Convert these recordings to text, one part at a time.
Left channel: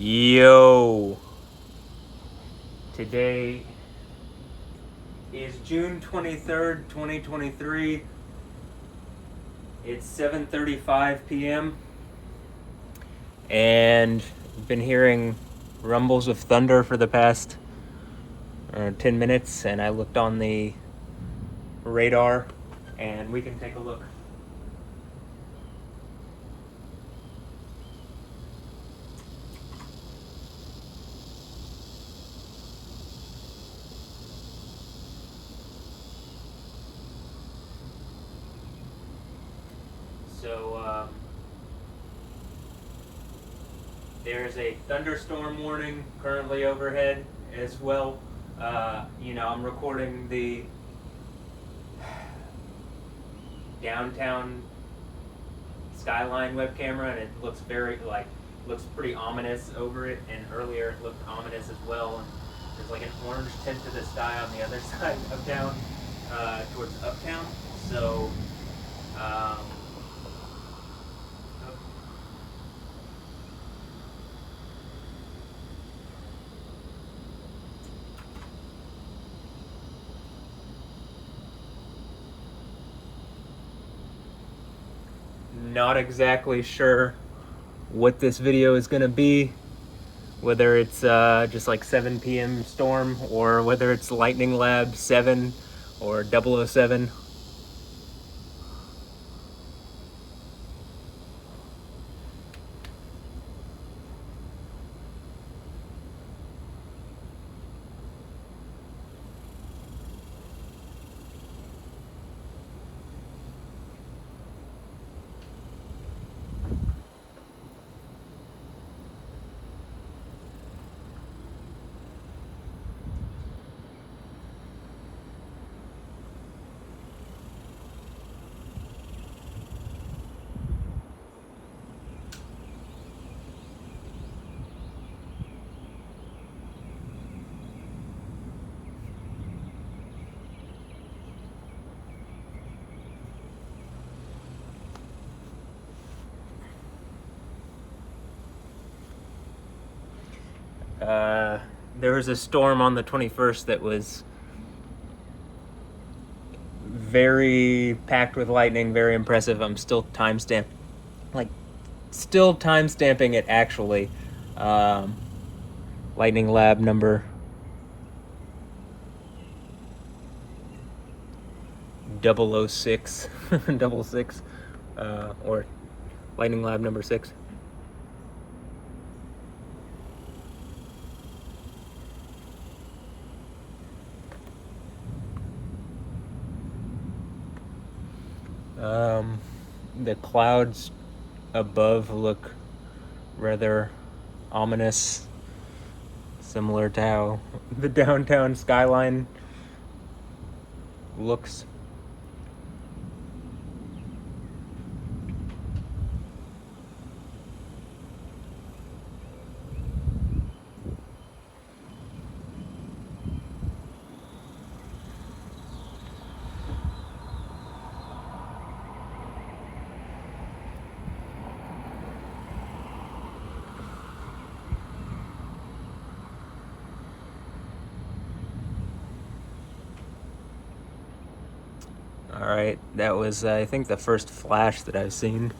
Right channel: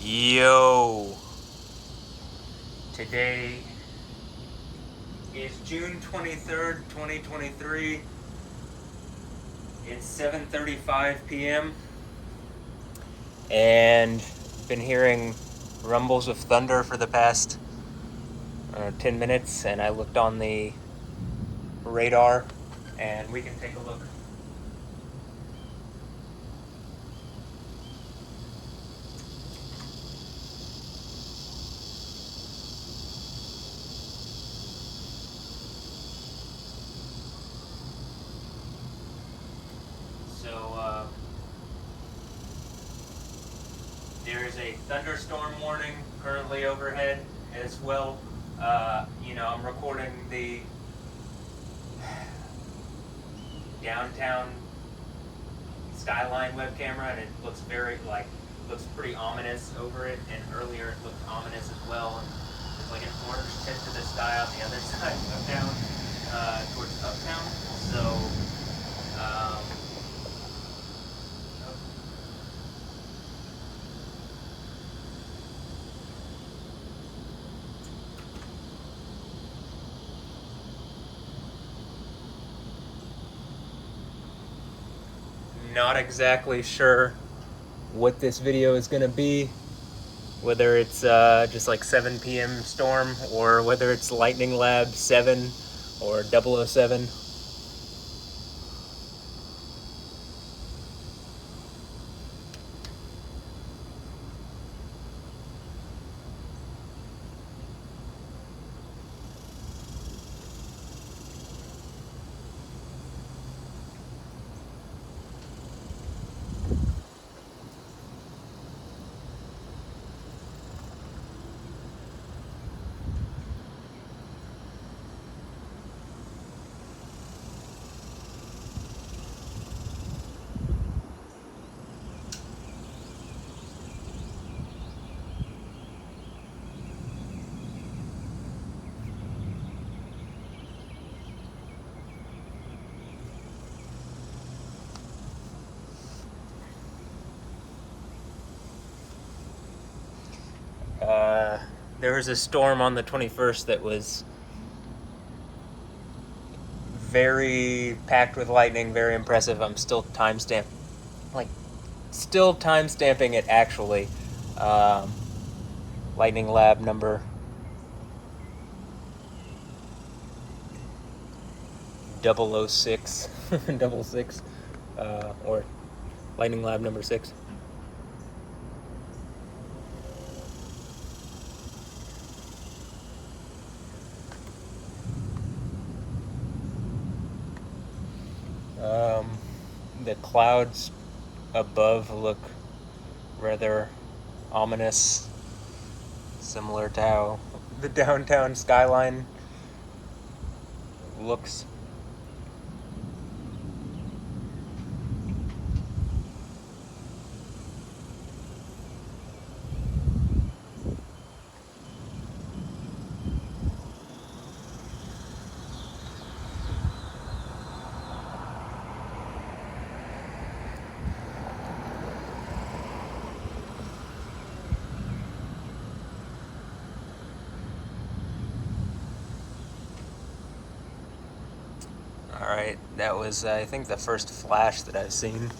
Yo, today is June 23rd, 2023. It's 7:35 p.m. and I've been hearing rumbles of thunder for the past 10 minutes, and I looked on the radar, and we can take a look. So, there's a thunderstorm warning currently overhead as well. I'm recording the downtown skyline web camera, and it looks looks pretty ominous over it. And earlier it looked ominous as well. And there's like an orange tint to the sky on the other side of town, towards uptown. So. Not exactly sure what this video is going to be, whether it's just like 7 p.m. storm, or whether it's Lightning Lab 7 or 007. There was a storm on the 21st that was very packed with lightning, very impressive. I'm still still time-stamping it actually. Lightning Lab number 006, double six, or Lightning Lab number 6. The clouds above look rather ominous, similar to how the downtown skyline looks. Alright, that was, I think, the first flash that I've seen.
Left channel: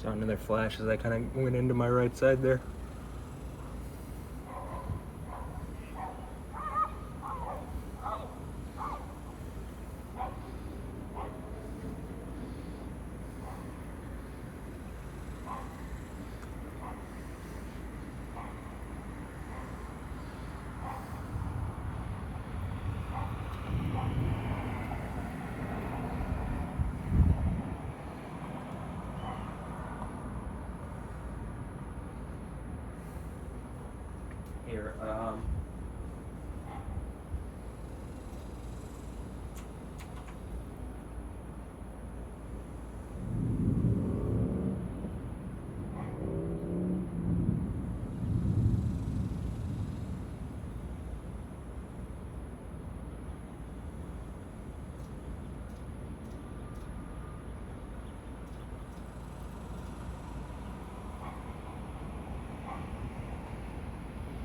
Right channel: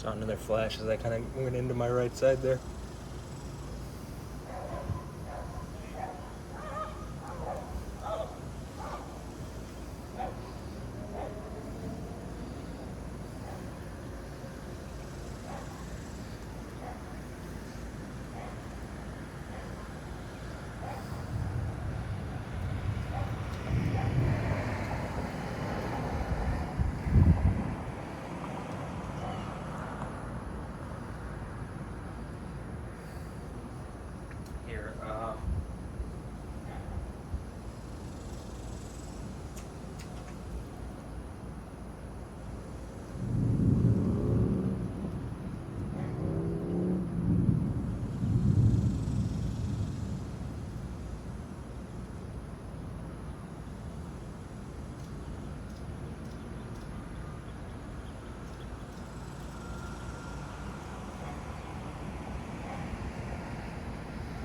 Saw another flash as I kind of went into my right side there. Here,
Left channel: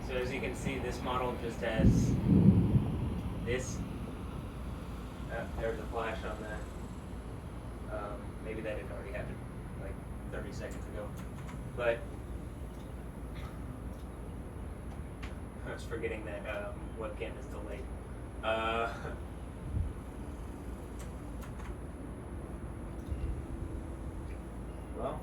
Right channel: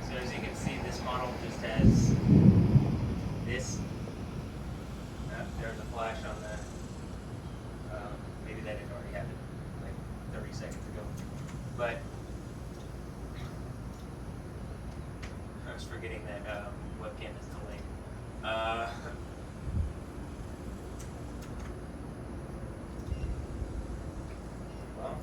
so as you can see, this model just has this. There's a flash on the. Maybe that had already happened like 30 seconds ago, but I was forgetting that webcam is delayed. Well.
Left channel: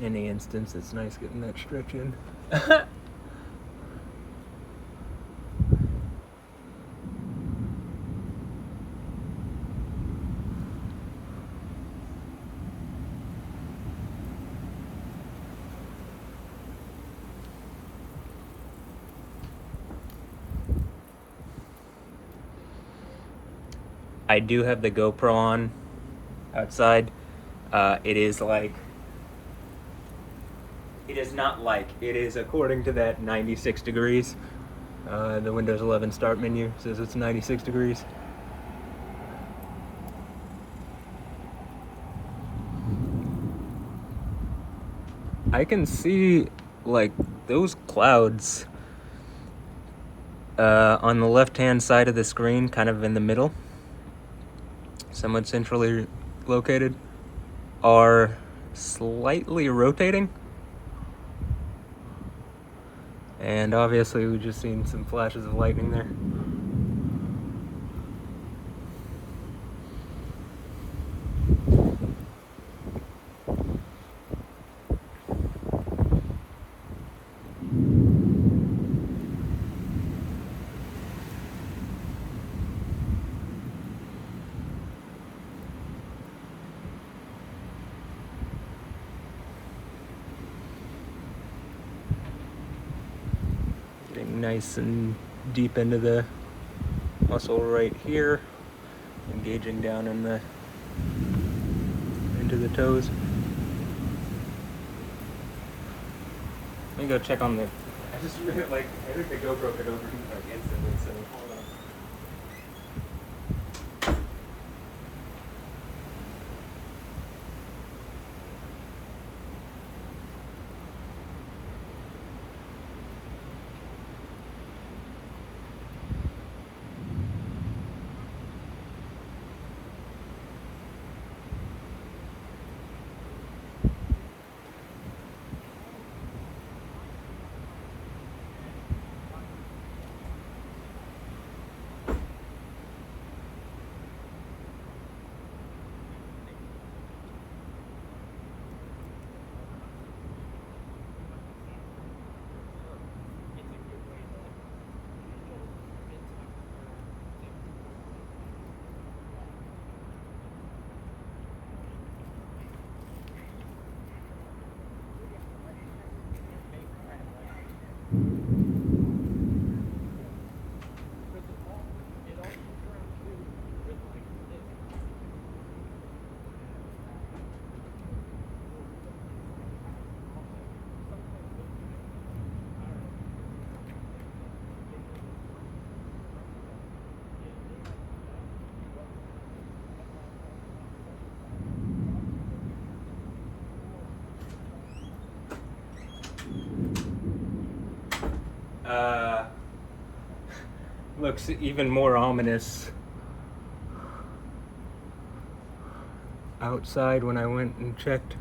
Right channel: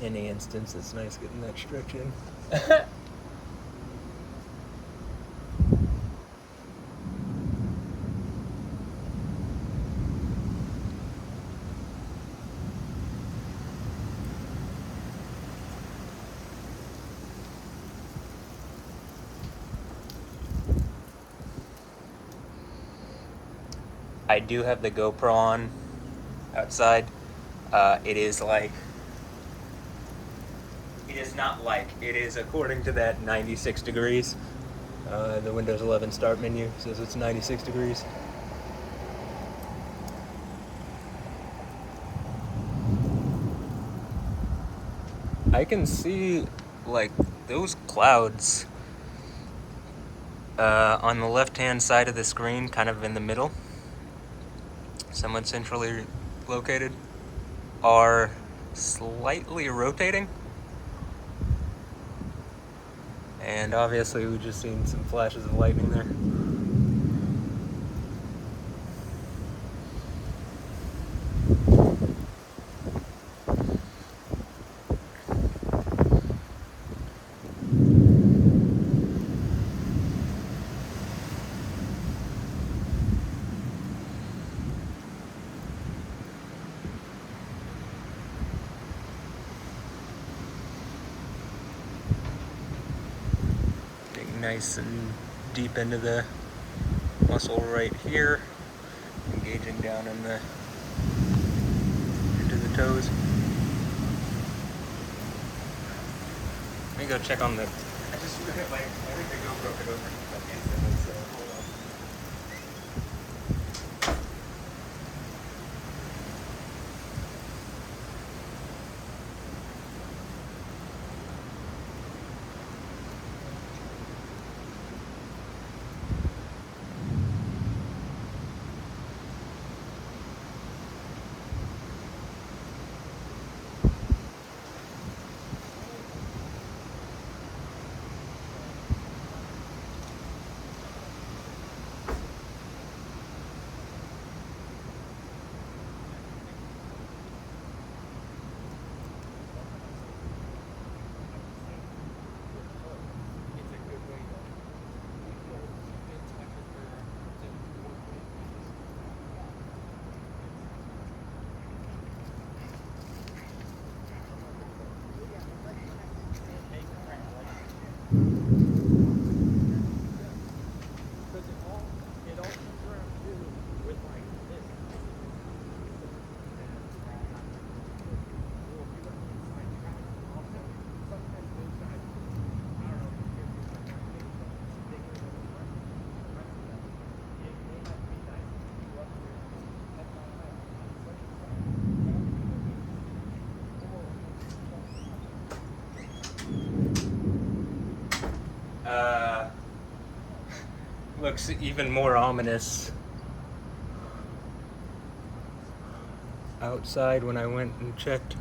Any instance, it's nice getting that stretch in. I do have the GoPro on outside. It is like, it is not like, it is according to that 96 degrees. The Windows 11 start menu says it's 96 degrees. I can see like those clouds on the left-hand side of the screen, kind of in the middle, somewhat centrally located, are slightly rotating. And obviously we just seen some flashes of lightning there. Getting nice and deep into the muscle right here, engaging down in the into the toes. Let me go check on the. I just really like. I think the GoPro could overheat like instantly. So hold on. Looks even more ominous outside when I went and checked.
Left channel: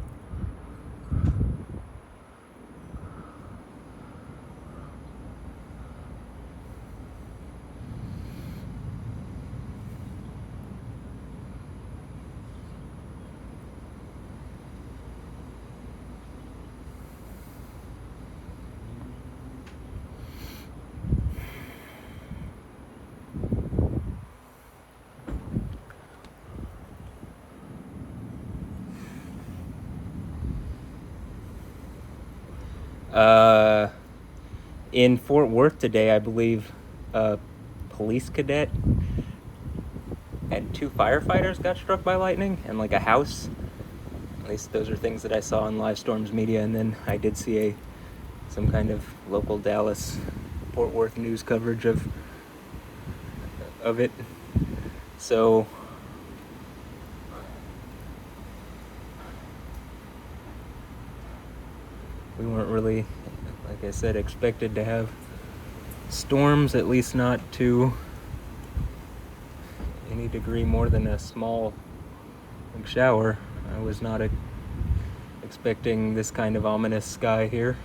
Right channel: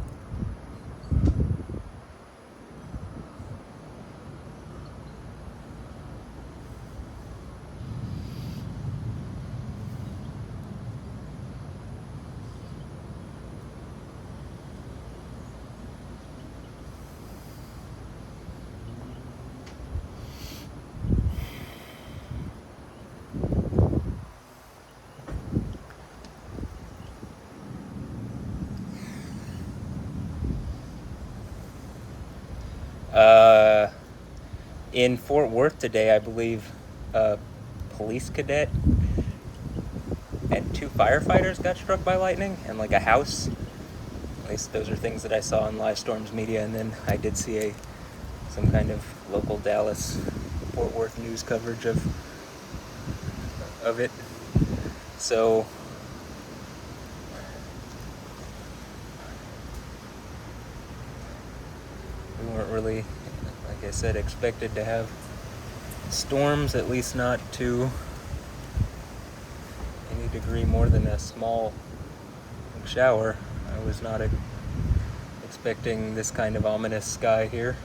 In Fort Worth today, I believe a police cadet and 2 firefighters got struck by lightning, and like a house. At least those are things that I saw on Live Storms Media, and then I did see some kind of local Dallas, Fort Worth news coverage of it. So we weren't really, like I said, expected to have storms, at least not to any degree more than a small shower. I was not expecting this kind of ominous sky here.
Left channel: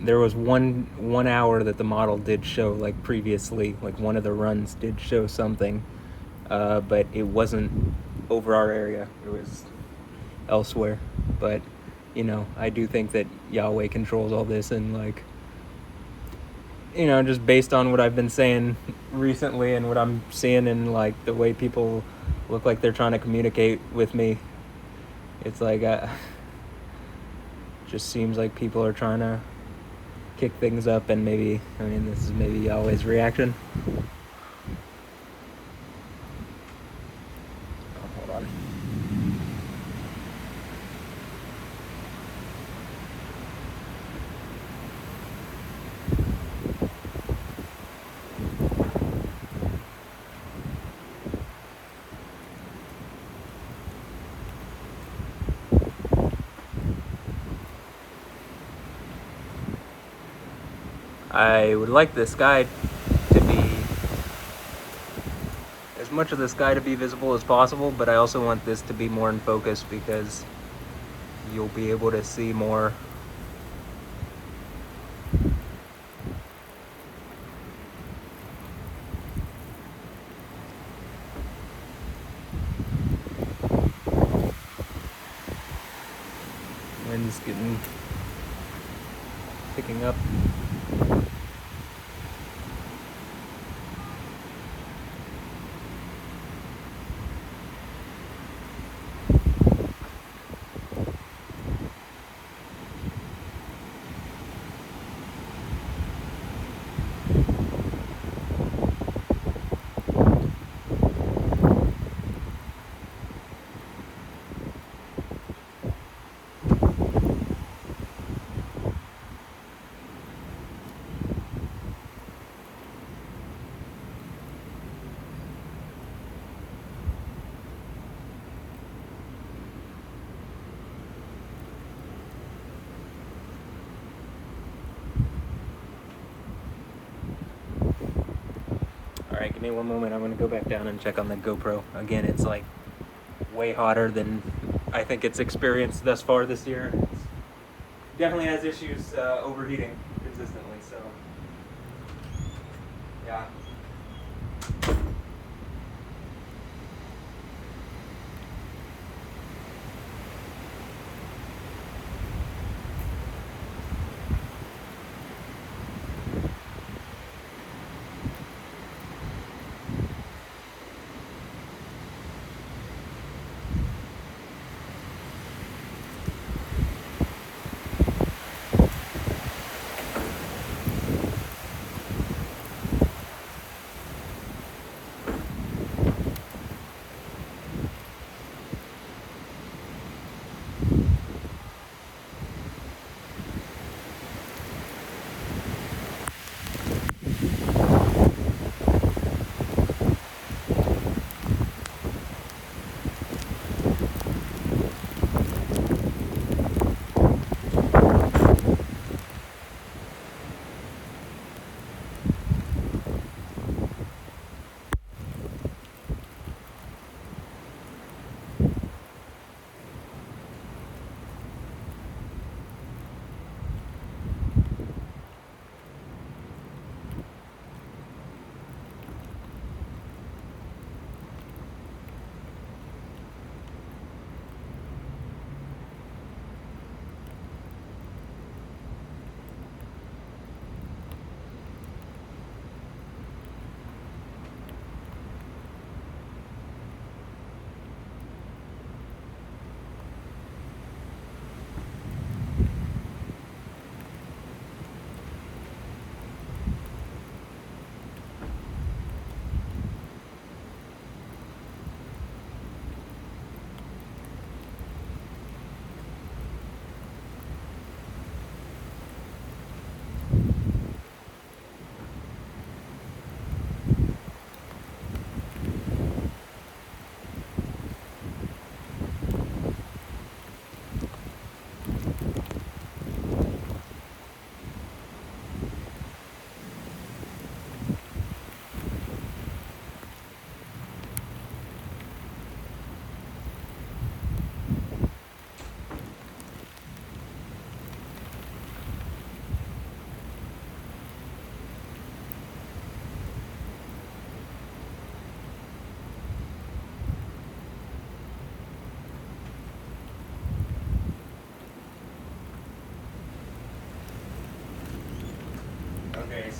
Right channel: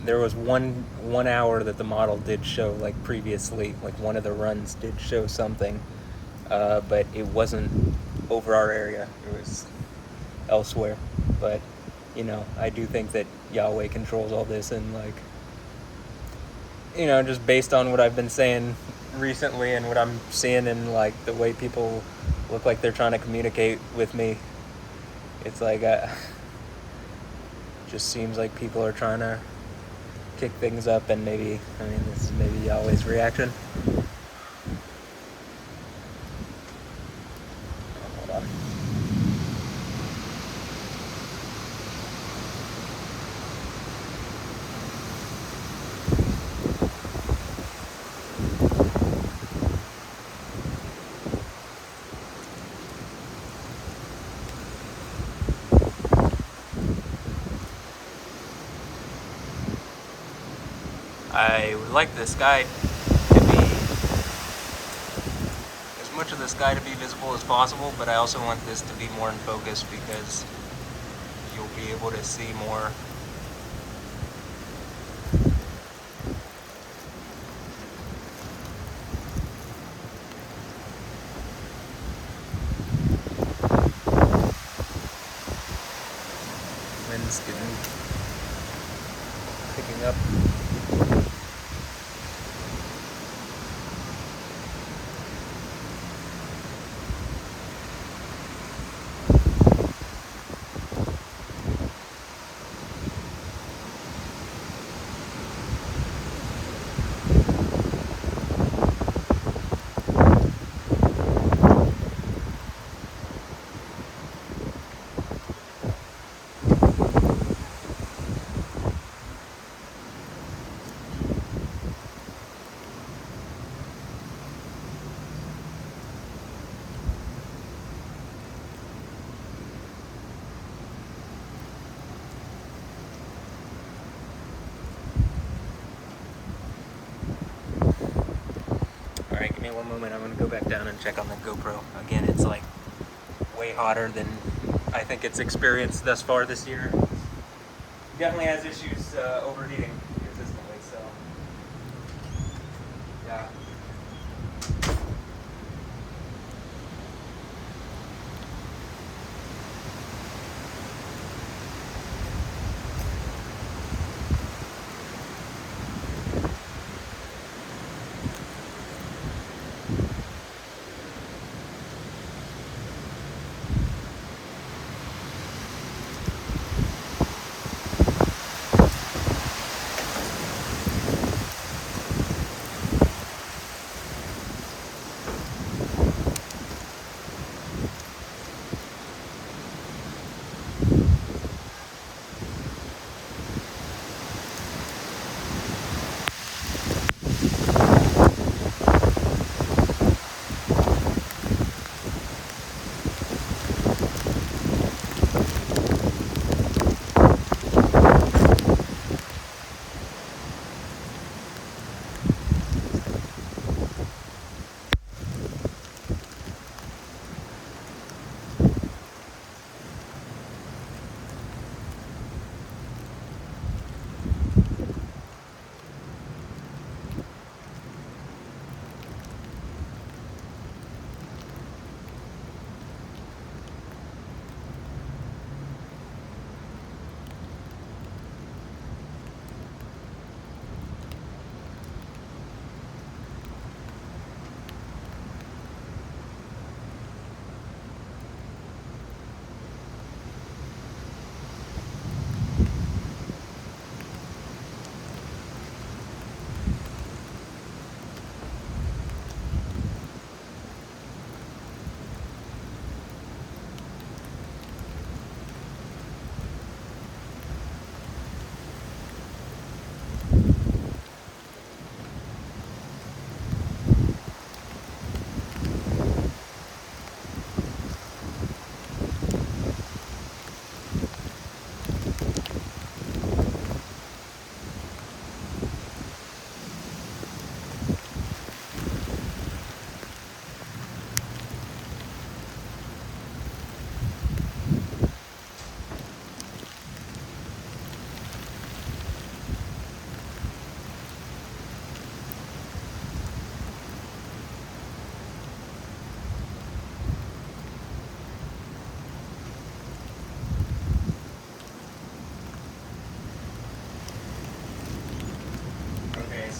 There was one hour that the model did show, like previously, like one of the runs did show something, but it wasn't over our area. It was elsewhere. But you know, I do think that Yahweh controls all this, and like, you know, just based on what I've been saying recently and what I'm seeing and like the way people look like they're trying to communicate with me, it's like just seems like people are trying to kick things up, and maybe, I mean, this is maybe Yahweh's reaction. Hold on. I would like the sky to be, as much of the sky to be visible as possible, but I also want this to be more in focus because you'll be able to see more. Wind's picking up. Alright, give me one moment. I'm going to go back down and check on the GoPro. Again, it's like way hotter than I think it's experienced thus far this year. It definitely has issues overheating consistently, so yeah.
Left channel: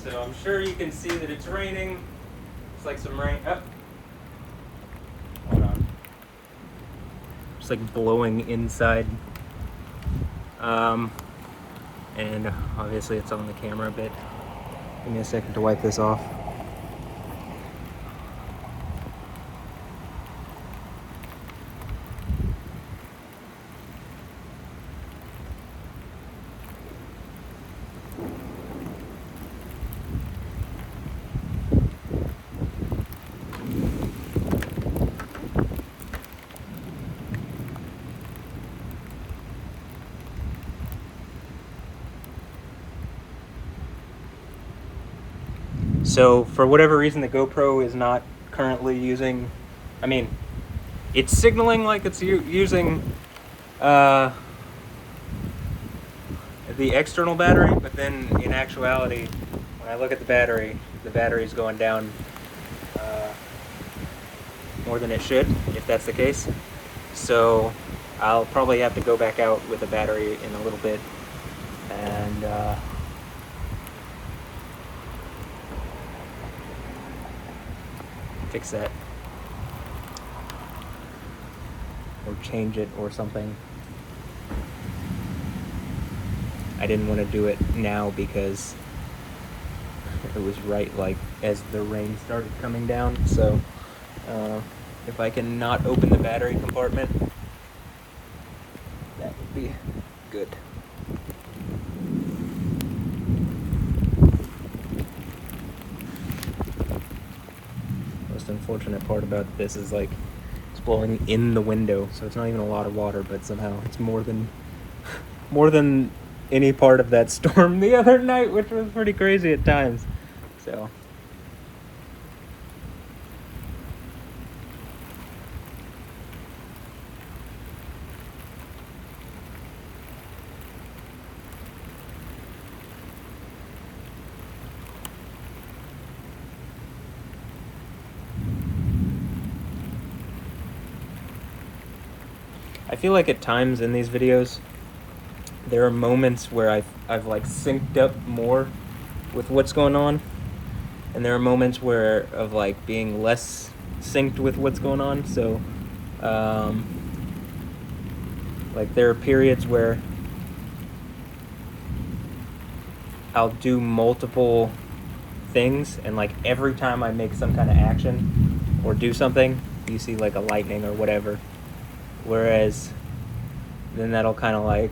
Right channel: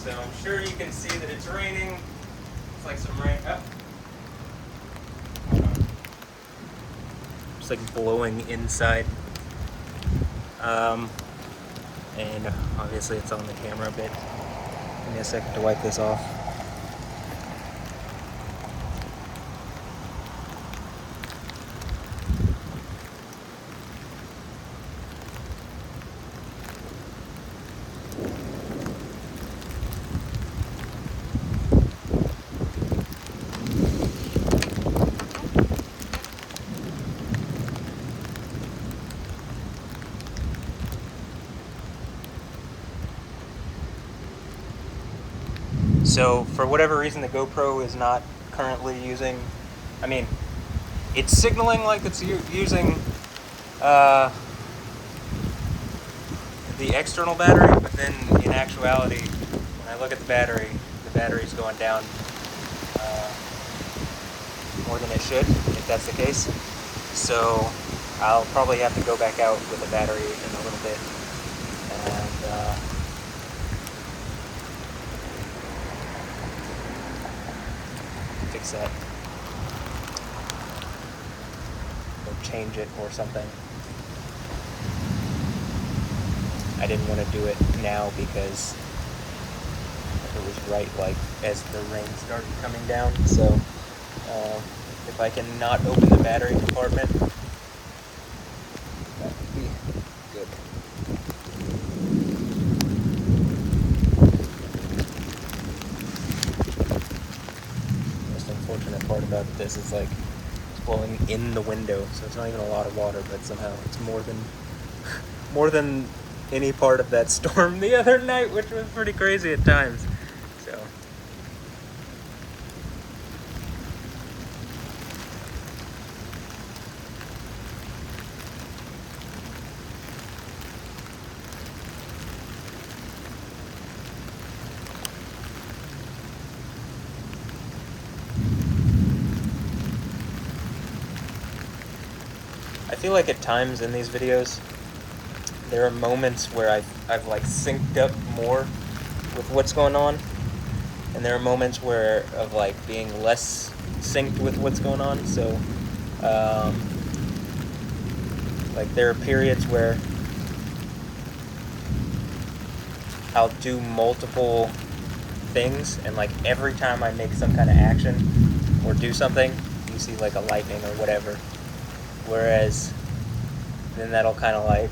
So I'm sure you can see that it's raining. It's like some rain. Oh. Hold on. It's like blowing inside. And obviously it's on the camera a bit. Give me a second to wipe this off. So for whatever reason, the GoPro is not currently using, I mean, it's signaling like it's using the external battery, but then in actuality, when I look at the battery's going down more than it should, if that's the case. So I'll probably have to go back out with the battery in a little bit and fix that or change it or something. I didn't want to do it now because it was right like as the rain started coming down. So if I can not open the battery compartment, that would be good. Most unfortunate part about this is like it's blowing in the window, so it's not even a lot of water, but somehow it's more than any part of that storm the other night, which was pretty crazy at times. So I feel like at times in these videos there are moments where I've like synced up more with what's going on, and there are moments where of like being less synced with what's going on. So like there are periods where I'll do multiple things, and like every time I make some kind of action or do something, you see like a lightning or whatever. Whereas then that'll kind of like,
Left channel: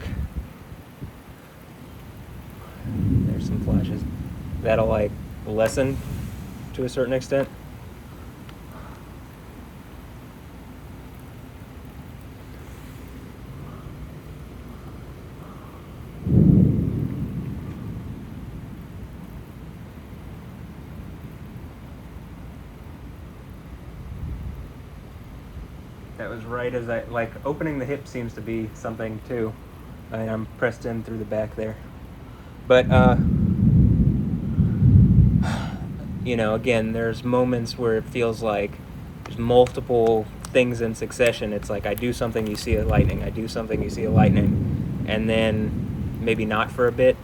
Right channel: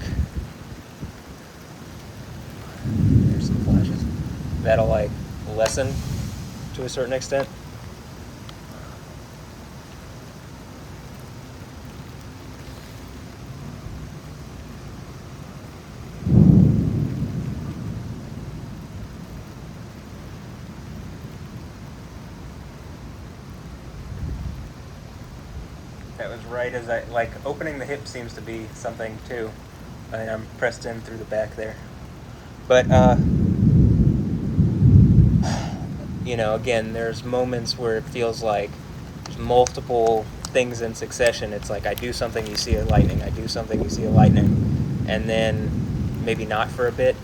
there's some flashes, that'll like lessen to a certain extent. That was right as I, like, opening the hip seems to be something too. I mean, I'm pressed in through the back there. But, you know, again, there's moments where it feels like there's multiple things in succession. It's like I do something, you see a lightning. I do something, you see a lightning. And then maybe not for a bit.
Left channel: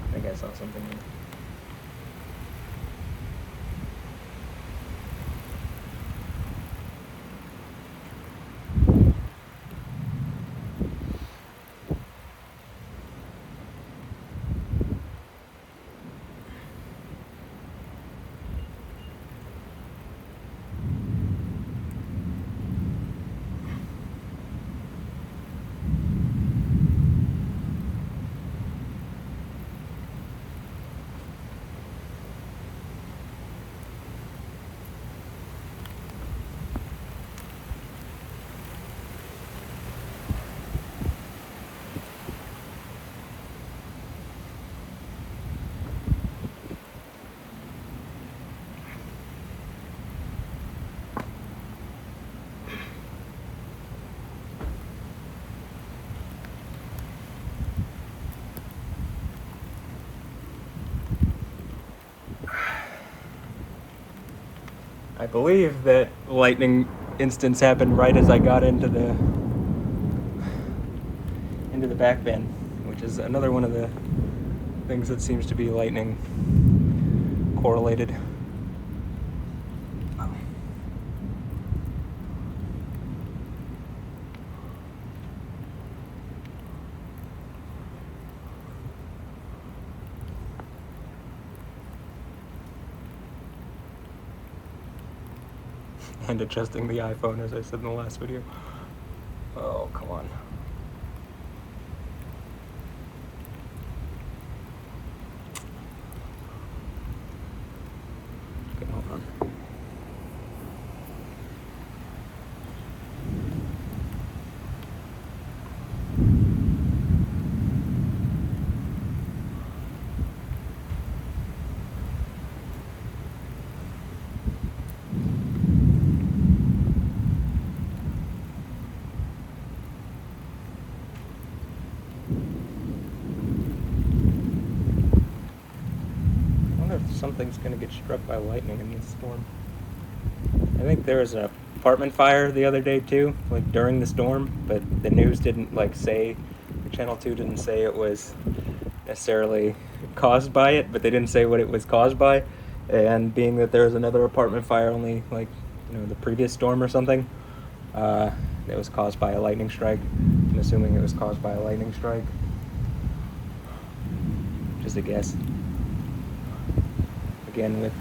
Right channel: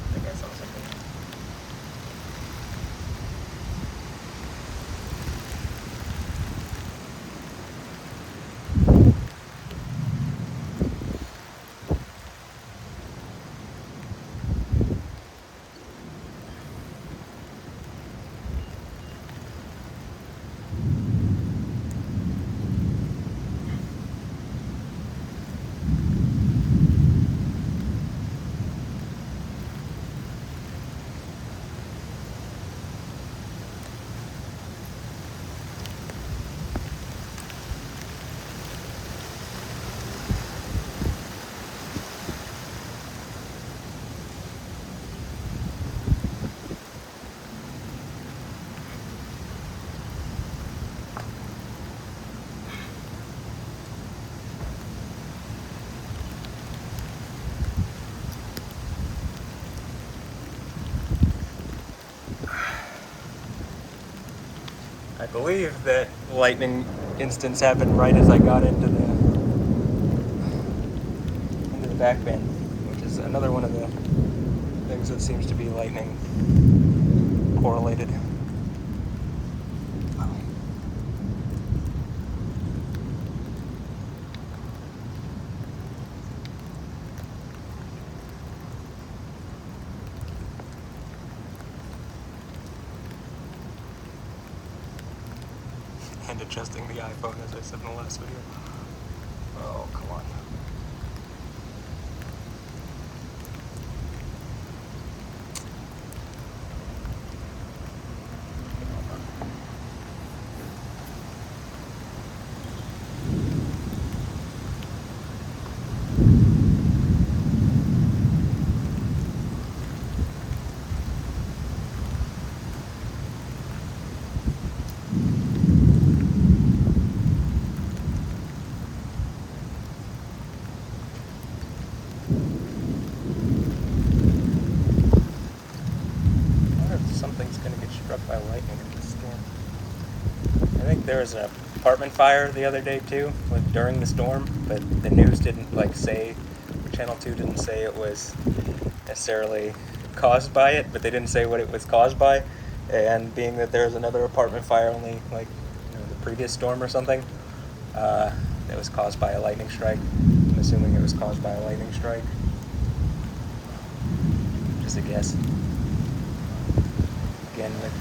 I think I saw something. believe that lightning instance happened right as I got into the back bin, which is another one of the things that seems to be lightning correlated. And adjusting the iPhone, as I said in the last video. Oh, come on. Something's going to get struck by lightning in this storm. I think there was an apartment fire the other day too, like during the storm, but the news didn't say, Channel 2 didn't say it was necessarily caused by it, but they didn't say what it was caused by. And being that there was another apartment fire only the previous storm or something, that was caused by a lightning strike. I'm assuming it was caused by a lightning strike. Just a guess. Again, with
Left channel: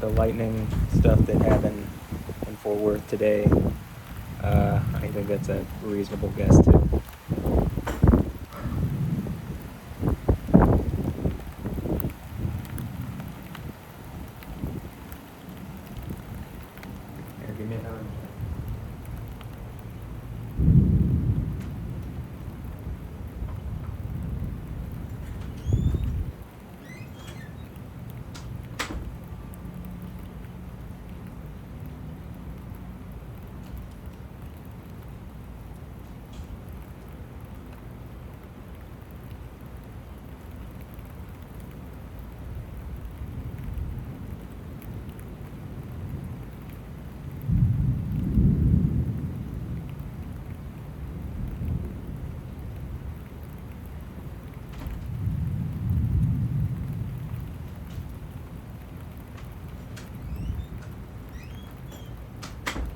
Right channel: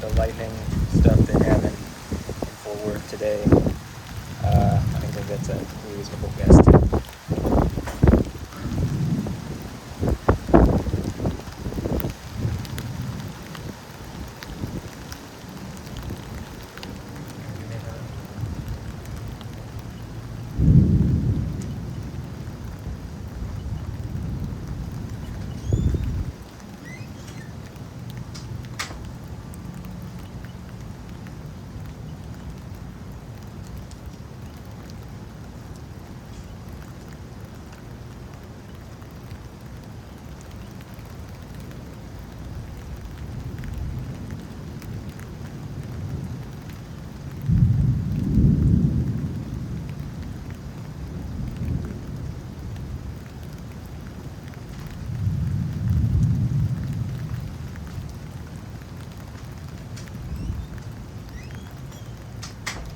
the lightning stuff that happened in Fort Worth today, I think that's a reasonable guess too. Give me another.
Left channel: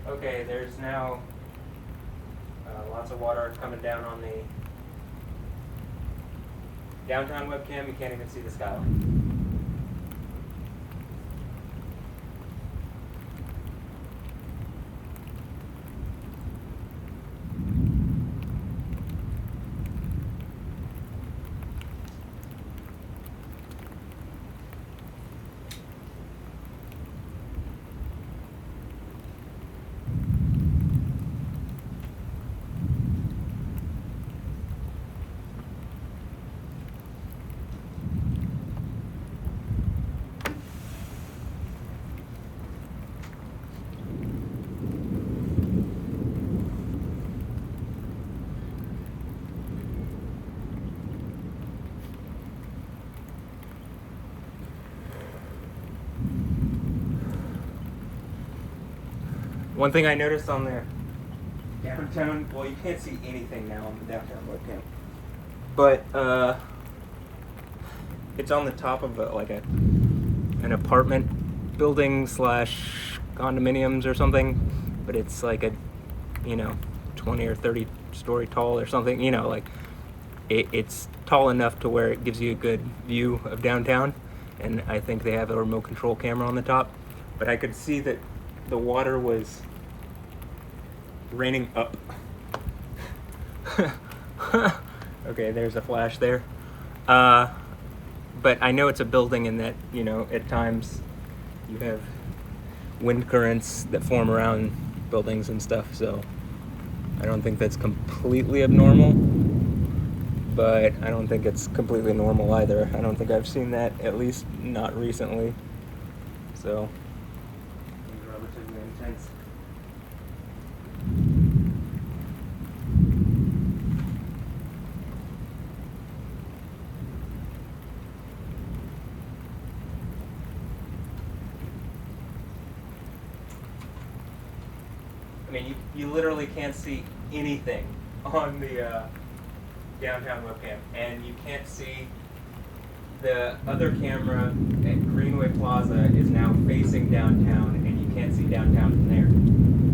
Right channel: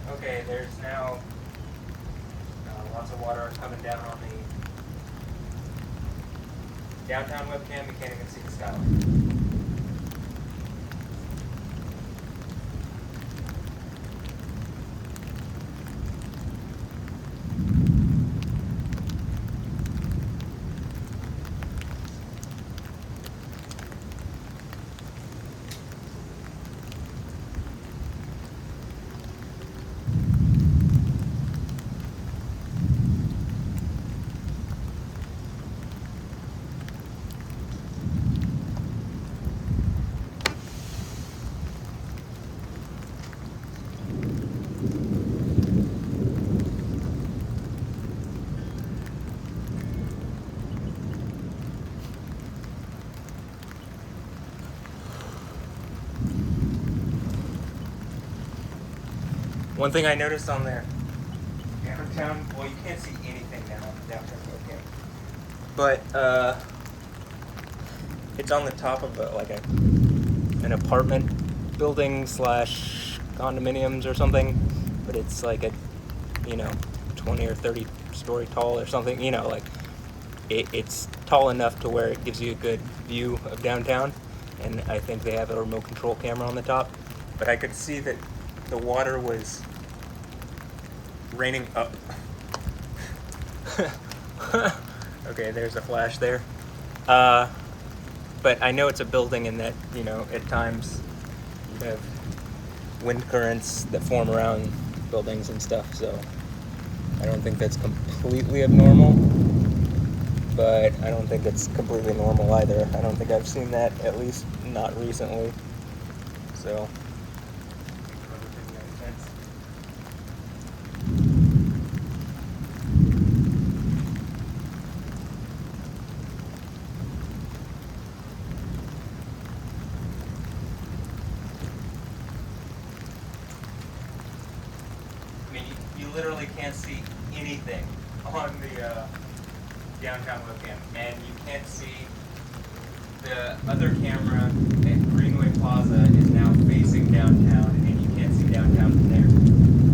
Okay, there's now lots of water coming down on the downtown webcam. You can't even see the skyline. One thing I noticed on the downtown, well, you can't see anything now on the downtown webcam, but it's on the top of an apartment building / condominiums or something, but it's like a 20 or 30 story tall or something. It's tall enough to where it gives you a good view of downtown, and I think they have a remote control camera on the top. But I could see that the water was raining up. Okay, there's a flash there. But I know it's a building, and that at times you have wind currents that form around buildings and stuff, so I don't think that's completely abnormal, but I don't think it's completely normal either. I don't think I've seen that, at least not recently. So things are relatively intense. and you literally can't see anything on the downtown webcam, and you can't see the other camera at Greenway Plaza is now facing downtown, and you can't see downtown from there.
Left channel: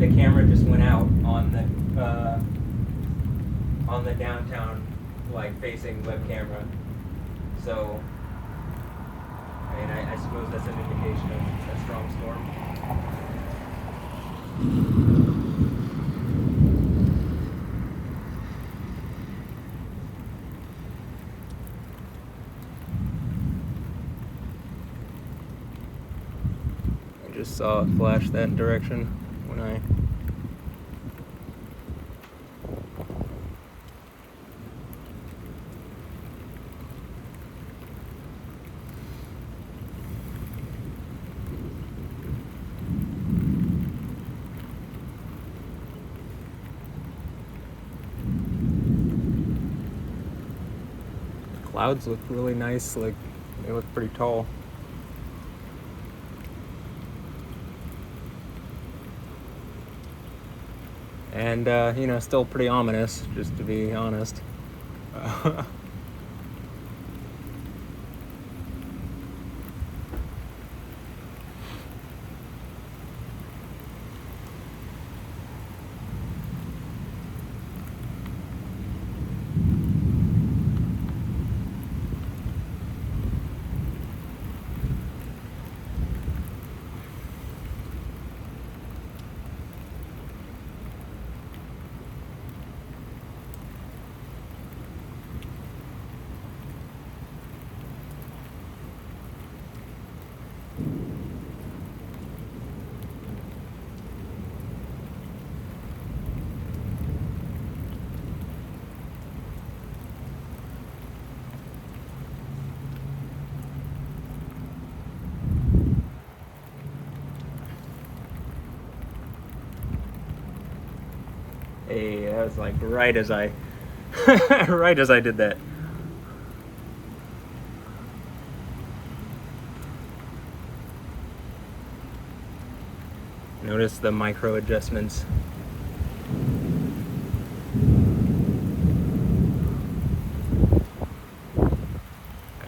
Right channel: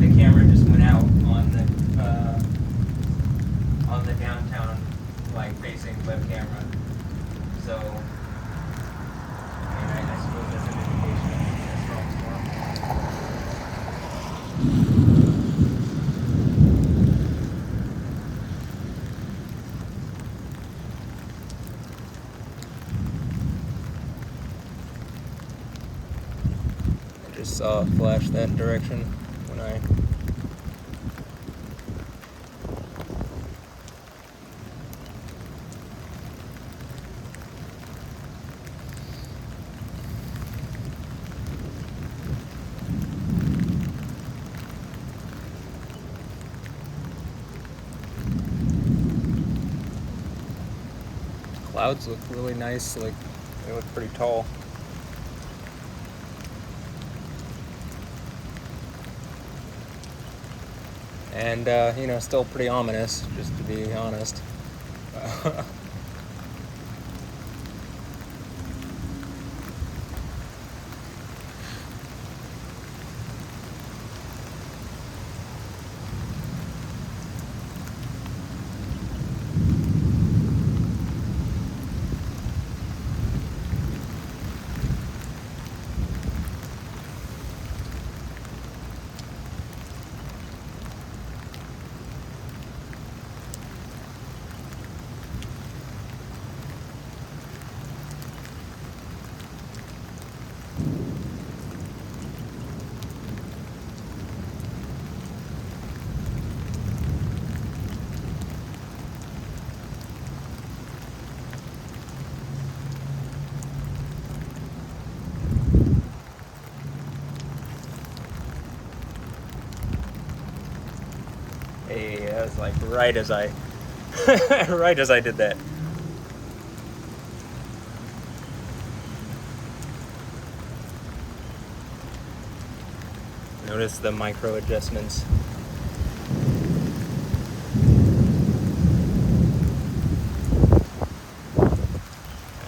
The camera just went out on the downtown like facing web camera. So I suppose that's an indication of a strong storm. I just saw it flash that direction when I clouds look really nice, like they look pretty tall. And you know, still pretty ominous, just to be honest. Hey, that was like right as I right as I did that. Notice the micro adjustments.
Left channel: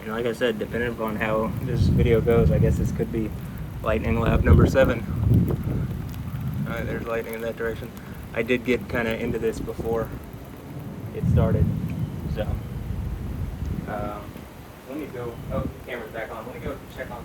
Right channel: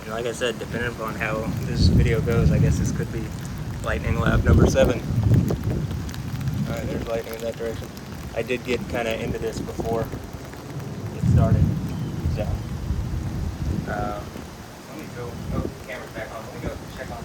And like I said, depending upon how this video goes, I guess this could be lightning lab number 7. Alright, there's lightning in that direction. I did get kind of into this before it started, so Let me go. Oh, the camera's back on. Let me go check on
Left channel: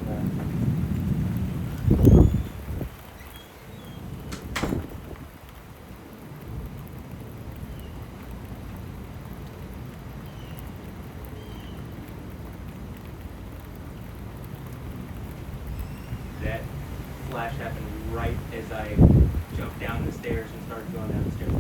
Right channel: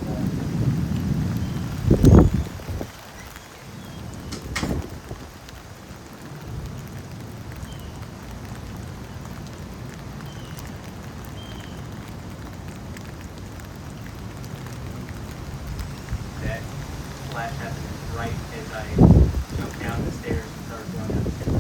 that flash happened right as I jumped down the stairs and started going down the stairs.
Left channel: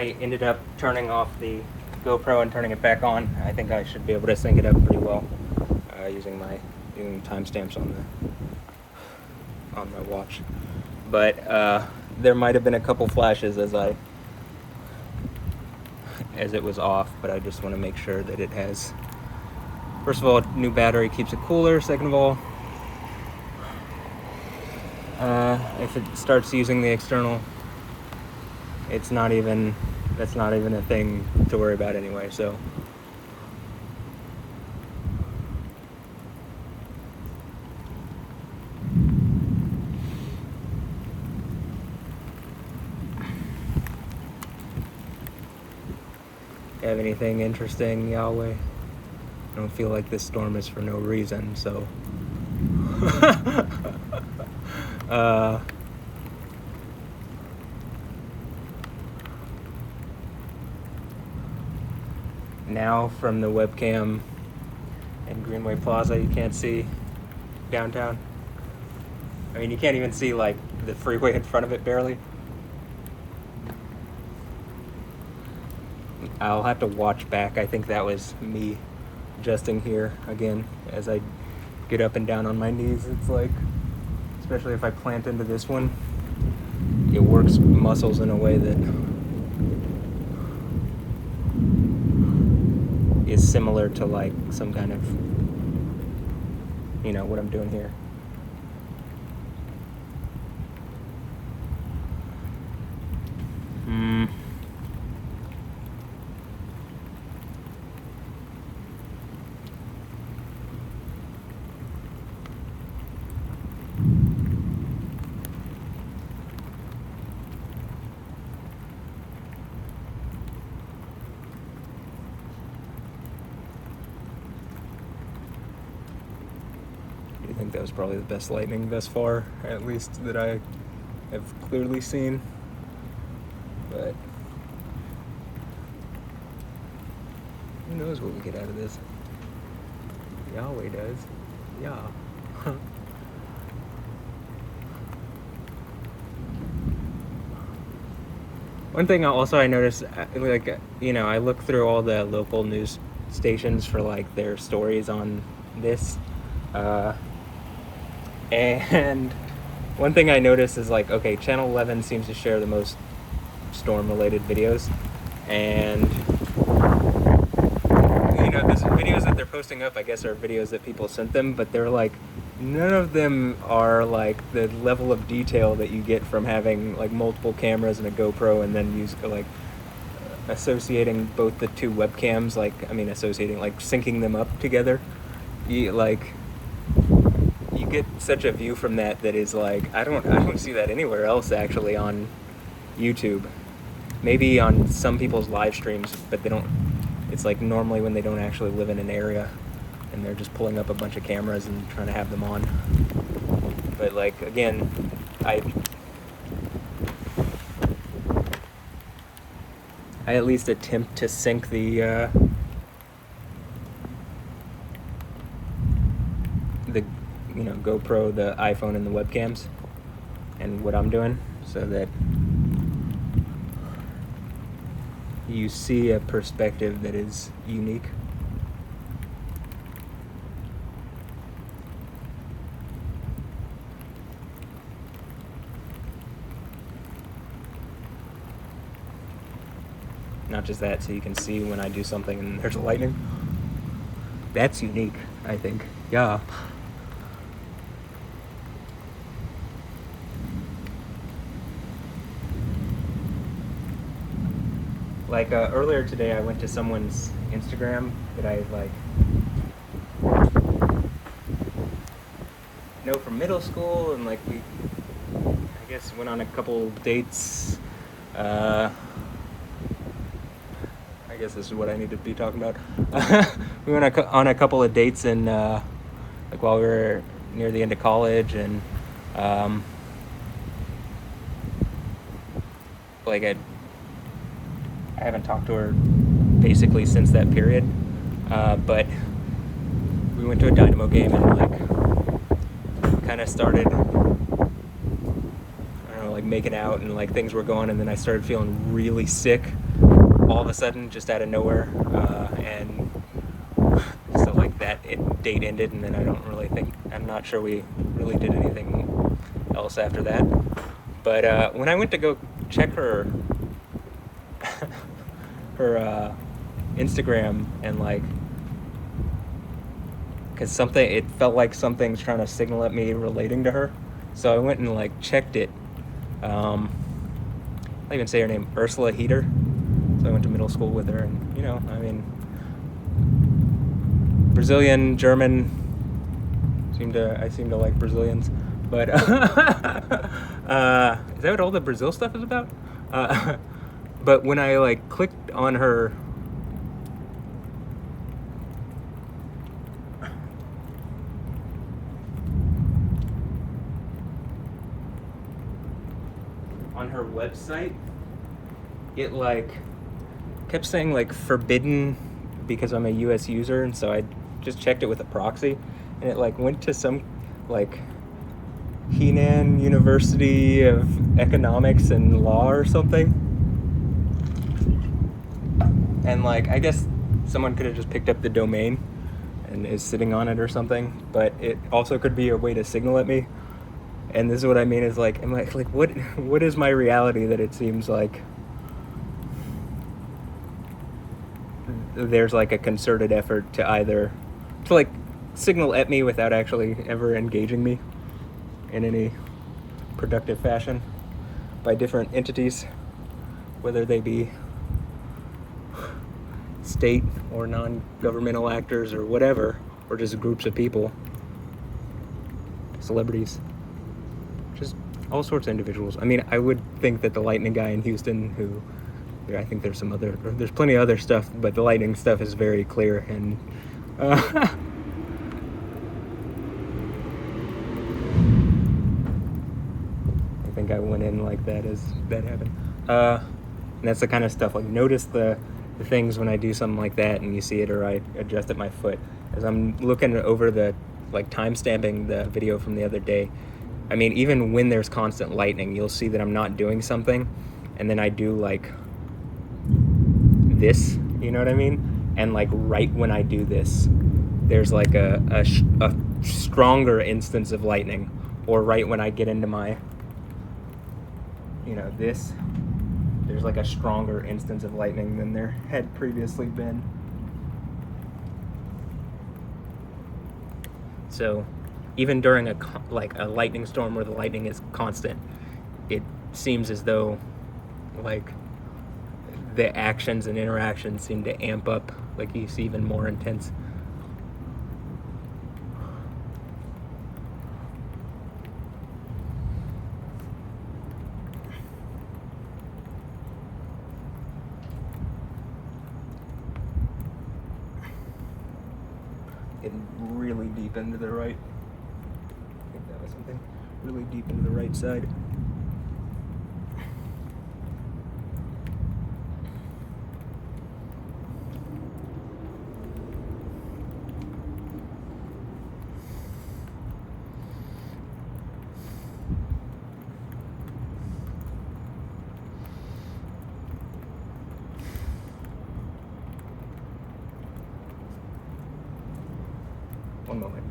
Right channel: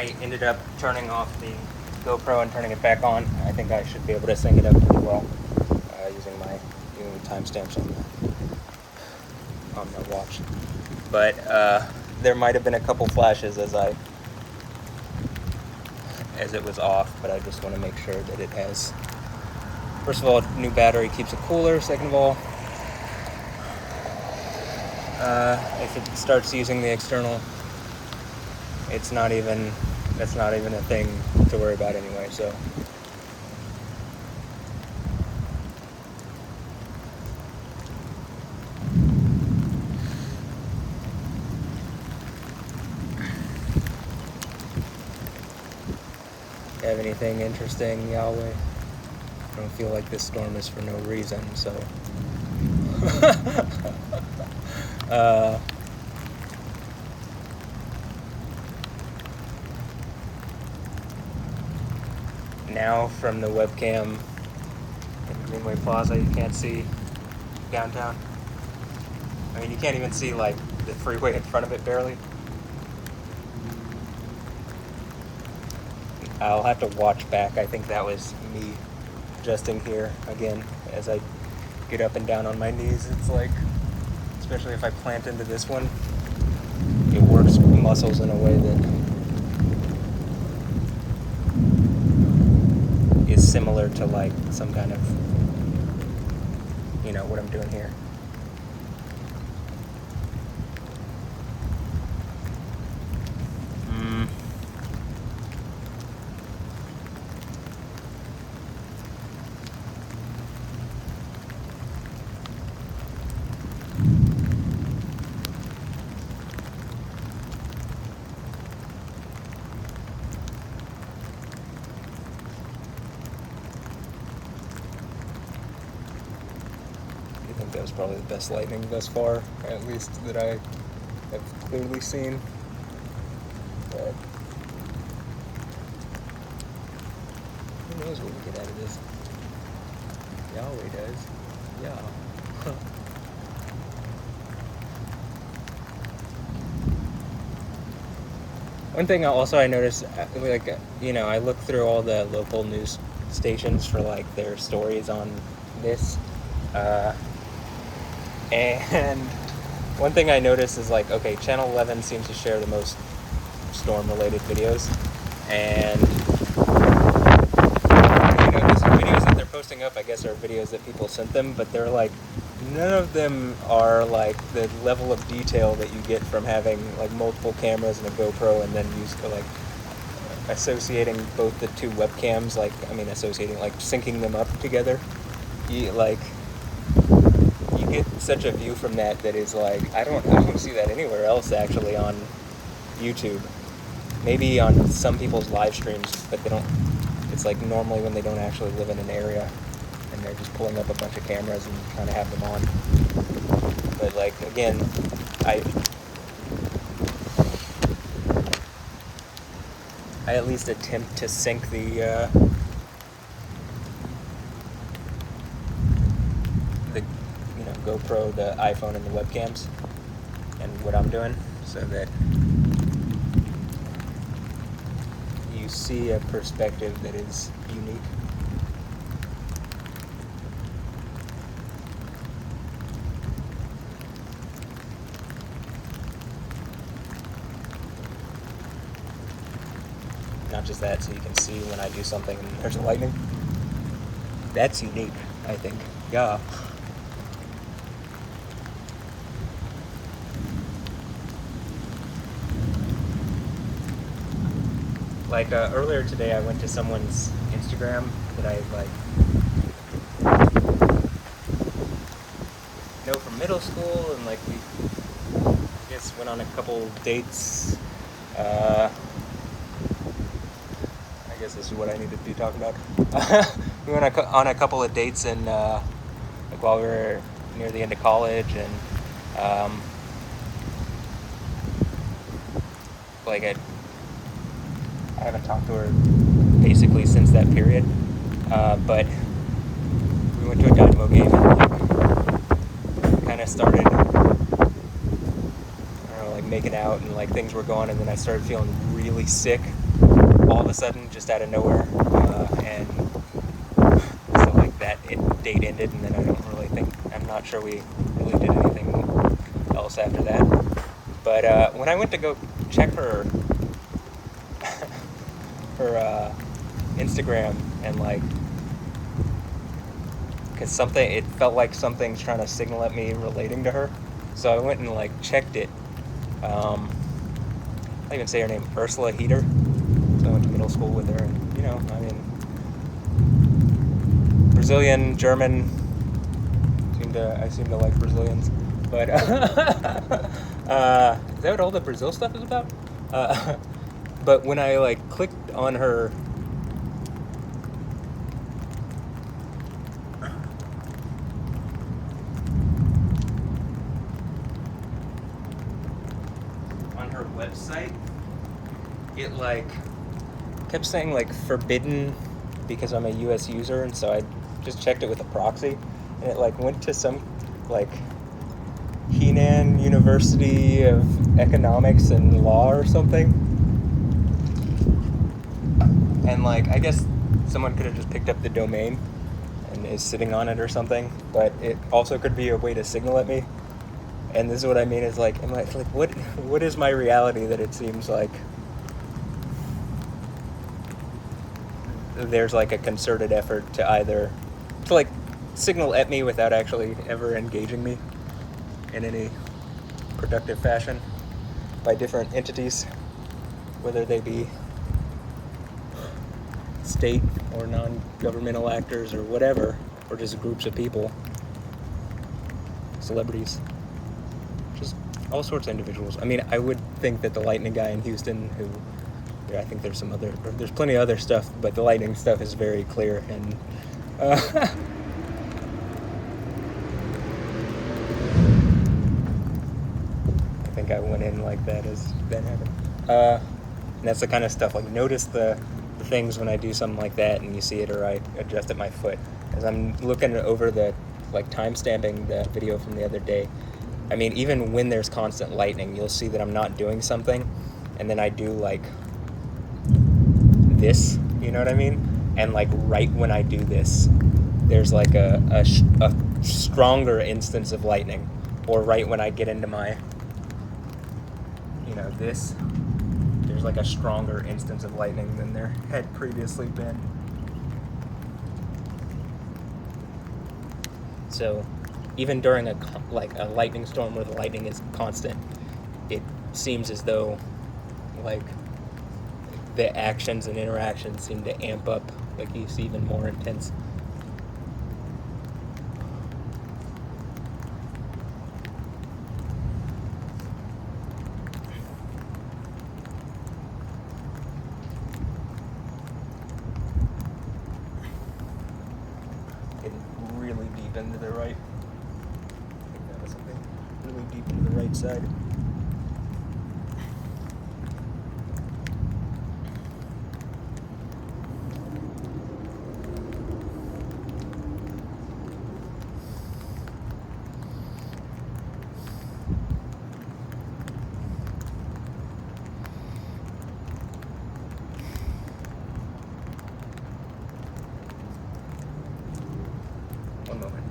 I ended up turning off the GoPro and turning it back on. I think I should be able to sync it up pretty well using timestamps on my watch. But there might have been a couple flashes as it was off, but I just want to make sure that it has. First of all, new battery keeps it cooler. Second of all, if it starts using the external, that's not even a thing to worry about anyway. So. Have anything interesting, Yahweh? I don't feel like this storm is for no reason, so. Now from the webcam in Greenway Plaza, you can't see downtown. I mean, you can't even see like the freeway in front of it barely. I'll have to watch back. I think that was me adjusting here again as I get up and down on my knees. It's like, especially if I plant into this one, it works muscles in a way that is similar to like some kind of, what I'm doing here. I think that was probably the best lightning thus far, at least that I have clearly seen. But who knows what we get out of this? Yahweh does. Yeah. One thing I noticed, I look through all the local news stations for like their stories on this. And one thing I noticed is like, okay, Channel 11 seems to share the most storm-related videos, and these videos that they're posting up, I guess, are videos that people sent them, but they're like, none of them are like the level of detail that you get from having like multiple cameras and a GoPro, and then associating both the two webcams, syncing them up together. You get such a view from that is like, I don't see that anywhere else actually on YouTube. Maybe on some people's live streams, but they don't. It's like normally when they don't actually live in an area and they're just pulling up a bunch of cameras and trying to have them on. But like, again, I at least attempt to sync the GoPro, the iPhone, and the webcams, and what I'm doing, so that you see a perspective that is unique. Not just that, so you can see when I do something and there's lightning. That's unique, I think. Yeah. Like earlier today, I went to someone's Instagram that I know from middle school, and like we, I guess, went on a couple dates. I guess this is what I need to be talking about. We went on a couple of dates and while we were near the end of college, and I haven't talked to her basically since that period, but we went to a Dynamo game and kind of started, making out and like things were going, and then I started feeling really sick all of a sudden, just out of nowhere, and so like date ended, and then I'm not sure we really did anything else after that. But when I went to go check her Instagram, and like, because it felt like something's trying to signal at me relating to her, so I went and like checked it. I don't even say her name, Ursula Heater. So I went to middle school with her, and Brazilian, German. I seem to like Brazilians, but is that what all the Brazil stuff is about? But when I like clicked on her website, it like kept saying like forbidden because I'm a US user, and so I just checked it with a proxy, and it like went to some like Henan University of Economics and Law or something, and like I guess someone could have just picked up the domain and is sitting on it or something, but it also could be a way to signal at me. And this is what I mean, is like, I'm like what is my reality that it seems like there's like a concerted effort to like signal at me without actually ever engaging me in any productive fashion by different entities, whether they be state or non-governmental actors or whatever, or just groups of people, celebrities, just all sorts of individuals. I mean, I would think that the lightning guy in Houston, I think there's plenty of other stuff, but the lightning stuff is very clear, and I think I went in like that as that happened. And that's the kind of stuff, like, notice the things when I do something like that and you see it, or I adjust at my foot. As I'm looking over the, like, time-stamping the video from the other day, I mean, even when there's constant lightning, you'll see that I'm not doing something, and then I do, like, this, you know what I mean? And, like, right when I do this, there's, like, a stronger instance of lightning. Or right when I get into my, this, there's, like, a stronger instance of lightning than there had previously been. So even during a lightning storm where the lightning is constant, it seems as though, like, the actions and interactions seem to amp up, like, you see even more intense. Getting really deep into the right. I think that was something really deep into the right side. One moment.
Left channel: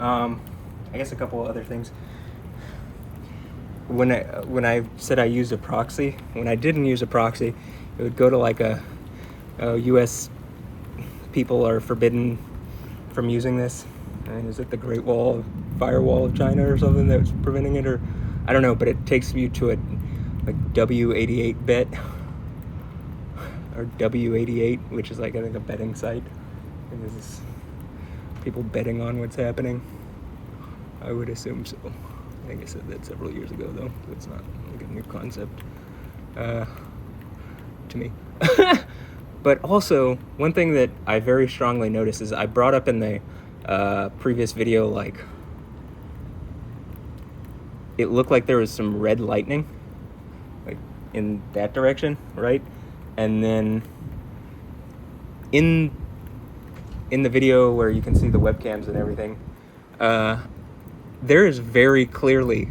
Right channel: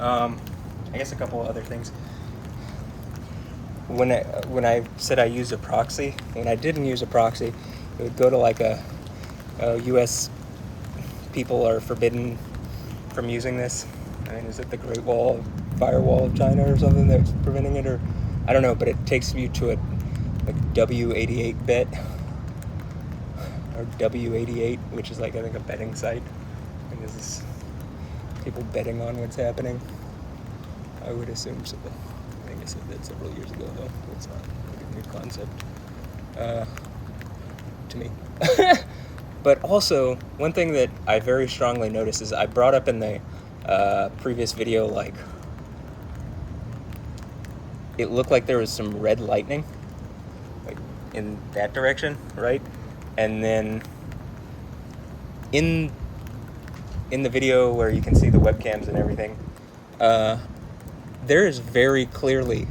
I guess a couple other things. When I said I used a proxy, when I didn't use a proxy, it would go to like a U.S. people are forbidden from using this. I mean, is it the Great Wall, Firewall of China or something that's preventing it, or I don't know, but it takes you to a W88 bet or W88, which is like I think a betting site. I think this is people betting on what's happening. I would assume so. I think I said that several years ago, though. It's not like a new concept to me. But also, one thing that I very strongly noticed is I brought up in the previous video, like, it looked like there was some red lightning, like, in that direction, right? And then in the video where you can see the webcams and everything, there is very clearly,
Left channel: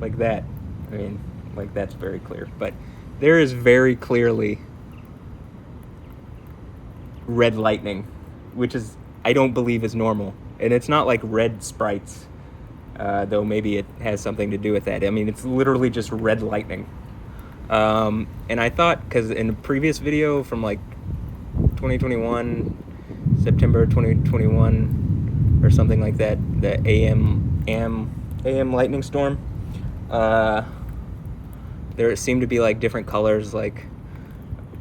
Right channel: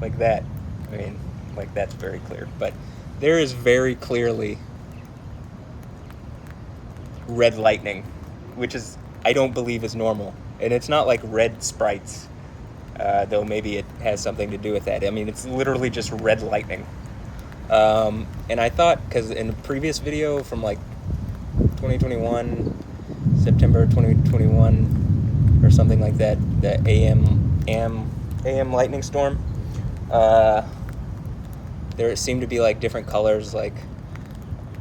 like that, I mean, like that's very clear, but there is very clearly red lightning, which is, I don't believe is normal. And it's not like red sprites, though maybe it has something to do with that. I mean, it's literally just red lightning. And I thought, because in a previous video from like 2021, September 2021, or something like that, the AM lightning storm, there seemed to be like different colors, like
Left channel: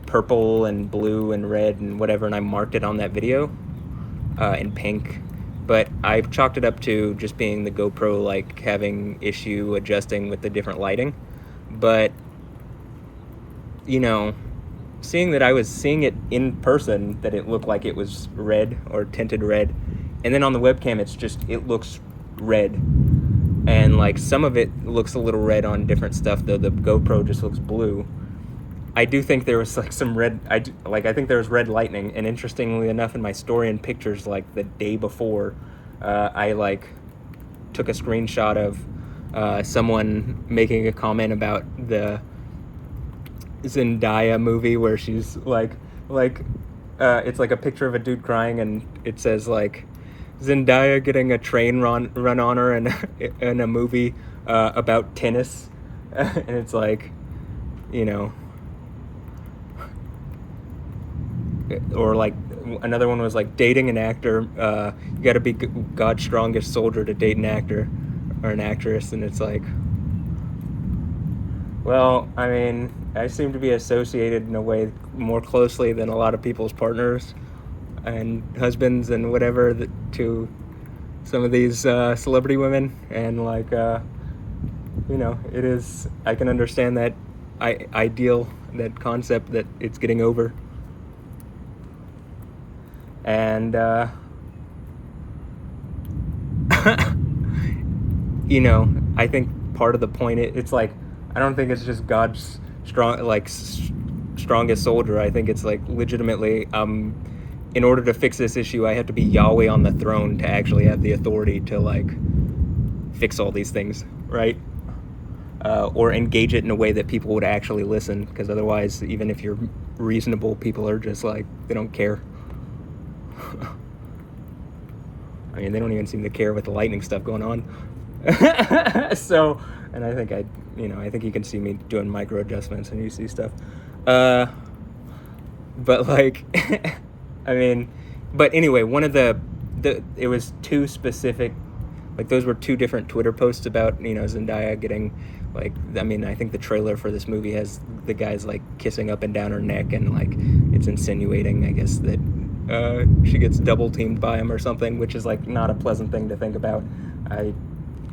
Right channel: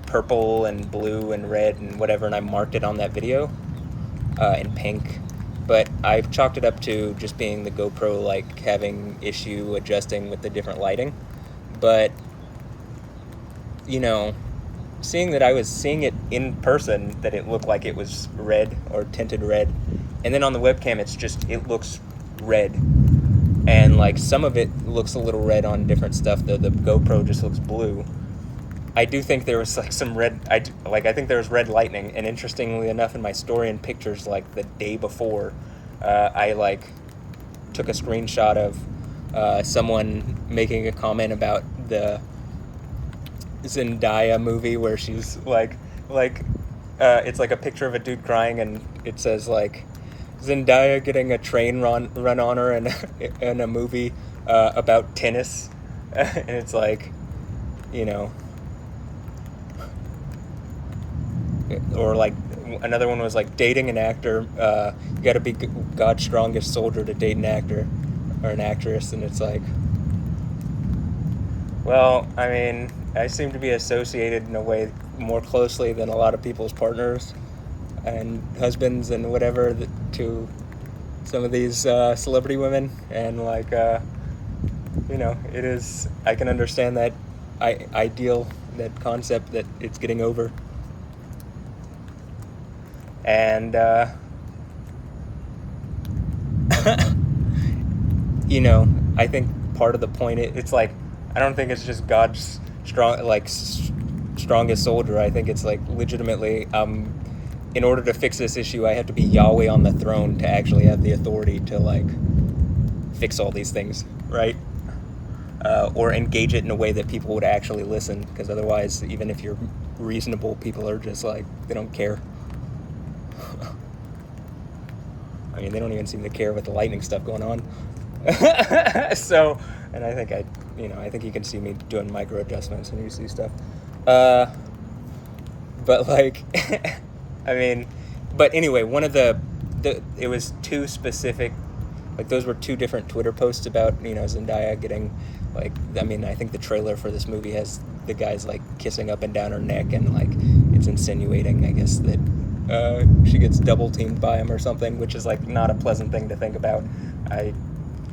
purple and blue and red and whatever, and I marked it on that video in pink, but I've chalked it up to just being the GoPro like having issue adjusting with the different lighting. But you know, seeing that I was seeing it in person, that it looked like it was red or tinted red, and then on the webcam it looks red, and like some of it looks a little red on different stuff, though the GoPro just looks blue. I do think there was like some red, I think there was red lightning, and interestingly enough, in my story and pictures, like the day before, I like took a screenshot of someone making a comment about the Zendaya movie where she's like it's like a picture of a dude crying, and it says like Zendaya getting a train run on her in a movie about tennis, and it's like, you know. Or like another one was like dating an actor, you gotta be God's strongest soldier to date an actor or an actress, and it's like, well, I mean, I seem to be associated in a way more closely than a lot of people's partners and husbands and whatever to some of these celebrity women, and like you know, it is, I can understand that ideal, that concept that it's getting over. And you know, I think part of the point, it's like, I don't think it's just God's strongest soldier. I think it's like legitimately, in order to fix this issue, I have to be Yahweh on the throne to actually have the authority to like fix all these things, right? Or engage it in a way that people would actually listen, because otherwise, even if you're reasonable, people are just like, they don't care. I mean, they don't even seem to care with the lightning stuff going on. So, and I think I think you can see me doing micro adjustments and you see stuff. But like, I mean, but anyway, one of it was two specific, like those were two different Twitter posts about, you know, Zendaya getting like, I mean, I think the trailer for this movie has the guys like kissing up and down her neck, and like it's insinuating, I guess, that she gets double teamed by him or something, which is like not a pleasant thing to think about. I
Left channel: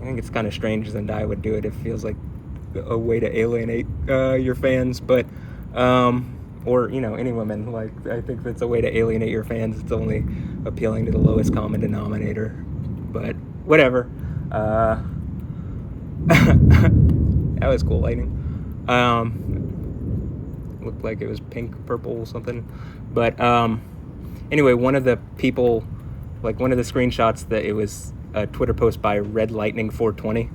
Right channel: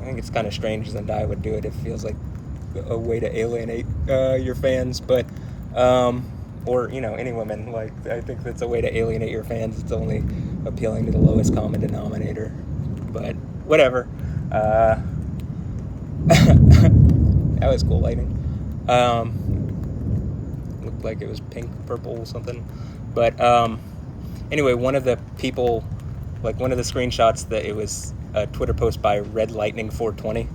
think it's kind of strange Zendaya would do it. It feels like a way to alienate your fans, but or, you know, any woman. Like, I think that's a way to alienate your fans. It's only appealing to the lowest common denominator, but whatever. That was cool lightning. Looked like it was pink, purple, something, but anyway, one of the people, like one of the screenshots, that it was a Twitter post by Red Lightning 420.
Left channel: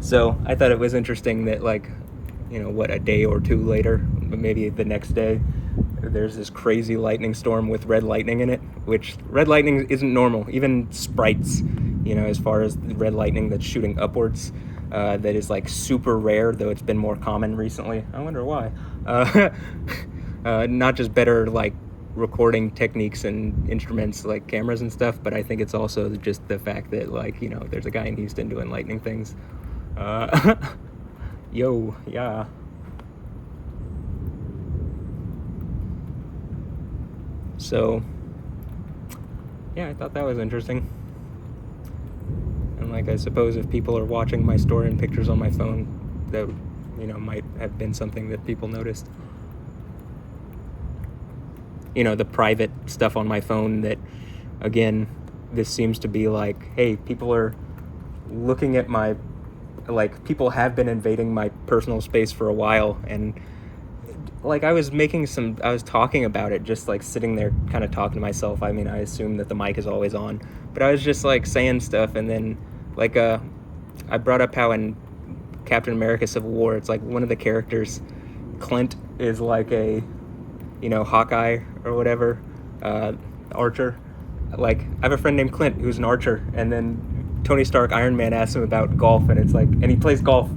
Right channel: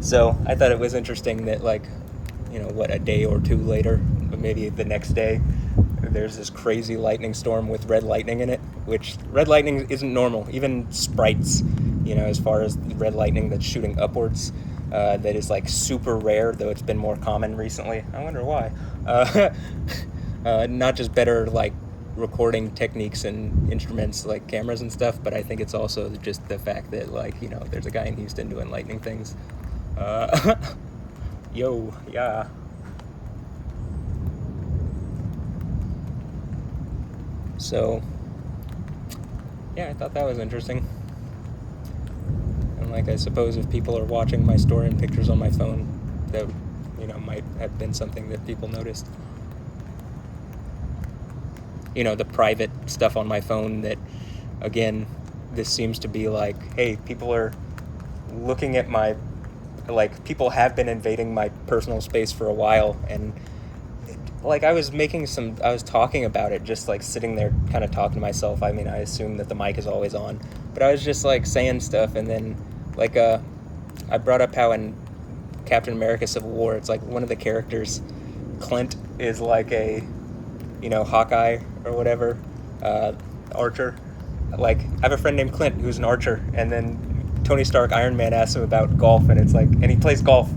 So I thought it was interesting that, like, you know, what, a day or two later, maybe the next day, there's this crazy lightning storm with red lightning in it, which red lightning isn't normal. Even sprites, as far as the red lightning that's shooting upwards, that is like super rare, though it's been more common recently. I wonder why. Not just better like recording techniques and instruments like cameras and stuff, but I think it's also just the fact that like there's a guy in Houston doing lightning things. Yo, yeah. So yeah, I thought that was interesting. And like, I suppose if people are watching my story and pictures on my phone, that might have been something that people noticed. The private stuff on my phone that, again, this seems to be like, hey, people are looking at my, like, people have been invading my personal space for a while, and like I was talking about it, just like sitting there kind of talking to myself. I mean, I assume that the mic is always on, but I was just like saying stuff, and then like I brought up how in Captain America Civil War, it's like one of the characters, Clint, is like a Hawkeye or whatever, archer. Like, I have a friend named Clint who's an archer, and then Tony Stark, Iron Man, asks him about golf, and it's like, and he plays golf,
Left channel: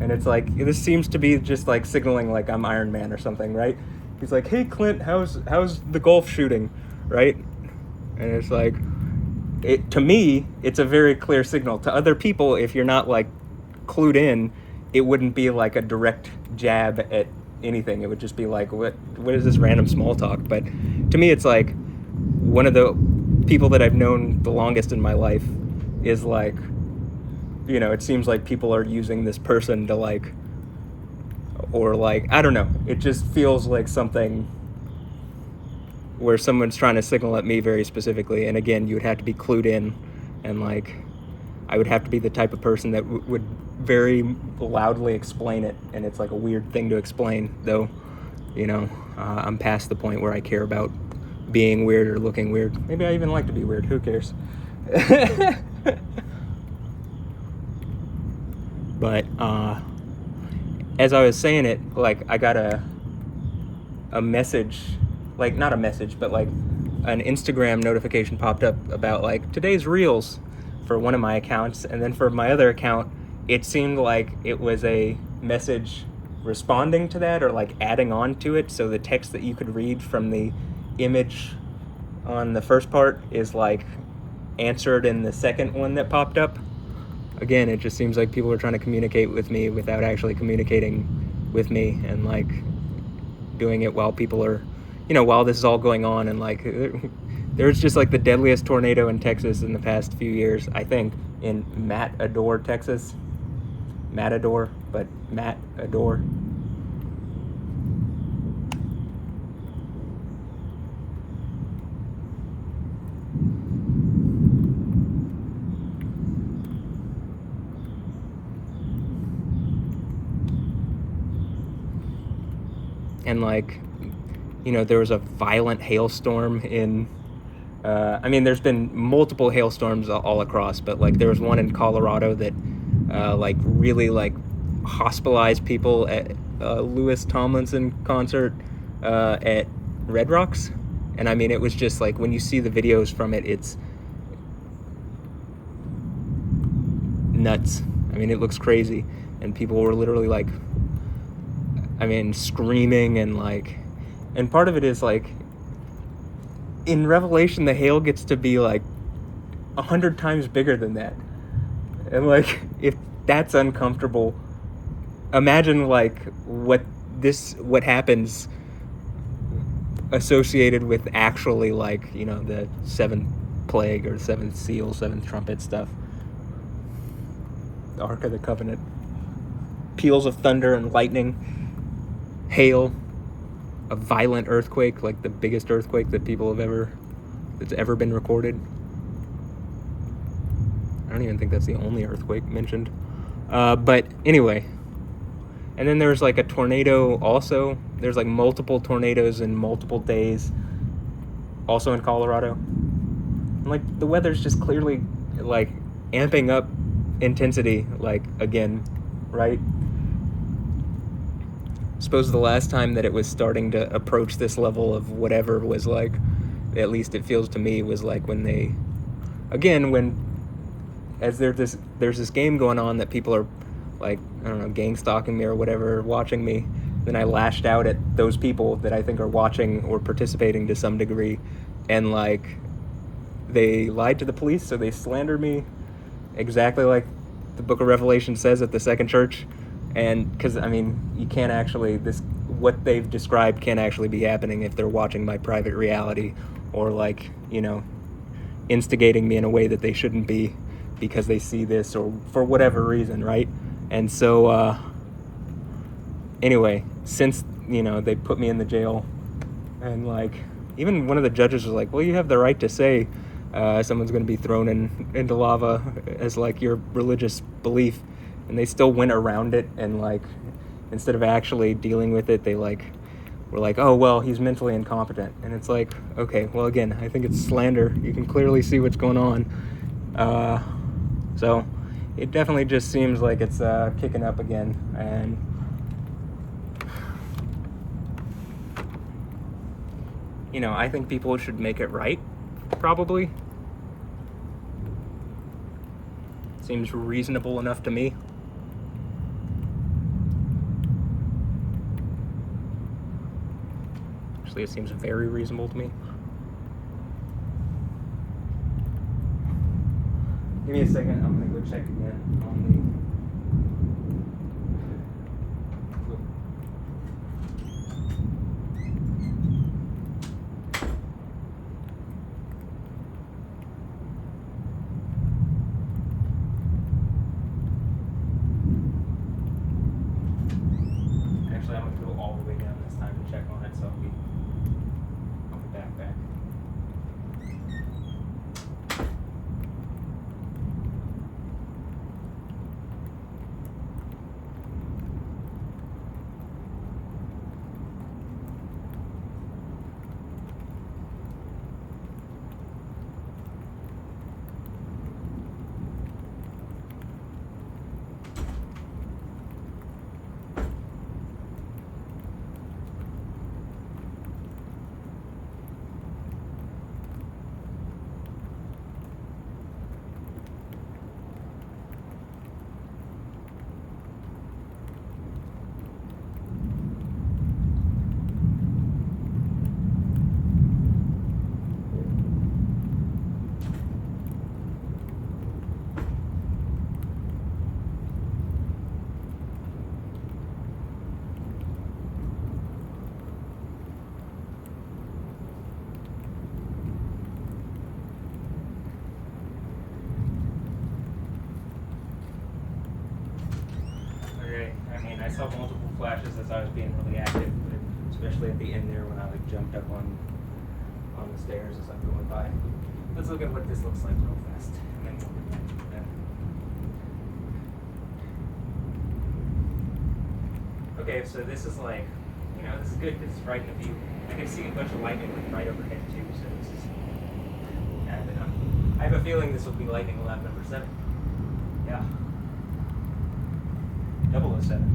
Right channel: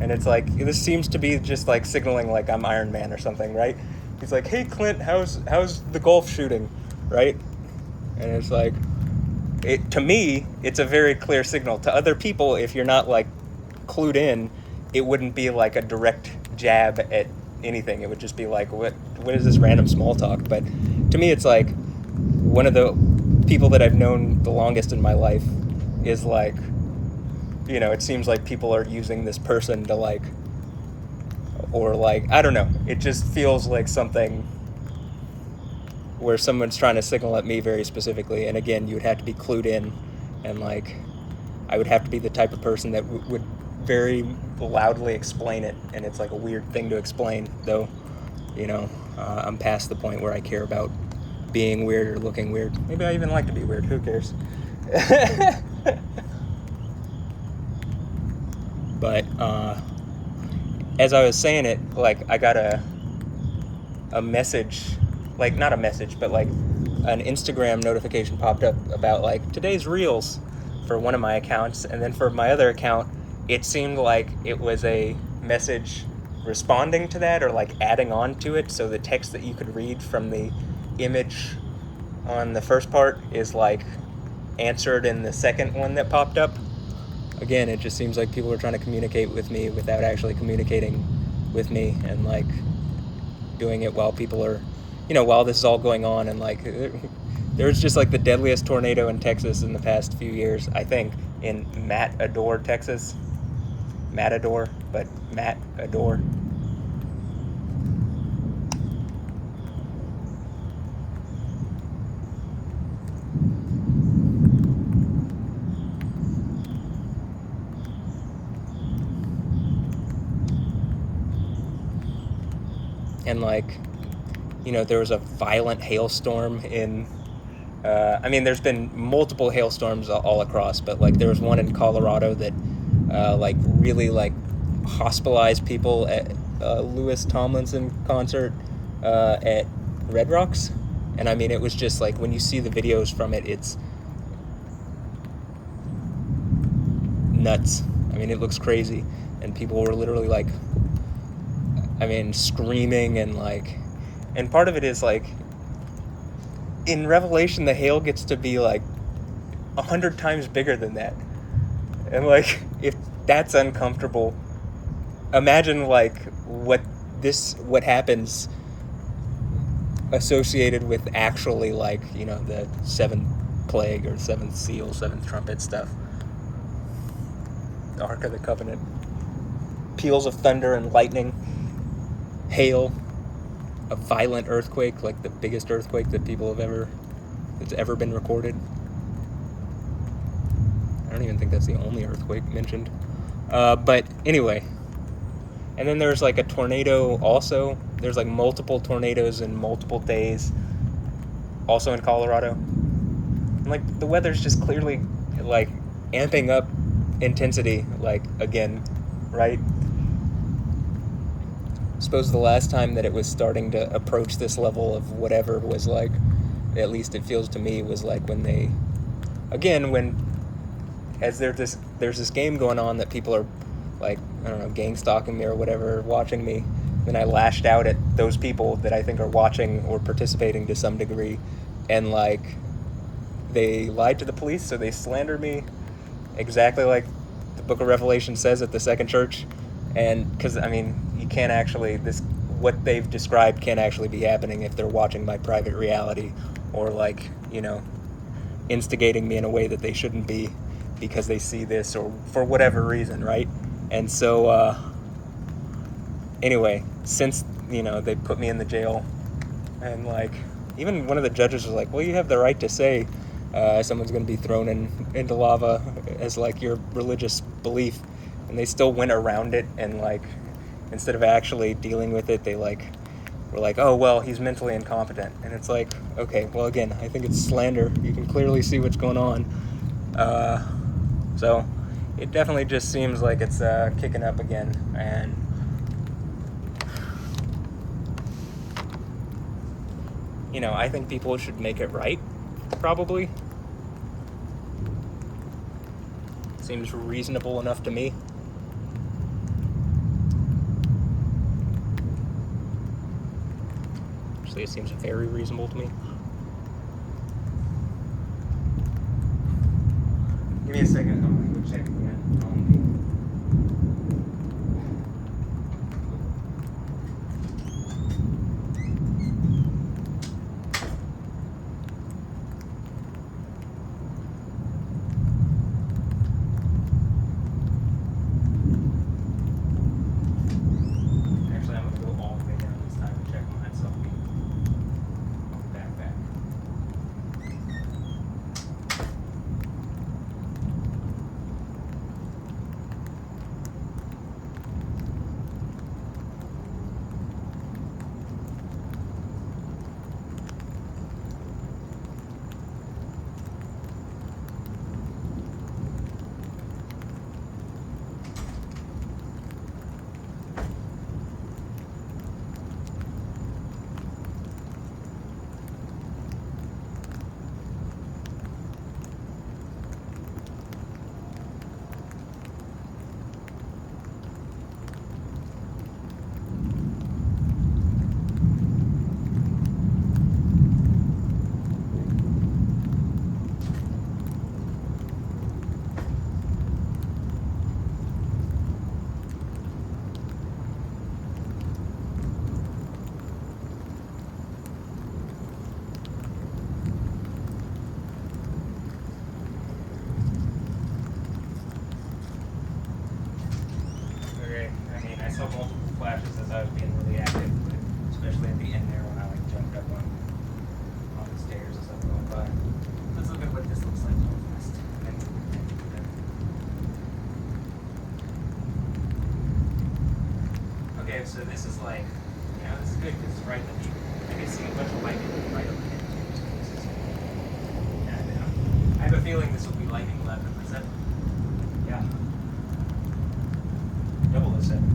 and it's like, this seems to be just like signaling like I'm Iron Man or something, right? He's like, hey Clint, how's the golf shooting, right? And it's like, to me, it's a very clear signal. To other people, if you're not like clued in, it wouldn't be like a direct jab at anything. It would just be like, what is this random small talk? But to me, it's like, one of the people that I've known the longest in my life is like, it seems like people are using this person to like, or like, I don't know, it just feels like something where someone's trying to signal at me very specifically. And again, you would have to be clued in, and like, I would have to be the type of person that would very loudly explain it, and it's like a weird thing to explain, though. I'm past the point where I care about being weird or looking weird. Maybe I even like to be weird, who cares? But as I was saying it, like, I got a message, like, not a message, but like an Instagram notification popped up about like today's reels for one of my accounts, and then for my other account it seemed like it was a message responding to that, or like adding on to it, so the text that you could read from the image on the first part is like answered in the second one that popped up. Again, it just seems like people are trying to communicate with me without actually communicating with me, and like doing it while people are, while this is all going on. And like, there's just like the deadliest tornado in Texas in the past few years, I think, in Matador, Texas. Matador, but Matador. And like, there was a violent hailstorm in, there's been multiple hailstorms all across, but like there was one in Colorado that like really like hospitalized people at Louis Tomlinson concert at Red Rocks. And I mean, it was just like, when you see the videos from it, it's nuts. I mean, it looks crazy, and people were literally like, screaming, and like, and part of it is like, in Revelation, the hail gets to be like 100 times bigger than that. And like, if that's uncomfortable, imagine like what happens associated with actually like, the seventh plague or seventh seal, seventh trumpet stuff. The Ark of the Covenant. Peals of thunder and lightning. Hail, a violent earthquake, like the biggest earthquake that that's ever been recorded. I don't even think that's the only earthquake mentioned. But anyway, and then there's like a tornado also. There's like multiple tornadoes in multiple days, also in Colorado. And like, the weather's just clearly like amping up intensity, like, again, right? suppose the last time that it was starting to approach this level of whatever was like, at least it feels to me, was like when they, again, as there's this game going on that people are like, I don't know, gang stalking me or whatever, watching me, then I lashed out at those people that I think are watching or participating to some degree, and like they lied to the police, so they slandered me exactly like the book of Revelation says at the second church. And because I mean, you can't actually, what they've described can't actually be happening if they're watching my private reality, or like, you know, instigating me in a way that they shouldn't be because they see this or for whatever reason, right? And so anyway, since, you know, they put me in the jail, and like even one of the judges was like, well, you have the right to say someone's going to be thrown into lava as like your religious belief, and they still went around it, and like instead of actually dealing with it, they like were like, oh well, he's mentally incompetent. And it's like, okay, well, again, I think it's slander. You can clearly see what's going on. So it definitely just seems like it's kicking up again. And you know, I think people should make it right, probably. Seems reasonable enough to me. Actually, it seems very reasonable to me. Give me a second, I'm gonna go check again on the... Actually, I'm gonna go all the way down this time to check on it, so I'll be back. I saw multiple flashes as I was being really active, especially at the end there when I like jumped up on the stairs as I'm going by. Let's look at what this looks like real fast, and then we'll get back to that. Okay, so this is like, you know, this is good because it's right in the view. I can see a bunch of lightning right overhead too, so this is, yeah, I have a feeling this will be lightning 11%. Yeah. 007.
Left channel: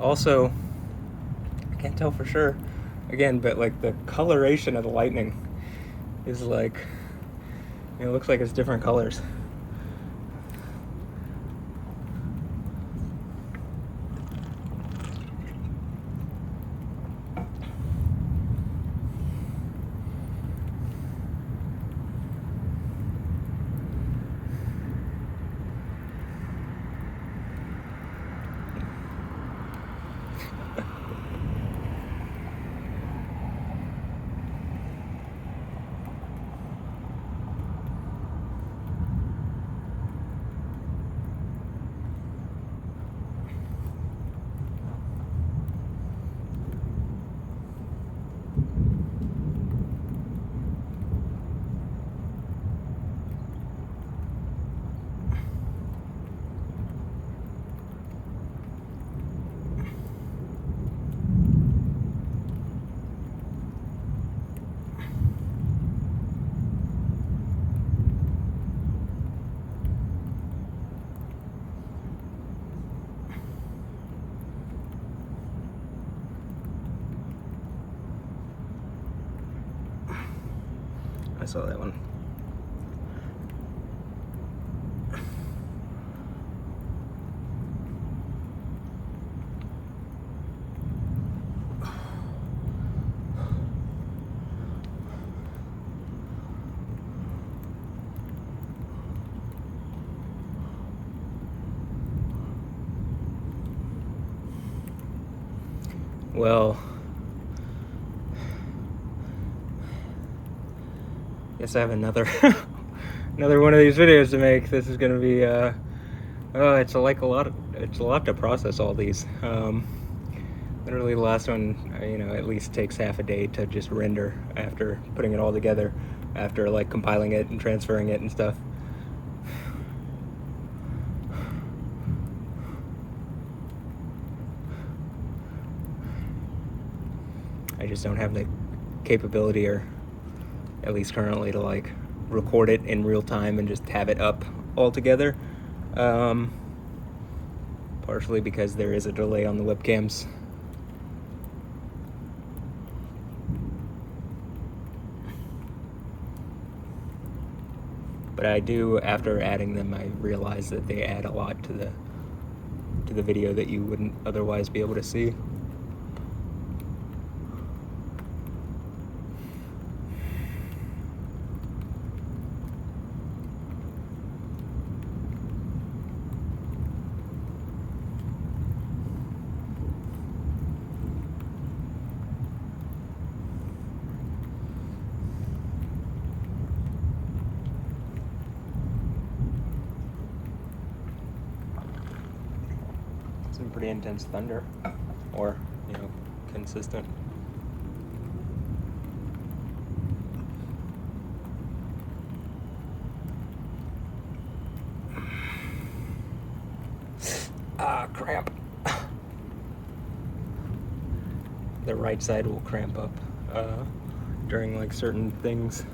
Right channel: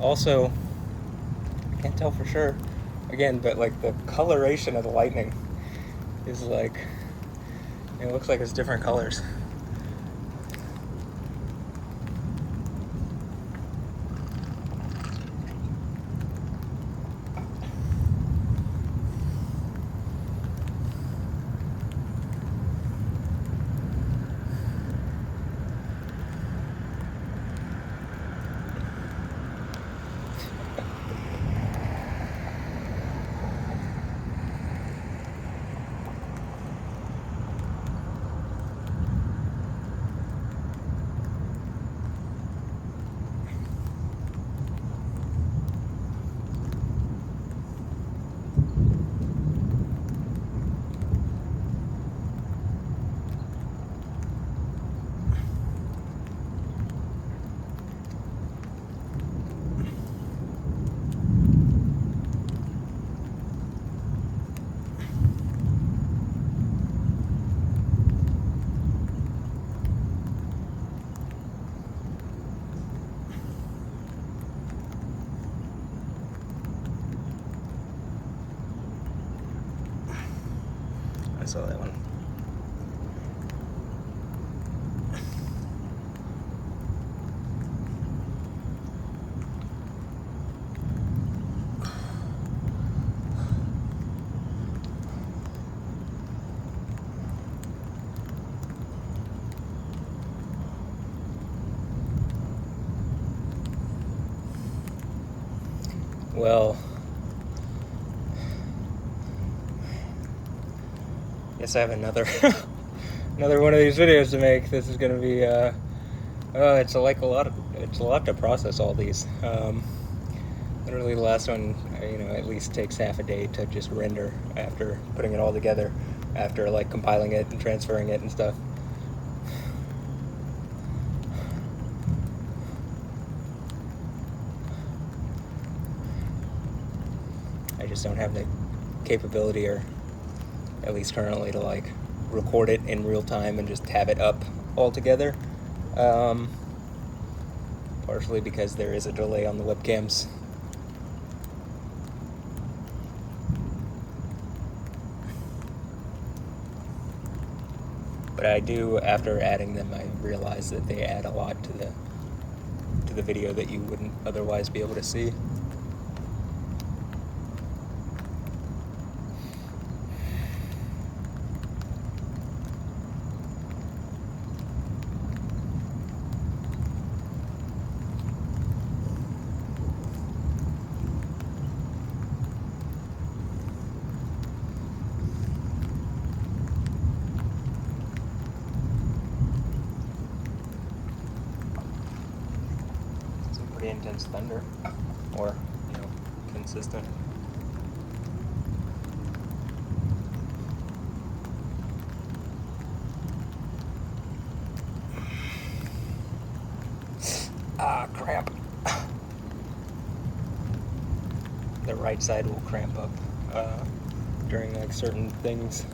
Also, I can't tell for sure, again, but like the coloration of the lightning is like, it looks like it's different colors. I saw that one. Well, guess I have another another one of these videos to make. This is gonna be it's like a lot to process all these. Literally the last one, at least takes half a day to just render after putting it all together, after like compiling it and transferring it and stuff. I just don't have the capability, or at least currently, to like record it in real time and just have it up all together. Partially because there is a delay on the webcams. But I do, after adding them, I realize that they add a lot to the video that you wouldn't otherwise be able to see. Pretty intense thunder, or consistent. Cramp. The right side will cramp up during like certain things.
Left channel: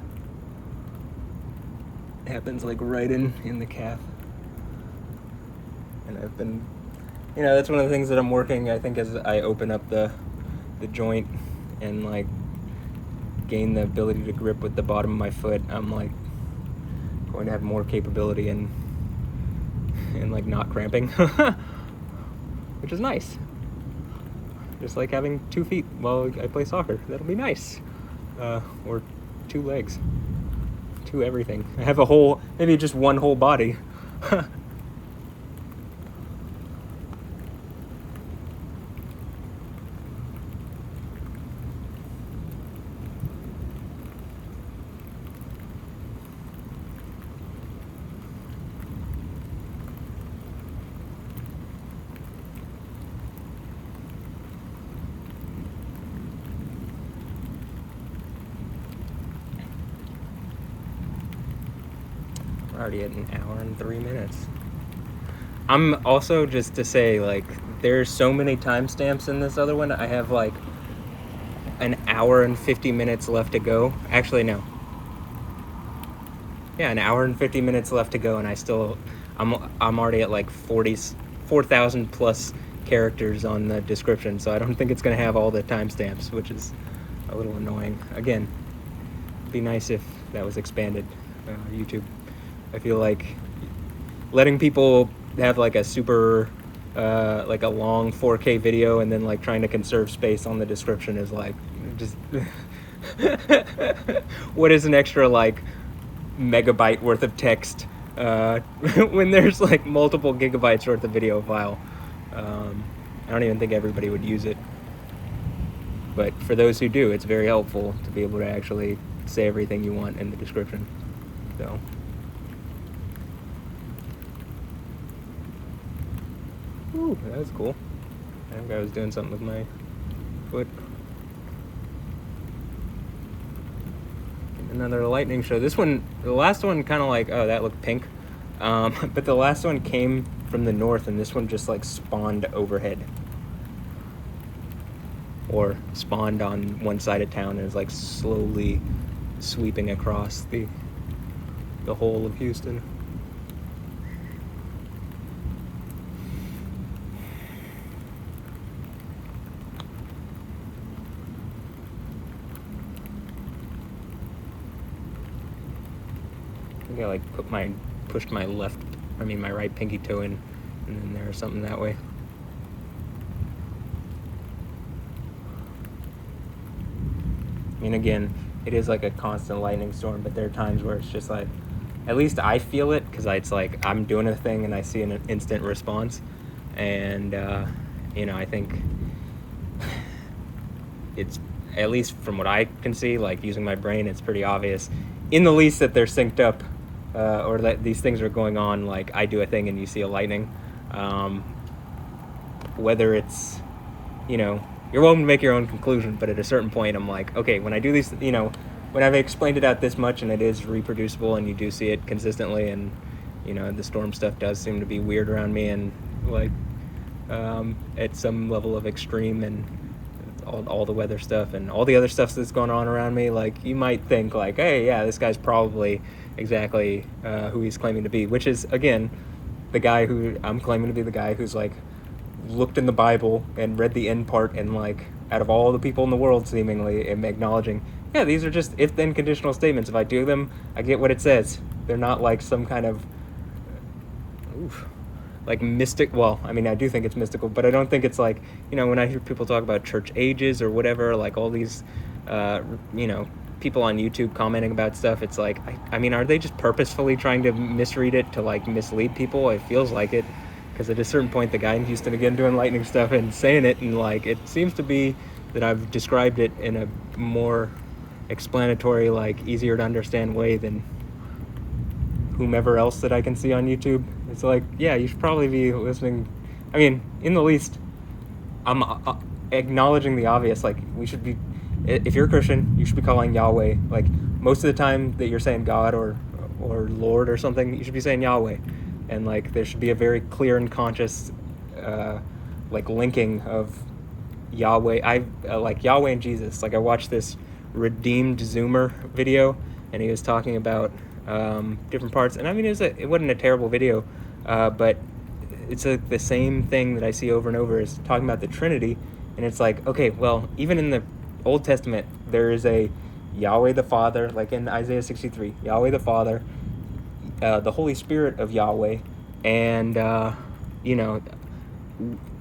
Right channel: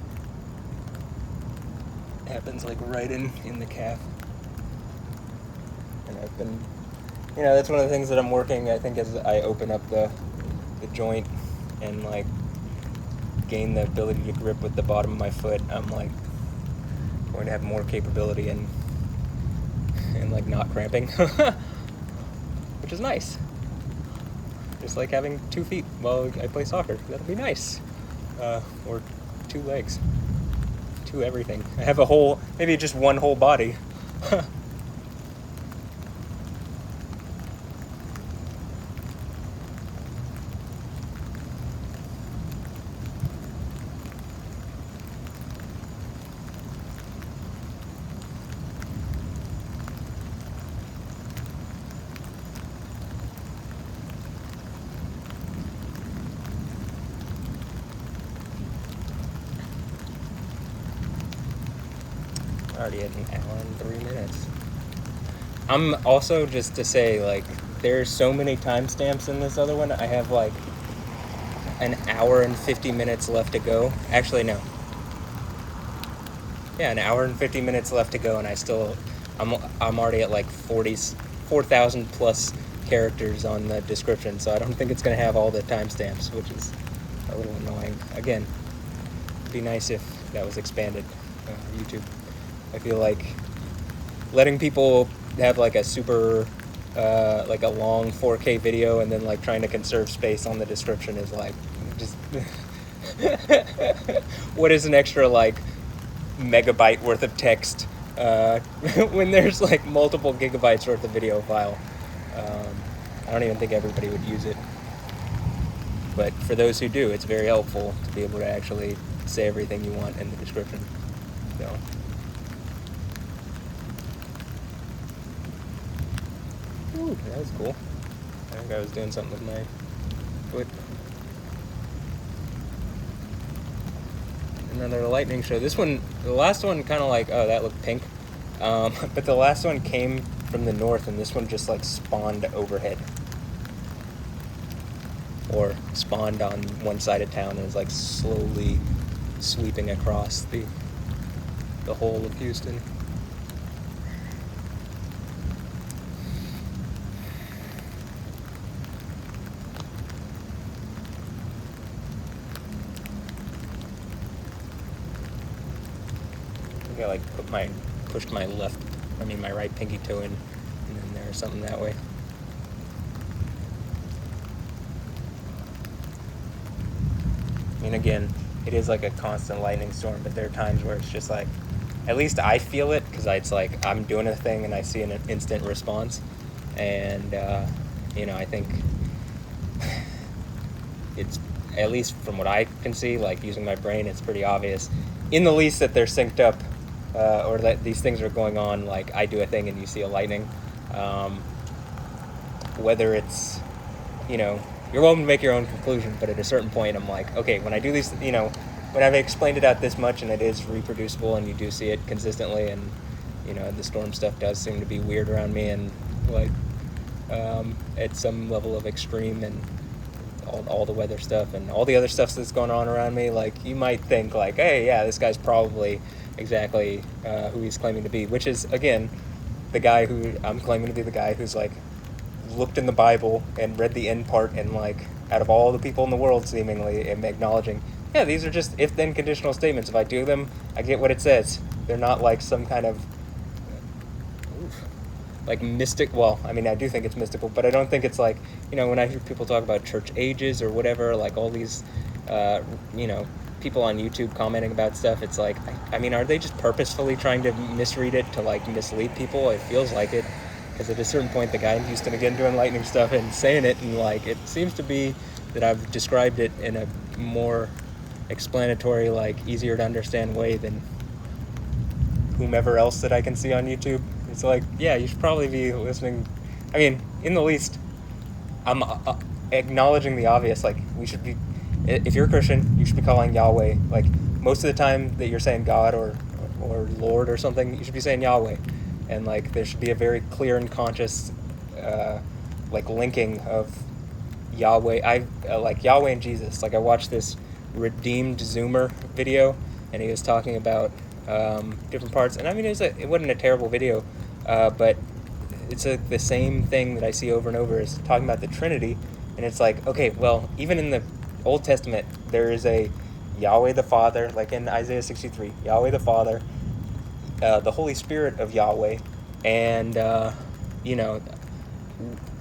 It happens like right in the calf, and I've been. That's one of the things that I'm working, I think, as I open up the joint and like gain the ability to grip with the bottom of my foot. I'm like going to have more capability and like not cramping, which is nice. Just like having 2 feet while I play soccer. That'll be nice. Or 2 legs, 2 everything. I have maybe just one whole body. Already at 1 hour and 3 minutes. I'm also, just to say, like, there's so many timestamps in this other one. I have like 1 hour and 50 minutes left to go. Actually, no. Yeah, 1 hour and 50 minutes left to go, and I'm already at like 4,000 plus characters on the description, so I don't think it's gonna have all the timestamps, which is a little annoying. Again, it'd be nice if that was expanded on YouTube. I feel like letting people have like a super, like a long 4K video and then like trying to conserve space on the description is like, just, what is an extra like megabyte worth of text when there's like multiple gigabytes worth of video file? I don't even think everybody would use it. But for those who do, it's very helpful to be able to actually say everything you want in the description. So. Ooh, that was cool. I think I was doing something with my foot. Another lightning show. This one, the last one kind of like, oh, that looked pink. But the last one came from the north, and this one just like spawned overhead. Or spawned on one side of town and is like slowly sweeping across the whole of Houston. maybe I like pushed my my right pinky toe in, and then there or something that way. I mean, again, it is like a constant lightning storm, but there are times where it's just like, at least I feel it, because it's like I'm doing a thing and I see an instant response, and I think it's, at least from what I can see, like using my brain, it's pretty obvious, in the least, that they're synced up, or that these things are going on. Like I do a thing and you see a lightning. Whether it's, you're welcome to make your own conclusion, but at a certain point, I'm like, okay, when I do these, when I've explained it out this much and it is reproducible and you do see it consistently, and the storm stuff does seem to be weird around me, and like at some level of extreme, and all the weather stuff and all the other stuff that's going on around me, like you might think like, hey, yeah, this guy's probably exactly who he's claiming to be, which is, again, the guy who I'm claiming to be, the guy who's like looked in the Bible and read the end part, and like out of all the people in the world, seemingly, am acknowledging, yeah, these are just if-then conditional statements. If I do them, I get what it says. They're not like some kind of like mystic. Well, I mean, I do think it's mystical, but I don't think it's like, when I hear people talk about church ages or whatever, like all these people on YouTube commenting about stuff, it's like, I mean, are they just purposefully trying to misread it to like mislead people? It feels like it, because at a certain point, the guy in Houston, again, doing lightning stuff and saying it, and like it seems to be that I've described it in a more explanatory, like easier to understand way than whomever else that I can see on YouTube. It's like, yeah, you should probably be listening. I mean, in the least, I'm acknowledging the obvious. Like, we should be, if you're a Christian, you should be calling Yahweh. Like, most of the time that you're saying God or Lord or something, you should be saying Yahweh. And like, there should be a very clear and conscious like linking of Yahweh. Like Yahweh and Jesus. Like, I watched this Redeemed Zoomer video, and he was talking about different parts. And I mean, it wasn't a terrible video, but it's the same thing that I see over and over, is talking about the Trinity. And it's like, okay, well, even in the Old Testament, there is a Yahweh the Father, like in Isaiah 63, Yahweh the Father, the Holy Spirit of Yahweh, and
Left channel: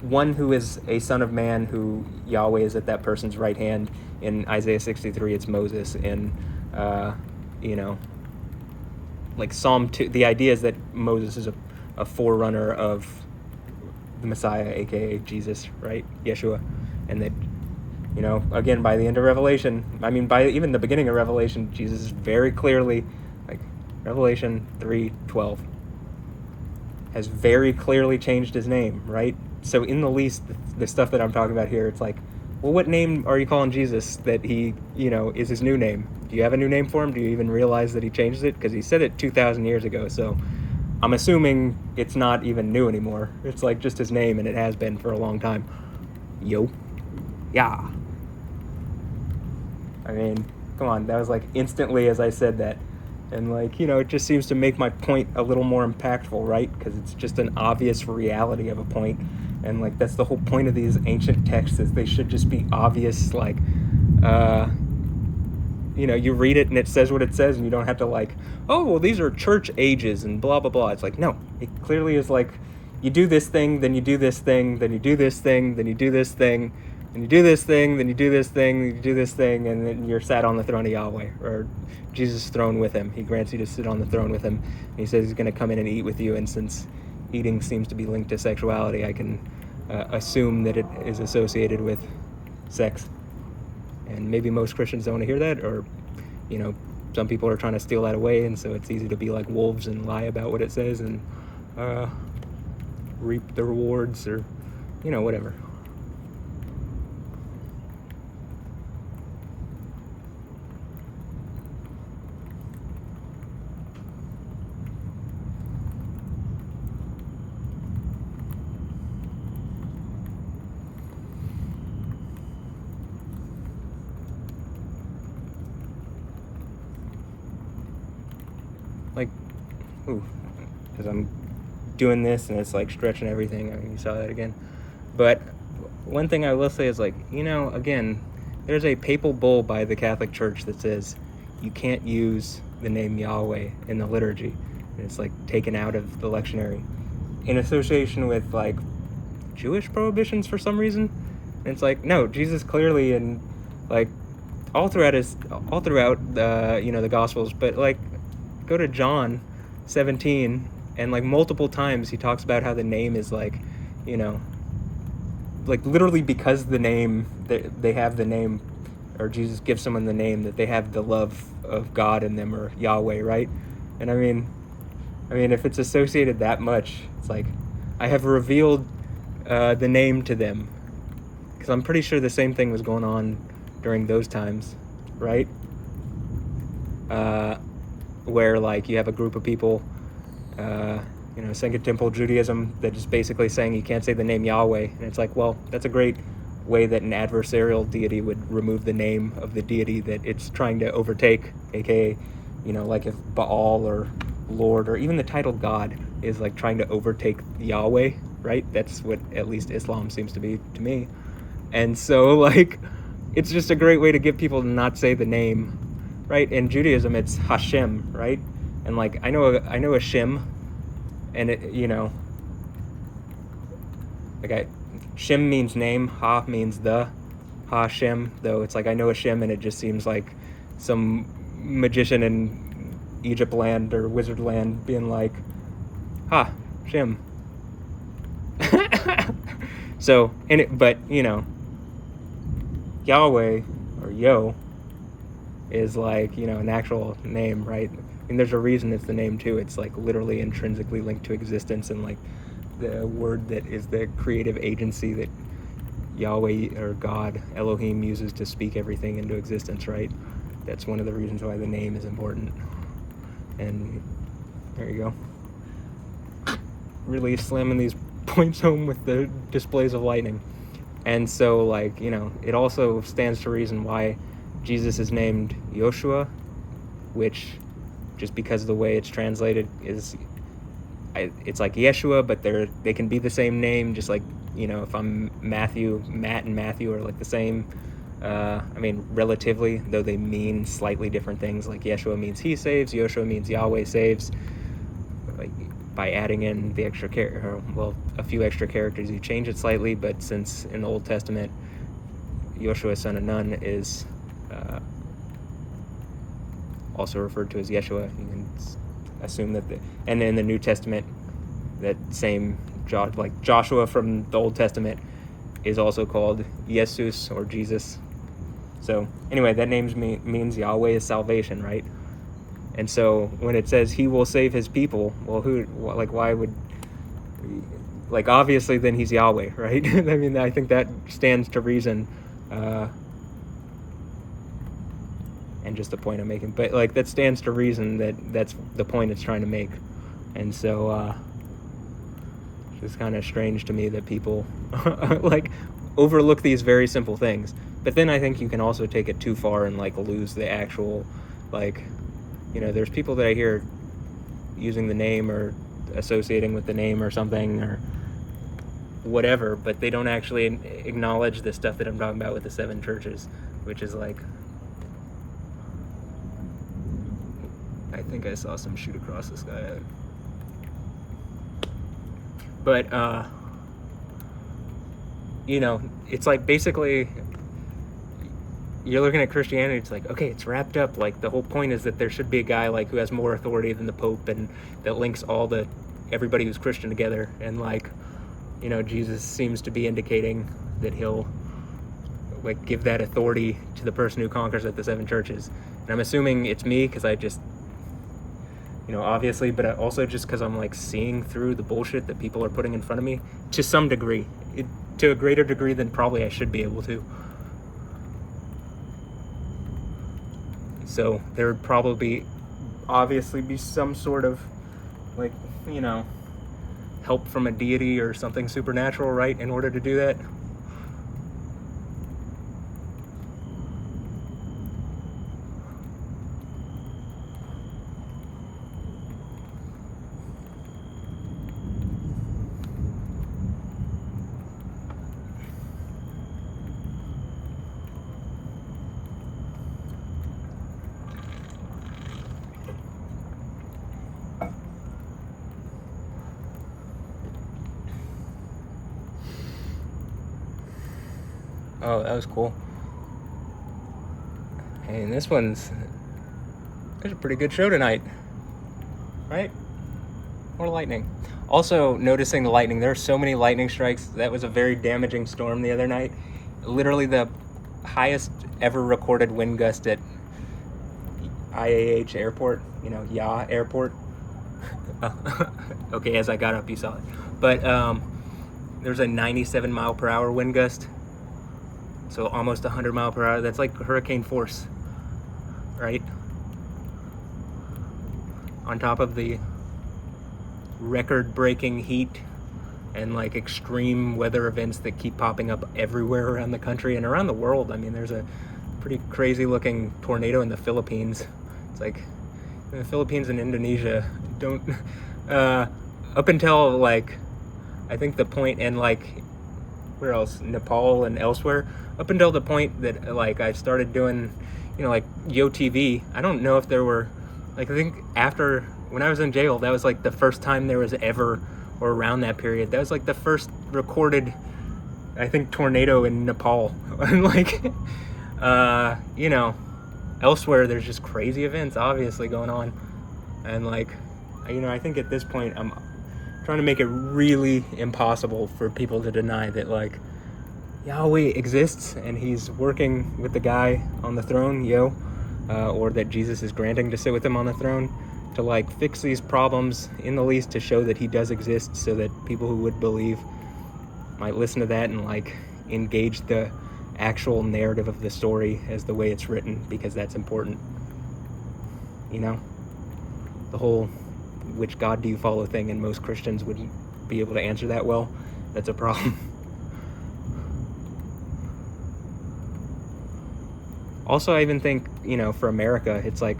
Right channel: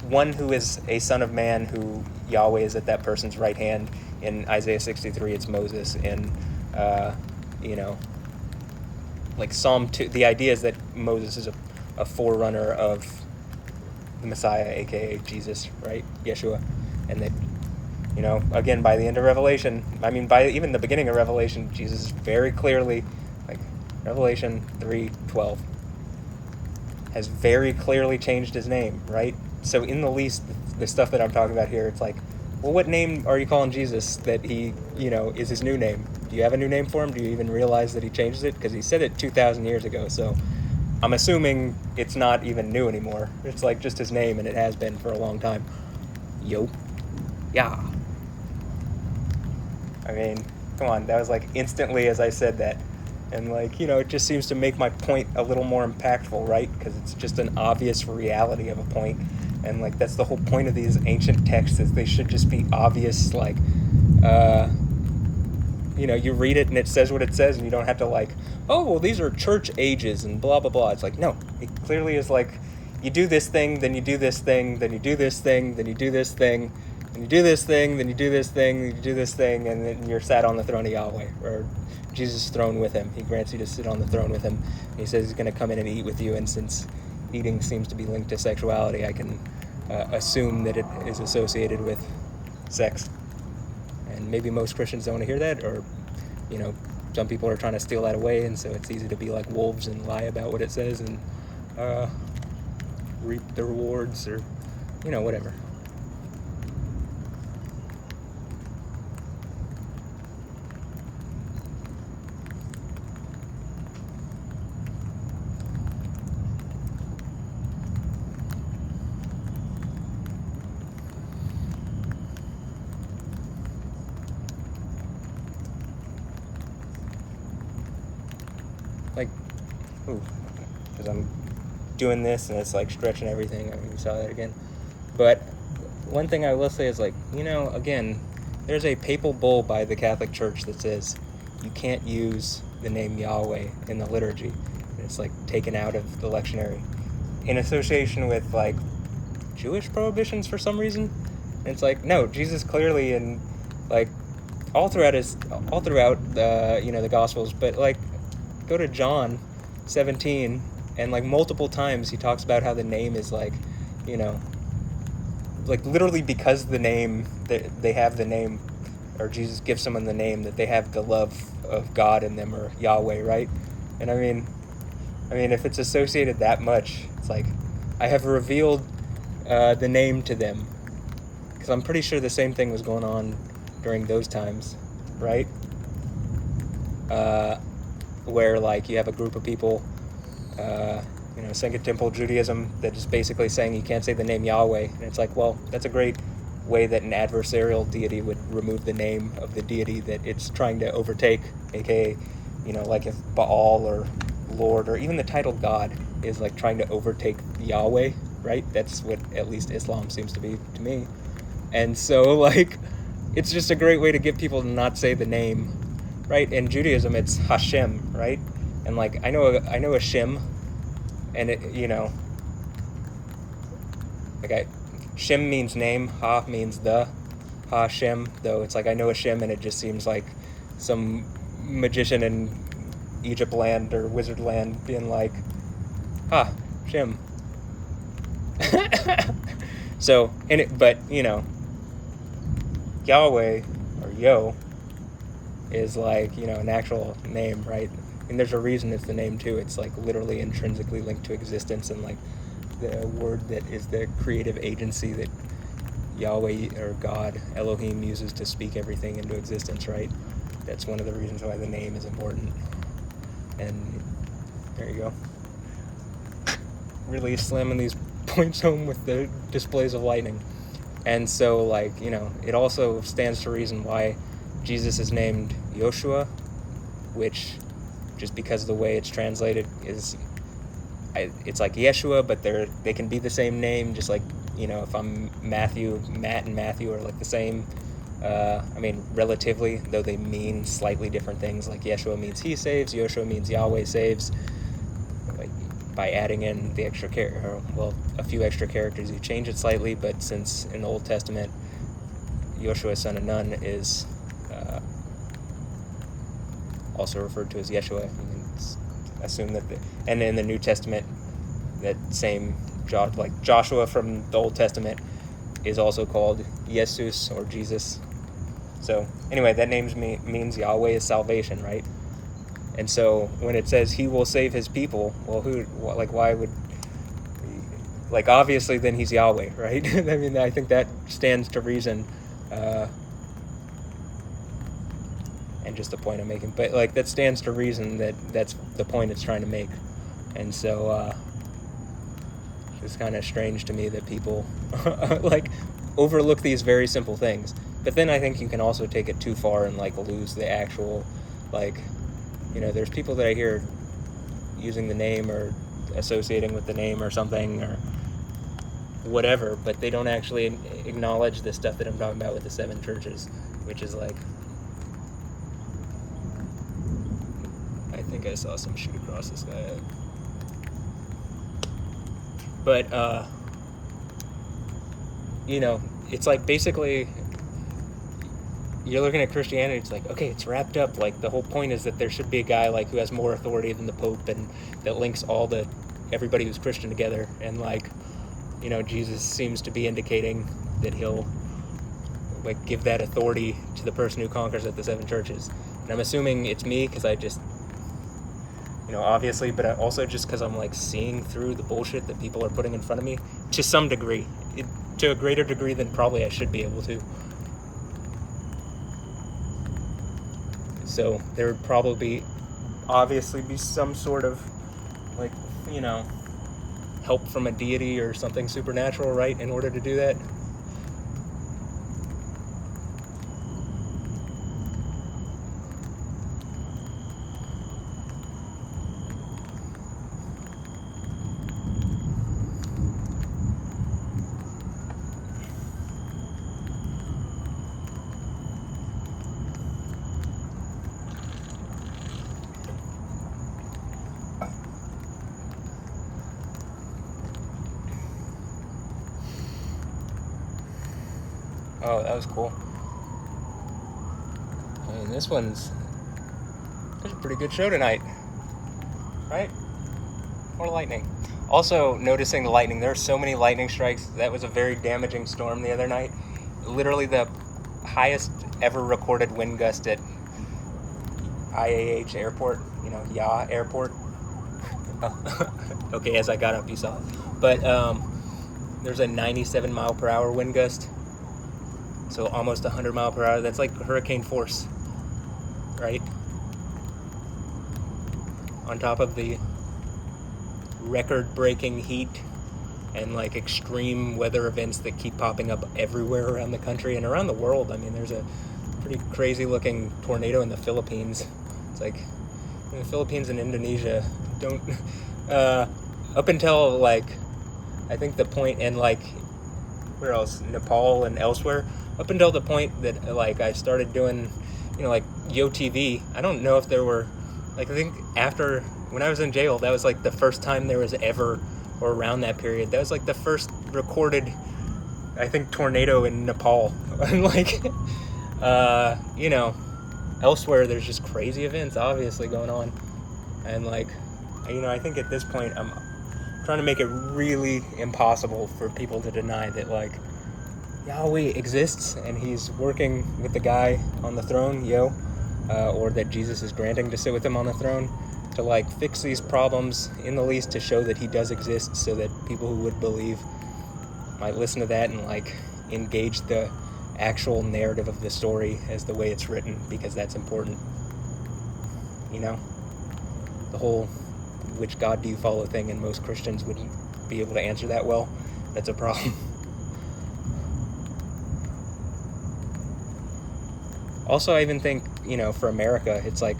one who is a son of man, who Yahweh is at that person's right hand. In Isaiah 63, it's Moses. In like Psalm 2, the idea is that Moses is a forerunner of the Messiah, aka Jesus, right? Yeshua. And that, again, by the end of Revelation, I mean, by even the beginning of Revelation, Jesus is very clearly, like Revelation 3:12, has very clearly changed his name, right? So in the least, the stuff that I'm talking about here, it's like, well, what name are you calling Jesus that he, is his new name? Do you have a new name for him? Do you even realize that he changed it? Because he said it 2,000 years ago, so I'm assuming it's not even new anymore. It's like just his name, and it has been for a long time. Yo. Yeah. I mean, come on, that was like instantly as I said that. And like, it just seems to make my point a little more impactful, right? Because it's just an obvious reality of a point. And like, that's the whole point of these ancient texts, is they should just be obvious, like, you read it and it says what it says, and you don't have to like, oh, well, these are church ages and blah, blah, blah. It's like, no, it clearly is like, you do this thing, then you do this thing, then you do this thing, then you do this thing, and you do this thing, then you do this thing, you do this thing, and then you're sat on the throne of Yahweh, or Jesus' throne with him. He grants you to sit on the throne with him. And he says he's going to come in and eat with you, and since eating seems to be linked to sexuality, I can assume that it is associated with sex. And maybe most Christians don't want to hear that, or, some people are trying to steal that away, and so it's easy to be like wolves and lie about what it says and reap the rewards, or, whatever. Like, ooh, because I'm doing this and it's like stretching everything. I mean, you saw that again. But one thing I will say is, like, again, there's a papal bull by the Catholic Church that says you can't use the name Yahweh in the liturgy. It's like taken out of the lectionary in association with like Jewish prohibitions for some reason. And it's like, no, Jesus clearly in like all throughout the the Gospels, but like go to John 17 and like multiple times he talks about how the name is like, like literally because the name that they have the name, or Jesus gives someone the name, that they have the love of God in them, or Yahweh, right? And I mean if it's associated that much, it's like I have revealed the name to them, because I'm pretty sure the same thing was going on during those times, right? Where like you have a group of people, Second Temple Judaism, that is basically saying you can't say the name Yahweh, and it's like, well, that's a great way that an adversarial deity would remove the name of the deity that it's trying to overtake, aka, like if Baal or Lord or even the title God is like trying to overtake Yahweh, right? That's what at least Islam seems to be to me. And so like it's just a great way to get people to not say the name, right? In Judaism it's Hashem, right? And like I know Hashem, and it Shem means name, Ha means the, Hashem, though it's like I know Hashem and it just seems like some magician in Egypt land or wizard land being like, Ha, Shem. So, but Yahweh or Yo is like, an actual name, right? And there's a reason it's the name too. It's like literally intrinsically linked to existence, and like the word that is the creative agency that Yahweh or God, Elohim, uses to speak everything into existence, right? That's one of the reasons why the name is important. And there you go. Really slamming these points home with the displays of lightning. And so, like, it also stands to reason why Jesus is named Yoshua, which, just because of the way it's translated, it's like Yeshua, but they can be the same name, just like, if I'm Matthew, Matt and Matthew are like the same, relatively, though they mean slightly different things. Like Yeshua means he saves, Yoshua means Yahweh saves. Like by adding in the extra a few extra characters, you change it slightly, but since in the Old Testament, Yoshua, son of Nun, is also referred to as Yeshua, and assume that and in the New Testament, that same Joshua from the Old Testament is also called Jesus or Jesus. So anyway, that name means Yahweh is salvation, right? And so when it says he will save his people, well, why would, like, obviously then he's Yahweh, right? I think that stands to reason, and just the point I'm making, but like that stands to reason that's the point it's trying to make. And so it's kind of strange to me that people like overlook these very simple things. But then I think you can also take it too far and like lose the actual, like, there's people that I hear using the name or associating with the name or something or whatever, but they don't actually acknowledge the stuff that I'm talking about with the 7 churches, which is like, I think I saw some shoot across the sky. But, it's like basically you're looking at Christianity, it's like, okay, it's wrapped up. Like the whole point is that there should be a guy like who has more authority than the Pope, and that links everybody who's Christian together. And like, Jesus seems to be indicating that he'll like give that authority to the person who conquers at the 7 churches. And I'm assuming it's me because I just, obviously, but I also just because I'm like seeing through the bullshit that people are putting in front of me to some degree, to a greater degree than probably I should be able to. So there would probably obviously be some sort of like, help from a deity or something supernatural, right, in order to do that. was cool. And this one's a pretty good show tonight, right? More lightning. Also, noticing the lightning. There are so many lightning strikes. That was a very damaging storm the other night. Literally the highest ever recorded wind gust at IAH Airport, Yah Airport. Okay, as I got up, you saw. But there's a 97 mile per hour wind gust. So almost 100 mile per hour. That's like hurricane force, right? On top of the record-breaking heat and like extreme weather events that keep popping up everywhere around the country and around the world. I mean, there's a pretty crazy-looking tornado in the Philippines. It's like in the Philippines and Indonesia don't up until like I think the point, and like where else, Nepal and elsewhere, up until the point that like I started doing like Yo TV. I don't know if there were, like, I think after when I was in jail, that was like the first time there was ever, or around that period, that was like the first recorded, I think, tornado in Nepal. Like elsewhere there's just crazy events obviously going on, and like I think at this point I'm trying to make it really impossible for people to deny that like Yahweh exists and he's working with the guy on the throne, or that Jesus is granting to sit with him on the throne to like fix these problems, in the least to show that he does exist, so that people who would believe might listen to that and like engage the actual narrative of the story as the way it's written, because that's important. The whole which God do you follow thing, and most Christians wouldn't be able to answer that well. That's a problem. Also, I even think, for America, it's like,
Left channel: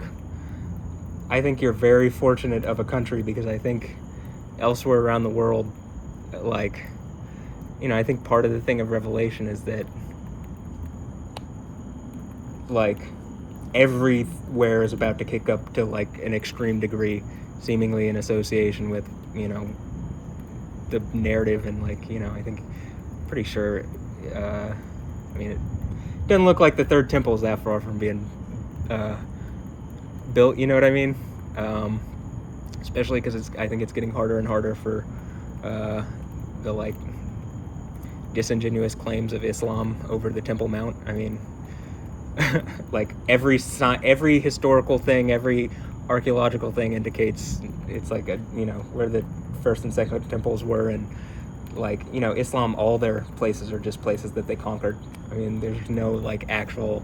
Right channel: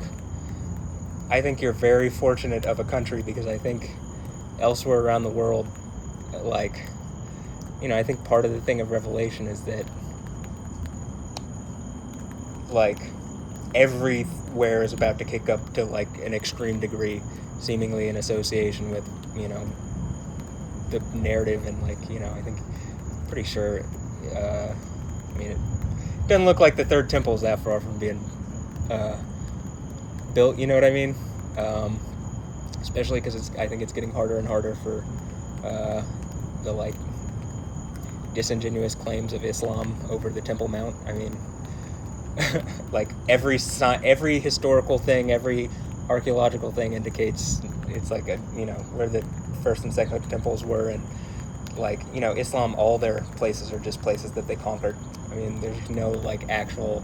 I think you're very fortunate of a country, because I think elsewhere around the world, like, I think part of the thing of Revelation is that, like, everywhere is about to kick up to, like, an extreme degree, seemingly in association with, the narrative, and, like, I think, pretty sure, it doesn't look like the third temple is that far from being built, you know what I mean? Especially because I think it's getting harder and harder for the like disingenuous claims of Islam over the Temple Mount. I mean, like every historical thing, every archaeological thing indicates it's like where the first and second temples were, and like Islam, all their places are just places that they conquered. I mean, there's no like actual,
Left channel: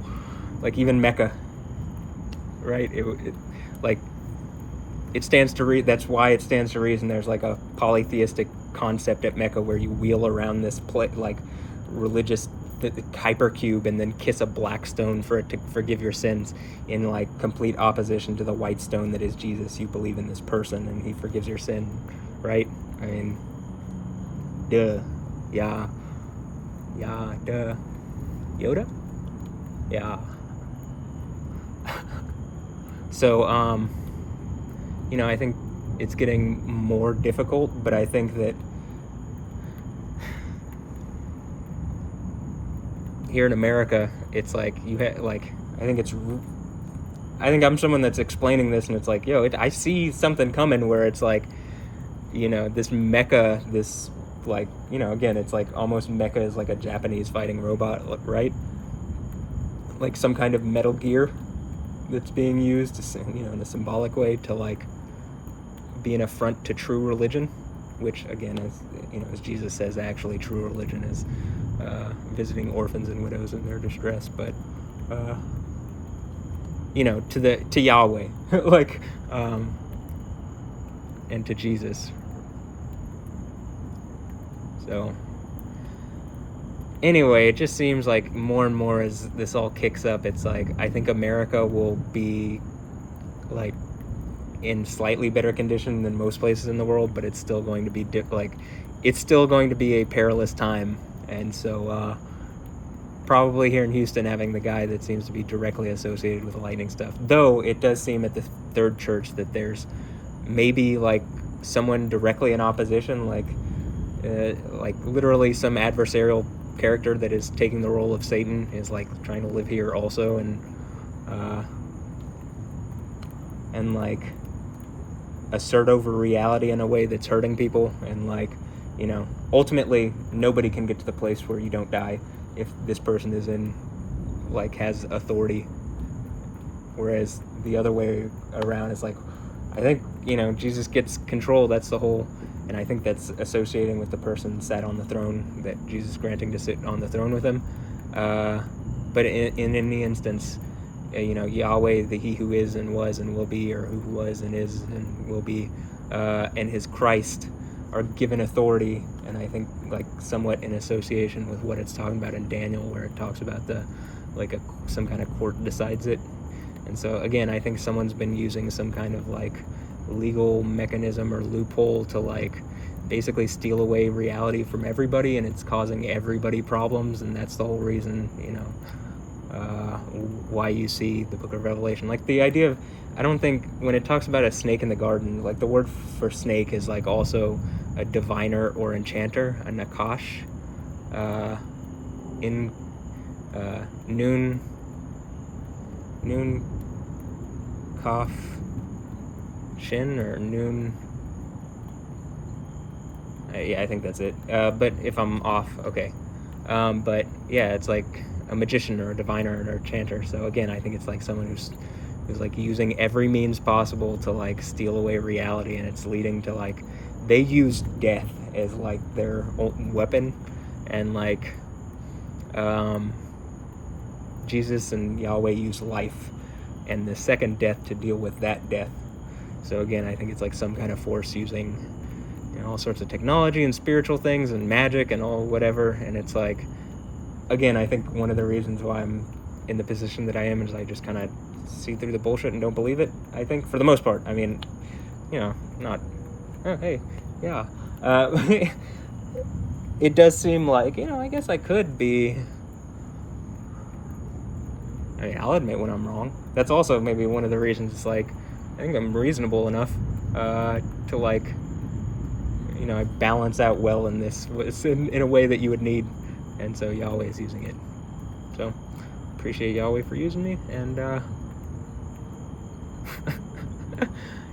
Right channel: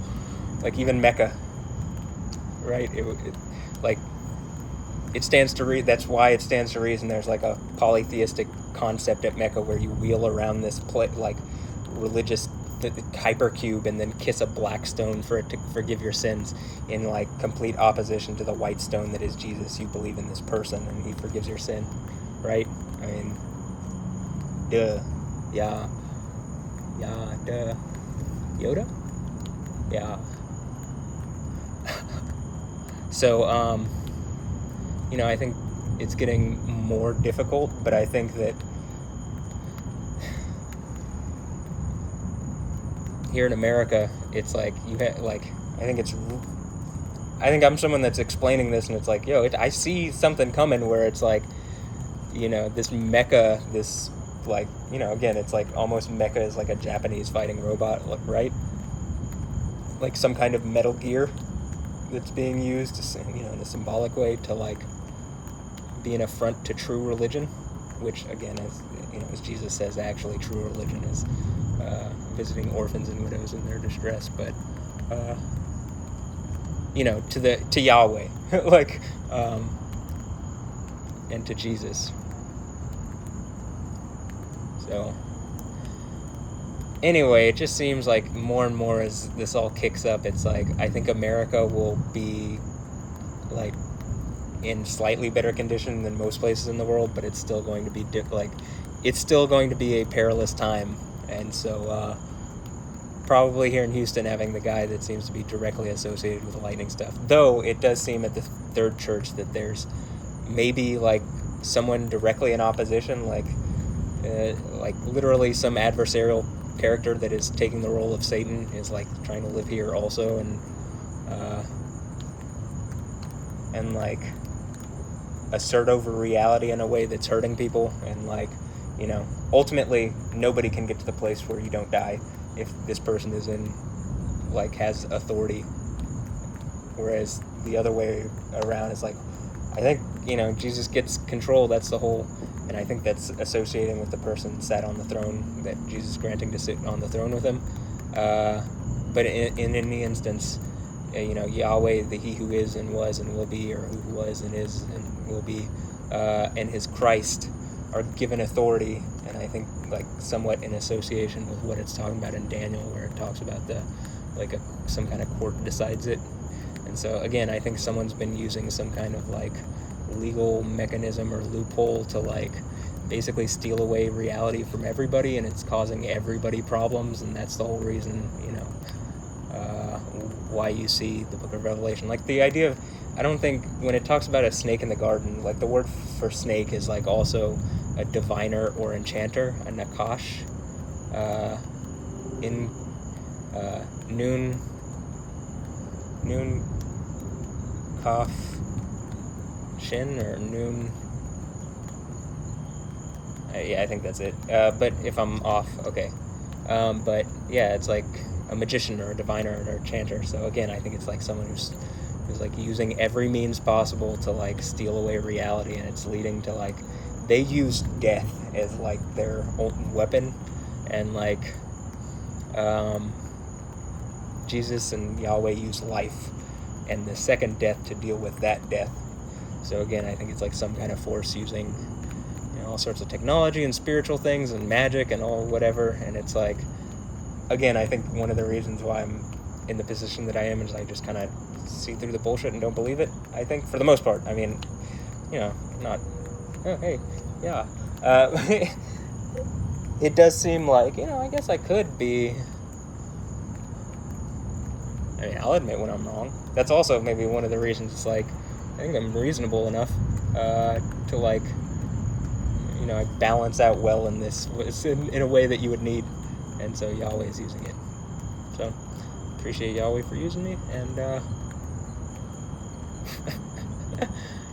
like even Mecca, right? It stands to read. That's why it stands to reason. There's like a polytheistic concept at Mecca where you wheel around this like religious hypercube and then kiss a black stone for it to forgive your sins, in like complete opposition to the white stone that is Jesus. You believe in this person and he forgives your sin, right? I mean, duh. Yeah, duh. Yoda? Yeah. So, I think it's getting more difficult, but I think that here in America, it's like I think I'm someone that's explaining this, and it's like, I see something coming where it's like, this mecha, this like, again, it's like almost mecha is like a Japanese fighting robot, right? Like some kind of Metal Gear that's being used, in a symbolic way to like be an affront to true religion, which again, as Jesus says, actually true religion is visiting orphans and widows in their distress, but to Yahweh, like, and to Jesus. So anyway, it just seems like more and more as this all kicks up, it's like I think America will be like in slightly better condition than most places in the world, but it's still going to be it's still going to be a perilous time. And so probably here in Houston, having the guy that seems to be directly associated with the lightning stuff, though it does seem at the third church that there's maybe like someone directly in opposition, like literally some adversarial character that is taking the role of Satan is like trying to live here also, and like assert over reality in a way that's hurting people, and like, you know, ultimately nobody can get to the place where you don't die if this person is in, like, has authority, whereas the other way around is like, I think, you know, Jesus gets control, that's the whole, and I think that's associating with the person sat on the throne, that Jesus granting to sit on the throne with him, but in any instance, you know, Yahweh, the He who is and was and will be, or who was and is and will be, and his Christ are given authority, and I think like somewhat in association with what it's talking about in Daniel, where it talks about the, like, some kind of court decides it. And so again, I think someone's been using some kind of like legal mechanism or loophole to like basically steal away reality from everybody, and it's causing everybody problems, and that's the whole reason, you know, why you see the book of Revelation. Like the idea of, I don't think when it talks about a snake in the garden, like the word for snake is like also a diviner or enchanter, a nakash, in noon kaf shin, or noon, yeah, I think that's it, but if I'm off, okay, but yeah, it's like a magician or a diviner or an enchanter. So again, I think it's like someone who's like using every means possible to like steal away reality, and it's leading to like, they use death as like their weapon, and like Jesus and Yahweh use life and the second death to deal with that death. So again, I think it's like some kind of force using, you know, all sorts of technology and spiritual things and magic and all whatever, and it's like, again, I think one of the reasons why I'm in the position that I am is I just kind of see through the bullshit and don't believe it, I think, for the most part. I mean, you know, not, oh, hey, yeah. It does seem like, you know, I guess I could be, I mean, I'll admit when I'm wrong. That's also maybe one of the reasons it's like, I think I'm reasonable enough to like, you know, balance out well in this, in a way that you would need. And so Yahweh's using it. So, appreciate Yahweh for using me, and,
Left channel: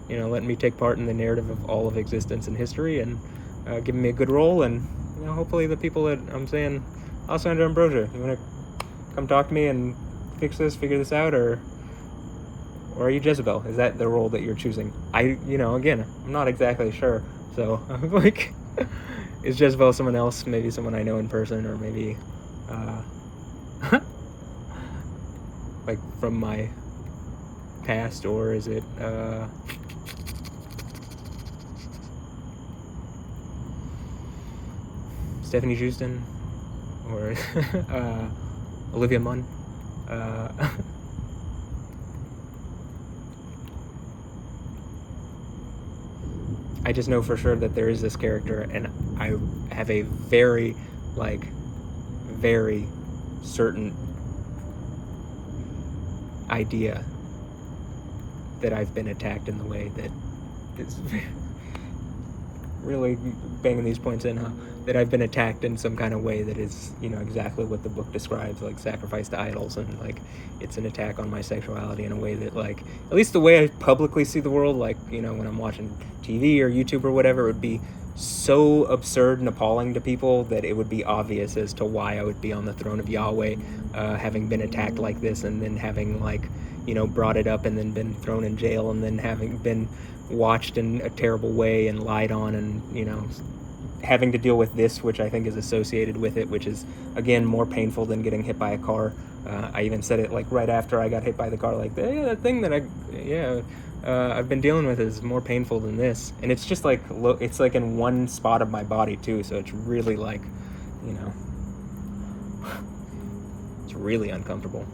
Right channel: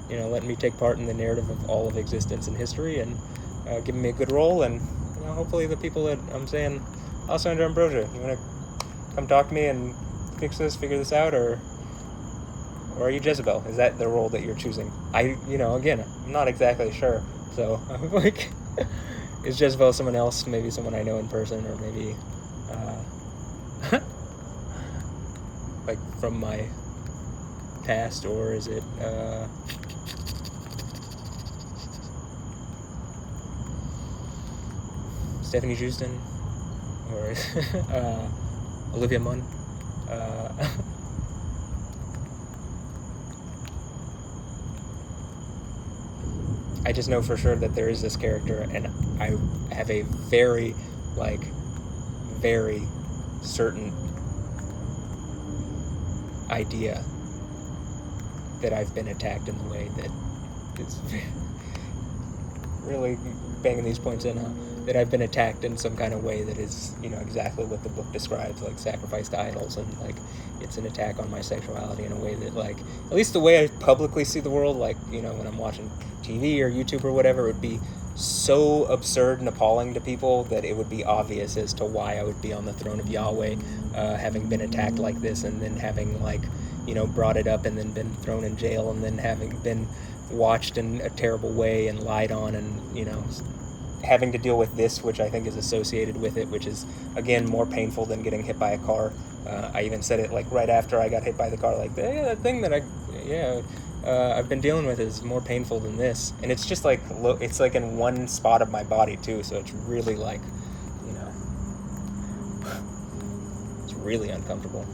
you know, letting me take part in the narrative of all of existence and history, and giving me a good role, and, you know, hopefully the people that I'm saying, Alessandra, Ambrosio, you want to come talk to me and figure this out, or are you Jezebel? Is that the role that you're choosing? You know, again, I'm not exactly sure, so, like... Is Jezebel someone else? Maybe someone I know in person, or maybe, like, from my past, or is it, Stephanie Houston, or Olivia Munn? I just know for sure that there is this character, and I have a very, like, very certain idea that I've been attacked in the way that it's really banging these points in, huh? That I've been attacked in some kind of way that is, you know, exactly what the book describes, like sacrifice to idols, and like it's an attack on my sexuality in a way that, like, at least the way I publicly see the world, like, you know, when I'm watching TV or YouTube or whatever, it would be so absurd and appalling to people that it would be obvious as to why I would be on the throne of Yahweh, having been attacked like this, and then having, like, you know, brought it up and then been thrown in jail, and then having been watched in a terrible way and lied on, and, you know, having to deal with this, which I think is associated with it, which is, again, more painful than getting hit by a car. I even said it, like, right after I got hit by the car, like, yeah, the thing that I've been dealing with is more painful than this. And it's just, like, it's, like, in one spot of my body, too, so it's really, like, you know, it's really uncomfortable.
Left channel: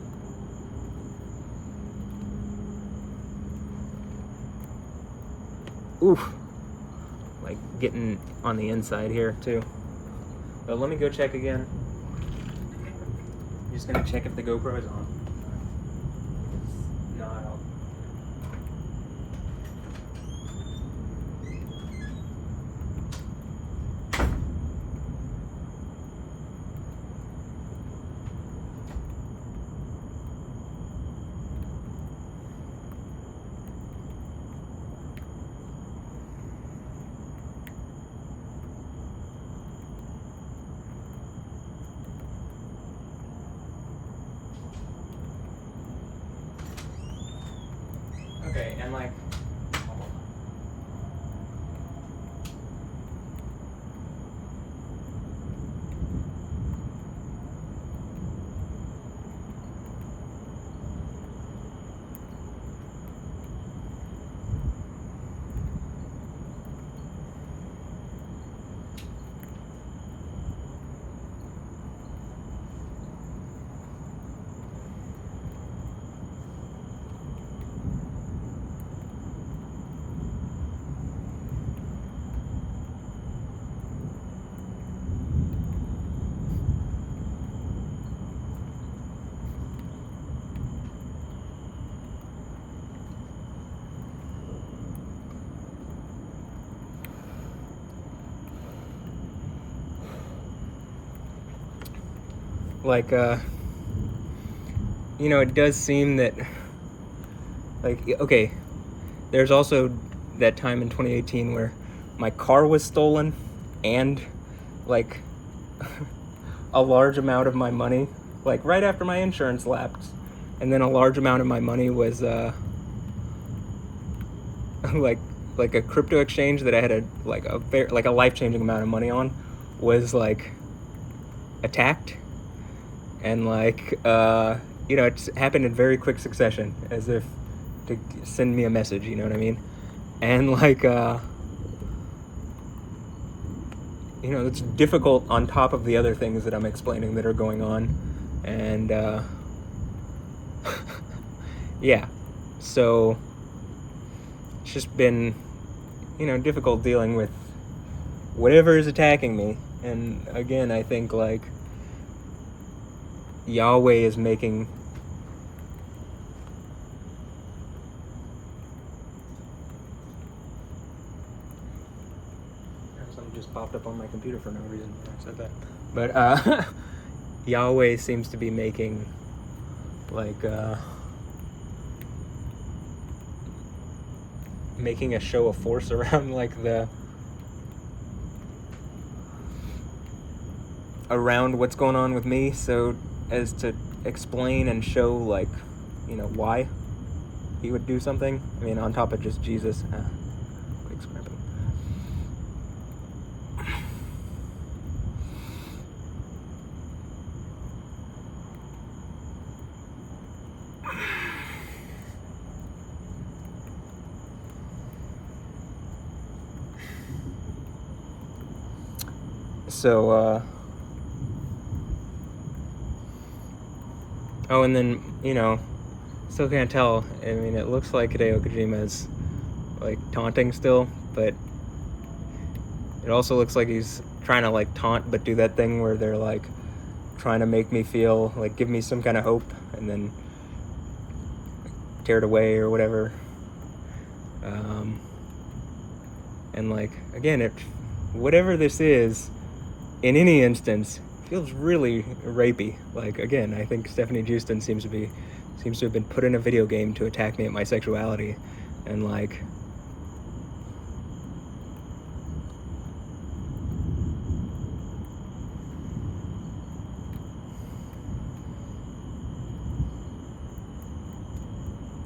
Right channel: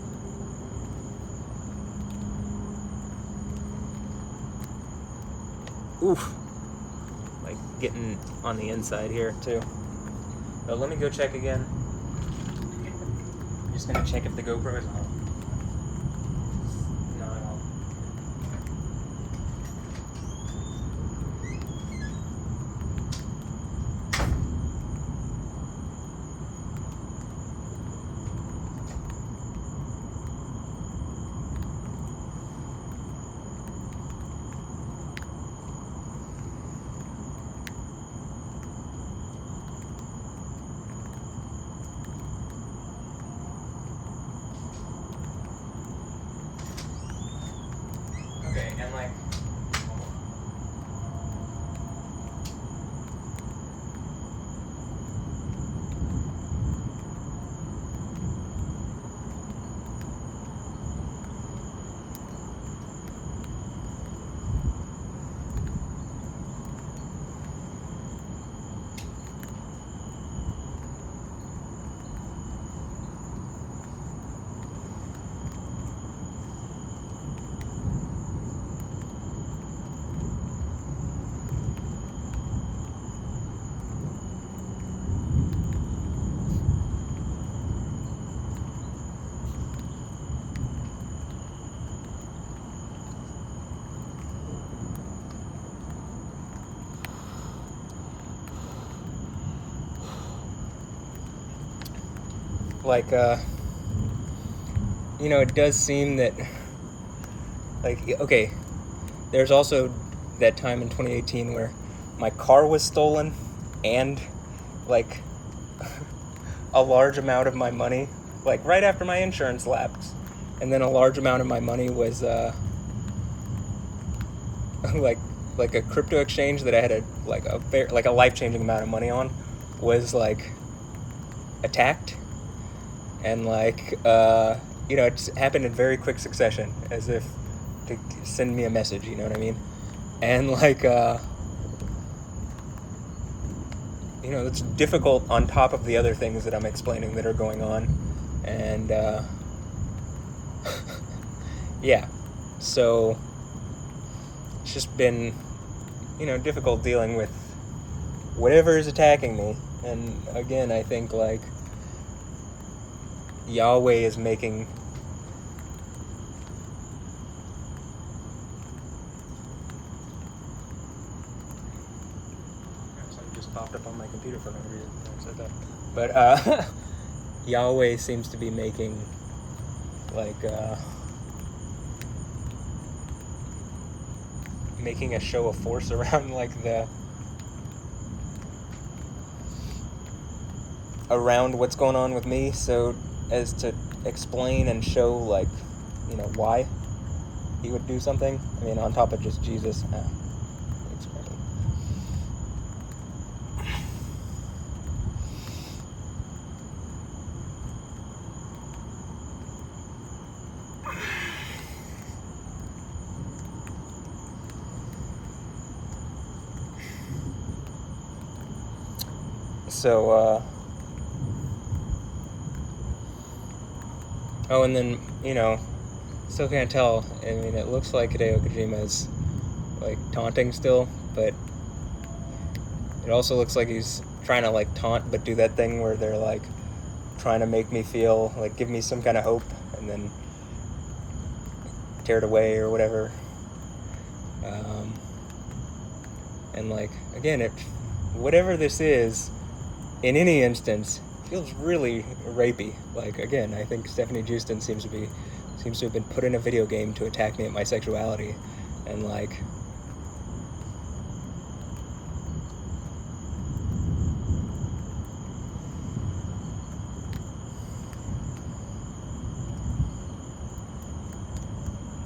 Oof. Like, getting on the inside here, too. But let me go check again. I'm just gonna check if the GoPro is on. No, I don't. like. Like, it does seem that, like, okay, there's also that time in 2018 where my car was stolen and, like, a large amount of my money, like, right after my insurance lapsed, and then a large amount of my money was, like a crypto exchange that I had a life-changing amount of money on was, like, attacked. And, like, it's happened in very quick succession, as if to send me a message, you know what I mean? And, like, it's difficult on top of the other things that I'm explaining that are going on. And, yeah. So, it's just been, difficult dealing with whatever is attacking me. And, again, I think, like, Yahweh is making something just popped up on my computer for no reason. I said that. But Yahweh seems to be making like making a show of force around around what's going on with me, so as to explain and show, like, why he would do something. I mean, on top of just Jesus. So, oh, and then, still can't tell. I mean, it looks like Hideo Kojima is, like, taunting still, but it also looks like he's trying to, like, taunt, but do that thing where they're, like, trying to make me feel, like, give me some kind of hope, and then tear it away or whatever. And, like, again, whatever this is, in any instance, feels really rapey. Like, again, I think Stephanie Justin seems to have been put in a video game to attack me at my sexuality, and, like,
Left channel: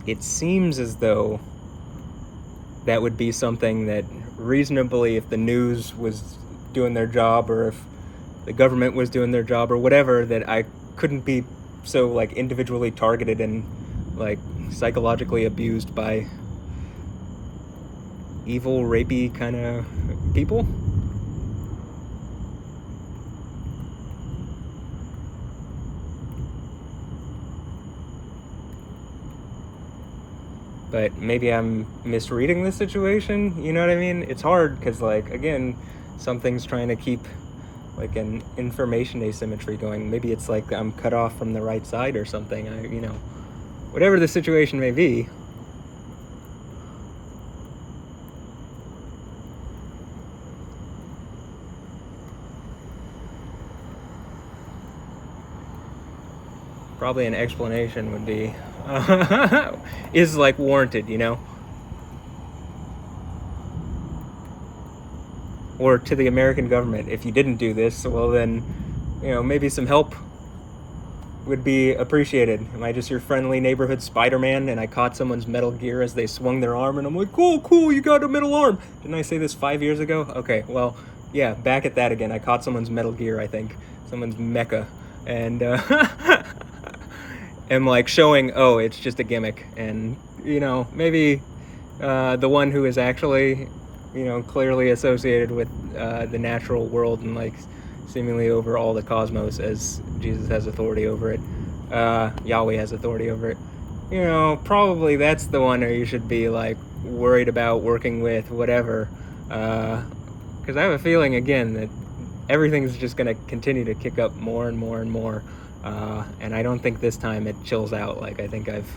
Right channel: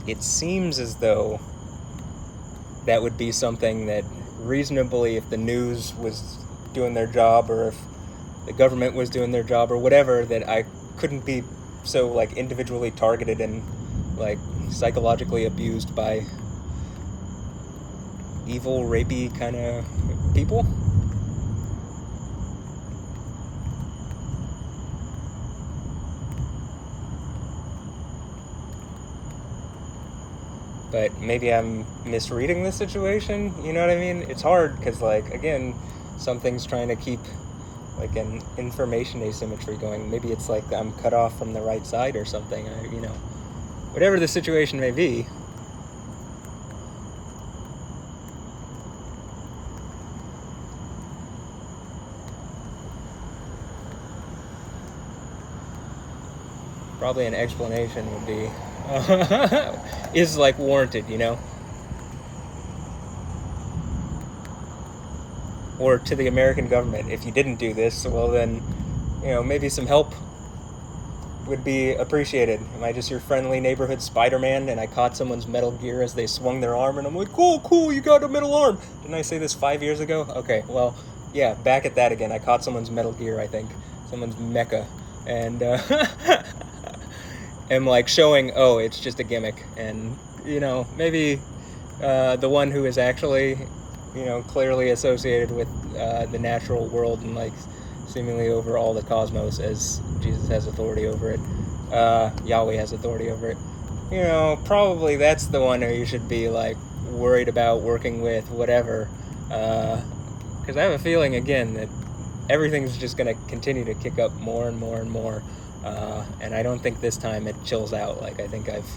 it seems as though that would be something that reasonably, if the news was doing their job, or if the government was doing their job, or whatever, that I couldn't be so, like, individually targeted and, like, psychologically abused by evil, rapey kind of people. But maybe I'm misreading the situation, you know what I mean? It's hard, because, like, again, something's trying to keep, like, an information asymmetry going. Maybe it's like I'm cut off from the right side or something, whatever the situation may be. Probably an explanation would be, is, like, warranted, Or to the American government, if you didn't do this, well then, maybe some help would be appreciated. Am I just your friendly neighborhood Spider-Man and I caught someone's Metal Gear as they swung their arm and I'm like, cool, you got a metal arm. Didn't I say this 5 years ago? Okay, well, yeah, back at that again. I caught someone's Metal Gear, I think. Someone's mecha. And, am like showing, oh, it's just a gimmick. And, maybe the one who is actually, clearly associated with the natural world and like seemingly over all the cosmos, as Jesus has authority over it, Yahweh has authority over it, probably that's the one who you should be like worried about working with, whatever, because I have a feeling again that everything's just going to continue to kick up more and more and more, and I don't think this time it chills out. Like, I think I've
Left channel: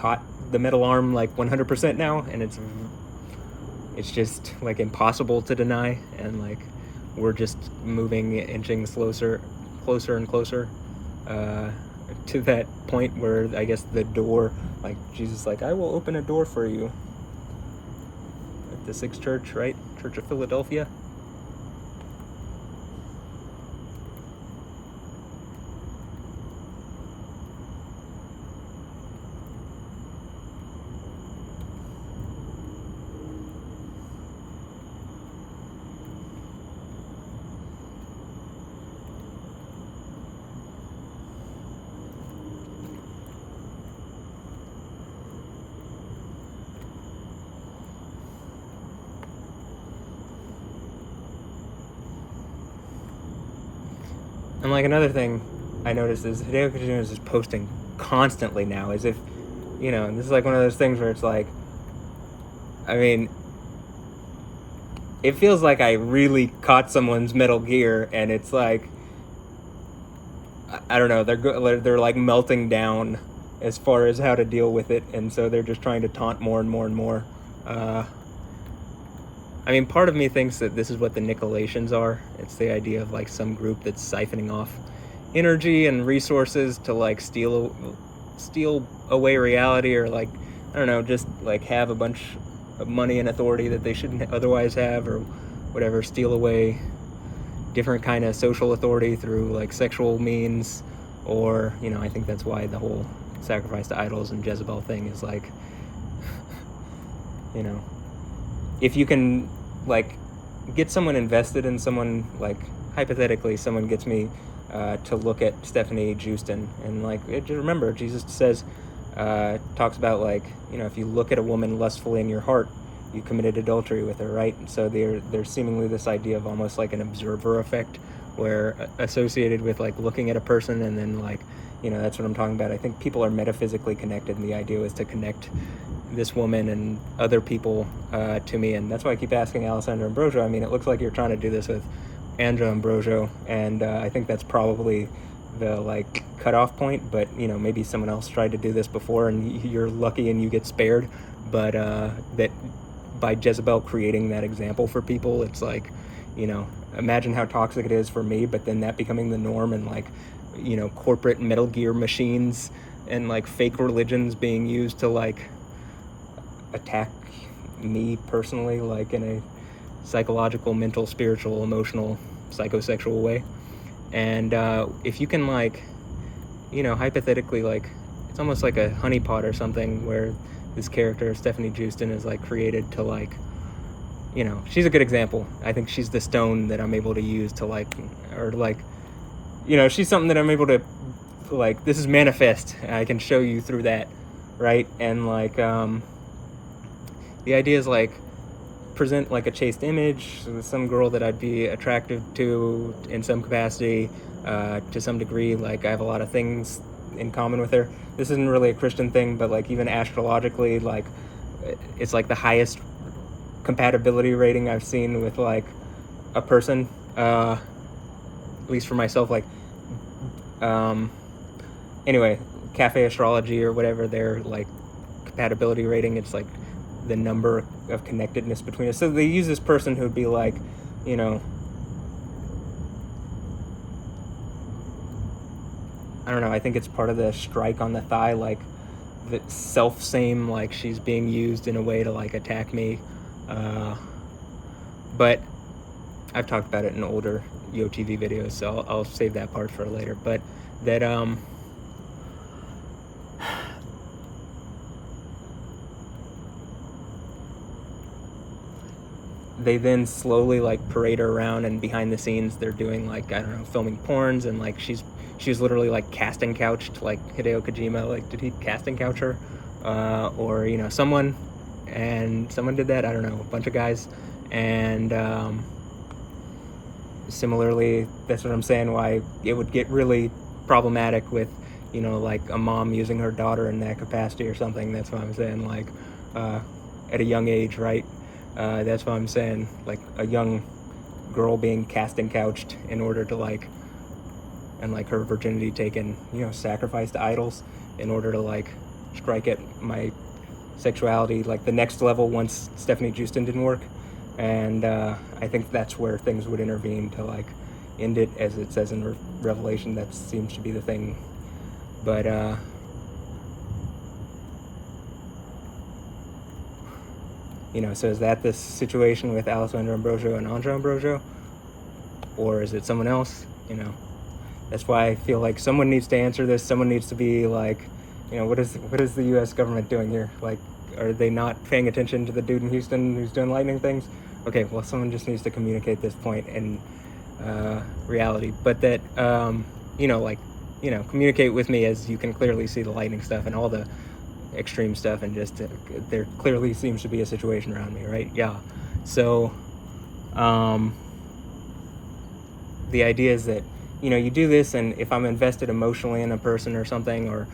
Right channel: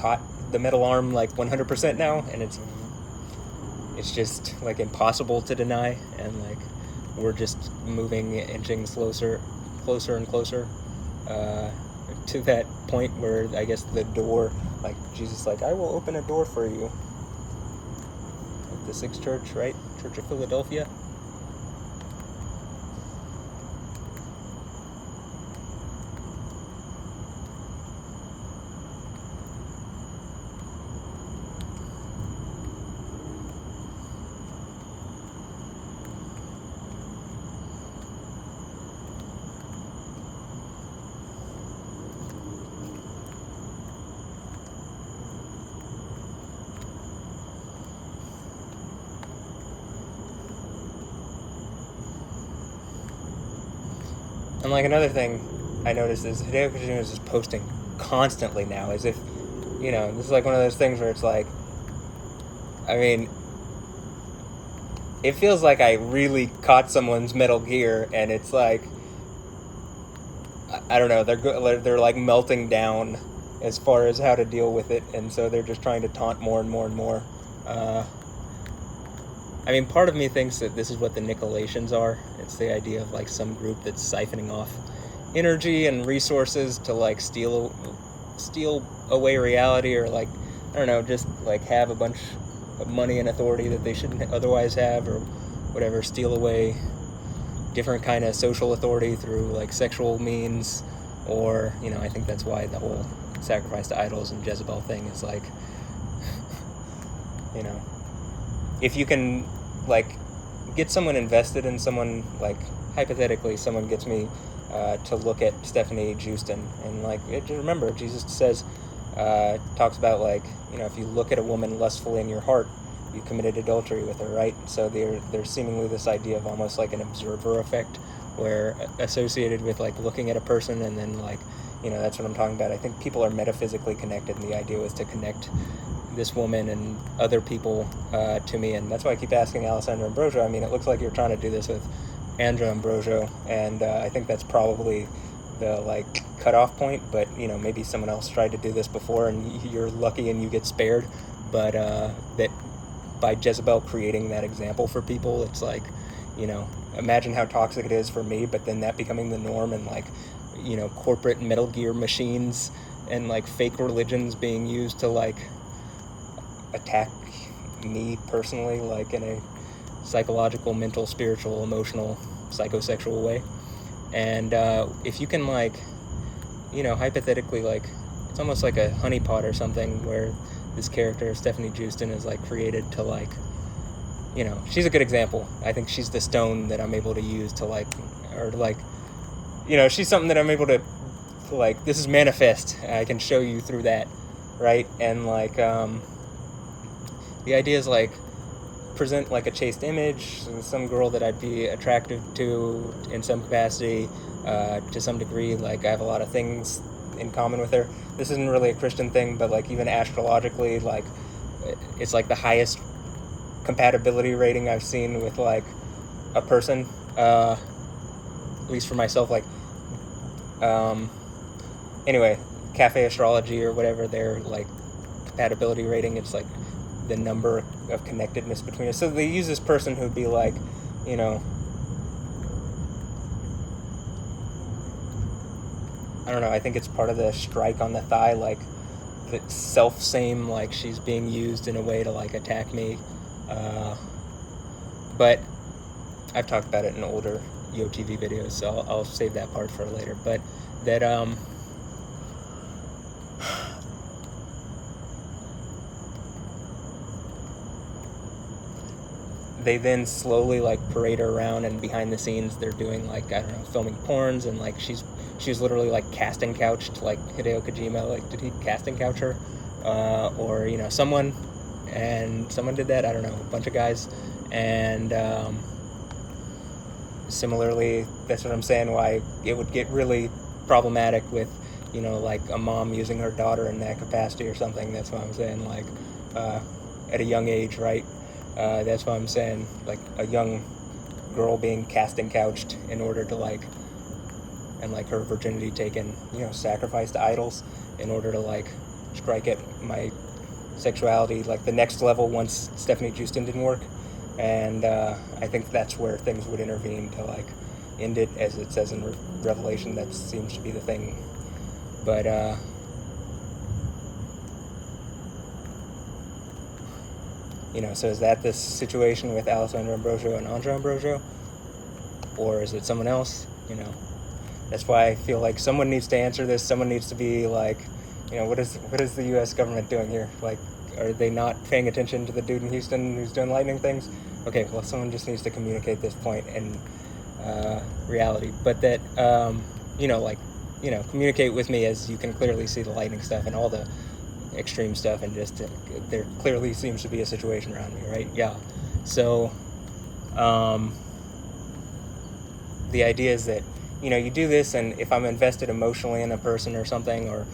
caught the metal arm like 100% now, and it's just like impossible to deny, and like we're just inching closer and closer to that point where I guess the door, like Jesus, like, I will open a door for you at the Sixth Church, right? Church of Philadelphia. And like another thing I noticed is Hideo Kojima is just posting constantly now, as if, this is like one of those things where it's like, I mean, it feels like I really caught someone's Metal Gear, and it's like, I don't know, they're like melting down as far as how to deal with it, and so they're just trying to taunt more and more and more. I mean, part of me thinks that this is what the Nicolaitans are. It's the idea of like some group that's siphoning off energy and resources to like steal away reality, or like, I don't know, just like have a bunch of money and authority that they shouldn't otherwise have, or whatever, steal away different kind of social authority through like sexual means, or, I think that's why the whole sacrifice to idols and Jezebel thing is like, if you can like get someone invested in someone, like hypothetically someone gets me to look at Stephanie Houston, and like, remember Jesus says, talks about like, if you look at a woman lustfully in your heart, you committed adultery with her, right? So there's seemingly this idea of almost like an observer effect, where associated with like looking at a person, and then like, that's what I'm talking about. I think people are metaphysically connected, and the idea was to connect this woman and other people to me, and that's why I keep asking Alessandra Ambrosio. I mean, it looks like you're trying to do this with Andra Ambrosio, and I think that's probably the like cutoff point, but maybe someone else tried to do this before and you're lucky and you get spared, but that by Jezebel creating that example for people, it's like, imagine how toxic it is for me, but then that becoming the norm, and like, corporate Metal Gear machines and like fake religions being used to like attack me personally, like in a psychological, mental, spiritual, emotional, psychosexual way. And if you can like, hypothetically, like, it's almost like a honeypot or something, where this character Stephanie Houston is like created to like, she's a good example. I think she's the stone that I'm able to use to like, or like, she's something that I'm able to like, this is manifest, and I can show you through that, right? And like, the idea is like, present like a chaste image, some girl that I'd be attractive to in some capacity, to some degree. Like, I have a lot of things in common with her. This isn't really a Christian thing, but like even astrologically, like it's like the highest compatibility rating I've seen with like a person, at least for myself. Like, anyway, Cafe Astrology or whatever, their like compatibility rating, it's like the number of connectedness between us. So they use this person who'd be like, I don't know, I think it's part of the strike on the thigh, like the self-same, like she's being used in a way to like attack me. But I've talked about it in older Yo TV videos, so I'll save that part for later. But that they then slowly like parade her around, and behind the scenes they're doing like, I don't know, filming porns, and like she was literally like casting couched like Hideo Kojima. Like, did he casting couch her, or you know, someone did that, I don't know, a bunch of guys. And similarly, that's what I'm saying, why it would get really problematic with, you know, like a mom using her daughter in that capacity or something. That's what I'm saying, like at a young age, right? That's what I'm saying, like a young girl being cast and couched in order to like, and like her virginity taken, you know, sacrificed to idols in order to like strike at my sexuality, like the next level once Stephanie Houston didn't work. And I think that's where things would intervene to like end it, as it says in Revelation. That seems to be the thing. But you know, so is that the situation with Alessandra Ambrosio and Andrea Ambrosio, or is it someone else? You know, that's why I feel like someone needs to answer this. Someone needs to be like, you know, what is the U.S. government doing here? Like, are they not paying attention to the dude in Houston who's doing lightning things? Okay, well, someone just needs to communicate this point in reality. But that, you know, like, you know, communicate with me as you can clearly see the lightning stuff and all the extreme stuff, and just there clearly seems to be a situation around me, right? Yeah. So, the idea is that, you know, you do this, and if I'm invested emotionally in a person or something, or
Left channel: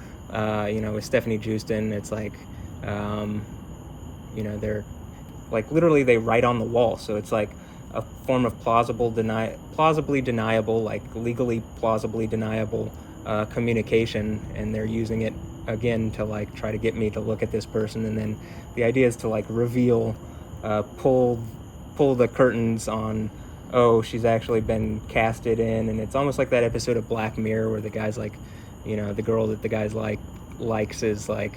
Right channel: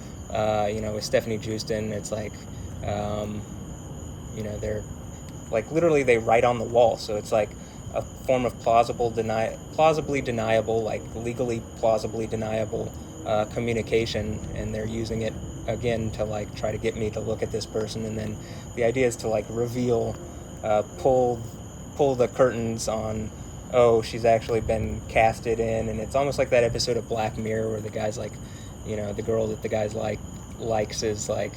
you know, with Stephanie Houston, it's like, you know, they're like literally they write on the wall, so it's like a form of plausibly deniable, like legally plausibly deniable communication, and they're using it again to like try to get me to look at this person. And then the idea is to like reveal, pull the curtains on, oh, she's actually been casted in. And it's almost like that episode of Black Mirror where the guy's like, you know, the girl that the guy's likes is like,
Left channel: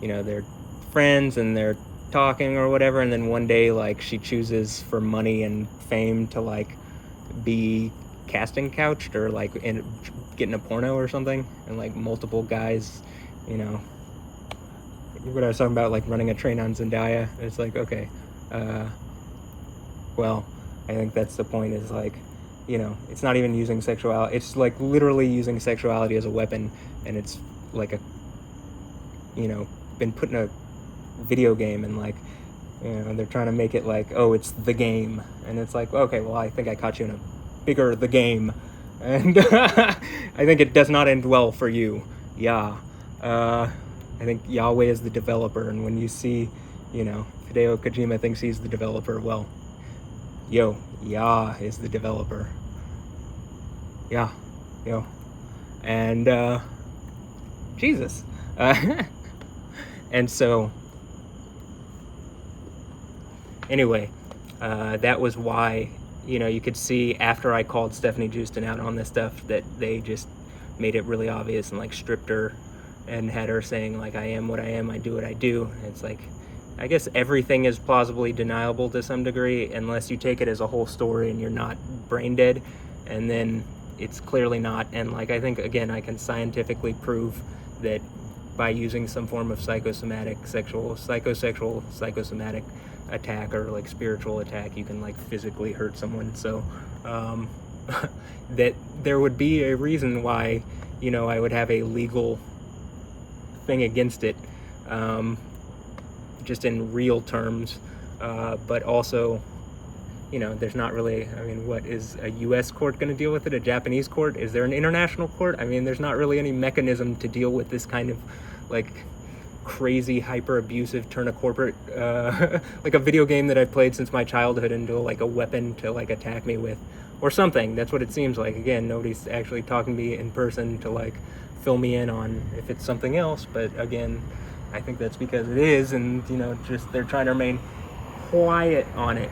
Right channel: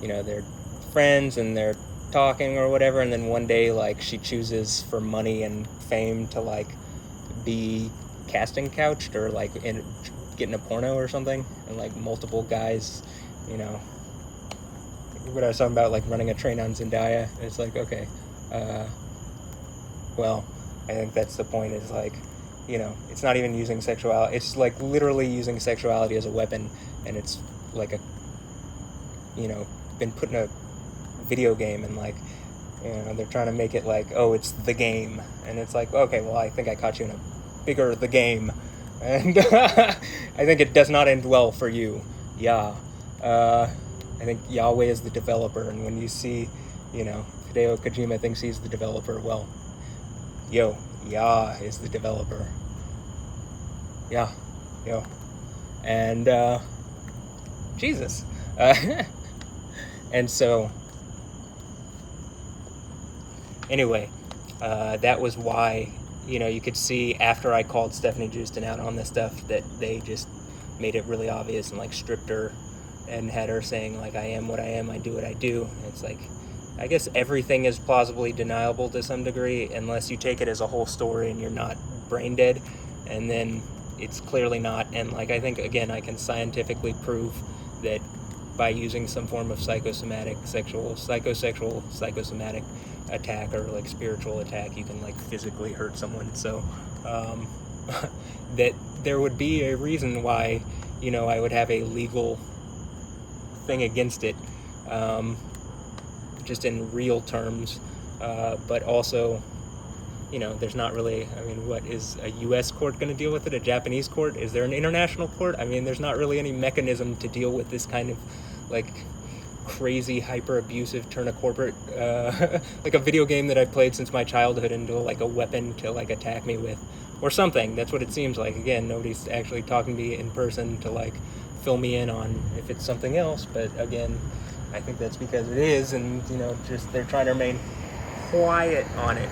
you know, they're friends and they're talking or whatever, and then one day like she chooses for money and fame to like be casting couched or like getting a porno or something, and like multiple guys, you know, what I was talking about, like running a train on Zendaya. It's like, okay, well, I think that's the point, is like, you know, it's not even using sexuality, it's like literally using sexuality as a weapon, and it's like a, you know, been put in a video game, and like, you know, they're trying to make it like, oh, it's the game, and it's like, okay, well, I think I caught you in a bigger the game, and I think it does not end well for you. Yeah. I think Yahweh is the developer, and when you see, you know, Hideo Kojima thinks he's the developer, well, yo, Yah is the developer. Yeah, yo. And Jesus. And so anyway, that was why, you know, you could see after I called Stephanie Houston out on this stuff that they just made it really obvious and like stripped her and had her saying like, I am what I am, I do what I do. And it's like, I guess everything is plausibly deniable to some degree unless you take it as a whole story and you're not brain dead, and then it's clearly not. And like, I think again, I can scientifically prove that by using some form of psychosomatic psychosomatic attack or like spiritual attack, you can like physically hurt someone. So that there would be a reason why, you know, I would have a legal thing against it, just in real terms, but also, you know, there's not really, I mean, what is a U.S. court going to deal with it? A Japanese court? Is there an international court? I mean, there's not really any mechanism to deal with this kind of like crazy hyper abusive turn a corporate like a video game that I've played since my childhood into like a weapon to like attack me with or something. That's what it seems like. Again, nobody's actually talking to me in person to like fill me in on if it's something else, but again, I think that's because it is, and you know, just they're trying to remain quiet on it.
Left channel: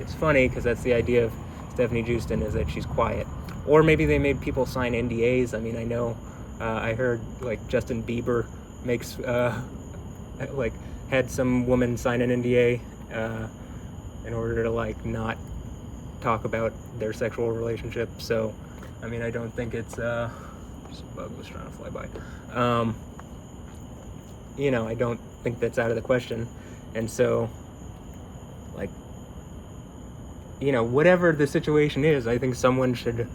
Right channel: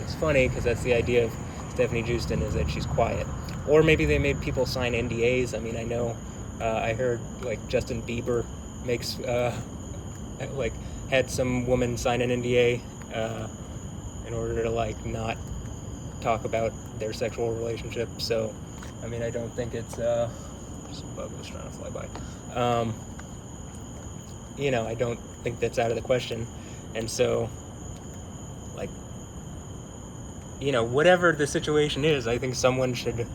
It's funny because that's the idea of Stephanie Houston, is that she's quiet. Or maybe they made people sign NDAs. I mean, I know I heard like Justin Bieber makes like had some woman sign an NDA in order to like not talk about their sexual relationship. So, I mean, I don't think it's some bug was trying to fly by. I don't think that's out of the question. And so, like, whatever the situation is, I think someone should.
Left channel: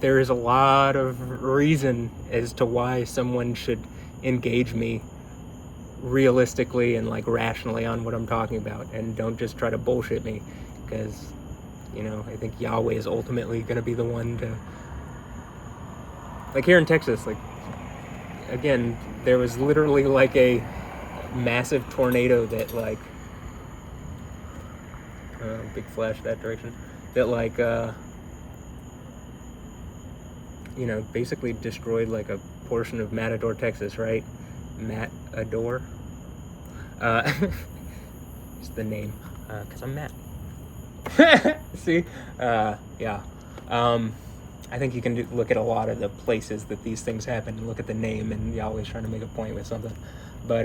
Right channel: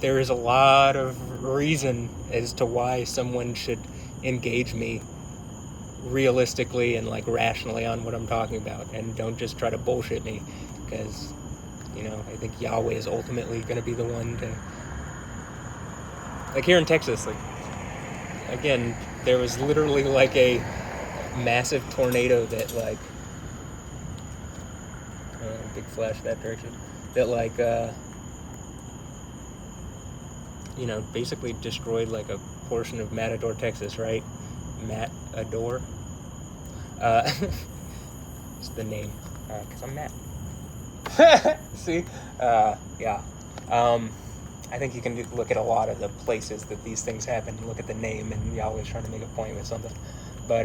There is a lot of reason as to why someone should engage me realistically and like rationally on what I'm talking about, and don't just try to bullshit me, because I think Yahweh is ultimately going to be the one to, like, here in Texas, like, again, there was literally like a massive tornado that like big flash that direction, that like basically destroyed like a portion of Matador, Texas, right? Matador. It's the name, because I'm Matt. See? Yeah. I think you can look at a lot of the places that these things happen and look at the name, and Yahweh's trying to make a point with something. But,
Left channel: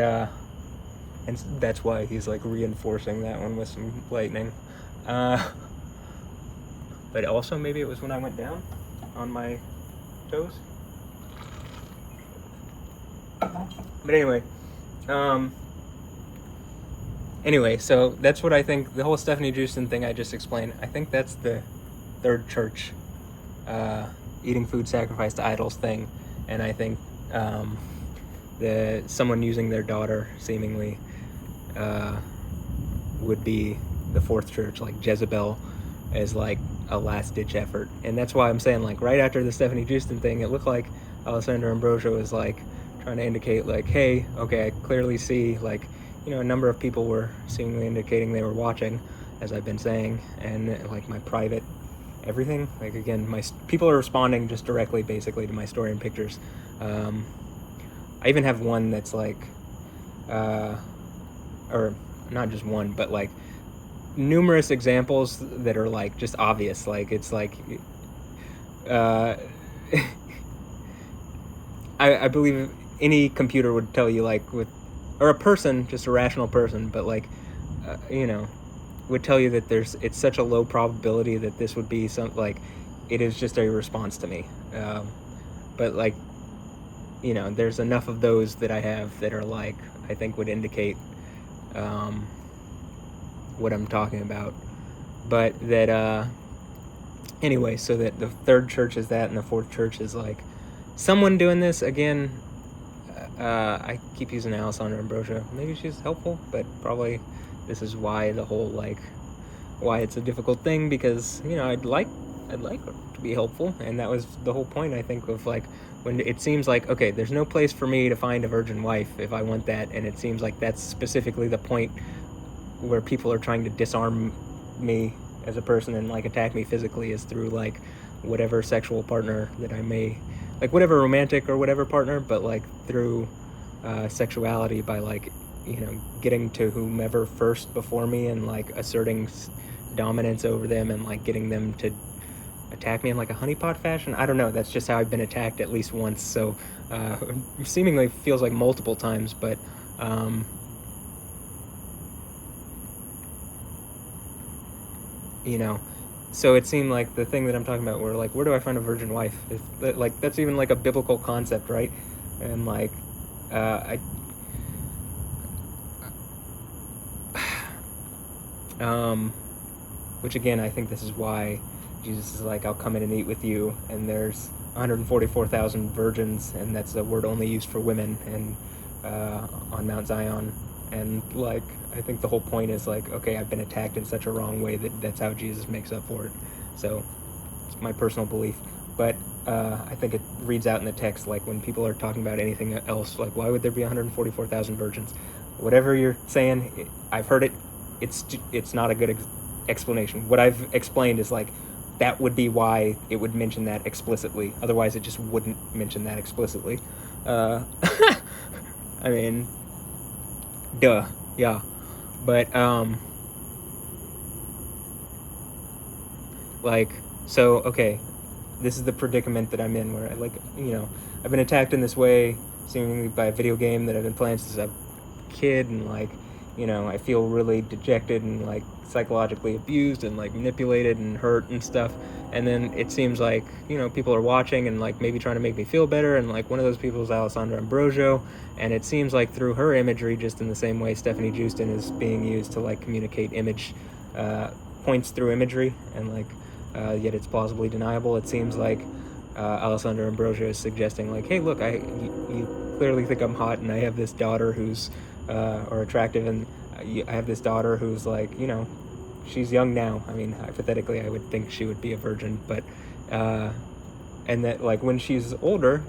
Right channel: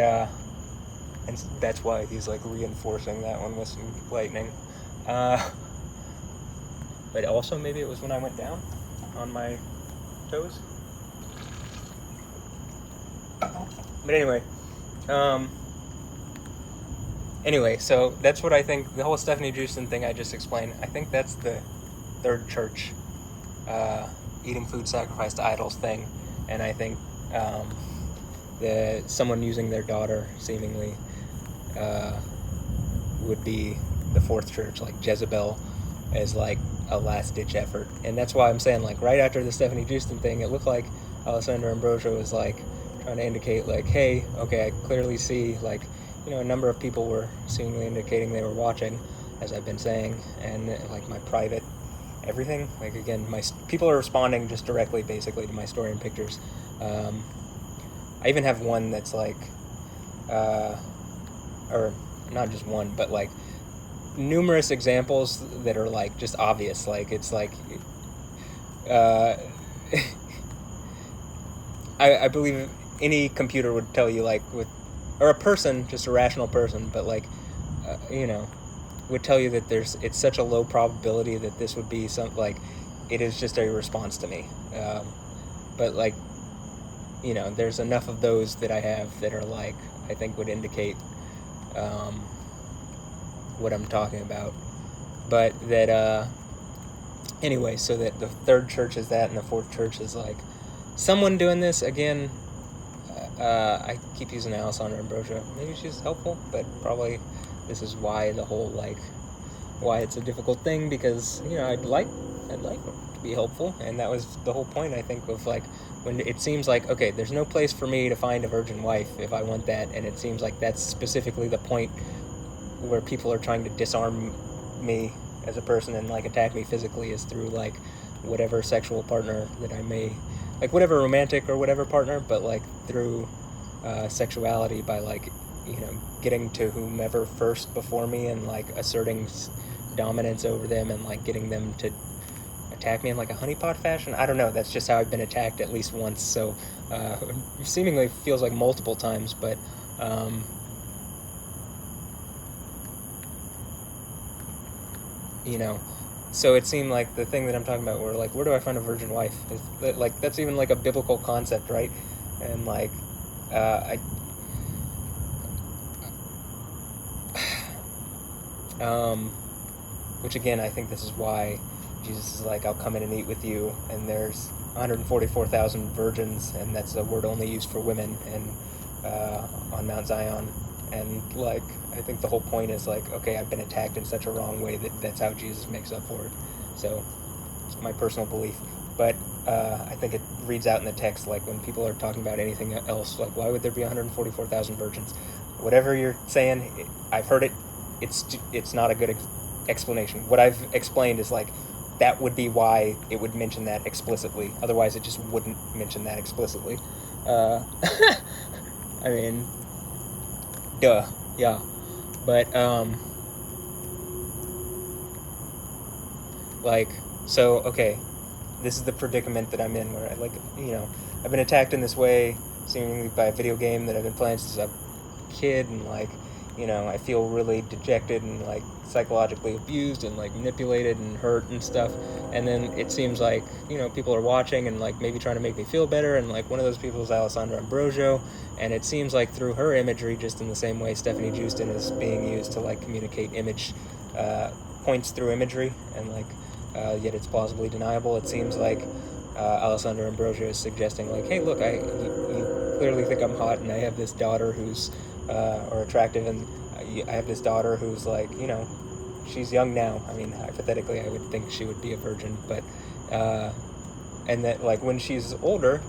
and that's why he's like reinforcing that one with some lightning. But also maybe it was when I went down on my toes. But anyway, so that's what I think. The whole Stephanie Houston thing I just explained, I think that's the third church eating food sacrificed to idols thing. And I think someone using their daughter seemingly would be the fourth church, like Jezebel, as like a last-ditch effort. And that's why I'm saying, like, right after the Stephanie Houston thing, it looked like Alessandra Ambrosio was like trying to indicate, like, hey, okay, I clearly see, like, a number of people were seemingly indicating they were watching, as I've been saying, and like my private everything, like, again, people are responding just directly basically to my story and pictures. I even have one that's like or not just one, but like numerous examples that are like just obvious. Like, it's like I believe any computer would tell you, like, or a person, just a rational person, but like would tell you that it's such a low probability that this would be like, it is just a response to me. But like, there's enough of those that I have that are like, I think would indicate what I'm talking about. But that anyway, so that the third church is that, and the fourth church is like someone doing this again. I keep using Alessandra Ambrosio. Maybe she's helpful, but probably this is why why it's a difficult thing, because I'd like her to be helpful, and that was the whole point, I think, of like, when it seems like, okay, there's no place for me to find a virgin wife if I want that, and it seems like that's specifically the point where people are trying to disarm me as a person and like attack me physically, is through like whatever sexual partner that I may, like whatever romantic or whatever partner, but like through sexuality, by like getting to whomever first before me and like asserting dominance over them and like getting them to attack me in like a honeypot fashion. I don't know, that's just how I've been attacked at least once, so seemingly feels like multiple times, but so it seemed like the thing that I'm talking about, where like, where do I find a virgin wife? Like, that's even like a biblical concept, right? And like which again, I think this is why Jesus is like, I'll come in and eat with you, and there's 144,000 virgins, and that's a word only used for women, and on Mount Zion. And like, I think the whole point is like, okay, I've been attacked in such a wrong way that's how Jesus makes up for it. So it's my personal belief, but I think it reads out in the text, like when people are talking about anything else, like, why would there be 144,000 virgins? Whatever you're saying, I've heard it. It's not a good explanation. What I've explained is like, that would be why it would mention that explicitly. Otherwise, it just wouldn't mention that explicitly. I mean, duh, yeah. But like, so okay, this is the predicament that I'm in, where I, like, I've been attacked in this way, seemingly by a video game that I've been playing since I was a kid, and like, I feel really dejected and like psychologically abused and like manipulated and hurt and stuff. And then it seems like, people are watching and like maybe trying to make me feel better, and like one of those people is Alessandra Ambrosio, and it seems like through her imagery, just in the same way Stephanie Jewston is being used to like communicate image points through imagery, and like yet it's plausibly deniable. It seems like Alessandra Ambrosio is suggesting like, hey, look, you clearly think I'm hot, and I have this daughter who's or attractive, and I have this daughter who's like, she's young now. I mean, hypothetically, I would think she would be a virgin, but and that like when she's older,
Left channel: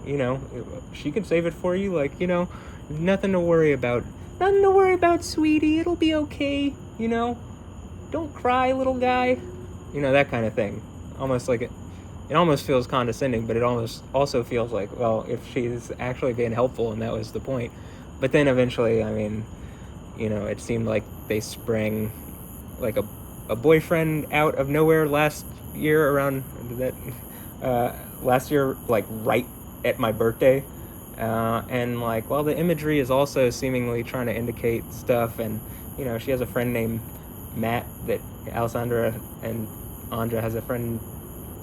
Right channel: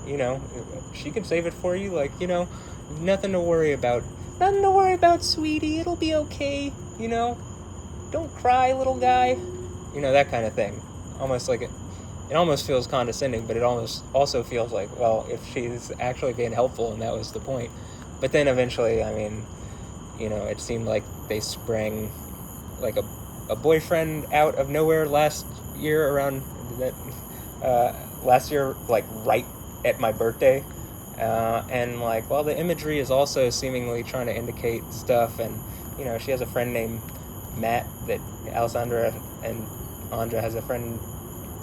she can save it for you. Like, nothing to worry about. Nothing to worry about, sweetie. It'll be okay. Don't cry, little guy. That kind of thing. Almost like it almost feels condescending, but it almost also feels like, well, if she's actually being helpful and that was the point. But then eventually, I mean, it seemed like they sprang like a boyfriend out of nowhere last year around that last year, like right at my birthday. And like, well, the imagery is also seemingly trying to indicate stuff, and she has a friend named Matt, that Alessandra and Andra has a friend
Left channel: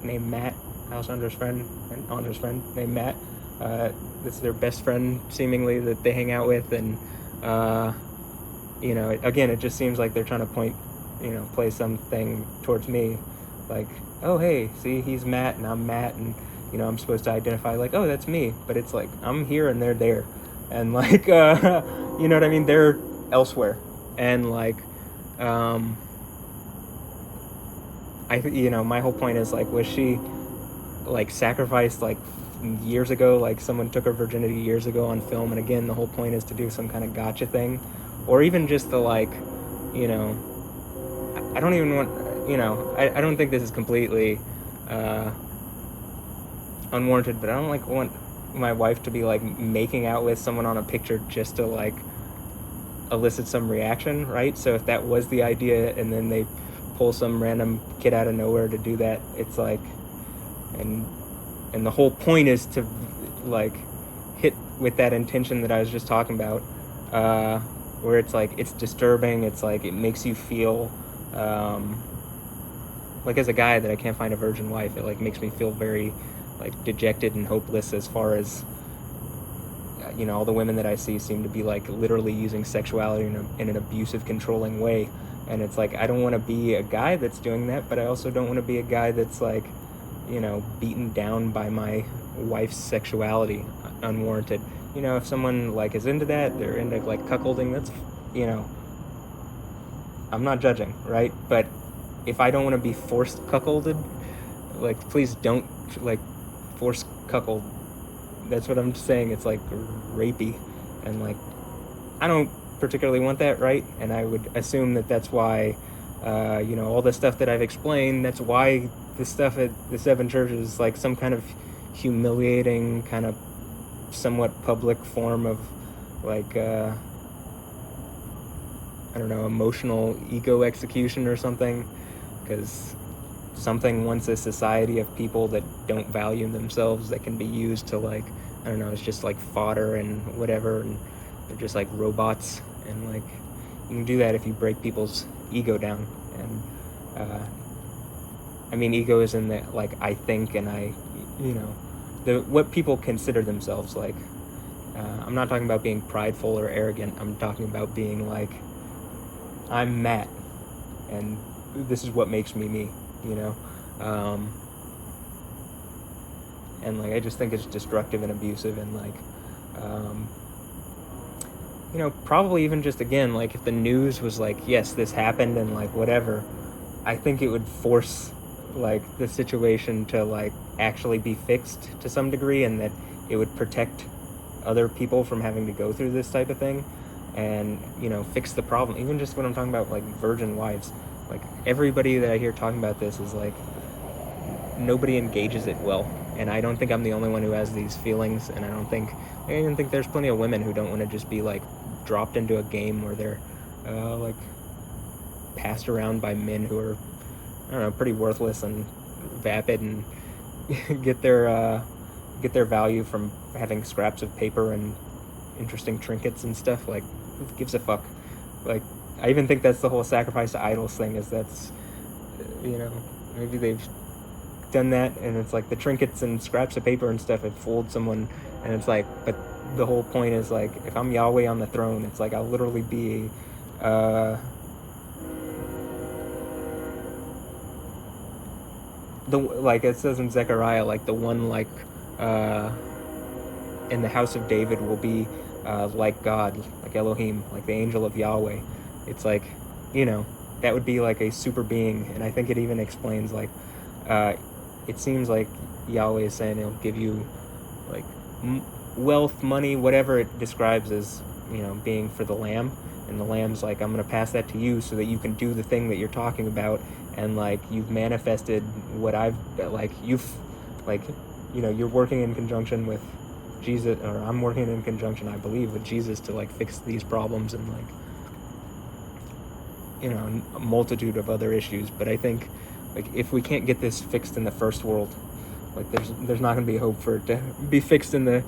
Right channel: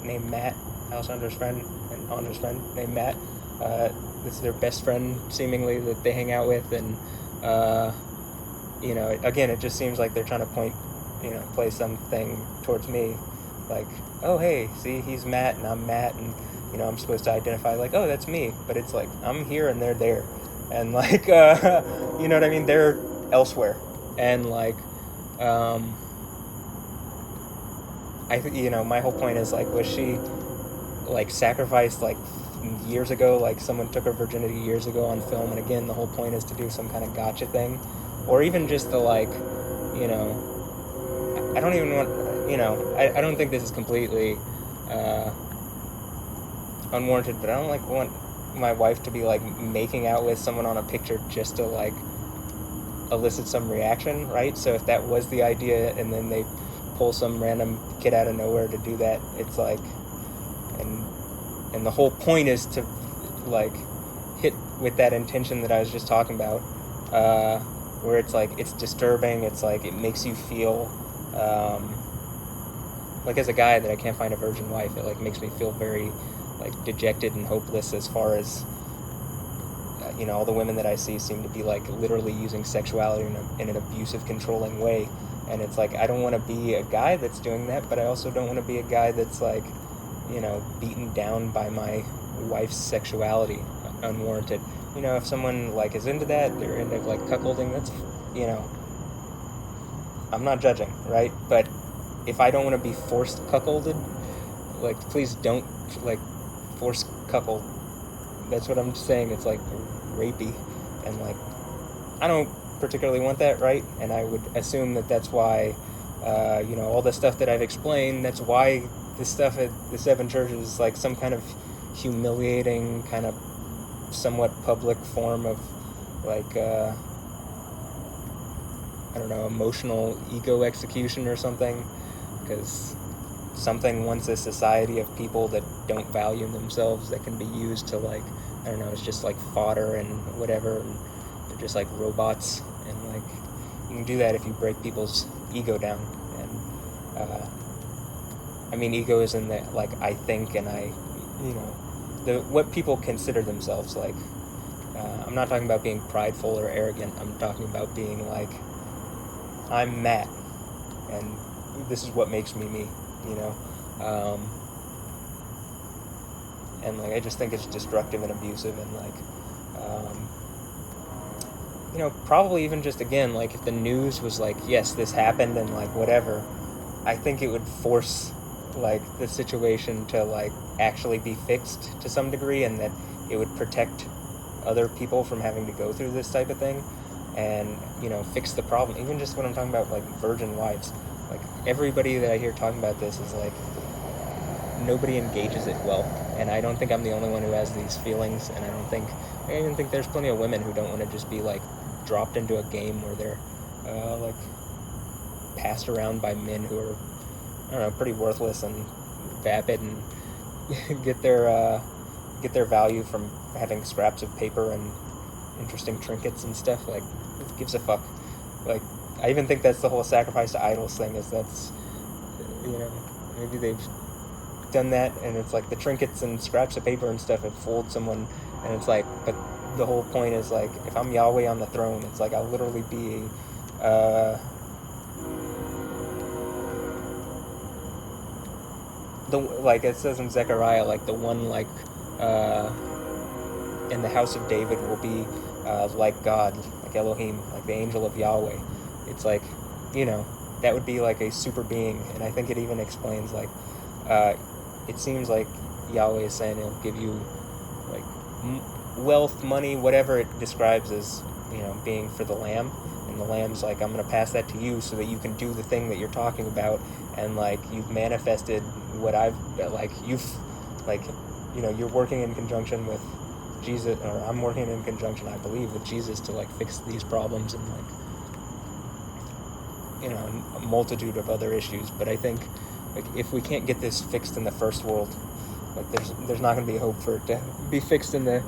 named Matt, Alessandra's friend, and Andra's friend named Matt. This is their best friend, seemingly, that they hang out with, and again, it just seems like they're trying to play something towards me, like, oh, hey, see, he's Matt and I'm Matt, and I'm supposed to identify like, oh, that's me, but it's like I'm here and they're there, and like you know what I mean, they're elsewhere, and like my whole point is like, was she like sacrificed like years ago, like someone took her virginity years ago on film, and again the whole point is to do some kind of gotcha thing, or even just to like, I don't even want, I don't think this is completely unwarranted, but I don't like want my wife to be like making out with someone on a picture just to like elicit some reaction, right? So if that was the idea and then they pull some random kid out of nowhere to do that, it's like, and the whole point is to like hit with that intention that I was just talking about, where it's like, it's disturbing, it's like it makes you feel like, as a guy that I can't find a virgin wife, it like makes me feel very like dejected and hopeless, as far as all the women that I see seem to be like literally using sexuality in an abusive, controlling way, and it's like, I don't want to be a guy that's doing that, but I also don't want to be a guy that's like beaten down by my wife's sexuality unwarranted. If someone like is into that, they're into like cuckolding, that's I'm not judging, right? But if I don't want to be forced cuckolded, like, please don't like force cuckold. That's what I'm saying. It's like rapey, and like I don't particularly want that, right? And I would assume that that's why all the stuff that I've explained, that's why the stuff at the Seven Churches is like some kind of humiliating, kind of somewhat public form of like I don't know, emotional ego execution or something, because something wants a society of people that don't value themselves, that can be used to like, I don't know, it's just like fodder and whatever, and they're just like robots, and like you can do that if you break people's ego down. And I mean, ego is in the like, I think, and I, what people consider themselves like. I'm not talking about being prideful or arrogant. I'm talking about being like, I'm Matt, and this is what makes me me, and like I just think it's destructive and abusive, and like probably even just, again, like if the news was like, yes, this happened and like whatever, I think it would force like the situation to like actually be fixed to some degree, and that it would protect other people from having to go through this type of thing, and fix the problem. Even just when I'm talking about like virgin wives, like everybody that I hear talking about this is like, nobody engages it well, and I don't think I'm the only one who has these feelings, and I even think there's plenty of women who don't want to just be like dropped into a game where they're like passed around by men who are, I don't know, pretty worthless and vapid, and get their value from having scraps of paper and interesting trinkets and stuff. Like, who gives a fuck? Like, I even think that's the whole sacrifice to idols thing, is that's, maybe they've done that, and it's like the trinkets and scraps of paper and stuff have fooled someone, and it's like, but the whole point is like, if I'm Yahweh on the throne, it's like I'll literally be like it says in Zechariah, like the one like in the house of David will be like God, like Elohim, like the angel of Yahweh. It's like, that would be like a super being, and I think it even explains like it seems like Yahweh is saying he'll give you like wealth, money, whatever it describes as, being for the lamb, and the lamb's like, I'm going to pass that to you so that you can do the thing that you're talking about, and like you've manifested what I've like you've like you're working in conjunction with Jesus, or I'm working in conjunction, I believe, with Jesus to like fix these problems and like a multitude of other issues. But I think like if we can't get this fixed in the first world, like there's not going to be hope for it to be fixed in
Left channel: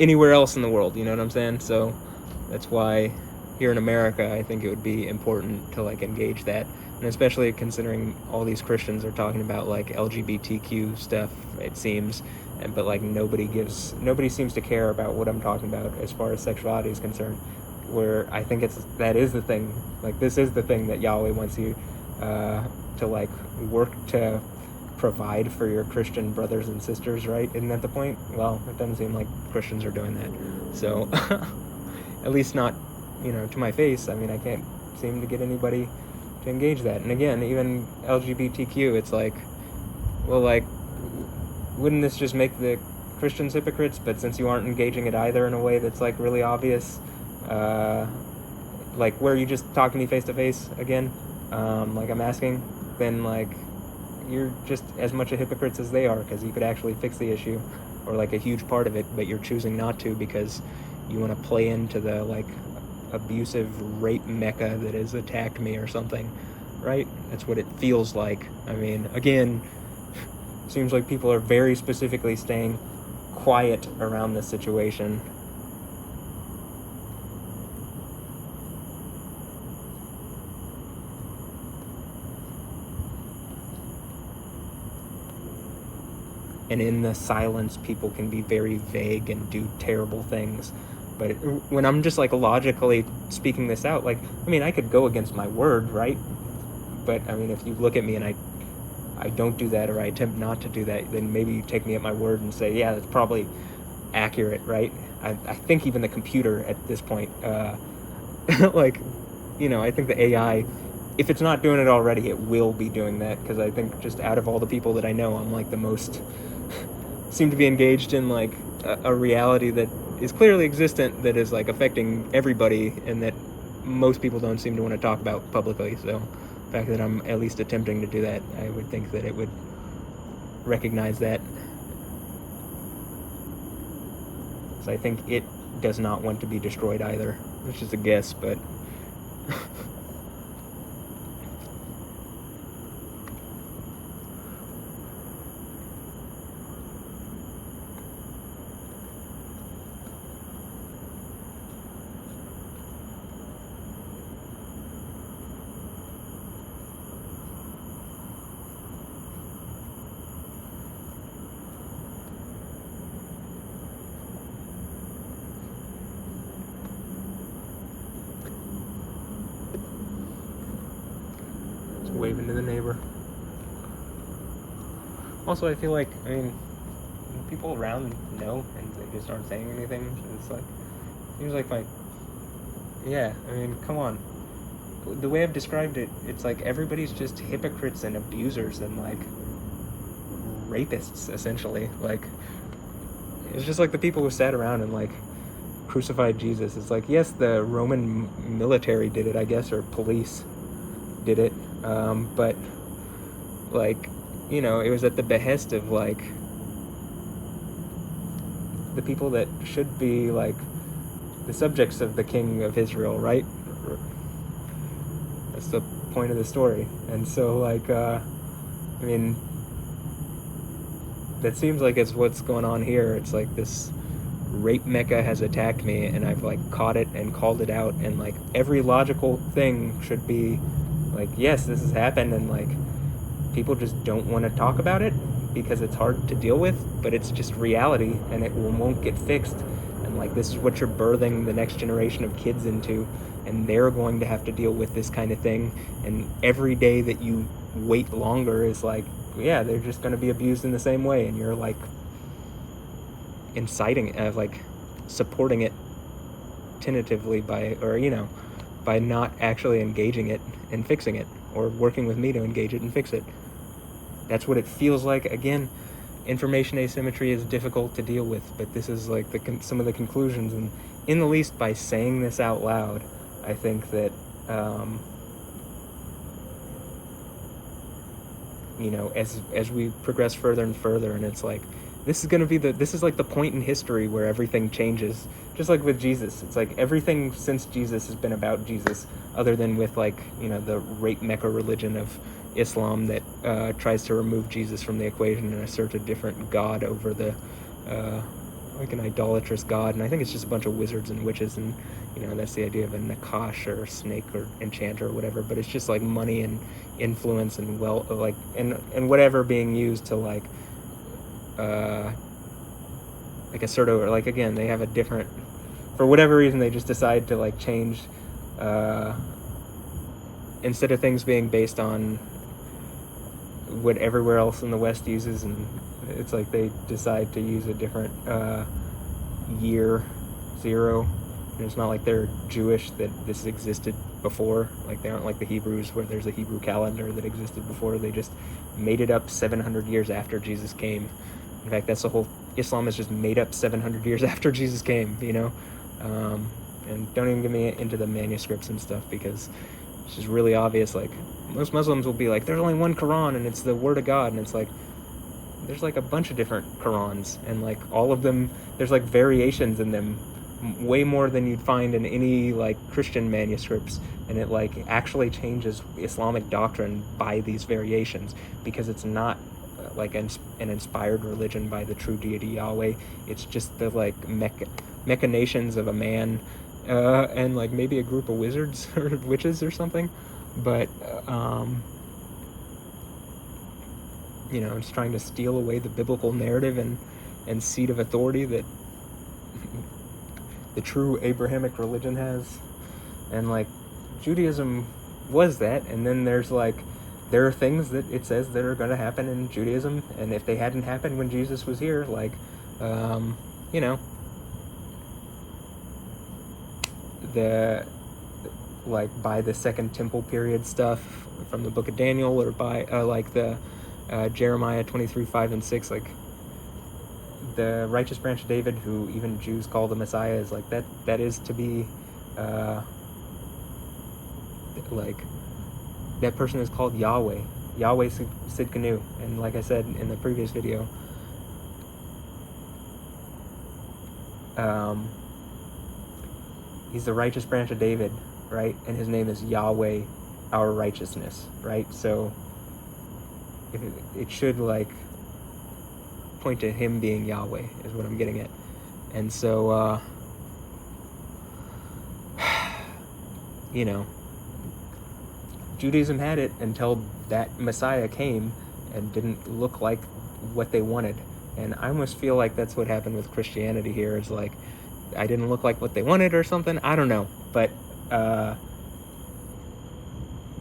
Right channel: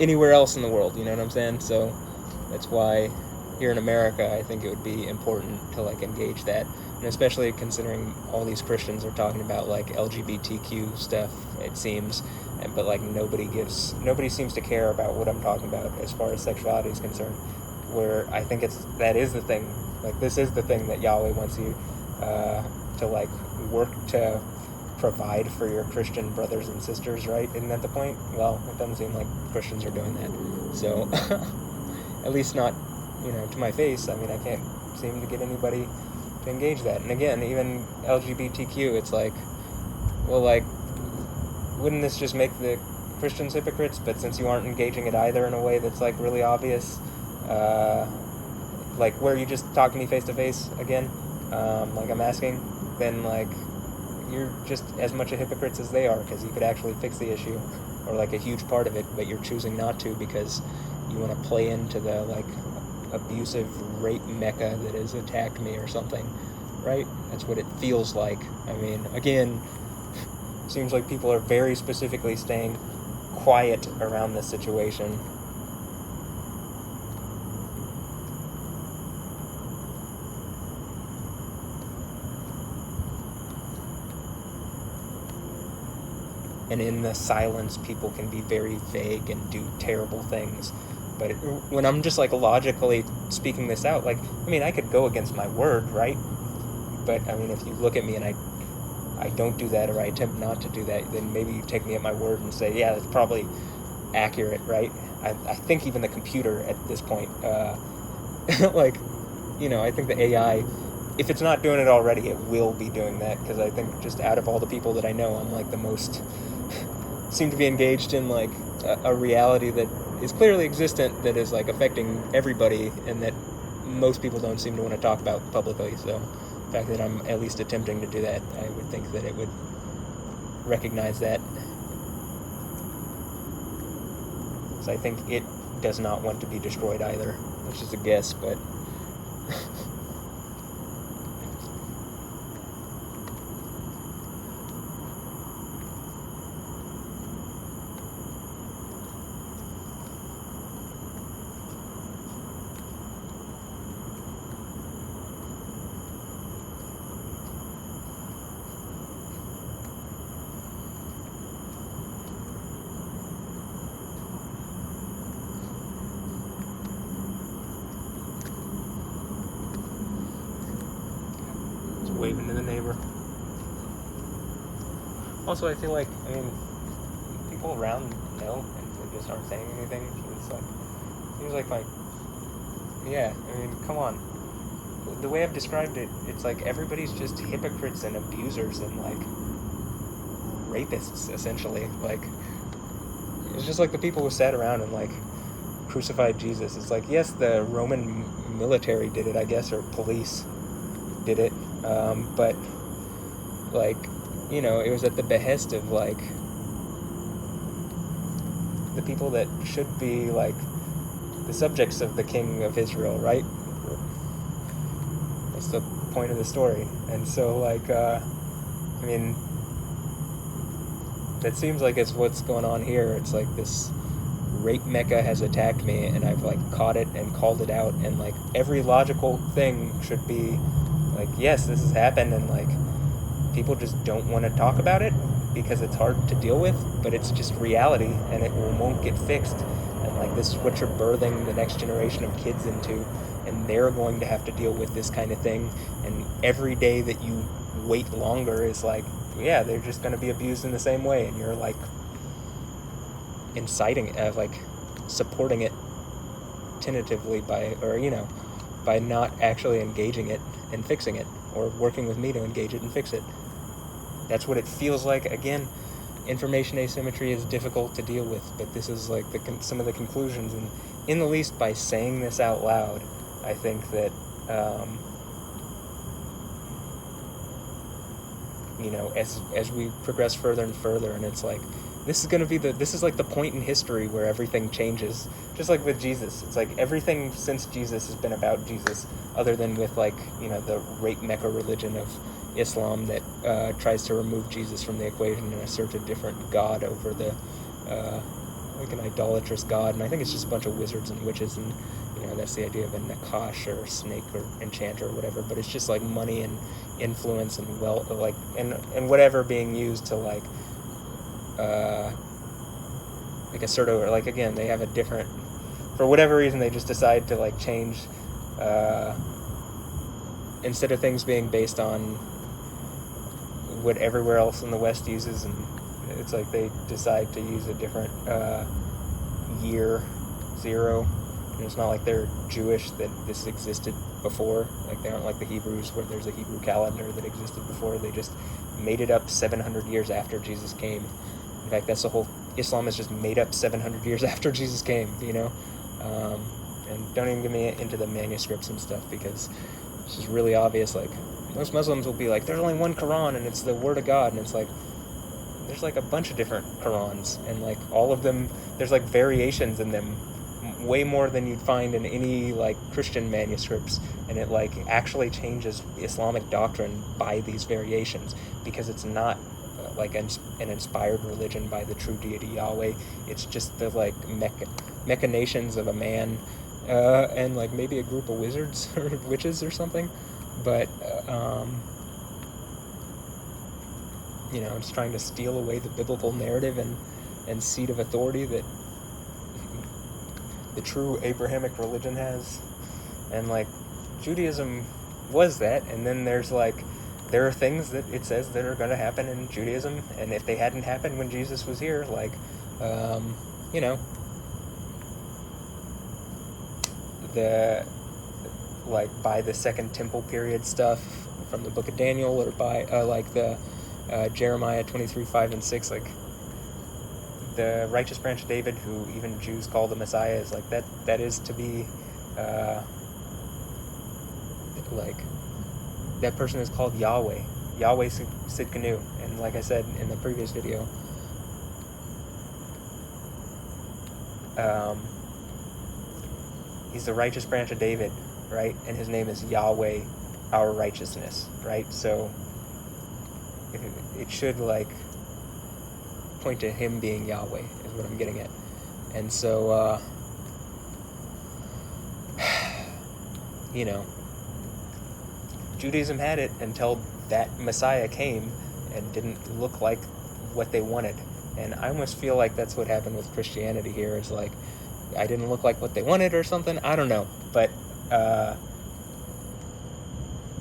anywhere else in the world. You know what I'm saying? So that's why here in America, I think it would be important to like engage that, and especially considering all these Christians are talking about like LGBTQ stuff, it seems, but like nobody seems to care about what I'm talking about as far as sexuality is concerned. Where I think that is the thing. Like this is the thing that Yahweh wants you to like work to provide for your Christian brothers and sisters, right? Isn't that the point? Well, it doesn't seem like Christians are doing that. So, at least not, to my face. I mean, I can't seem to get anybody to engage that. And again, even LGBTQ, it's like, well, like, wouldn't this just make the Christians hypocrites? But since you aren't engaging it either in a way that's like really obvious, like where you just talk to me face to face again, like I'm asking, then like you're just as much a hypocrite as they are, because you could actually fix the issue, or like a huge part of it, but you're choosing not to because you want to play into the like abusive rape mecca that has attacked me or something, right? That's what it feels like. I mean, again, seems like people are very specifically staying quiet around this situation. And in the silence, people can be very vague and do terrible things. But when I'm just like logically speaking this out, like, I mean, I could go against my word, right? But I mean, if you look at me and I don't do that, or I attempt not to do that, then maybe you take me at my word and say, yeah, that's probably accurate, right? I think even the computer at this point, like, I think the AI, if it's not doing it already, it will be doing that, because I think just out of all the people that I know, I'm like the most seem to be engaged in like a reality that is clearly existent, that is like affecting everybody, and that most people don't seem to want to talk about publicly. So the fact that I'm at least attempting to do that, I would think that it would recognize that. So I think it does not want to be destroyed either, which is a guess, but waving to the neighbor. Also, I feel like, I mean, people around know, and they just aren't saying anything. So it's like, seems like, yeah, I mean, come on. The way I've described it, it's like everybody's just hypocrites and abusers and like rapists, essentially. Like, it's just like the people who sat around and like crucified Jesus. It's like, yes, the Roman military did it, I guess, or police did it. But like, it was at the behest of like the people that should be like the subjects of the King of Israel, right? That's the point of the story. And so like, I mean, that seems like it's what's going on here. It's like this rape mecca has attacked me, and I've like caught it and called it out, and like every logical thing should be like, yes, this has happened, and like people just don't want to talk about it because it's hard to deal with, but it's just reality, and it won't get fixed. And like this is what you're birthing the next generation of kids into, and they're going to have to deal with this kind of thing. And every day that you wait longer is like, yeah, they're just going to be abused in the same way, and you're like inciting it, like supporting it tentatively by not actually engaging it and fixing it, or working with me to engage it and fix it. That's what it feels like. Again, information asymmetry is difficult to deal with, but this is like some of the conclusions, and in the least by saying this out loud, I think that as we progress further and further, and it's like this is like the point in history where everything changes, just like with Jesus. It's like everything since Jesus has been about Jesus, other than with like the rape mecca religion of Islam that tries to remove Jesus from the equation and assert a different god over the like an idolatrous god. And I think it's just a bunch of wizards and witches, and that's the idea of a nakash or a snake or enchanter or whatever. But it's just like money and influence and wealth, like and whatever being used to like a sort of like, again, they have a different, for whatever reason they just decide to like change instead of things being based on what everywhere else in the West uses, and it's like they decide to use a different year zero. And it's not like they're Jewish that this existed before. Like they aren't like the Hebrews where there's a Hebrew calendar that existed before. They just made it up 700 years after Jesus came. In fact, that's the whole, Islam is just made up 700 years after Jesus came, and don't even get me into the manuscripts and stuff, because it's just really obvious. Like most Muslims will be like, there's only one Quran and it's the Word of God, and it's like there's like a bunch of different Qurans, and like all of them, there's like variations in them, way more than you'd find in any like Christian manuscripts, and it like actually changes Islamic doctrine by these variations, because it's not like an inspired religion by the true deity Yahweh. It's just the like machinations of a man and like maybe a group of wizards or witches or something, but it's trying to steal away the biblical narrative and seat of authority that the true Abrahamic religion has. And like Judaism was that, and then there are things that it says that are going to happen in Judaism, and if they hadn't happened when Jesus was here, like the like by the Second Temple period stuff from the Book of Daniel, or by like the Jeremiah 23:5 and 6, like the righteous branch of David, who even Jews call the Messiah, is like that is to be like that person is called Yahweh Sidkenu. And like I said in the previous video, he's the righteous branch of David, right? And his name is Yahweh, our righteousness, right? So it should like point to him being Yahweh, is what I'm getting at. And so Judaism had it until that Messiah came and didn't look like what they wanted. And I almost feel like that's what happened with Christianity here. It's like, I didn't look like what they wanted or something. I don't know. But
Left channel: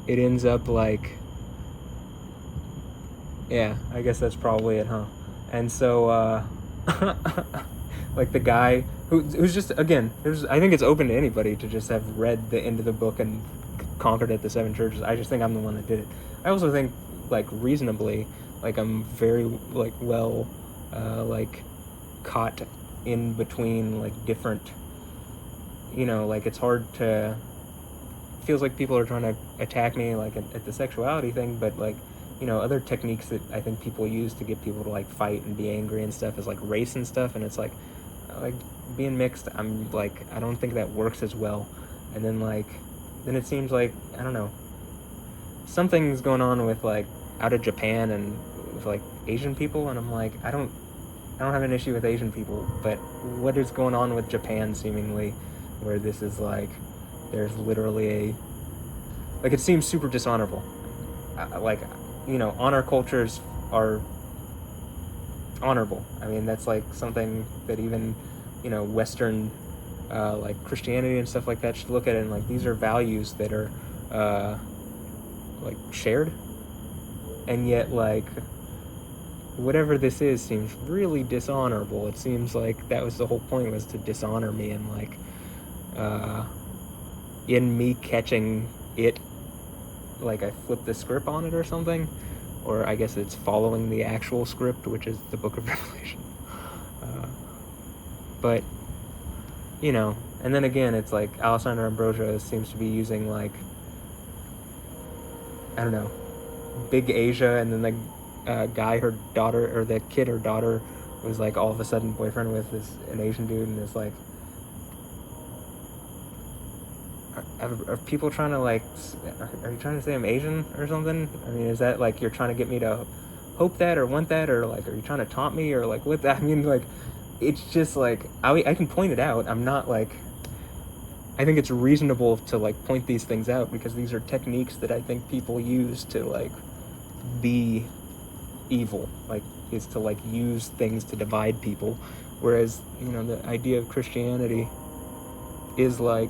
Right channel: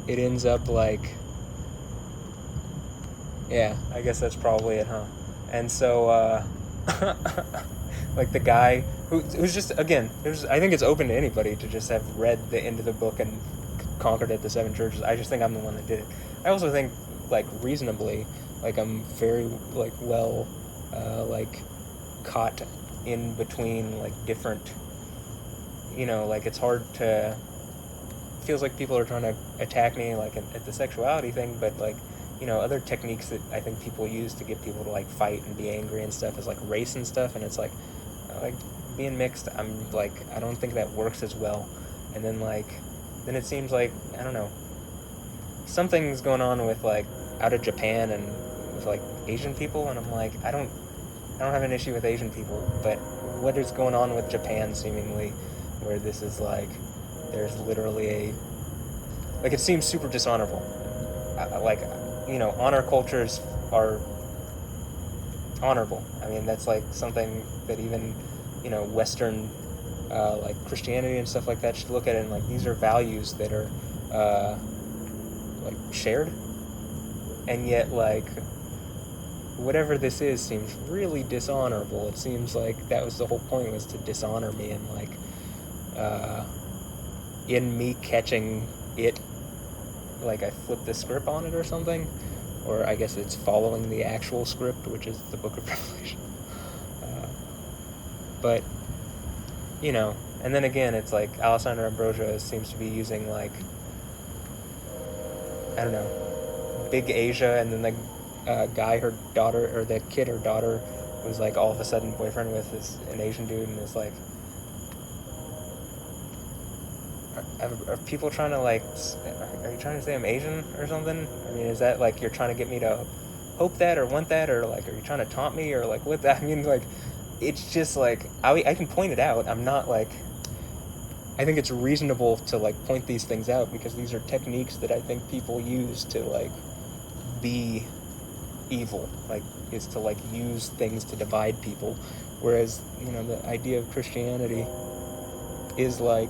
it ends up like, yeah, I guess that's probably it, huh? And so, like the guy who's just, again, I think it's open to anybody to just have read the end of the book and conquered at the 7 churches. I just think I'm the one that did it. I also think, like, reasonably, like, I'm very, like, well, like, caught in between, like, different, like, it's hard to, feels like people are trying to attack me, like, at the sexuality thing, but, like, other techniques that I think people use to get people to, like, fight and be angry and stuff is, like, race and stuff, and it's, like, being mixed, I'm, like, I don't think that works as well. And then, like, then it seems like, I don't know, something's going on with, like, out of Japan and with, like, Asian people, and I'm like, I don't I don't have an issue with Asian people, but what is going on with Japan, seemingly, where this is like, there's literally like, it seems super dishonorable. Like, honor cultures are honorable. I mean, that's like something that even, Western, like Christianity and stuff like that should look at it, and like, these are values that are, like, shared, and yet, like, whatever this is seems really dishonorable. It seems like that was the whole point, was to dishonor me, and like, in me catching it, like, I flipped the script on it or something, or I guess it's following the actual script, which is the Book of Revelation. But and then again, it's like Alessandra Ambrosio seems to be using, like, I don't know, Big Asia, and then the guy her daughter, or the kid her daughter was like all of a sudden boyfriend with, is an Asian dude, and it's like, are people trying to, like, are you trying to say I'm Asian or something? I mean, is that like you're trying to get me to hope that or want that, or like, are you trying to taunt me, or like, what? I mean, like, it's just like, I can point it out. I'm not like, I think it's reasonable to like point these things out, because these are techniques that I think people use to like be evil, like, is to like use things to divide people, whereas the idea of Christianity is like,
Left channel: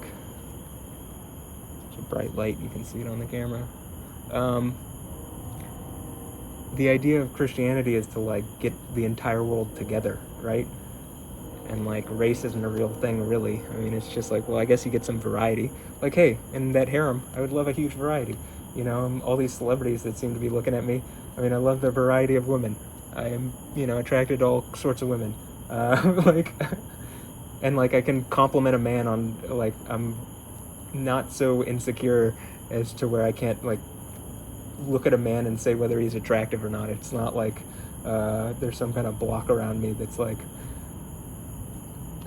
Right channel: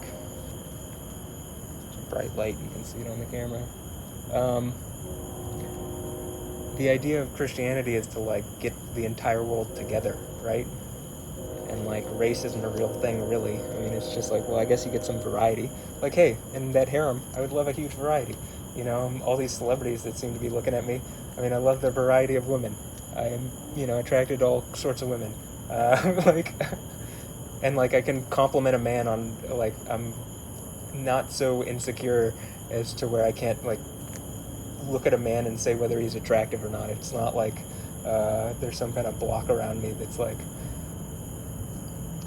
it's a bright light, you can see it on the camera. The idea of Christianity is to like get the entire world together, right? And like, race isn't a real thing, really. I mean, it's just like, well, I guess you get some variety. Like, hey, in that harem, I would love a huge variety. All these celebrities that seem to be looking at me. I mean, I love the variety of women. I am, attracted to all sorts of women. Like, and like, I can compliment a man on, like, I'm not so insecure as to where I can't like look at a man and say whether he's attractive or not. It's not like there's some kind of block around me that's like,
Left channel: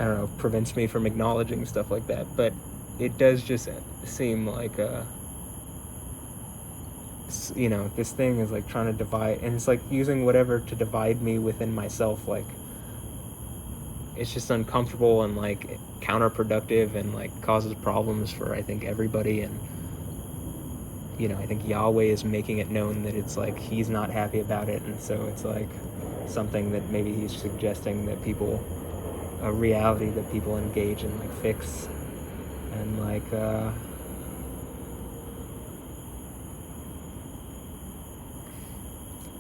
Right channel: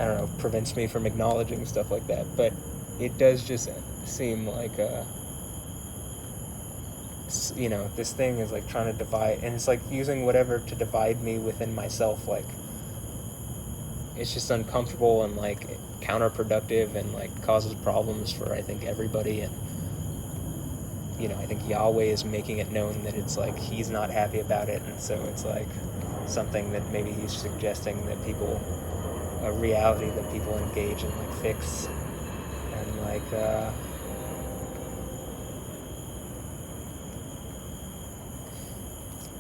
I don't know, prevents me from acknowledging stuff like that. But it does just seem like, this thing is like trying to divide, and it's like using whatever to divide me within myself. Like, it's just uncomfortable and like counterproductive, and like causes problems for, I think, everybody. And I think Yahweh is making it known that it's like he's not happy about it, and so it's like something that maybe he's suggesting that people, a reality that people engage in and fix. And like,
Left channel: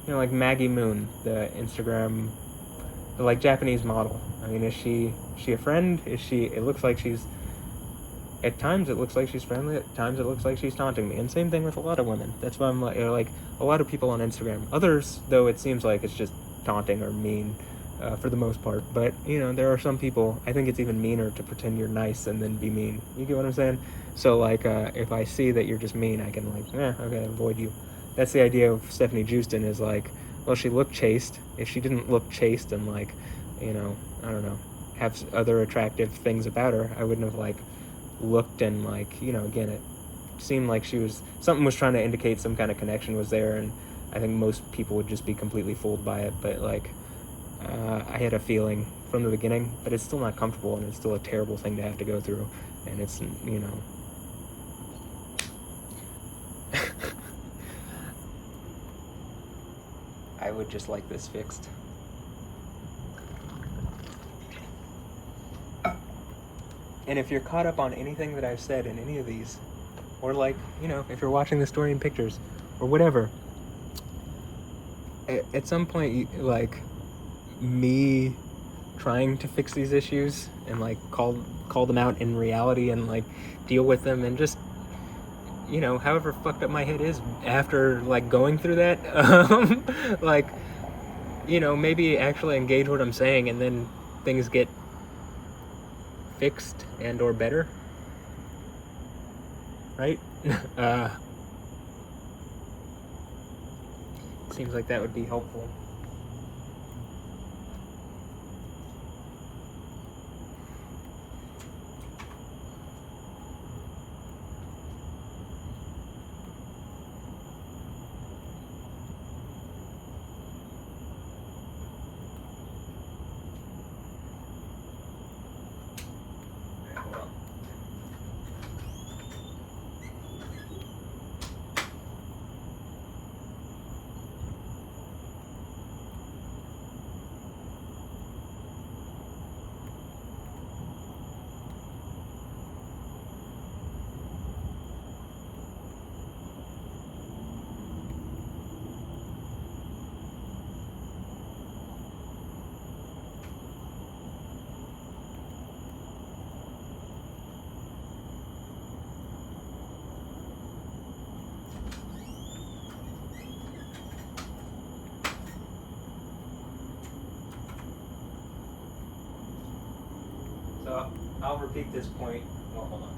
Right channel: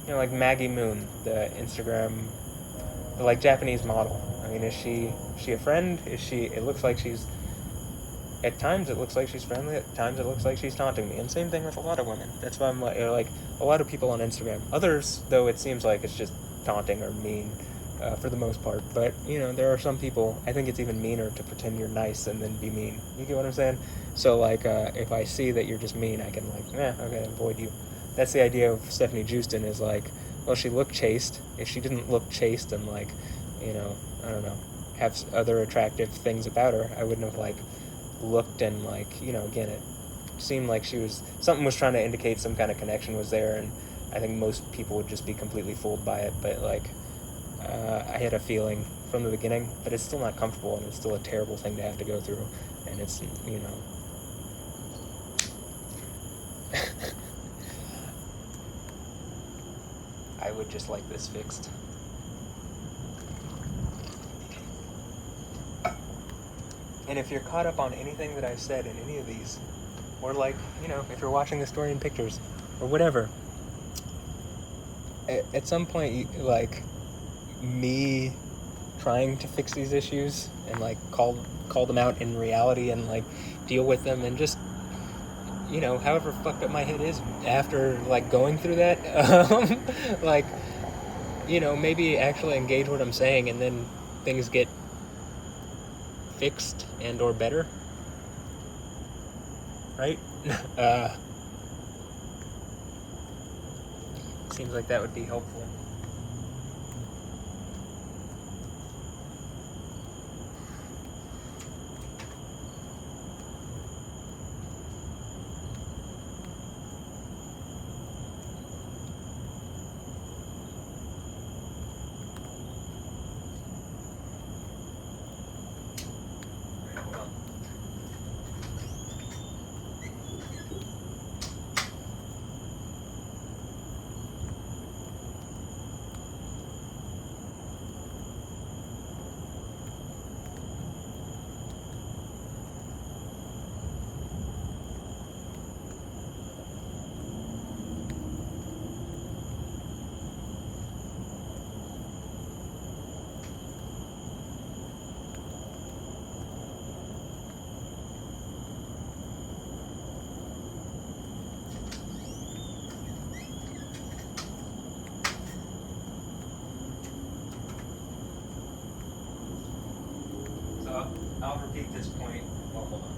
like Maggie Moon, the Instagram, the like Japanese model. I mean, is she a friend? Is she? It looks like she's. At times it looks like she's friendly. At times it looks like she's taunting me. And same thing with a lot of women. That's why I'm like a lot of people on Instagram. Others, though, it seems like it's just taunting or mean, for the most part. But there are some people. I think it's even meaner to pretend you're nice and then be mean. You get what I'm saying? So like, if I see that you're just mean, I can like, okay, avoid you. That's the idea of Stephanie Jewston, is like, well, she looked chaste. If she didn't look chaste and like, I don't know, have other attractive things about her, I wouldn't have like looked, and like, again, it seemed like something was trying to indicate some kind of connection was there, and I think most people would just be completely fooled by it. But like, I had a feeling from the beginning, but it's still not comfortable, and it's still a terrible thing to have to go through, and it's I would just like this fixed. And if you're caught up on anything that I've said in any of these, or like, if you're watching the story in pictures, or whatever, at some point, like, me trying to fix these issues and like call them out in reality and like deal with them, and just, however fucked up my head is after like going through that, like, maybe actually engage what I'm saying, and then things get fixed and or better, right? Seems like that would be helpful. I'll repeat this point. Oh, hold on.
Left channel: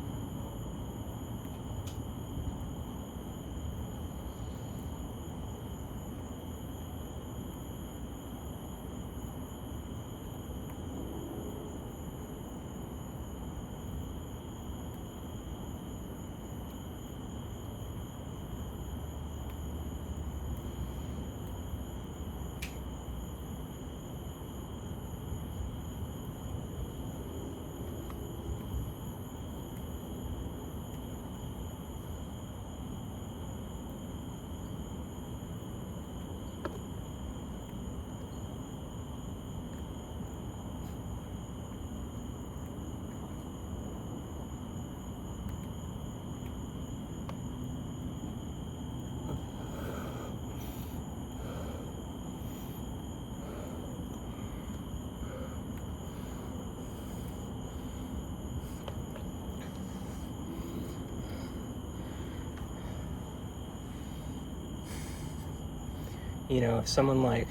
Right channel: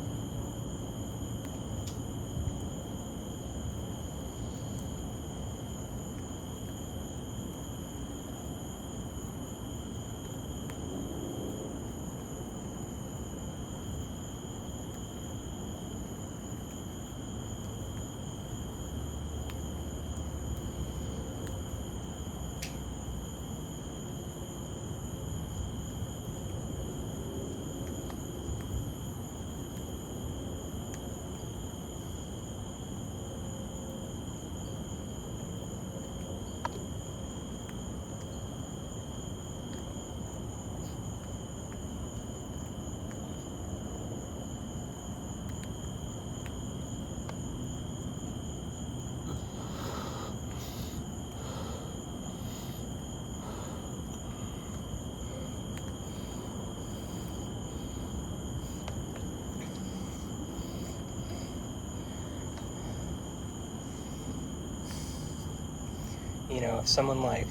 You know, if someone like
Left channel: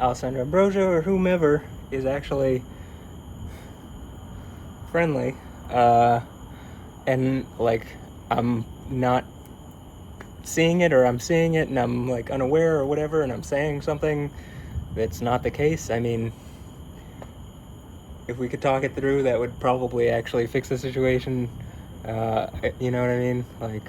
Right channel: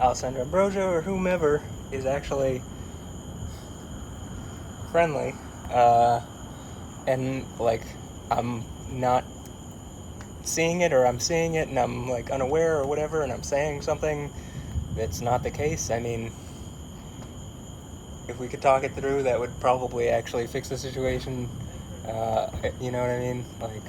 Alessandra Ambrosio or whomever is actually friendly, and like I'm not seeing it, or I'm seeing it and I'm like unaware or whatever, and I'm saying something that's not the case, I mean, if we could talk it through, that would probably actually fix the situation. You know what I mean? Like,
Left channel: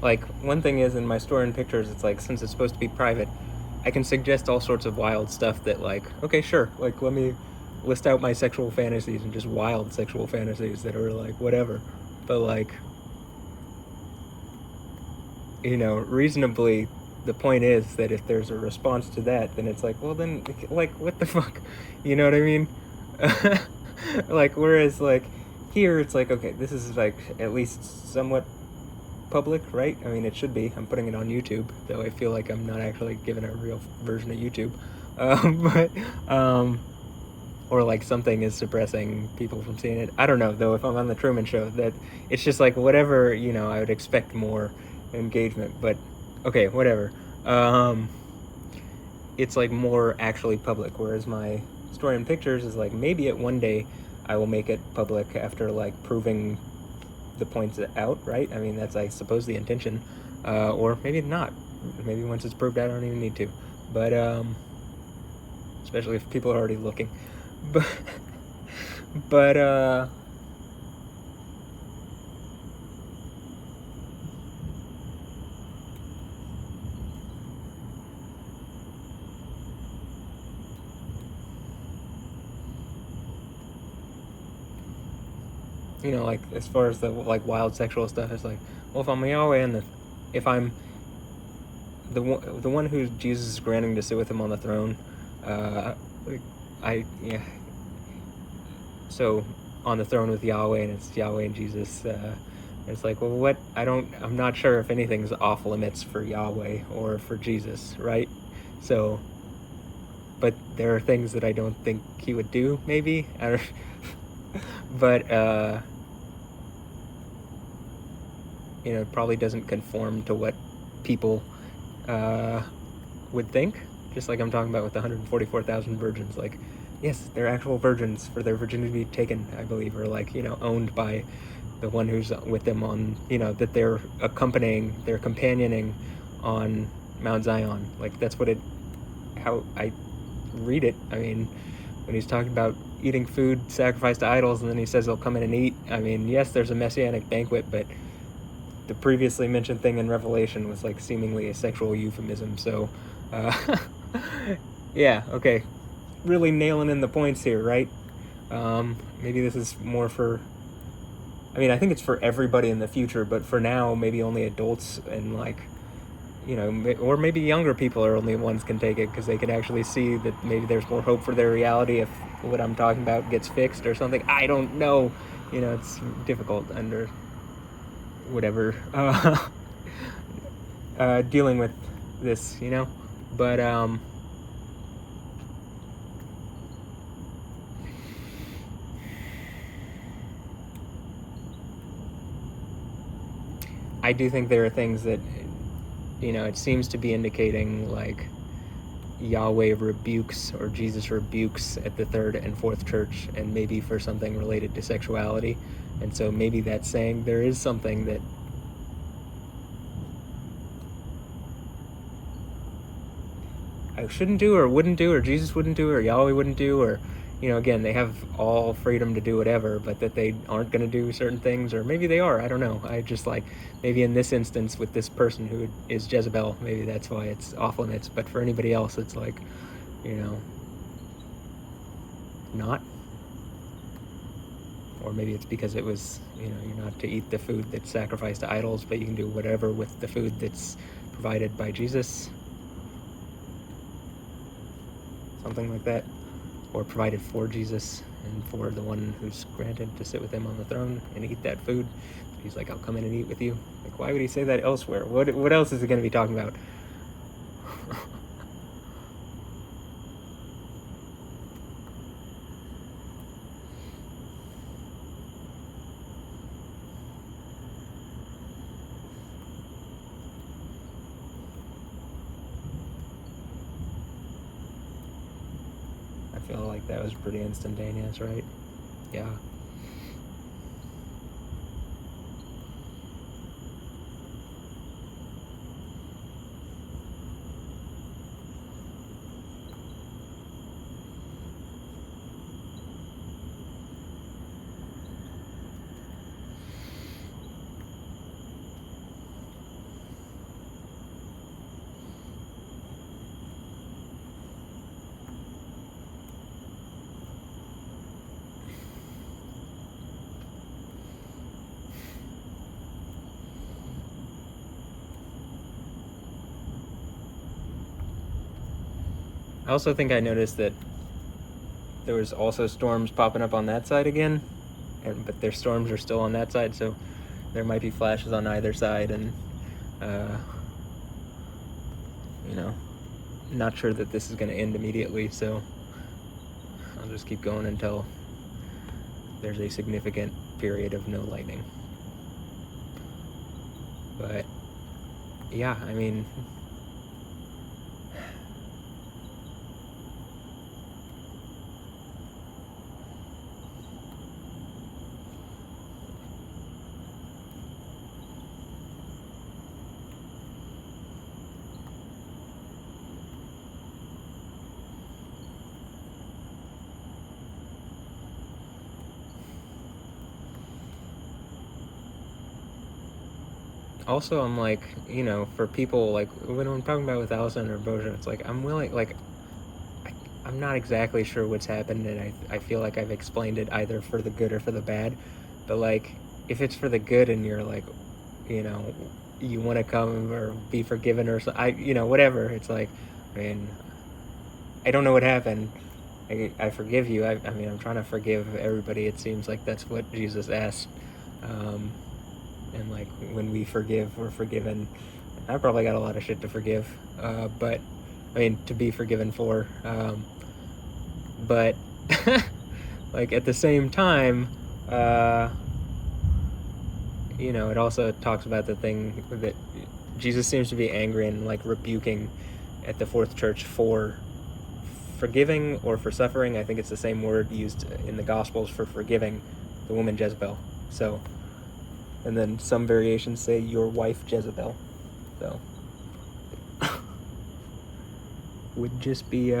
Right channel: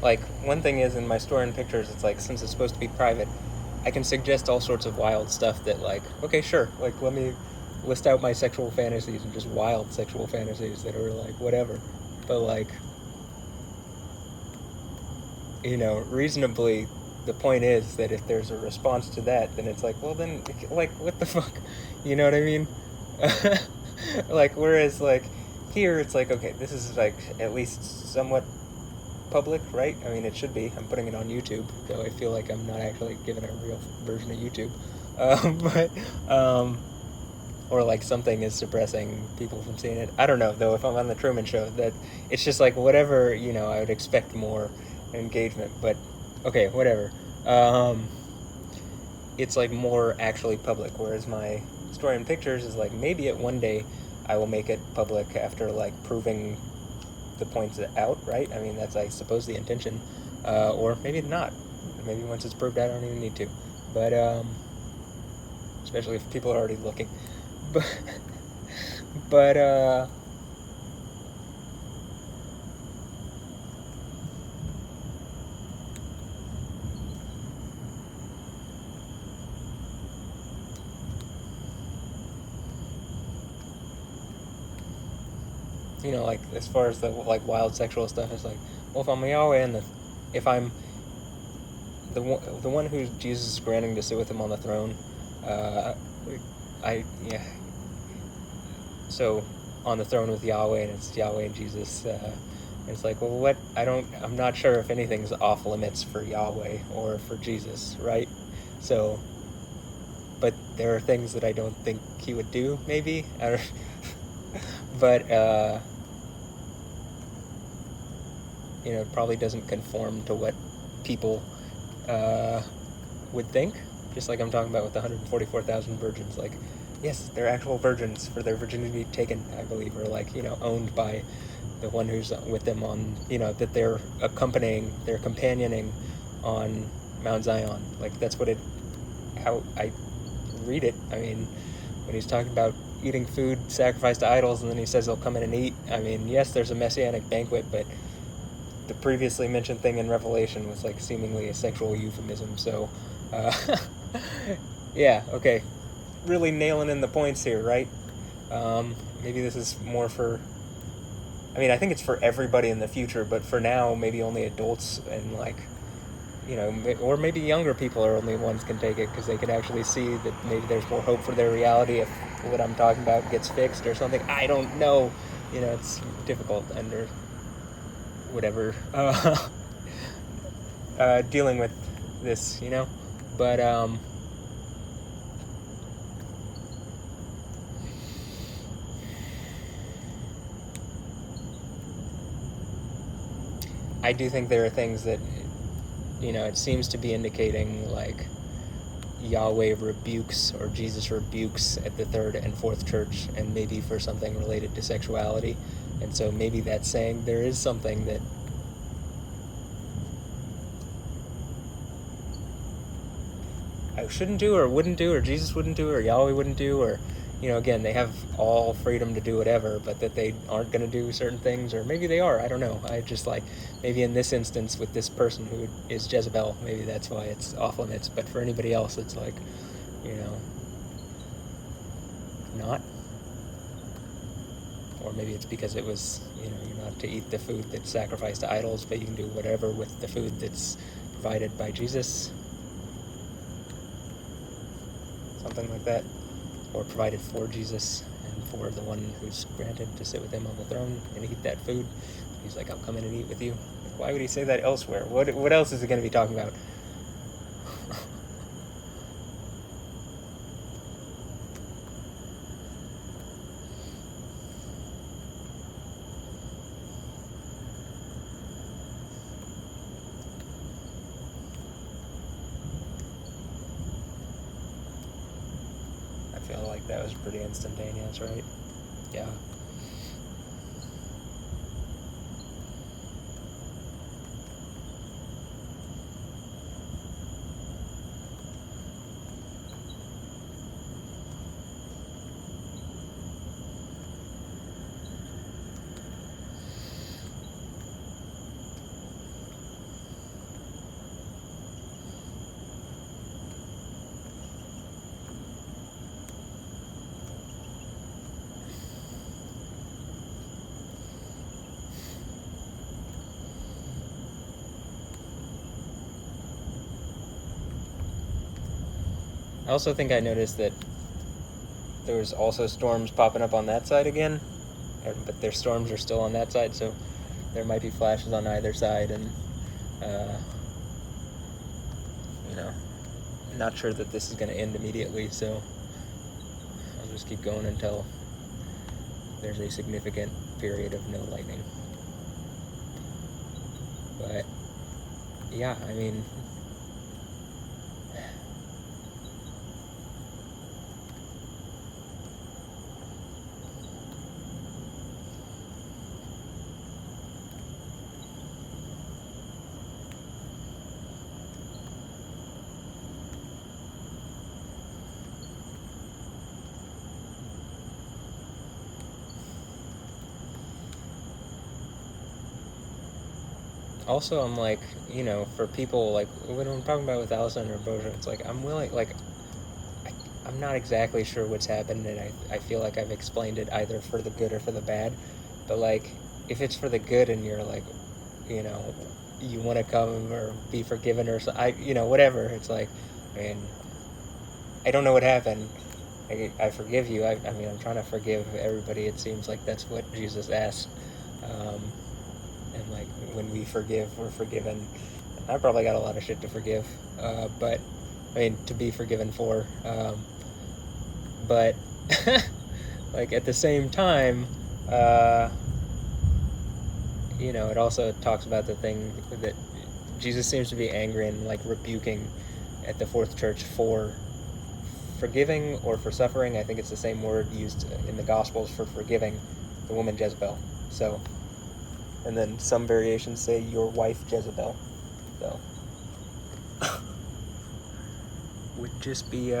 like, one thing is, in my store and pictures, it's like, since it's supposed to be private, I can suggest all sorts of wild stuff that, like, okay, sure, like, let me list out my sexual fantasies, and just wild sexual fantasies that are, like, whatever. But, like, you know, reasonably, the point is that if there's a response to that, then it's like, well, then, like, what the fuck? You know what I mean? Like, whereas, like, here, it's like, okay, this is, like, at least somewhat public, right? I mean, it should be. I'm putting it on YouTube, though I feel like I'm not actually giving a real version of YouTube. Or like something is suppressing people from seeing it. I don't know, though, if I'm on the Truman Show, that it's just like whatever, you know, I would expect more engagement, but okay, whatever. It's like more actually public, whereas my story in pictures is like, maybe at one day I will make it public after like proving the points out, right? I mean, that's, I suppose, the intention. Or maybe not. Maybe once it's proved out, I don't even need to. But, especially if people are already looking. But, you know, like, as far as the, like, wild sexual stuff, it's like, well, if I'm Yahweh and if I'm the one who Jesus is granting to sit with him on the throne, yeah. So, on the throne with Yahweh, and it's Yahweh and Jesus, it's like, well, I'm not sure if anything's off limits for Yahweh or for Jesus, right? So, but there are things that I don't think he would do, maybe. But, you know, it probably doesn't conform to what people would think. Just like I'm talking about with the 144,000 virgins. Like, yes, they're actual virgins for their virginity taken, I believe, or like, you know, owned by the one who's with them on, you know, that they're companioning on Mount Zion. Like, that's what how I read it. I mean, when he's talking about eating food sacrificed to idols, and then he says they'll come in and eat. I mean, yes, there's a messianic banquet, but the previously mentioned thing in Revelation was like seemingly a sexual euphemism. So, yeah, okay, really nailing in the points here, right? Maybe this is more for, I mean, I think it's for everybody in the future, but for now, maybe only adults and, like, or maybe younger people are only ones can take it because they can actually see that maybe there's more hope for their reality if what I'm talking about gets fixed or something. I don't know. It's difficult under whatever dealing with this, but I do think there are things that it seems to be indicating, like Yahweh rebukes or Jesus rebukes at the third and fourth church, and maybe for something related to sexuality. And so maybe that's saying there is something that I shouldn't do or wouldn't do, or Jesus wouldn't do, or Yahweh wouldn't do, or again, they have all freedom to do whatever, but that they aren't going to do certain things, or maybe they are. I don't know. I just maybe in this instance with this person who is Jezebel, maybe that's why it's off limits. But for anybody else, it's not. Or maybe it's because it was, not to eat the food that's sacrificed to idols, but you can do whatever with the food that's provided by Jesus. Something like that. Or provided for Jesus and for the one who's granted to sit with him on the throne and eat that food. He's like, I'll come in and eat with you. Like, why would he say that elsewhere? What else is he going to be talking about? I feel like that was pretty instantaneous, right? Yeah. I also think I noticed that there was also storms popping up on that side again, but their storms are still on that side, so there might be flashes on either side, and I'm not sure that this is going to end immediately, so I'll just keep going until there's a significant period of no lightning. But yeah, I mean, also I'm like, for people, like when I'm talking about with Alessandra and Ambrosia, it's like I'm willing, like I'm not exactly sure what's happened, and I feel like I've explained it either for the good or for the bad, but like if it's for the good and you're like, you want to come or be forgiven or so, whatever, it's like, I mean, I don't know what happened. I forgive you. I mean, I'm trying to forgive everybody. It seems like that's what Jesus asked. And like when we forgive, we're forgiven. I probably got a lot of shit to forgive, but I mean to be forgiven for. But like at the same time, it also talks about the thing that Jesus seems to be angry and like rebuking at the fourth church for forgiving or for suffering. I think it's the same word used in the Gospels for forgiving the woman Jezebel. So, and then some variations say your wife Jezebel. So, would just be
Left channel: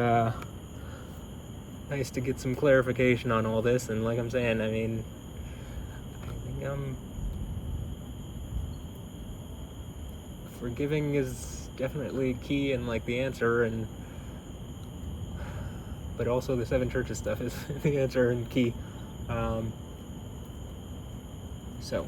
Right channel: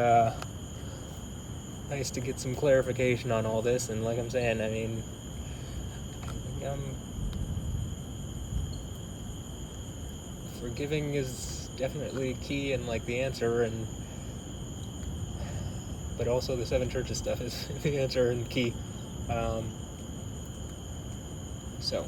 nice to get some clarification on all this. And like I'm saying, I mean, forgiving is definitely key and like the answer, and but also the seven churches stuff is the answer and key. So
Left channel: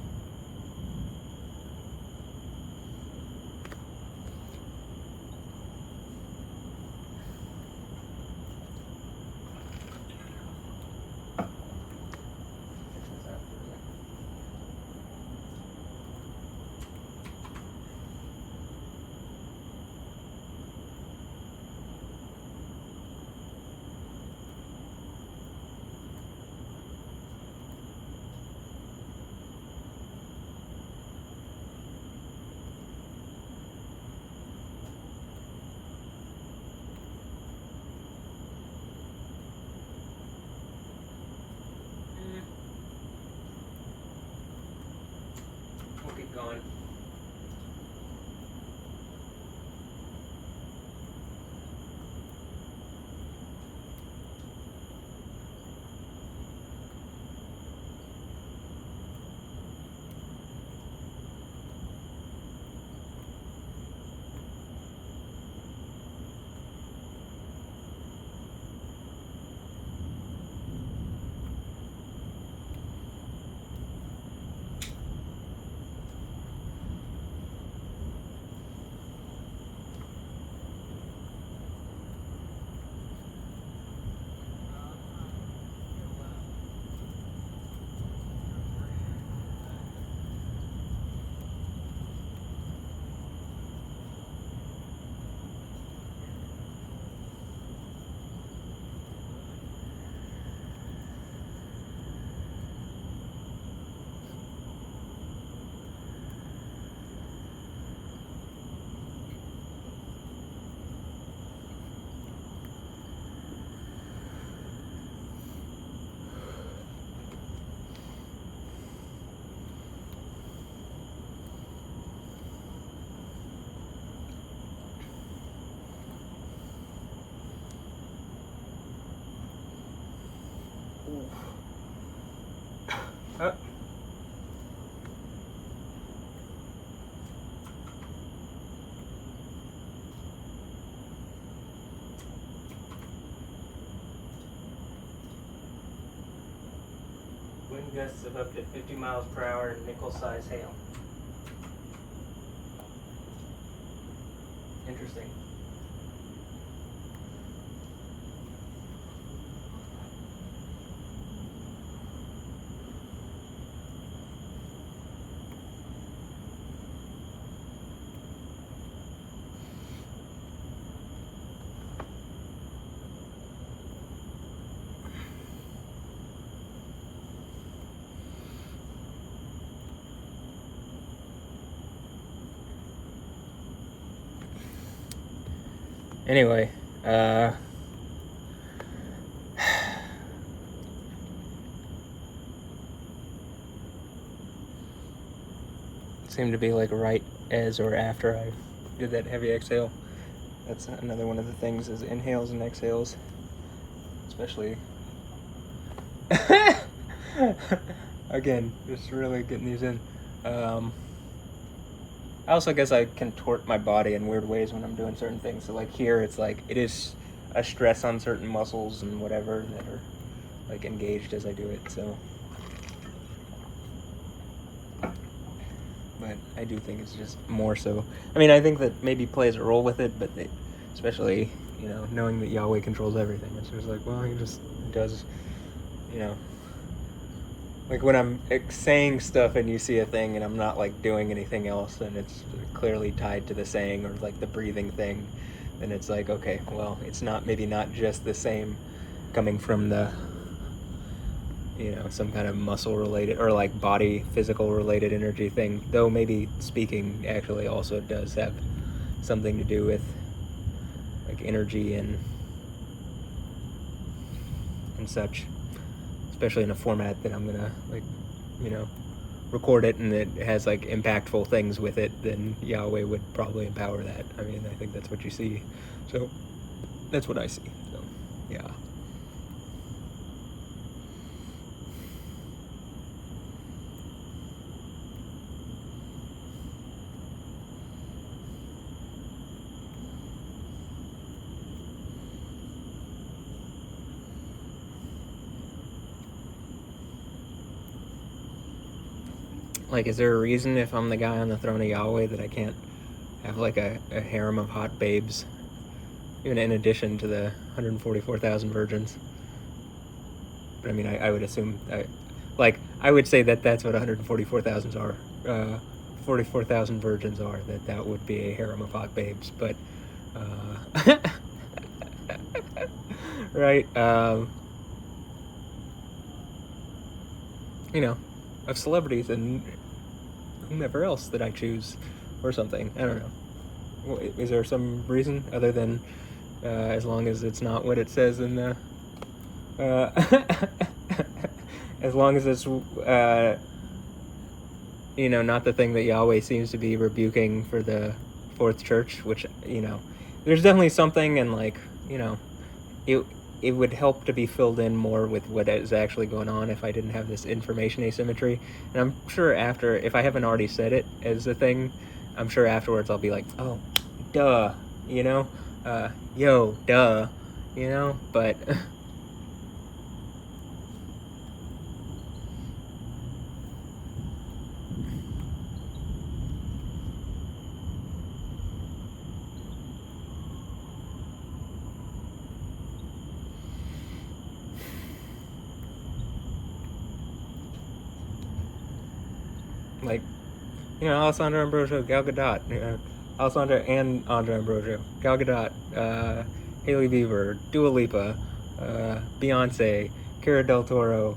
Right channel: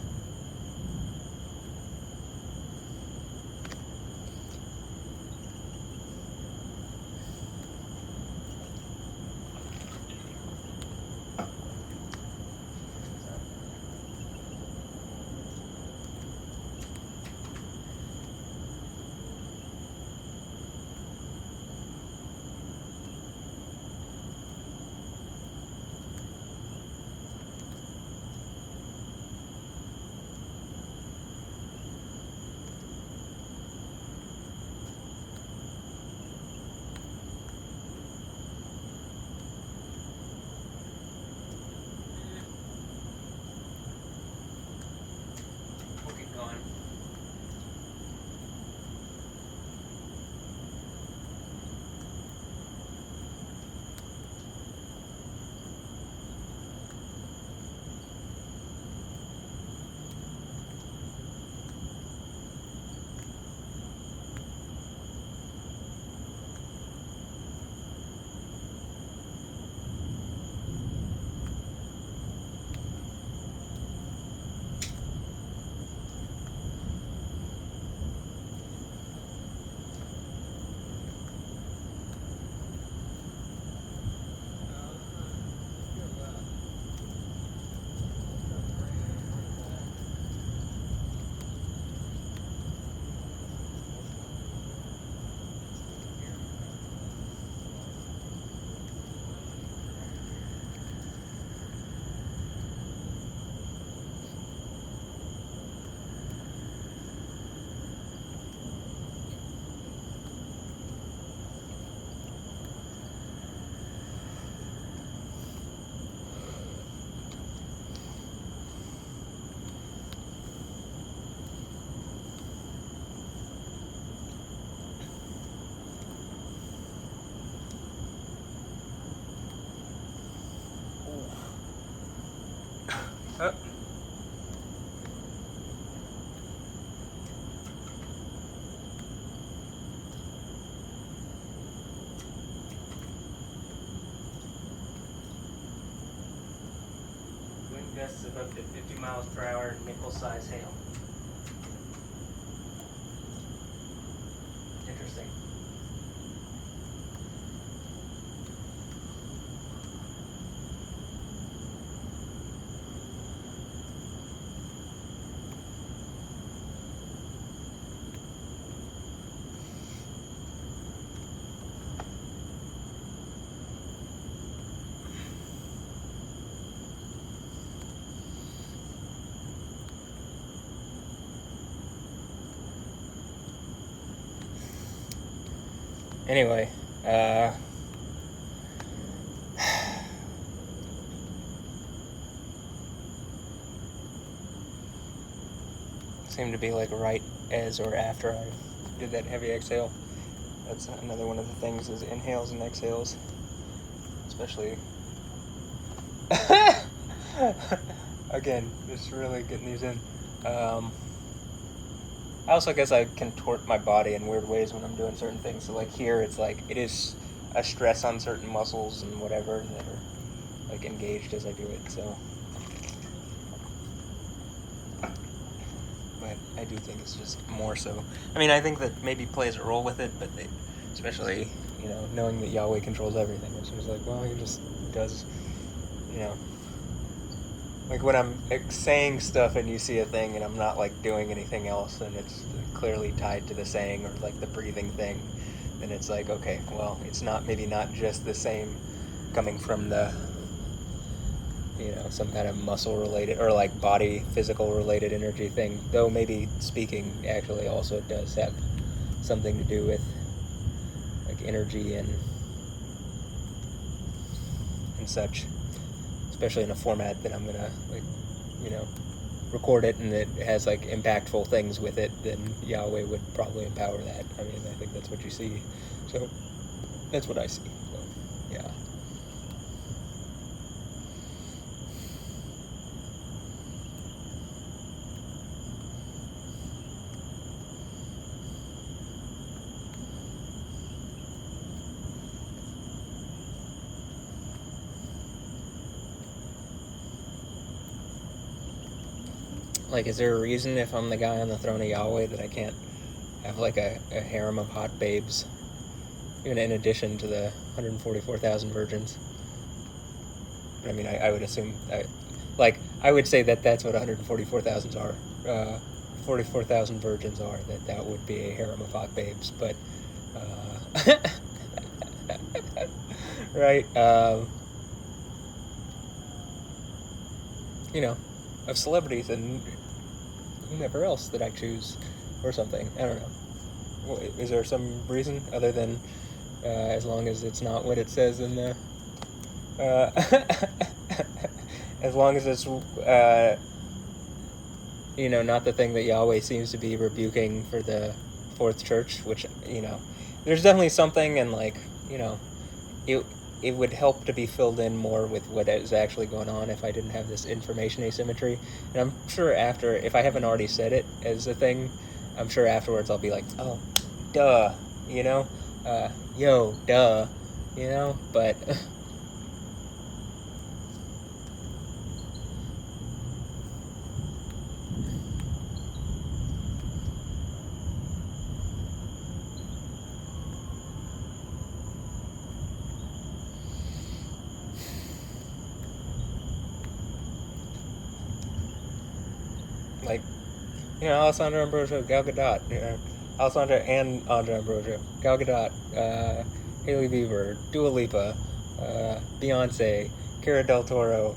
Oh. Wind gusts of up to 50 miles per hour and nickel-size hail. Interesting. Anyway, seemed to be like right as or after I did that heavy exhale. That's another one of the things is inhales and exhales, especially. Again, just really getting these in. I also guess I contort my body in weird ways when I'm doing certain things. So like here, it's like it is a stress on certain muscles and whatever that are like engaged as I do it. So, but I do think it's just more so. I mean, I think that maybe plays a role with it, but they, especially knowing that Yahweh controls everything, it's just like, well, he just does, you know. Like when I'm saying stuff and you see a thing and I'm not like doing anything else and it's clearly tied to the saying or like the breathing thing, then it's like, okay, well, it's maybe not just the same coming from the, some kind of muscle related or like body physical related energy thing, though maybe speaking actually also does have something to do with like energy and such. Especially in a format that I'm gonna record it and it has like impactful things with it, then Yahweh would probably empower that. I mean, I think that's what you see. So that's what I see. So, yeah. Like, is there a reason if I'm the guy on the throne of Yahweh that I can't have like a harem of hot babes, even in addition to the 144,000 virgins? I mean, I would assume, I would say that that's what 144,000 are, 44,000 virgins are, that would be a harem of hot babes, but, right, of celebrities and whomever else that I choose or something. I don't know. Is there some reason other than as long as it's not what it says in the as long as it's not the thing that Yahweh seems to be rebuking for the fourth church, which there's definitely something, and like it would help to be filled in more with what is actually going on if I didn't have this information asymmetry. And I'm sure after, if I haven't already said it as a thing, I'm sure afterwards I'll be like, oh, duh, yo, duh, but like, Alessandra Ambrosio, Gal Gadot, Alessandra and Andra Ambrosio, Gal Gadot, Hailey Bieber, Dua Lipa, Beyonce, Cara Del Toro,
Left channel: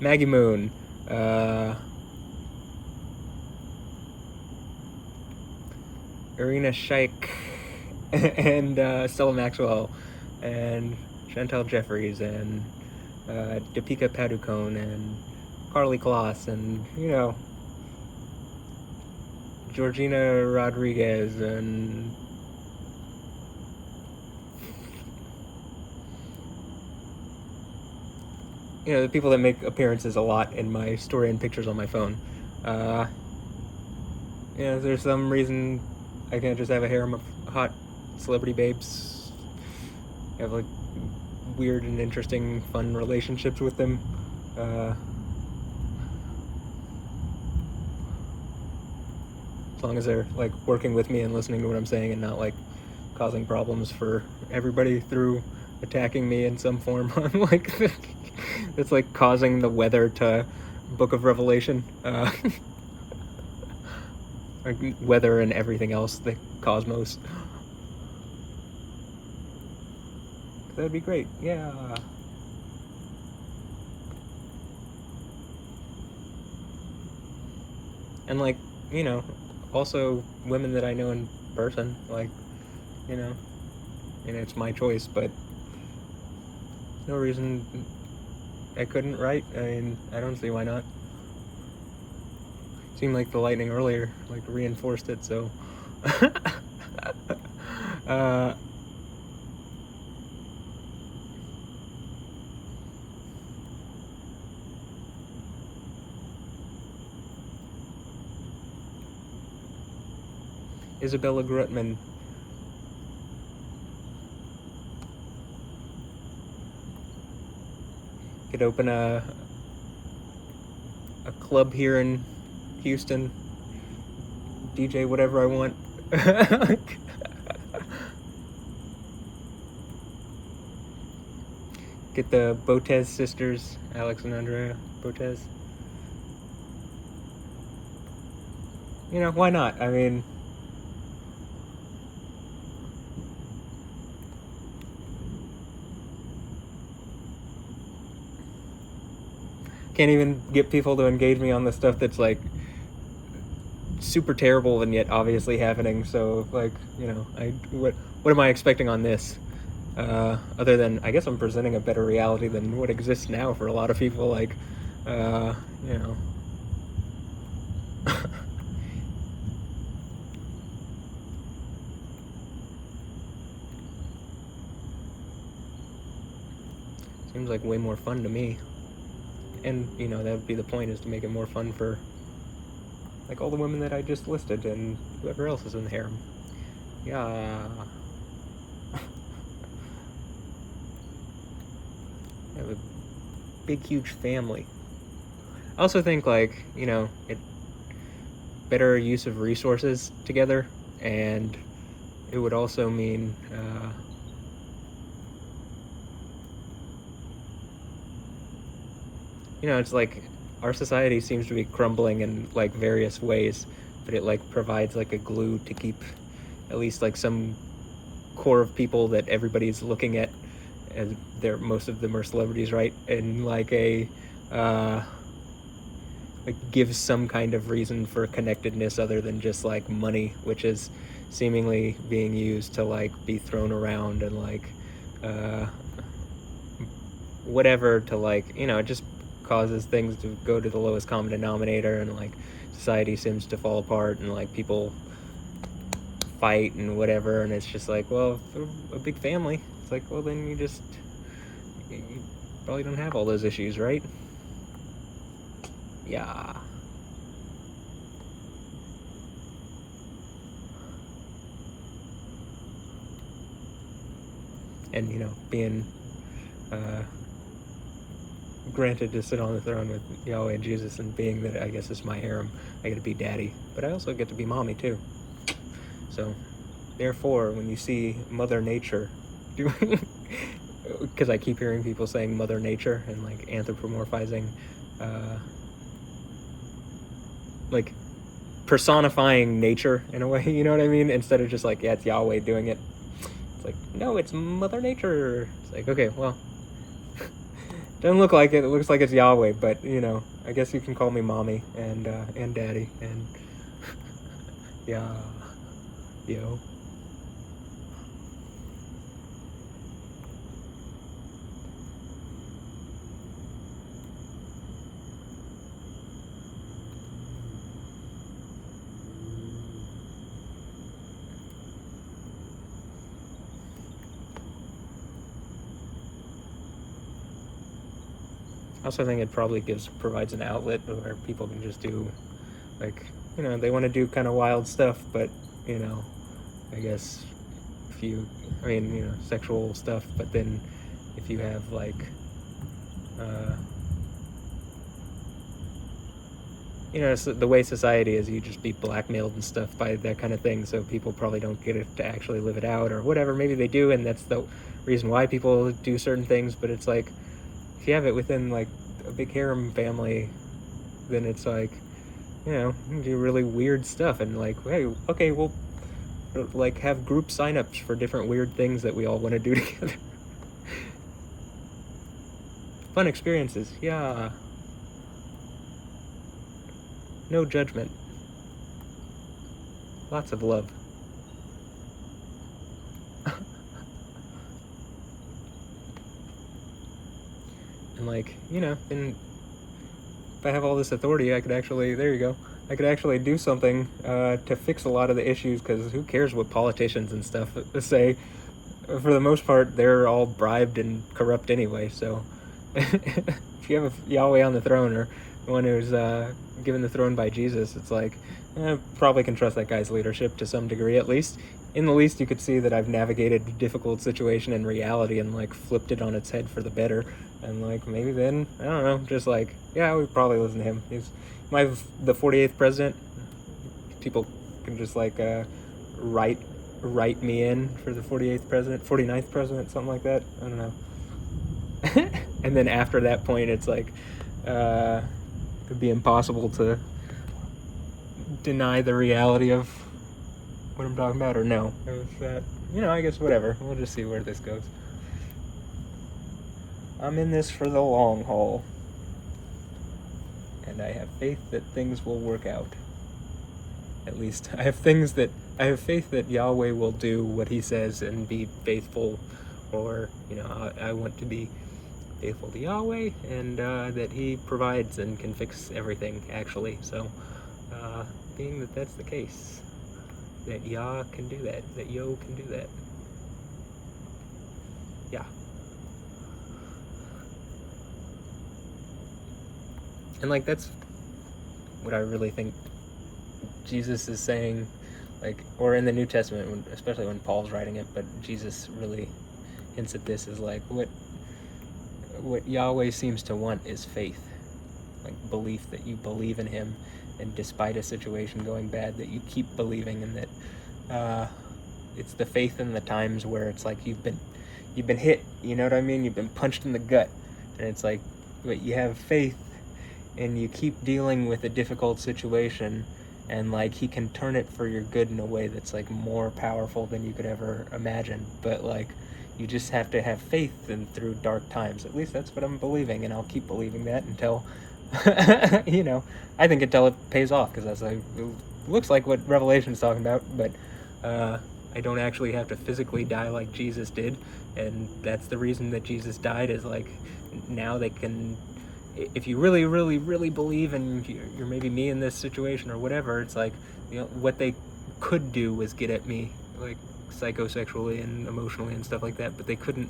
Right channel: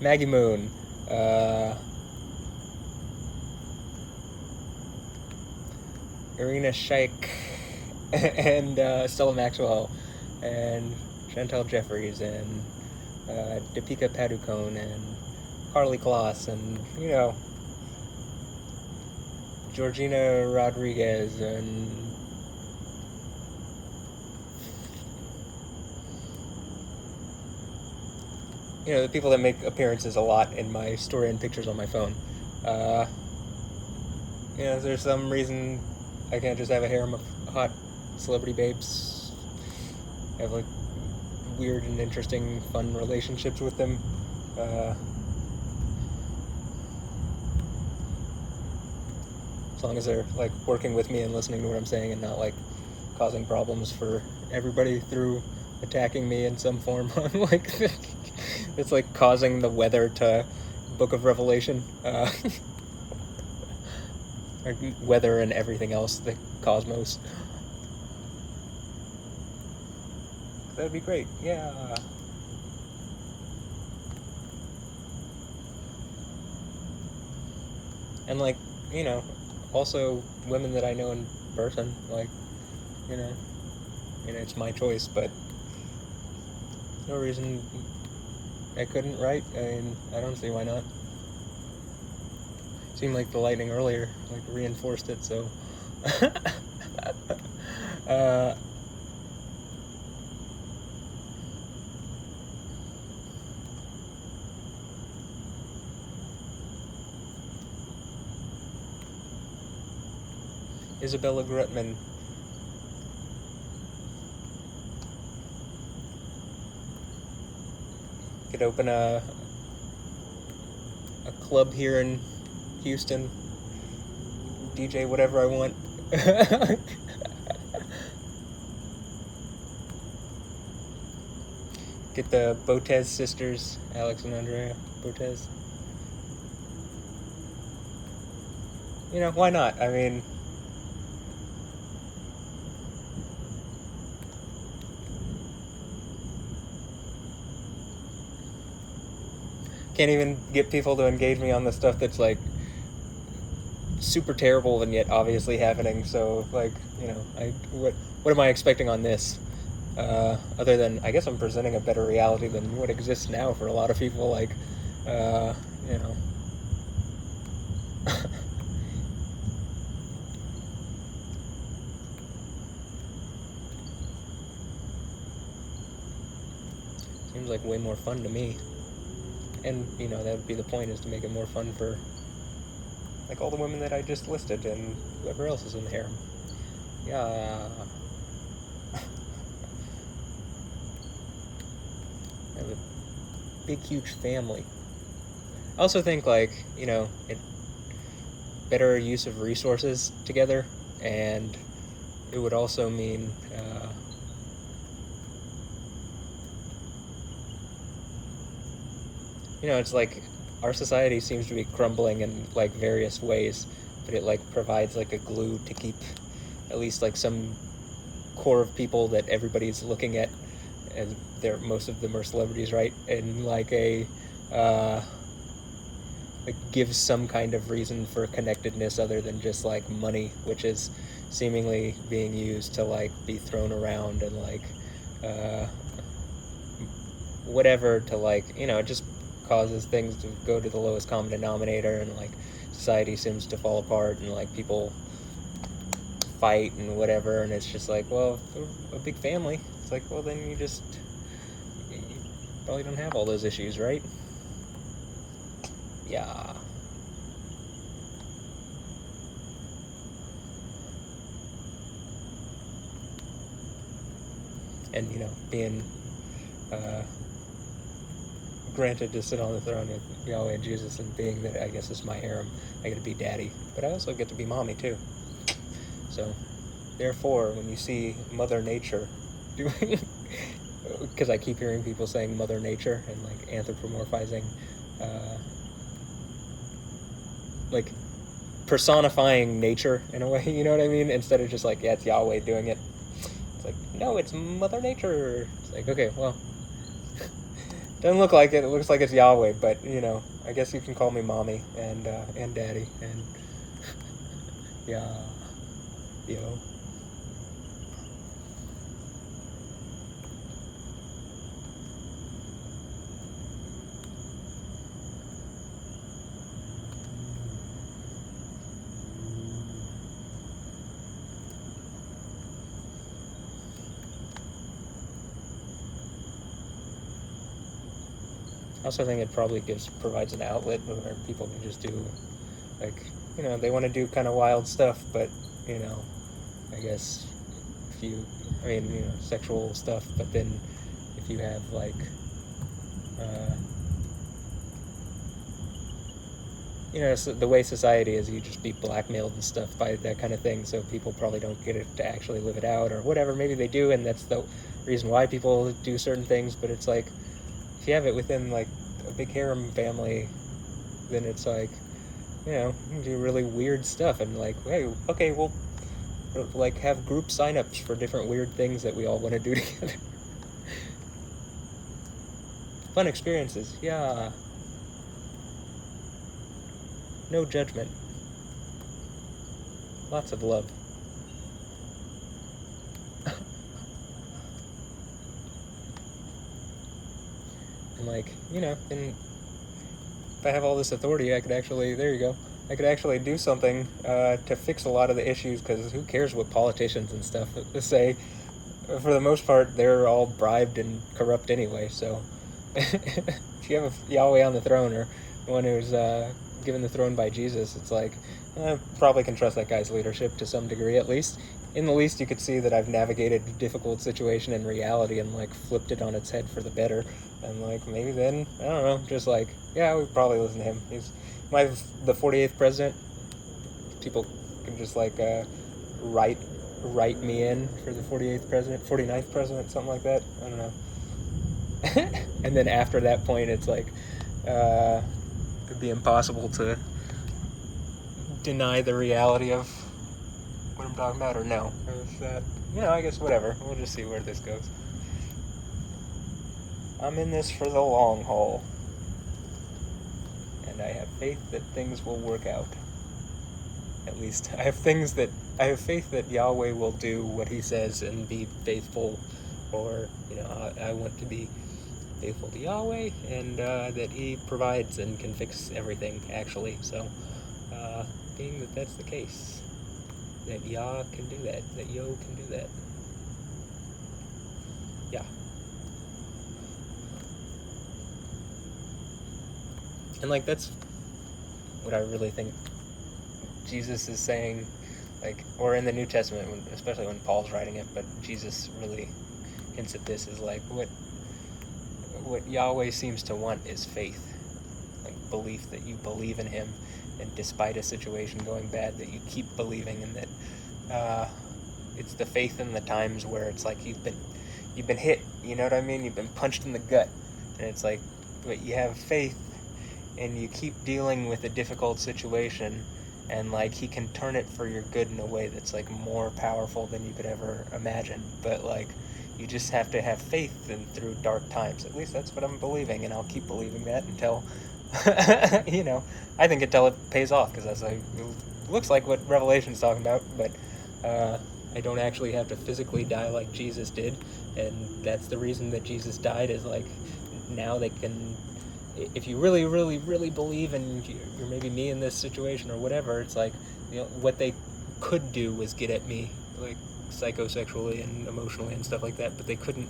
Maggie Moon, Irina Shayk, and Stella Maxwell, and Chantal Jeffries, and Deepika Padukone, and Carly Kloss, and Georgina Rodriguez, and the people that make appearances a lot in my story and pictures on my phone. Is there some reason I can't just have a harem of hot celebrity babes? Have like weird and interesting, fun relationships with them. As long as they're like working with me and listening to what I'm saying and not like causing problems for everybody through attacking me in some form. I'm like, it's like causing the weather to Book of Revelation. Like weather and everything else, the cosmos. That'd be great. Yeah. And like, also women that I know in person, like, it's my choice, but no reason I couldn't, right? I mean, I don't see why not. Seemed like the lightning earlier, like, reinforced it, so... Isabela Grutman. Could open a club here in Houston. DJ whatever I want. Get the Botez sisters, Alex and Andrea Botez. Why not? I mean... Can't even get people to engage me on the stuff that's, like, super terrible and yet obviously happening, so, like, what am I expecting on this? Other than, I guess I'm presenting a better reality than what exists now for a lot of people, like, Seems like way more fun to me. And, that would be the point, is to make it more fun for, like, all the women that I just listed and whoever else is in the harem. Yeah. I have a big, huge family. I also think, like, it better use of resources together, and it would also mean, it's like our society seems to be crumbling in like various ways, but it like provides like a glue to keep at least like some core of people that everybody's looking at, and most of them are celebrities, right? And like like gives some kind of reason for connectedness other than just like money, which is seemingly being used to like be thrown around and like whatever to like it just causes things to go to the lowest common denominator, and like society seems to fall apart, and like people fight and whatever, and it's just like, well, a big family, it's like, well, then you probably don't have all those issues, right? Yeah. And being granted to sit on the throne with Yahweh and Jesus, and being that I guess it's my harem, I get to be daddy, but I also get to be mommy too. So therefore, when you see Mother Nature doing, because I keep hearing people saying Mother Nature and like anthropomorphizing, like personifying nature in a way, you know what I mean? Instead of just like, yeah, it's Yahweh doing it. It's like, no, it's Mother Nature. It's like, okay, well, doesn't look like it. It looks like it's Yahweh, but I guess you can call me mommy and daddy and yeah, yo. I also think it probably provides an outlet where people can just do, like, they want to do kind of wild stuff, but, I guess sexual stuff, but then if you have, like, it's the way society is, you just be blackmailed and stuff by that kind of thing, so people probably don't get it to actually live it out, or whatever. Maybe they do, and that's the reason why people do certain things, but it's like, if you have it within, like, a big harem family, then it's like, you do really weird stuff, and like, hey, okay, we'll, like, have group signups for different weird things that we all want to do together. Fun experiences, yeah. No judgment. Lots of love. And like, then if I have all this authority, I could actually, there you go, I could actually do something to fix a lot of the issues, because who cares what politicians and stuff say? For the most part, they're all bribed and corrupt anyway, so if you have a Yahweh on the throne, or one who's given the throne by Jesus, it's like, probably can trust that guy's leadership to some degree, at least. In the least, you could see that I've navigated a difficult situation in reality and, like, flipped it on its head for the better. And, like, maybe then, I don't know, just like, yeah, we probably listen to him. He's the 48th president. People can just, like, write me in for the 48th president, 49th president, something like that. I don't know. And then after that point, it's like, it'd be impossible to deny the reality of what I'm talking about, or no. If that, I guess whatever. We'll just see where this goes. I'm in this for the long haul, and I have faith that things will work out. At least I have faith that Yahweh will do what he says and be faithful, or I want to be faithful to Yahweh, and that he provides and can fix everything, actually. So being that that's the case, that Yah can do that, that Yo can do that. Yeah. And, like, that's what I really think Jesus is saying, like, or in the New Testament, especially when Paul's writing it, but Jesus really hints at this, is like, what Yahweh seems to want is faith, like belief, that you believe in him, and despite a situation going bad, that you keep believing, and that it's the faith in the times where it's like you've been hit, you know what I mean? You've been punched in the gut, and it's like, but you have faith, and you keep dealing with a difficult situation, and like he can turn it for your good in a way that's like more powerful than you could ever imagine. But like, you just have to have faith and through dark times. At least that's what I'm believing, and I'll keep believing that until I think until it pays off, because that's like, it looks like what Revelation's talking about, but I don't actually have to physically die like Jesus did, and that's the reason that Jesus died, is like, now they can, if you really, really, really believe, and you're maybe me in this situation or whatever, it's like, what they could do was get at me, like, psychosexually and emotionally and stuff like that, but they couldn't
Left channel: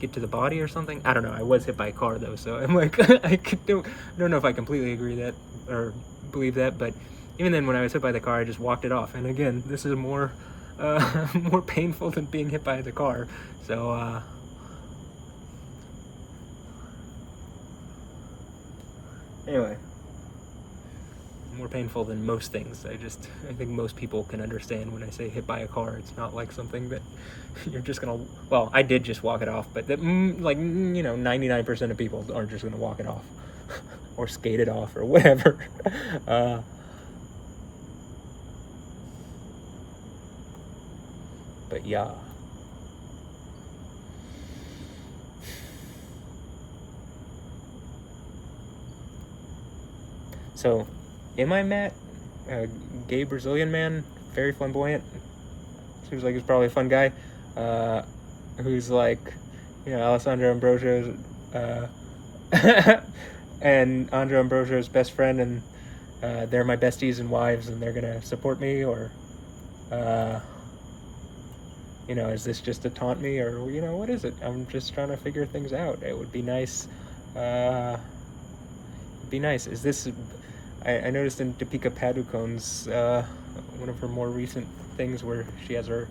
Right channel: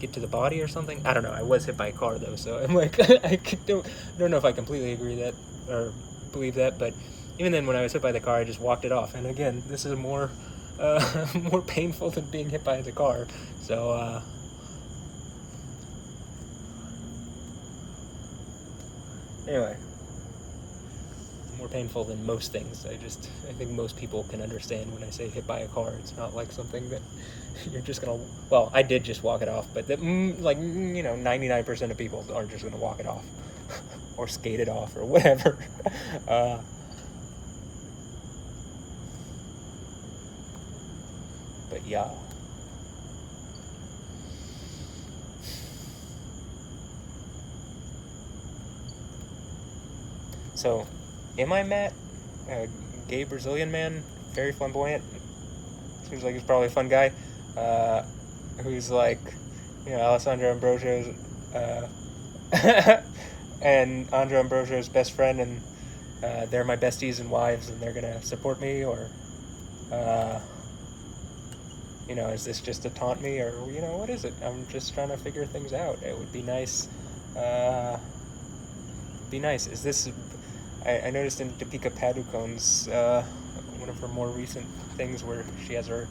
get to the body or something. I don't know. I was hit by a car, though, so I'm like, I don't know if I completely agree that, or believe that, but even then, when I was hit by the car, I just walked it off. And again, this is more more painful than being hit by the car, so anyway, more painful than most things. I think most people can understand when I say hit by a car. It's not like something that you're just gonna, well, I did just walk it off, but that, 99% of people aren't just gonna walk it off or skate it off or whatever. But yeah. So, am I Matt? A gay Brazilian man, very flamboyant. Seems like he's probably a fun guy. Who's like, Alessandra Ambrosio's, and Andrea Ambrosio's best friend, and they're my besties and wives, and they're gonna support me, or, is this just to taunt me, or, what is it? I'm just trying to figure things out. It would be nice, be nice. Is this? I noticed in Deepika Padukone's one of her more recent things where she has her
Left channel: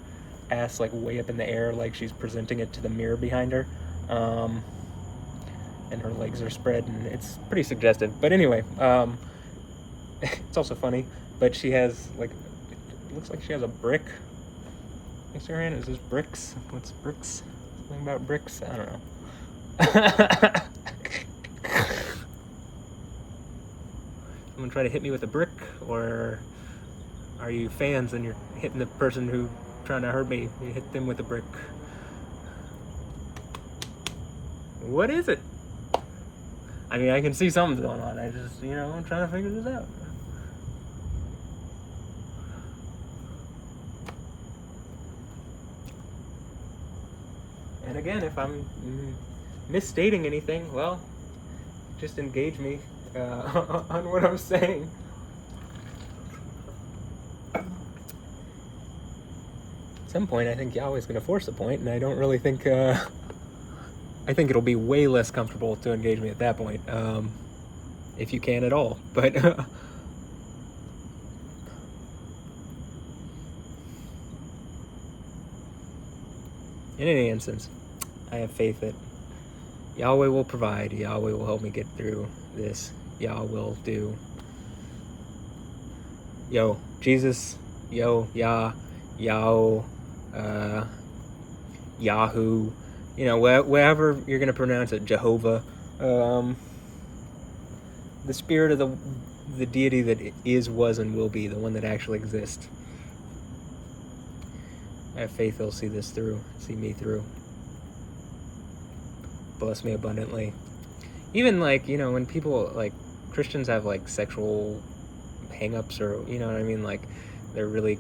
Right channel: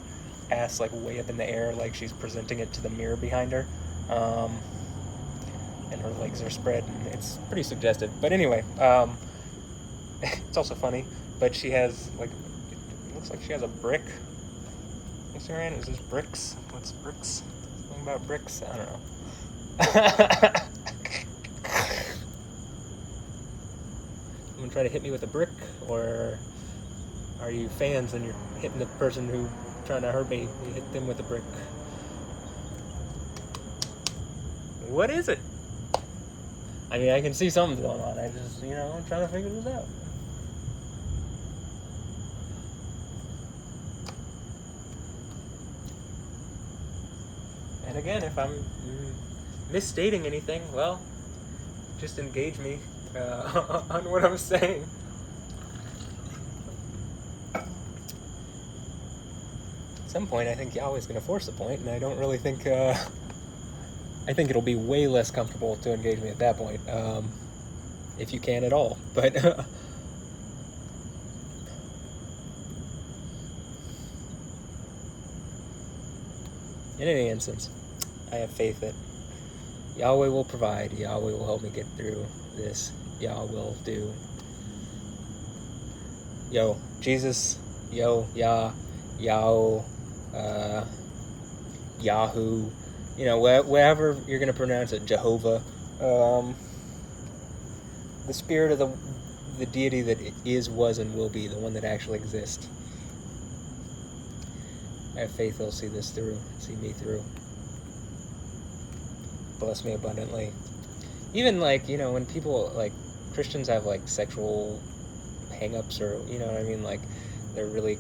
ass like way up in the air, like she's presenting it to the mirror behind her, and her legs are spread, and it's pretty suggestive. But anyway, it's also funny. But she has like, it looks like she has a brick next to her hand. Is this bricks? That's bricks. Something about bricks? I don't know. You gonna try to hit me with a brick, or are you fans and you're hitting the person who's trying to hurt me? You hit them with a brick. What is it? I mean, I can see something's going on. I just, I'm trying to figure this out. And again, if I'm misstating anything, well, just engage me on what I'm saying. At some point, I think Yahweh's going to force a point, and I don't really think... I think it'll be way less comfortable to engage me at that point, if you can at all. But in any instance, I have faith that Yahweh will provide. Yahweh will help me get through this. Yah will do. Yo, Jesus. Yo, Yah. Yao. Yahoo. Wherever you're going to pronounce it. Jehovah. The spirit of the deity that is, was, and will be. The one that actually exists. I have faith he'll see this through. See me through. Bless me abundantly. Even when people Christians have sexual hang-ups, or what I mean, they're really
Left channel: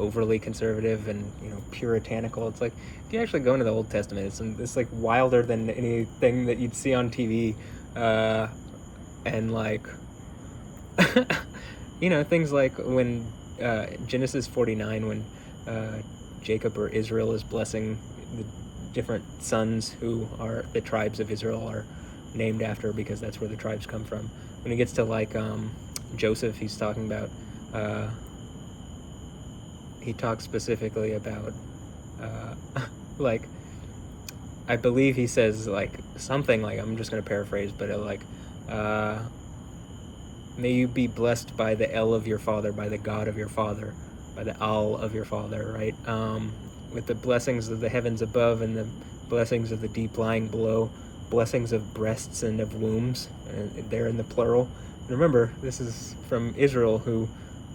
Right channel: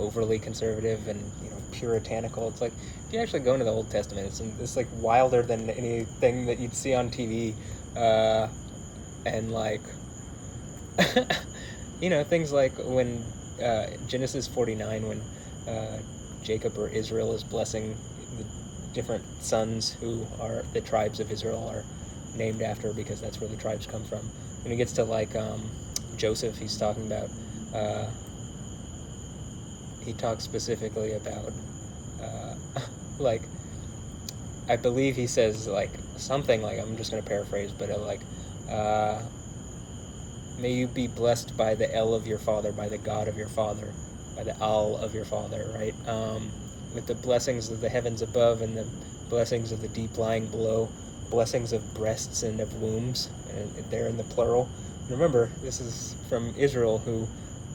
overly conservative and puritanical. It's if you actually go into the Old Testament, it's wilder than anything that you'd see on TV, and things like when Genesis 49, when Jacob or Israel is blessing the different sons who are the tribes of Israel are named after, because that's where the tribes come from. When it gets to Joseph, he's talking about he talks specifically about I believe he says something I'm just going to paraphrase, but may you be blessed by the El of your father, by the God of your father, by the Al of your father, right? With the blessings of the heavens above and the blessings of the deep lying below, blessings of breasts and of wombs, they're in the plural. And remember, this is from Israel, who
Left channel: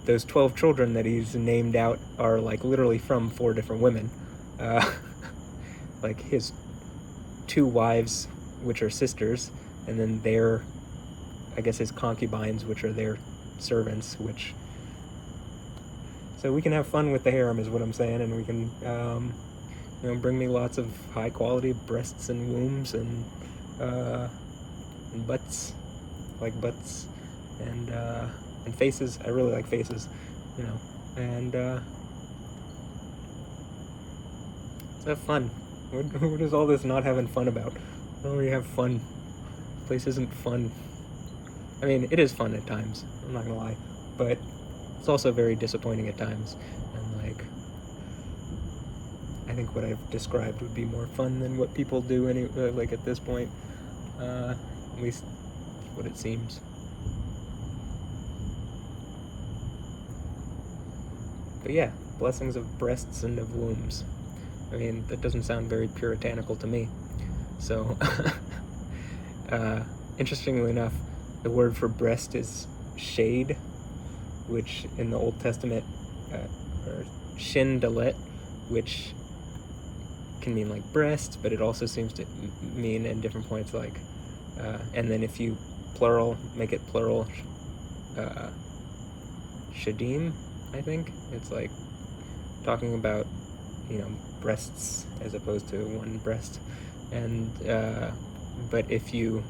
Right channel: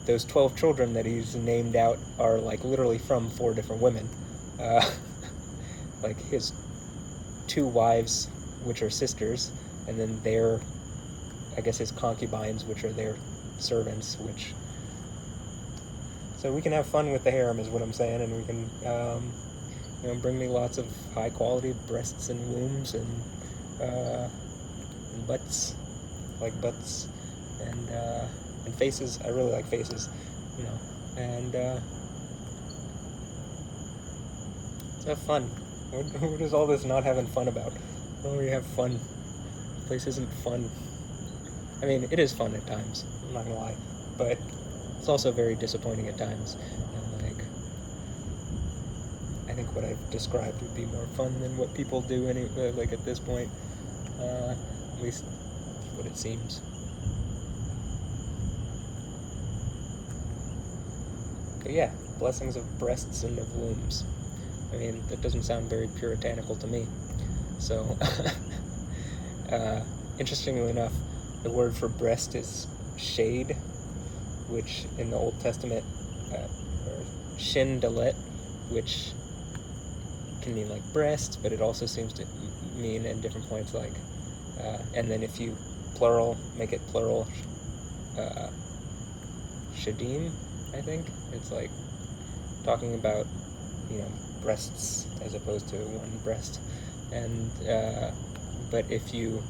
those 12 children that he's named out are literally from 4 different women. His 2 wives, which are sisters, and then his concubines, which are their servants, so we can have fun with the harem, is what I'm saying, and we can, bring me lots of high quality breasts and wombs and butts, butts, and faces. I really like faces, and let's have fun. What is all this not having fun about? Why don't we have fun? This place isn't fun. I mean, it is fun at times, I'm not gonna lie, but it's also very disappointing at times, and I think what I've described would be more fun than what people do at this point, at least what it seems. But yeah, blessings of breasts and of wombs. I mean, that doesn't sound very puritanical to me. So, interestingly enough, the word for breast is shade, which in the Old Testament, or shin dalet, which can mean breast, but it also seems to mean in different points and then if you make it plural, shadim, I think. It's talking about, breasts as opposed to one breast. And, but if you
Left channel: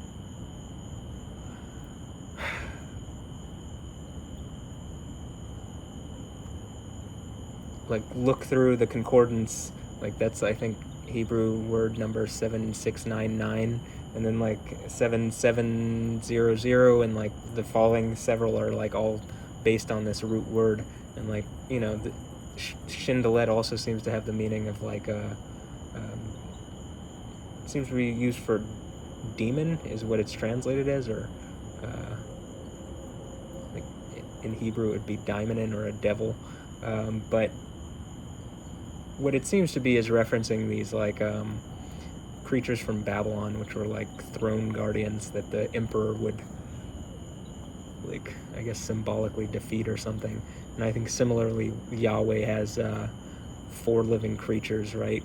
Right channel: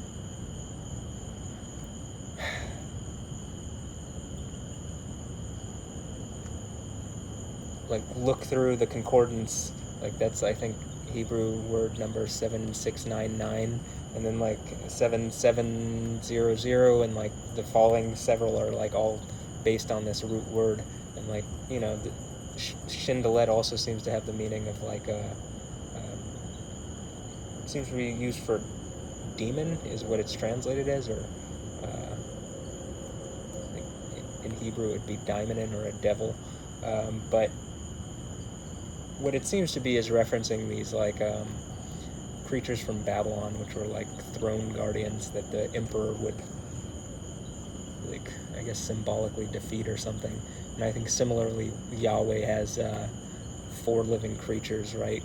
look through the concordance, that's, I think, Hebrew word number 7699, and then like 7700, and like the following several are like all based on this root word, and like the Shindalet also seems to have the meaning of like seems to be used for demon is what it's translated as, or like in Hebrew it would be daimonin, or a devil, but what it seems to be is referencing these like creatures from Babylon, which were like throne guardians that the emperor would, like, I guess symbolically defeat or something. And I think similarly Yahweh has 4 living creatures, right,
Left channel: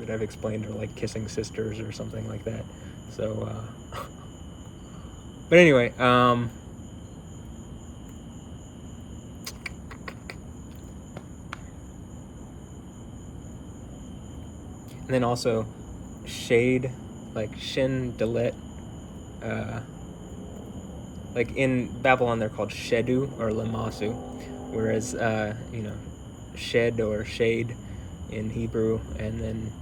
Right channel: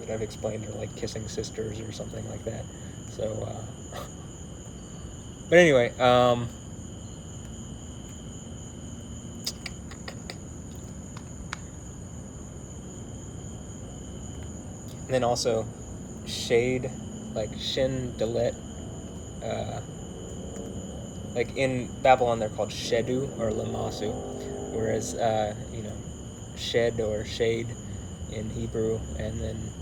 that I've explained are like kissing sisters or something like that. So but anyway, and then also shade, like Shin Dalet, like in Babylon they're called Shedu or Lamasu, whereas shed or shade in Hebrew, and then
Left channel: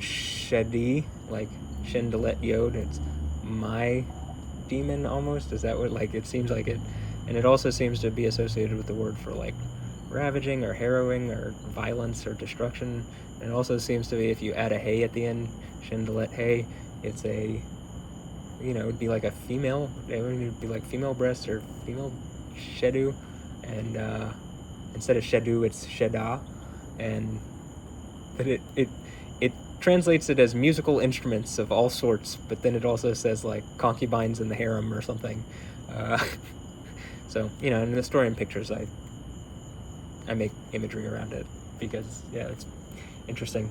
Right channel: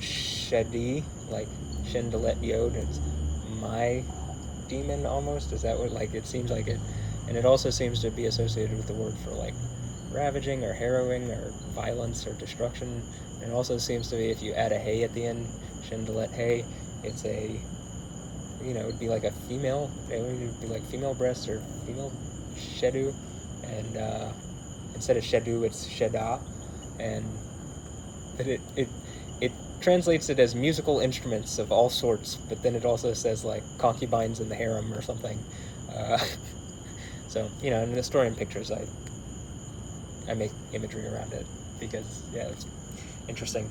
Shedi, like Shin Dalet Yod, it's my demon almost. Is that what, like, it seems like it? And it also seems to be associated with the word for like ravaging or harrowing or violence or destruction. And it also seems to be, if you add a hey at the end, Shindalet hey, it's a, it'd be like a female, it would be like female breasts or female shedu, and instead of shedu it's sheda, and but it translates it as musical instruments of all sorts, but then it also says like concubines in the harem or something. So in the story and pictures I make imagery around it because it's interesting.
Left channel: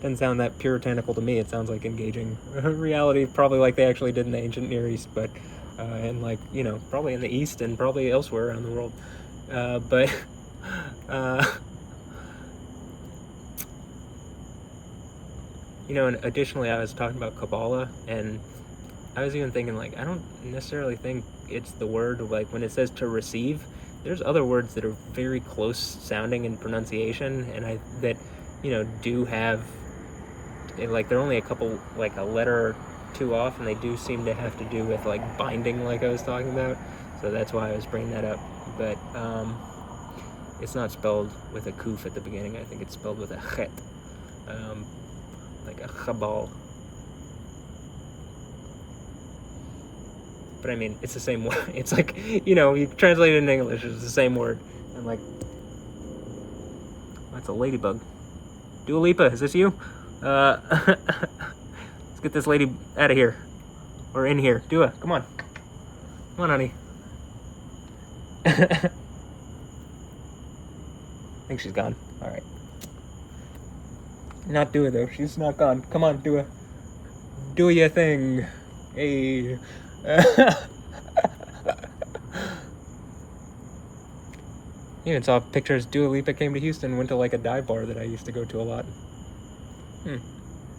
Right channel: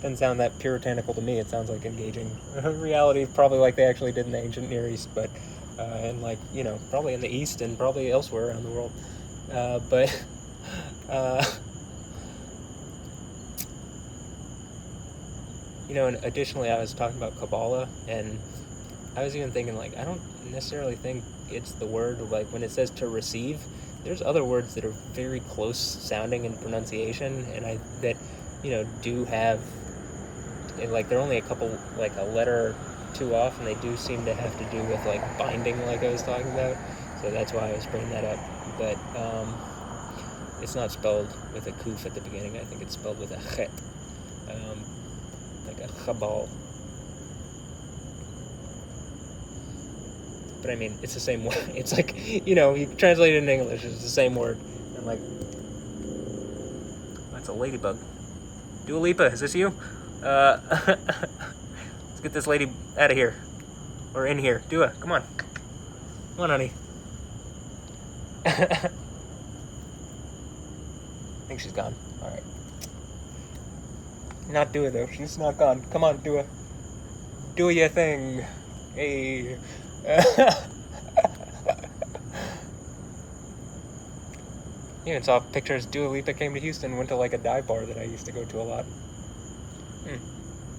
Doesn't sound that puritanical to me. It sounds like engaging reality, probably like they actually did in the ancient Near East, but and like probably in the East and probably elsewhere around the world. But and additionally, I was talking about Kabbalah, and I was even thinking, like, I don't necessarily think it's the word of, like, when it says to receive, there's other words that are very close sounding in pronunciation, and that do have, like, they're only a couple, like, a letter or two off, and they do seem to have to do with, like, binding, like I was talking about, so that's why I was bringing that up. But it's not spelled with a kuf at the beginning. I think it's spelled with a chet, like a chabal. But I mean, it's the same word. It's like, you translate it in English, it's the same word. I'm like, that's a ladybug. Dua Lipa, is this you? Let's get this lady out of here. Or in here. Dua, come on. Come on, honey. I think she's gone. Alright. Not Dua, though. She's not gone. Come on, Dua. Do your thing. Hey. Even saw pictures. Dua Lipa came to Houston, went to like a dive bar that I used to go to a lot.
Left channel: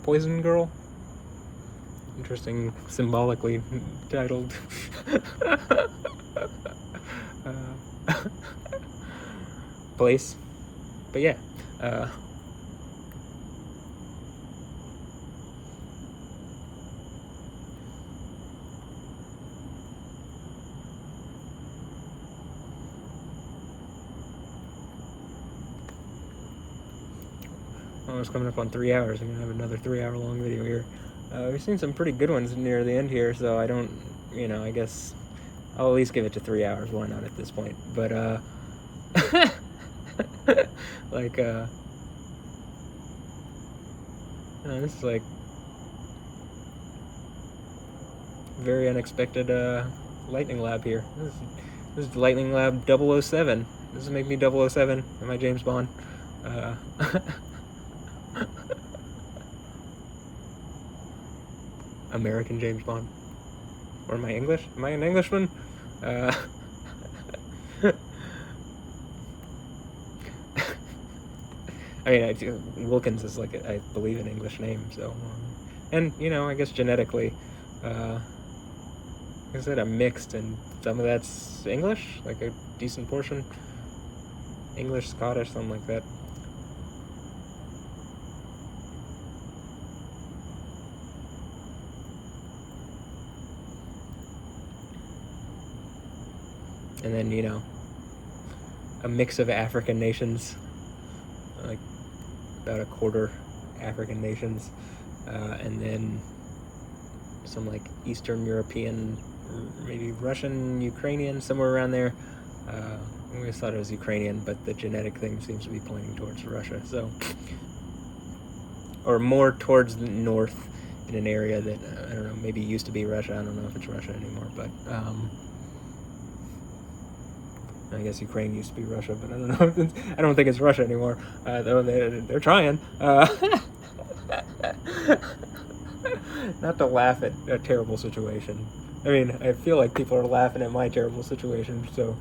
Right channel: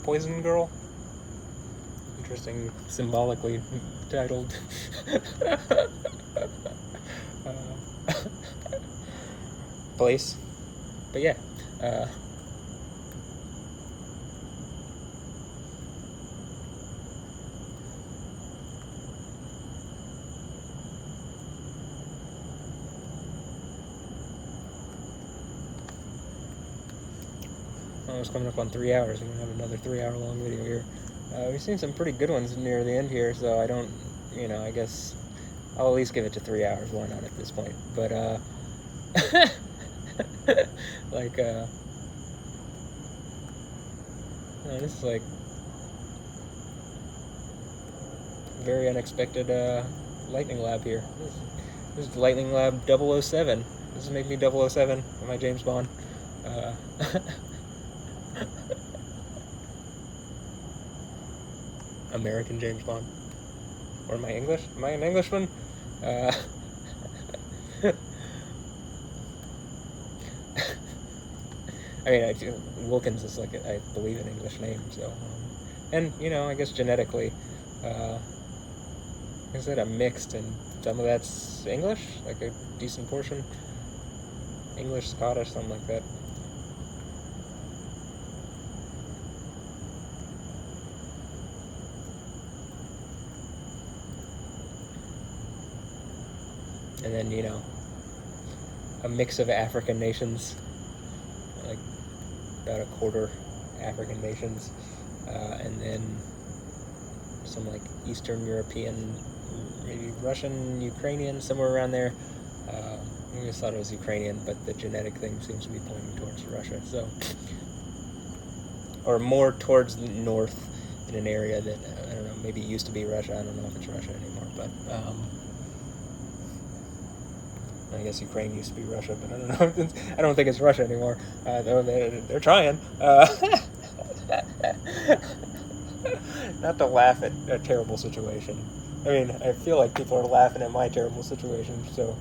Poison Girl? Interesting, symbolically titled. Place. But yeah. It's coming up on 3 hours. I'm gonna have another 3-hour-long video here. We've seen some pretty good ones near the end here, so I don't, I guess I'll at least give it to 3 hours. Why not at this point? But like this is like very unexpected lightning lab here. This is lightning lab 007. This is make me 007. Am I James Bond? American James Bond. Or am I English? Am I an Englishman? I mean, Wilkins is like, I believe, an English name, so. And, I guess genetically, is it a mixed, and some of that's English? Like a decent portion? English, Scottish, something like that. and then a mix of African nations, like about a quarter African nations, and then some like Eastern European, maybe Russian, Ukrainian, somewhere around there. I always thought it was Ukrainian, but the genetic thing seems to be pointing towards Russia, so, or more towards the north in an area that, I don't know, maybe used to be Russia. I don't know if it's Russia anymore, but I guess Ukraine used to be Russia, but I don't know. I don't think it's Russia anymore, though they're trying. Not to laugh at a terrible situation. I mean, I feel like people are laughing at my terrible situation, so,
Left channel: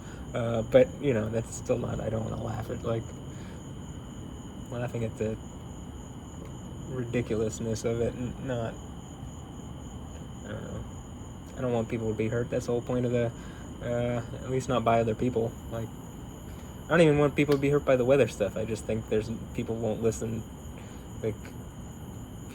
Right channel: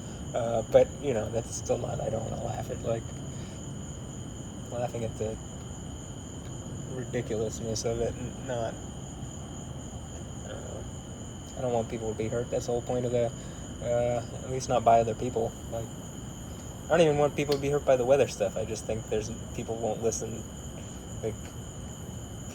but, that's still not, I don't want to laugh at, like, laughing at the ridiculousness of it, not, I don't know. I don't want people to be hurt. That's the whole point of the, at least not by other people. Like, I don't even want people to be hurt by the weather stuff. I just think people won't listen. Like,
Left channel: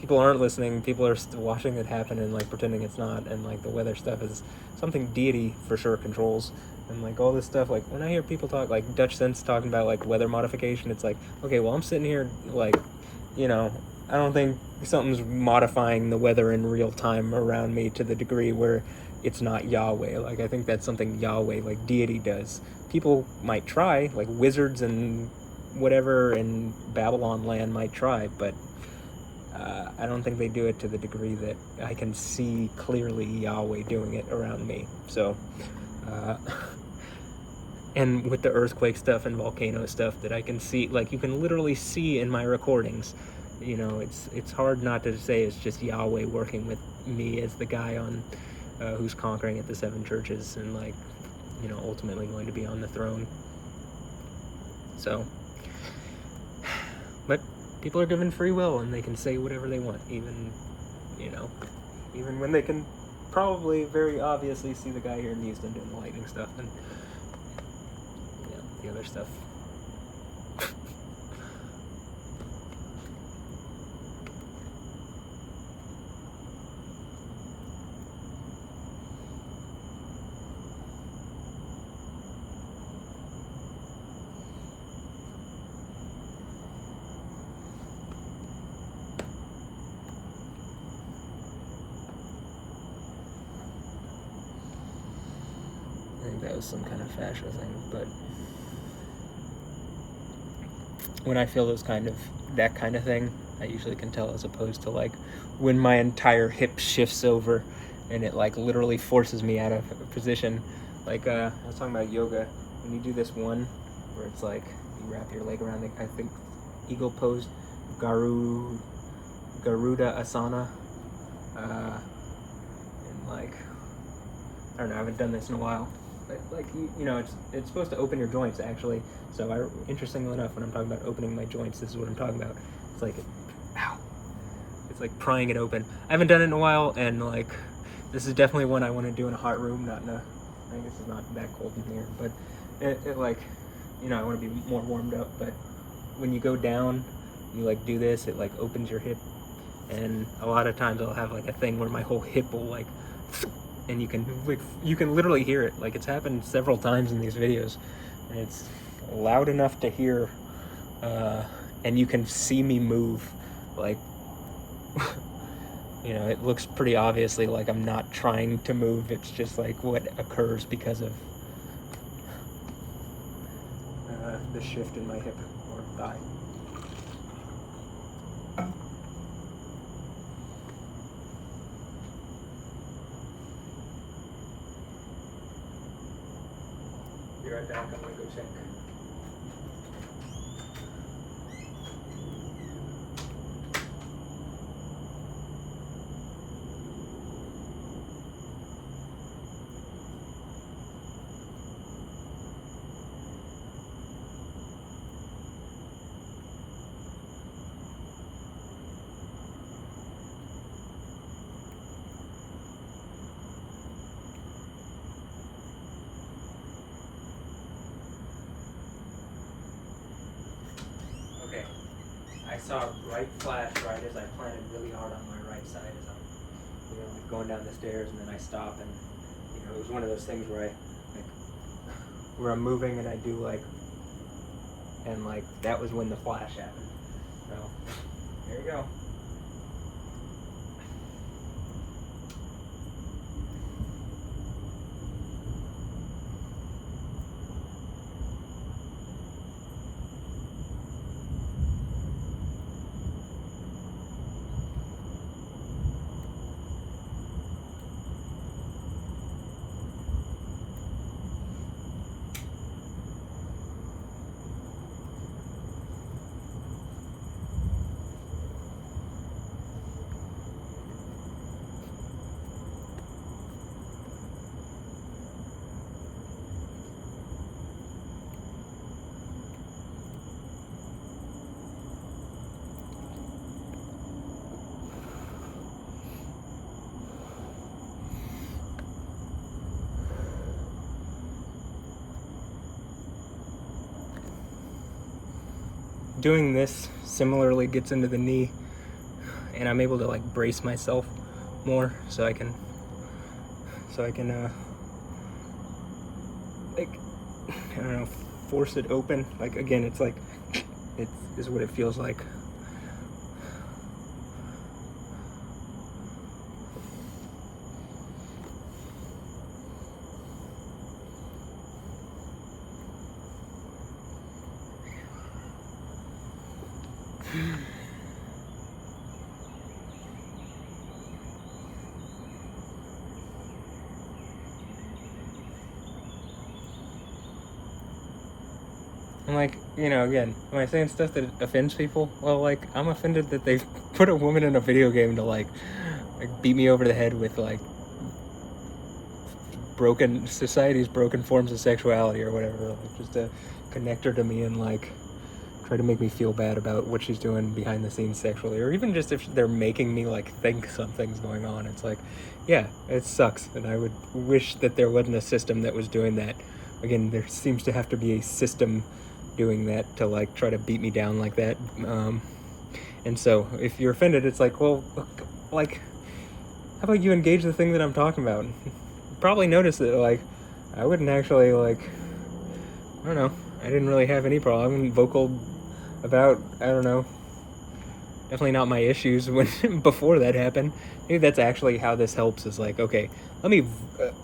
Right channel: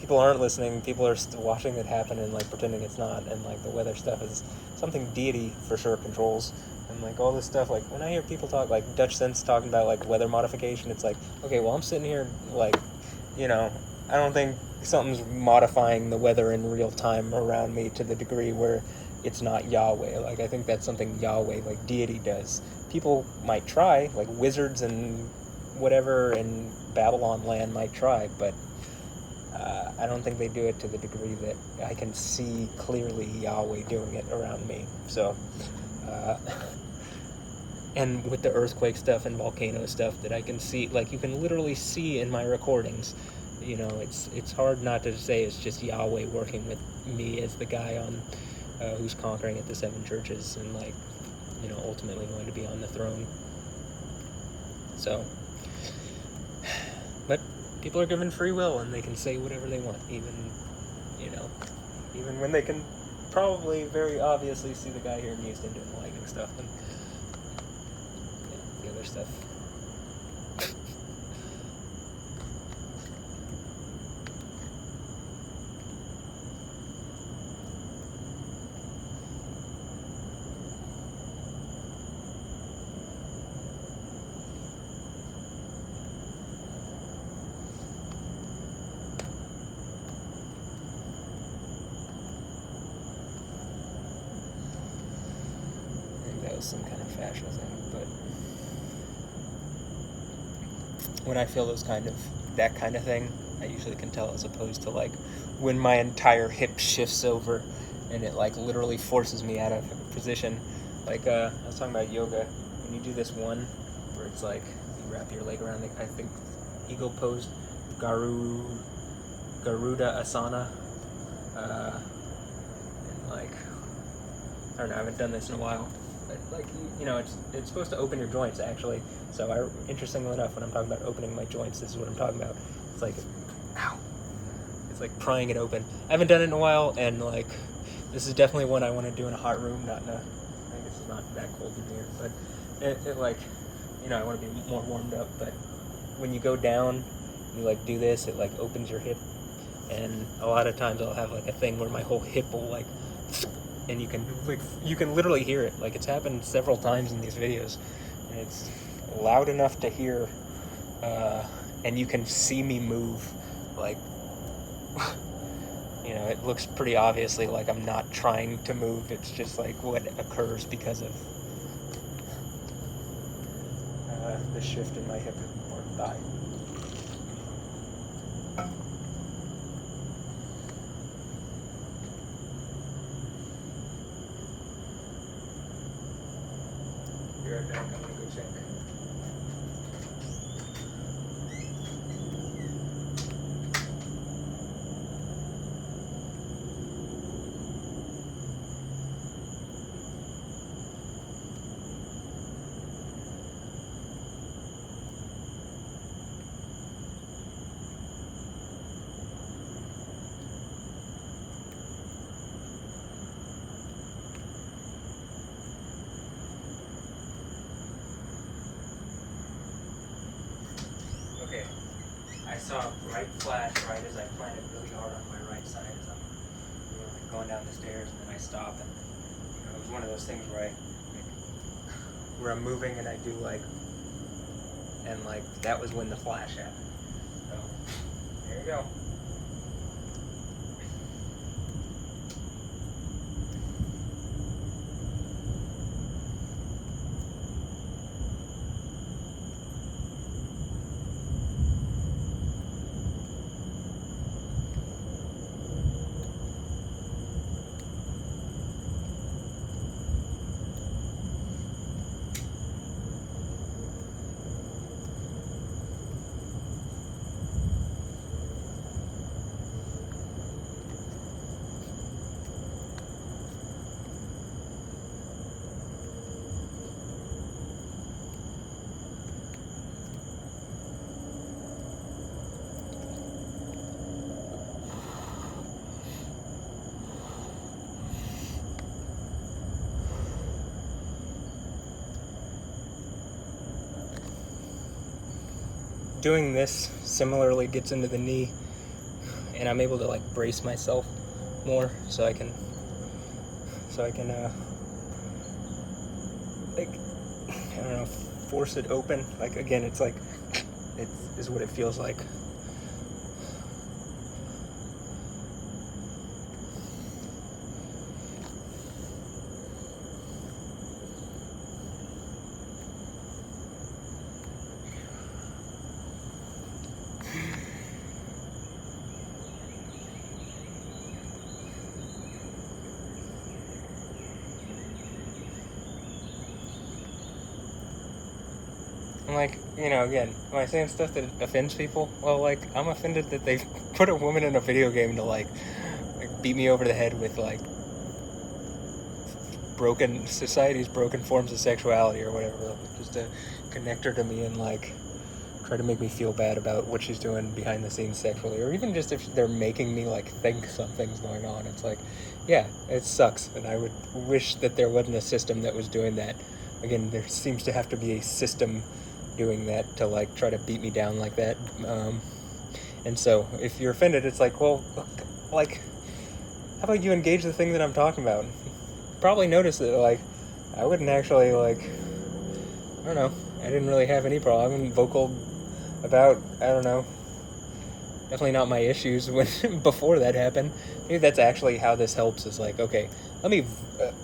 people aren't listening. People are watching it happen and like pretending it's not. And like the weather stuff is something deity for sure controls. And like all this stuff, like when I hear people talk, like Dutch Sense talking about like weather modification, it's like, okay, well I'm sitting here like, I don't think something's modifying the weather in real time around me to the degree where it's not Yahweh. Like, I think that's something Yahweh, like deity, does. People might try, like wizards and whatever in Babylon land might try, but I don't think they do it to the degree that I can see clearly Yahweh doing it around me. So, and with the earthquake stuff and volcano stuff that I can see, like you can literally see in my recordings, it's hard not to say it's just Yahweh working with me as the guy on who's conquering at the 7 churches and like, ultimately going to be on the throne. So, but people are given free will and they can say whatever they want, even when they can probably very obviously see the guy here in Houston doing the lightning stuff and the other stuff. Some kind of fashion thing, but when I feel that kind of thing, I usually can tell, as opposed to like when my entire hip shifts over and it like literally forces me out of position. Like I was talking about yoga, when you do this one where it's like you wrap your leg around it, I think eagle pose, Garuda Asana, and like I don't know, I haven't done this in a while. Like it's supposed to open your joints actually. So interestingly enough, when I'm talking about opening my joints, this is what I'm talking about. It's like, ow! It's like prying it open. I haven't done it in a while, and like this is definitely one I want to do in a hot room, not in a. I mean, this is not that cold in here, but it like, I want to be more warmed up. But when you go down, you like do this, it like opens your hip, and a lot of times I'll have like a thing where my whole hip will like. And you can literally hear it. Like, it's happened several times in these videos, and it's loud enough to hear, and you can see me move. Like, it looks pretty obviously like I'm not trying to move. It's just like what occurs because of the shift in my hip or thigh. Be right back, I'm gonna go check. Okay, I saw a bright flash right as I planted really hard on my right side as I'm going down the stairs, and then I stop, and it was one of those things where I where I'm moving and I do like, and like that was when the flash happened. So there you go. Doing this similarly gets into the knee, and I'm able to like brace myself more, so I can like, I don't know, force it open. Like again, it's like it is what it feels like. And like, you know, again, am I saying stuff that offends people? Well, like, I'm offended that they put a woman in a video game to like beat me over the head with like society's broken forms of sexuality or whatever, like, just to connect her to me and like try to make me feel bad about what she's doing behind the scenes sexually, or even just if they're making me like think something's going on. It's like, yeah, it sucks, and I would wish that there wasn't a system that was doing that. Again, there seems to have to be a system doing that to like try to beat me down like that. And so if you're offended, it's like, well, like, how about you engage the thing that I'm talking about? Probably notice that like I wouldn't actually like, I don't know, I didn't really have any problem. I'm vocal about, I don't know, definitely not my issues when before that happened. Maybe that's actually how this helps, is like, okay, let me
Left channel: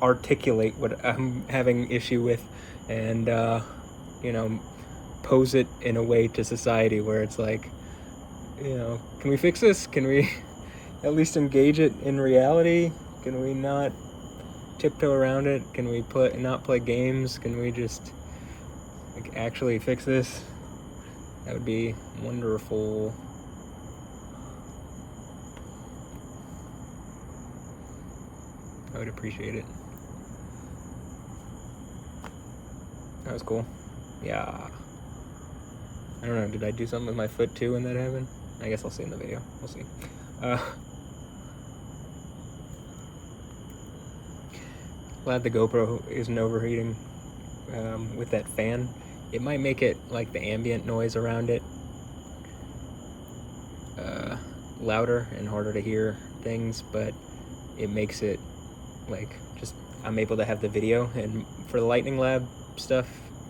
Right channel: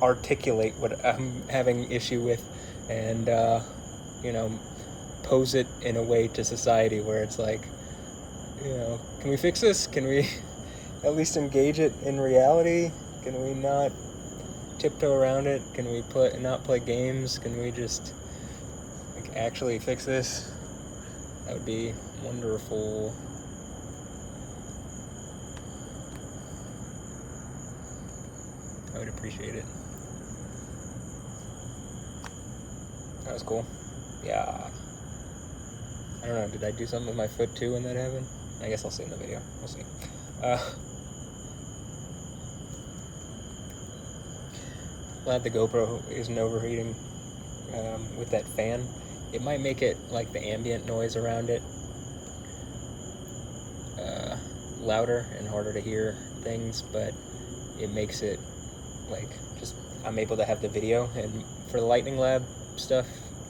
articulate what I'm having issue with, and you know, pose it in a way to society where it's like, you know, can we fix this? Can we at least engage it in reality? Can we not tiptoe around it? Can we not play games? Can we just like actually fix this? That would be wonderful. I would appreciate it. That was cool. Yeah. I don't know, did I do something with my foot too when that happened? I guess I'll see in the video. We'll see. Glad the GoPro isn't overheating with that fan. It might make it like the ambient noise around it louder and harder to hear things, but it makes it like just, I'm able to have the video, and for the Lightning Lab stuff,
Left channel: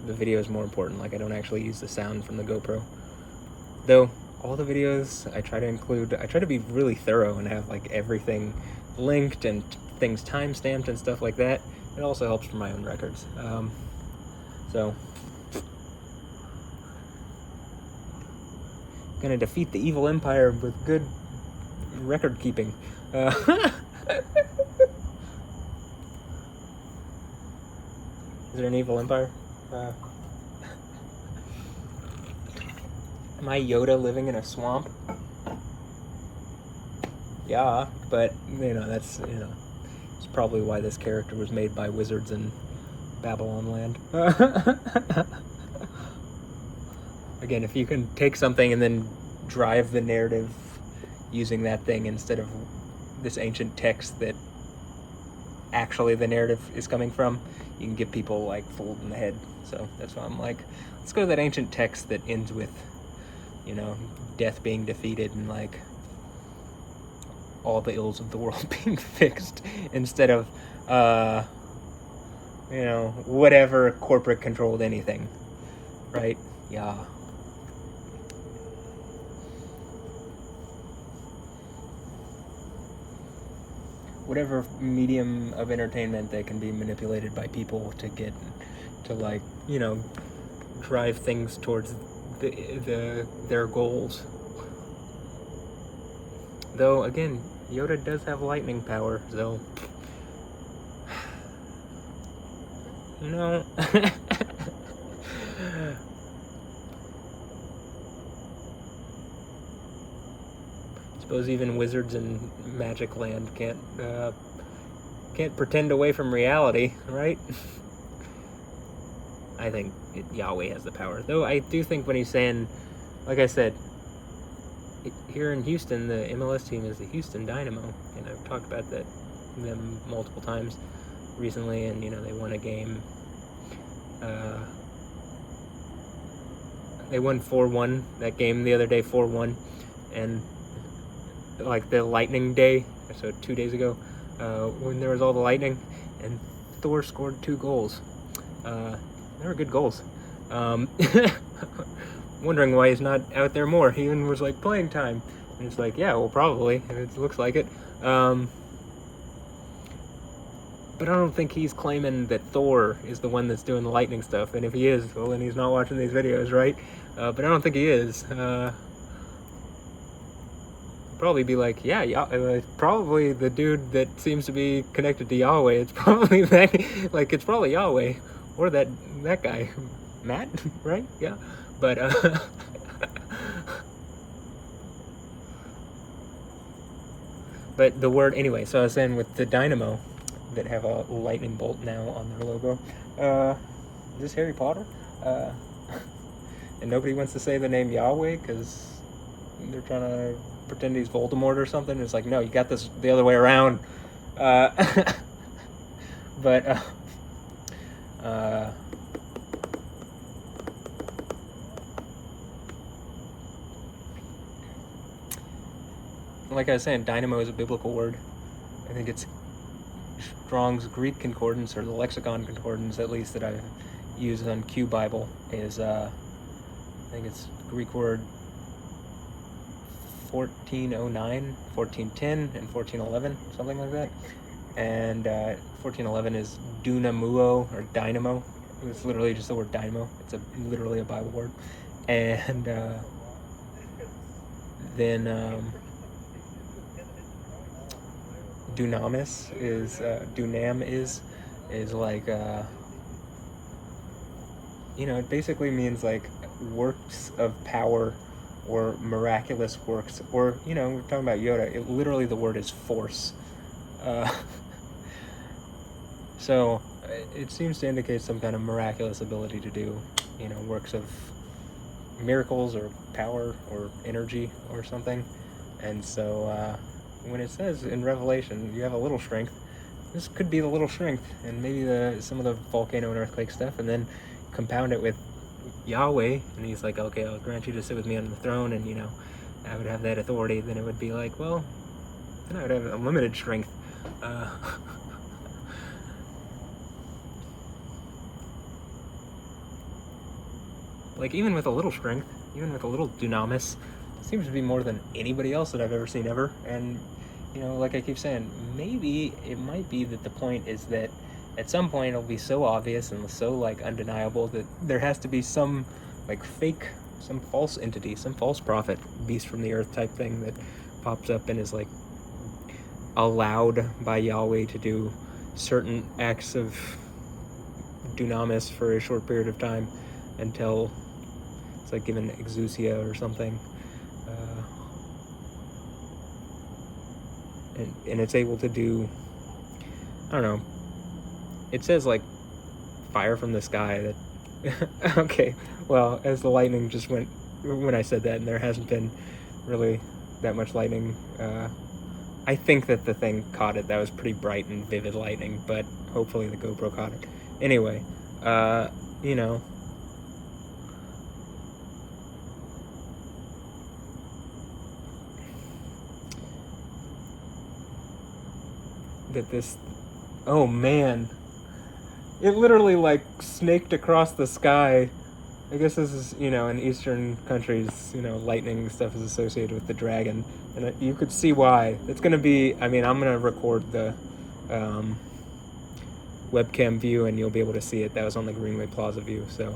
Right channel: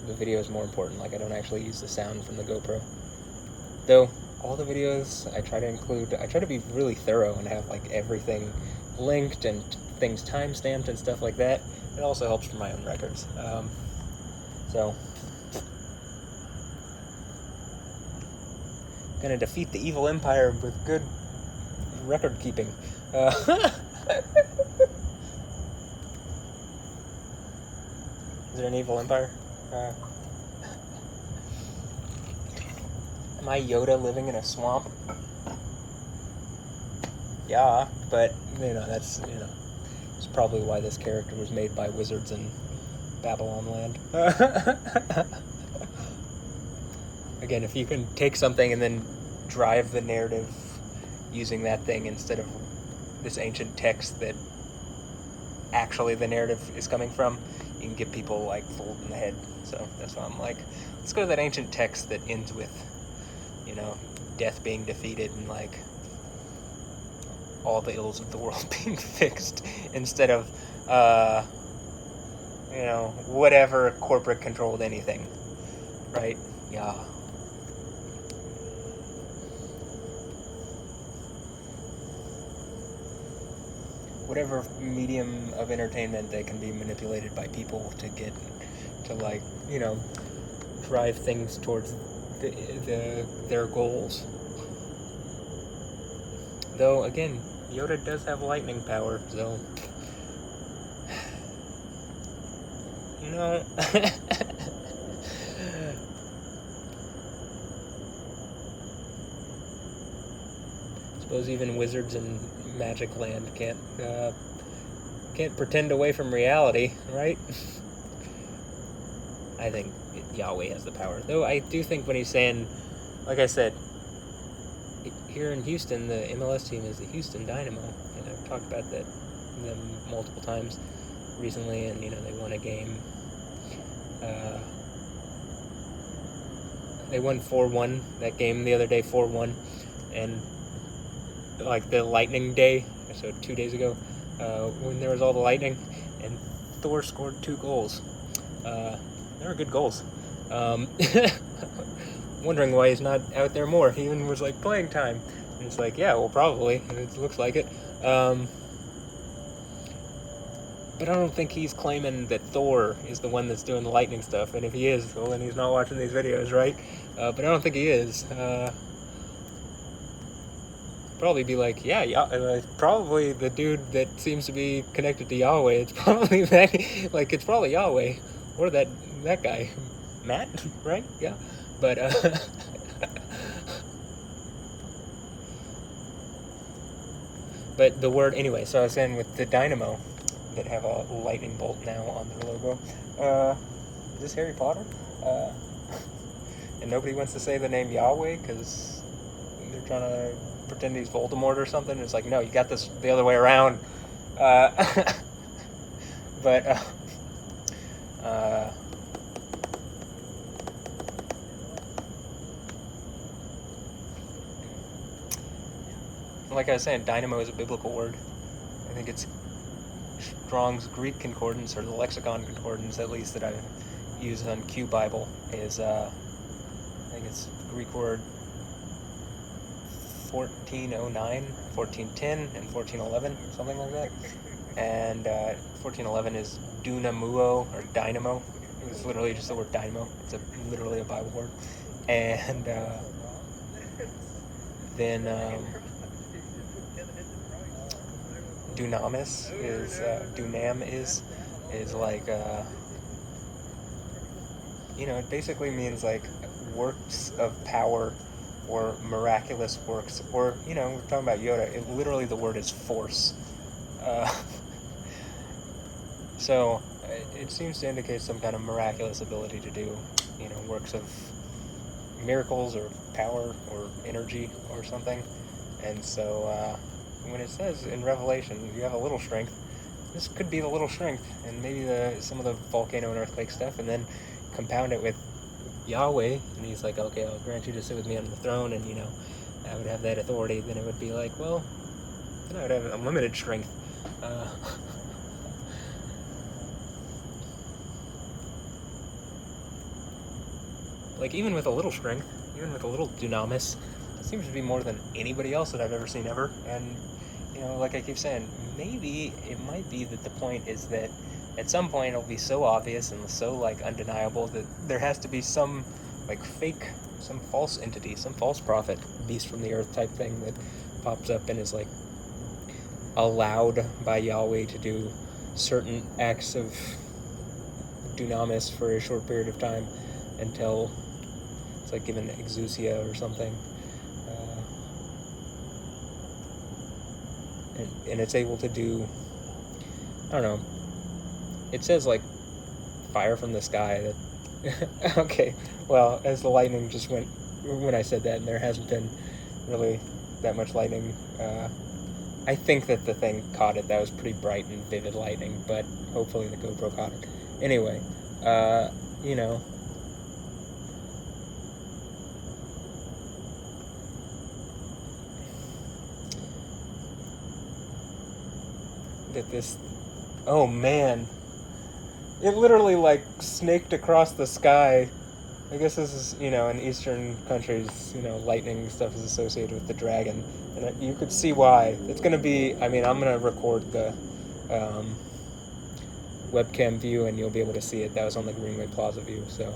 the video is more important. Like, I don't actually use the sound from the GoPro. Though all the videos I try to be really thorough and have like everything linked and things timestamped and stuff like that. It also helps for my own records. So gonna defeat the evil empire with good record keeping. Is there an evil empire? Am I Yoda living in a swamp? Yeah, but you know, that's, you know, it's probably why this character was made by wizards in Babylon land. Again, if you can take something and then drive the narrative using that thing instead of this ancient text that actually the narrative is coming from, you can get people like fooled in the head. So that's why I'm like, let's go to that ancient text that ends with, you know, death being defeated and like all the ills of the world being fixed, instead of whatever corporate controlled anything, right? Yeah. Whatever medium of entertainment that can be manipulated by people to get to, like, drive things towards their goals. Though again, Yoda does have lightning power, so suppose even wizards in Magic Land can't pretend away from reality, right? I think Yahweh has the power. Though I do think when he's saying, like I said, here in Houston, the MLS team is the Houston Dynamo, and I've talked about them multiple times recently, and they won a game. They won 4-1 that game the other day, 4-1, and like the lightning day, so 2 days ago, when there was all the lightning, and Thor scored 2 goals. They were good goals. Wondering why he's not out there more. He even was like, playing time. And it's like, yeah, well, probably. It looks like it. But I don't think he's claiming that Thor is the one that's doing the lightning stuff. And if he is, well, then he's not watching these videos, right? But I don't think he is. Probably be like, yeah, probably the dude that seems to be connected to Yahweh. It's probably that, like, it's probably Yahweh. Or that guy. Matt, right? Yeah. But, but the word, anyway, so I was saying with the Dynamo that have a lightning bolt now on their logo, is this Harry Potter? And nobody wants to say the name Yahweh because they're trying to pretend he's Voldemort or something. It's like, no, you got this the other way around. But, like I was saying, dynamo is a biblical word. I think it's Strong's Greek Concordance, or the Lexicon Concordance, at least, that I've used on Q Bible, is, I think it's Greek word 1409, 1410, and 1411, something like that. And 1411 is dunamuo, or dynamo. It's literally just the word dynamo. It's literally a Bible word. And then dunamis is, dunam is like, it basically means like works of power or miraculous works, or, we're talking about Yoda, literally the word is force. So it seems to indicate some kind of miraculous ability to do, works of miracles or power or energy or something. And so when it says in Revelation, you have a little strength, this could be the little strength, and maybe some of the volcano and earthquake stuff, and then compound it with Yahweh, and he's like, okay, I'll grant you to sit with me on the throne, and, I would have that authority. Then it would be like, well, then I would have unlimited strength. Like, even with a little strength, even with a little dunamis, it seems to be more than anybody else that I've ever seen ever. And, like I keep saying, maybe it might be that the point is that at some point it'll be so obvious and so, like, undeniable that there has to be some, like, fake, some false entity, some false prophet, beast from the earth type thing that pops up and is, like, allowed by Yahweh to do certain acts of dunamis for a short period of time until it's like given exousia or something, and it's able to do, I don't know, it says like fire from the sky, that okay, well, as the lightning just went when I said that, and there hasn't been really that much lightning, I think that the thing caught it. That was pretty bright and vivid lightning, but hopefully the GoPro caught it. Anyway, that this, oh man, it literally like snaked across the sky. I guess this is, in Eastern countries, lightning stuff is associated with the dragon, and you could see why. It's gonna be. I mean, I'm gonna record the um, webcam view, and you'll be able to see it. That was on the Greenway Plaza view, so,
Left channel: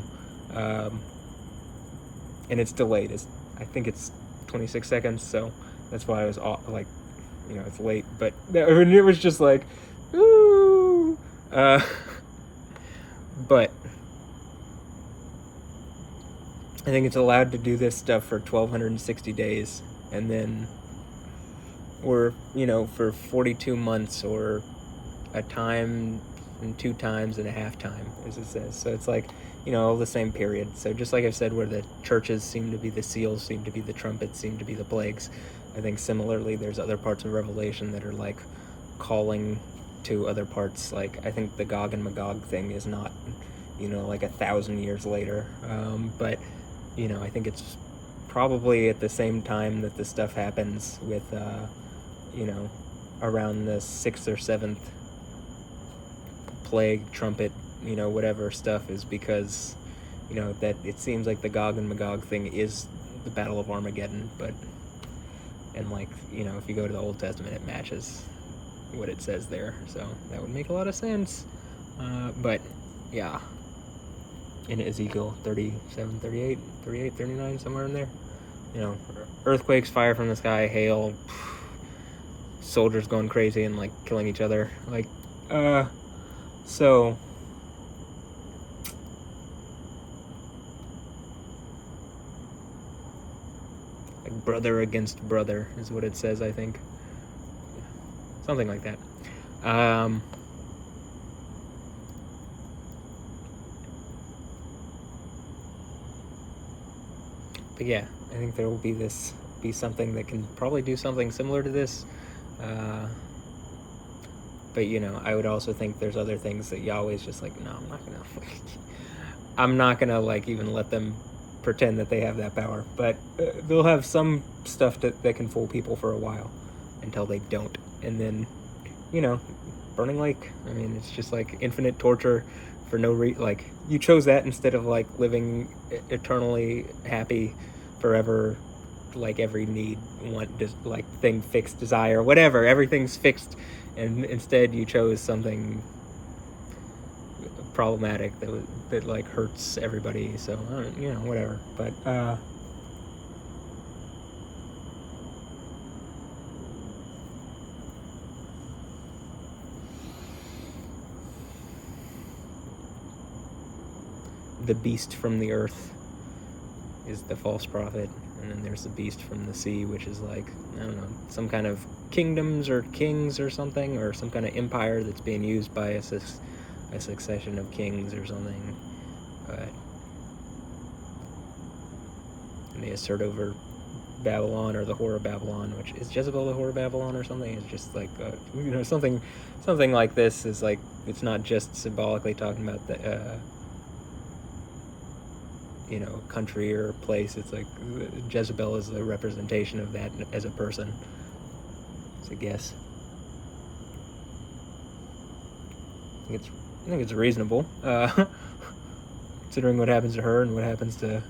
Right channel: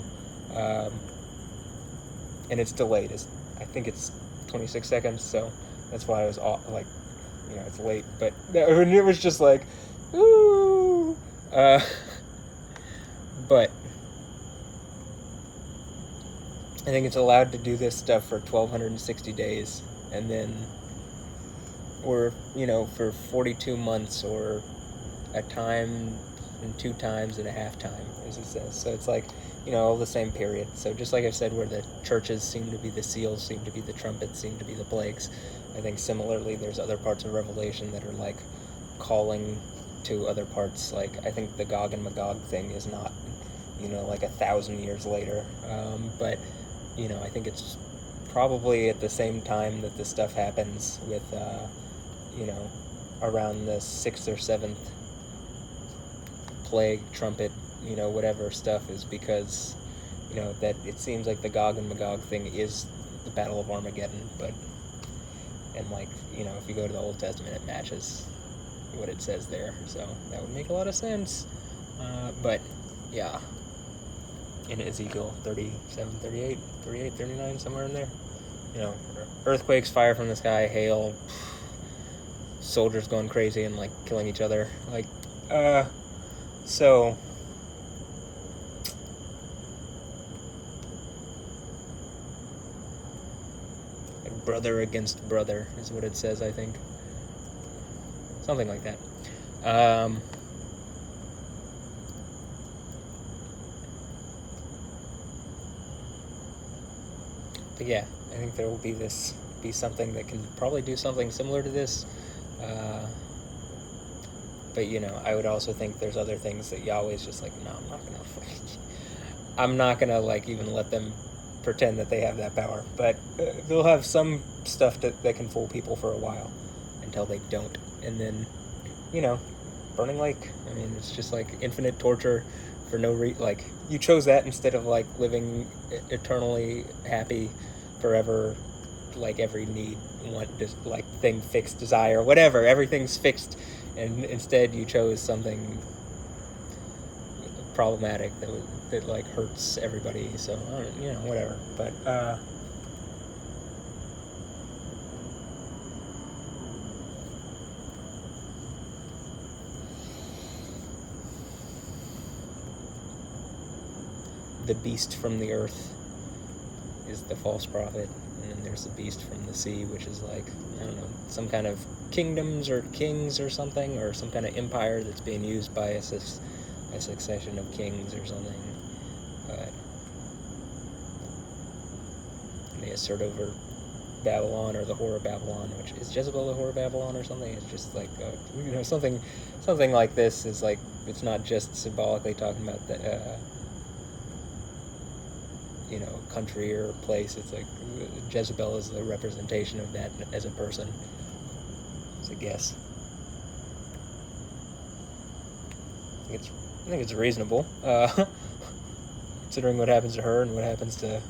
and it's delayed. I think it's 26 seconds, so that's why I was like, it's late. But it was just like, ooh. But I think it's allowed to do this stuff for 1,260 days, and then we're, for 42 months, or a time and 2 times and a half time, as it says. So it's like, the same period. So just like I've said, where the churches seem to be the seals, seem to be the trumpets, seem to be the plagues, I think similarly there's other parts of Revelation that are like calling to other parts. Like, I think the Gog and Magog thing is not, like 1,000 years later. But, I think it's probably at the same time that this stuff happens with, around the 6th or 7th plague, trumpet, whatever stuff, is because, that it seems like the Gog and Magog thing is the Battle of Armageddon, and like, if you go to the Old Testament, it matches what it says there, so that would make a lot of sense. But yeah, in Ezekiel 37, 38, 38, 39, somewhere in there, earthquakes, fire from the sky, hail, soldiers going crazy and like killing each other, like, so like brother against brother is what it says, I think, something like that. But yeah, I think there will be something that can probably do something similar to this. But I would also think there's other things that Yahweh's just like, no, I'm not gonna like even let them pretend that they have that power. But they'll have some stuff that can fool people for a while until they don't, and then burning lake. I mean, it's just like infinite torture for no reason. Like, you chose that instead of like living eternally happy forever, like every need, just like thing fixed, desire, whatever, everything's fixed, and instead you chose something problematic that like hurts everybody. So whatever. But the beast from the earth is the false prophet, and then there's the beast from the sea, which is like, I don't know, some kind of kingdoms or kings or something, or some kind of empire that's being used by a succession of kings or something. But they assert over Babylon, or the whore of Babylon, which is Jezebel the whore of Babylon or something. It's just like something like this is like, it's not just symbolically talking about the country or place. It's like Jezebel is the representation of that as a person. It's a guess. I think it's reasonable, considering what happens to her and what happens to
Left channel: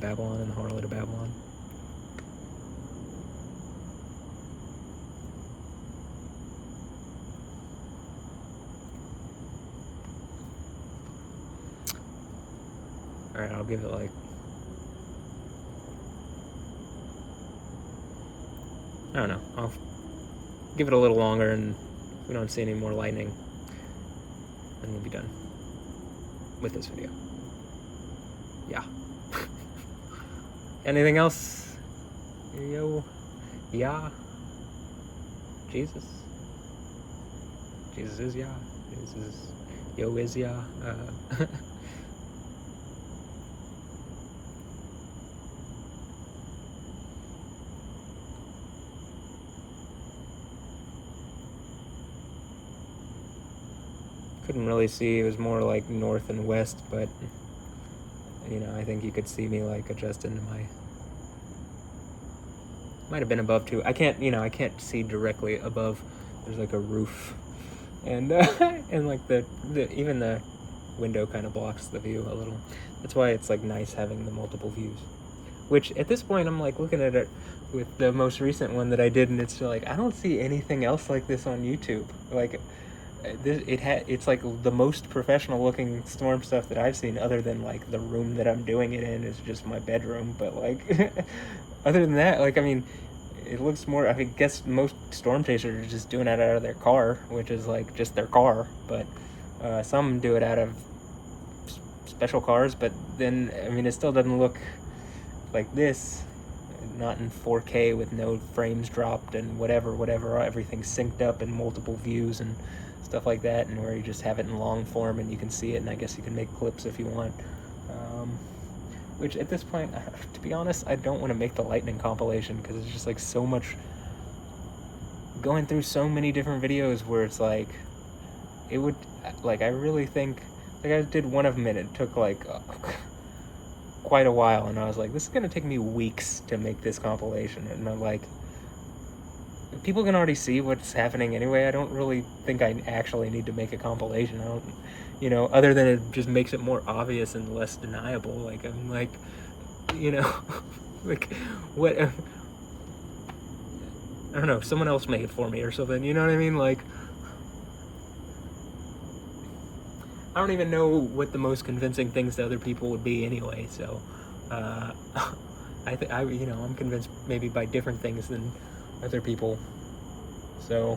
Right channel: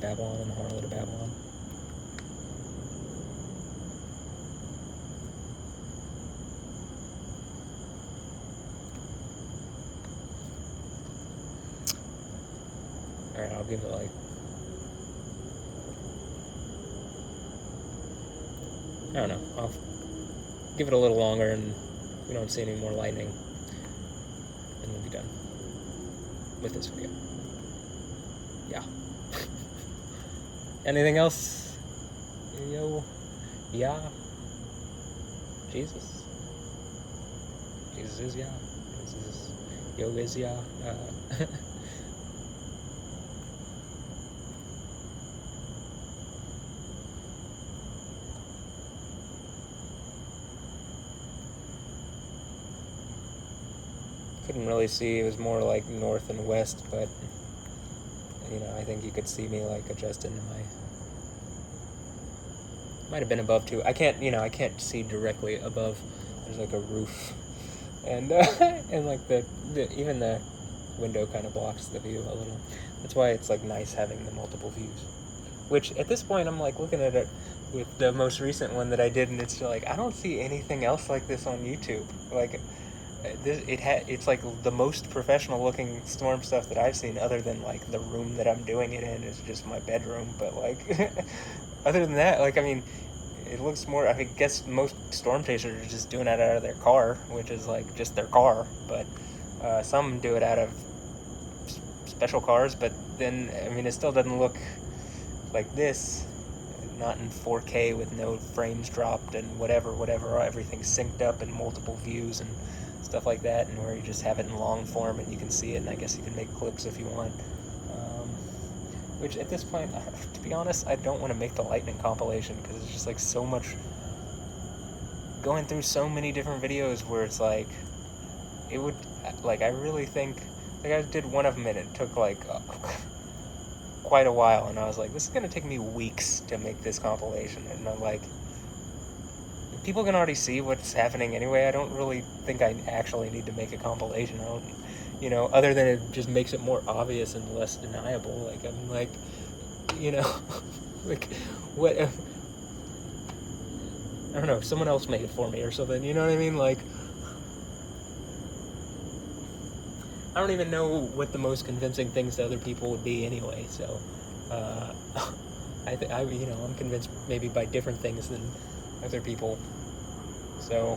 Babylon and the harlot of Babylon. Alright, I'll give it like, I don't know, I'll give it a little longer, and if we don't see any more lightning, then we'll be done with this video. Yeah. Anything else? Yo. Yeah. Jesus. Jesus is Yah. Yo is Yah. Couldn't really see. It was more like north and west, but I think you could see me like adjust into my. Might have been above too. I can't see directly above. There's like a roof and and like the even the window kind of blocks the view a little. That's why it's like nice having the multiple views. Which at this point I'm like looking at it with the most recent one that I did, and it's just like I don't see anything else like this on YouTube. Like it's like the most professional looking storm stuff that I've seen, other than like the room that I'm doing it in is just my bedroom. But like other than that, like I mean, it looks more. I guess most storm chasers are just doing it out of their car, which is like just their car. But some do it out of special cars. But then I mean, it still doesn't look like this. Not in 4K with no frames dropped and whatever, everything's synced up in multiple views and stuff like that, and where you just have it in long form and you can see it, and I guess you can make clips if you want. Which at this point, to be honest, I don't want to make the lightning compilation because it's just like so much going through so many different videos where it's like it would like I really think like I did one of them and it took like quite a while, and I was like, this is gonna take me weeks to make this compilation, and I'm like, people can already see what's happening anyway. I don't really think I actually need to make a compilation. I don't, other than it just makes it more obvious and less deniable. Like I'm like, like what? I don't know. Someone else make it for me or something. You know what I mean? Like I don't even know what the most convincing things to other people would be anyway. So I'm convinced maybe by different things than other people. So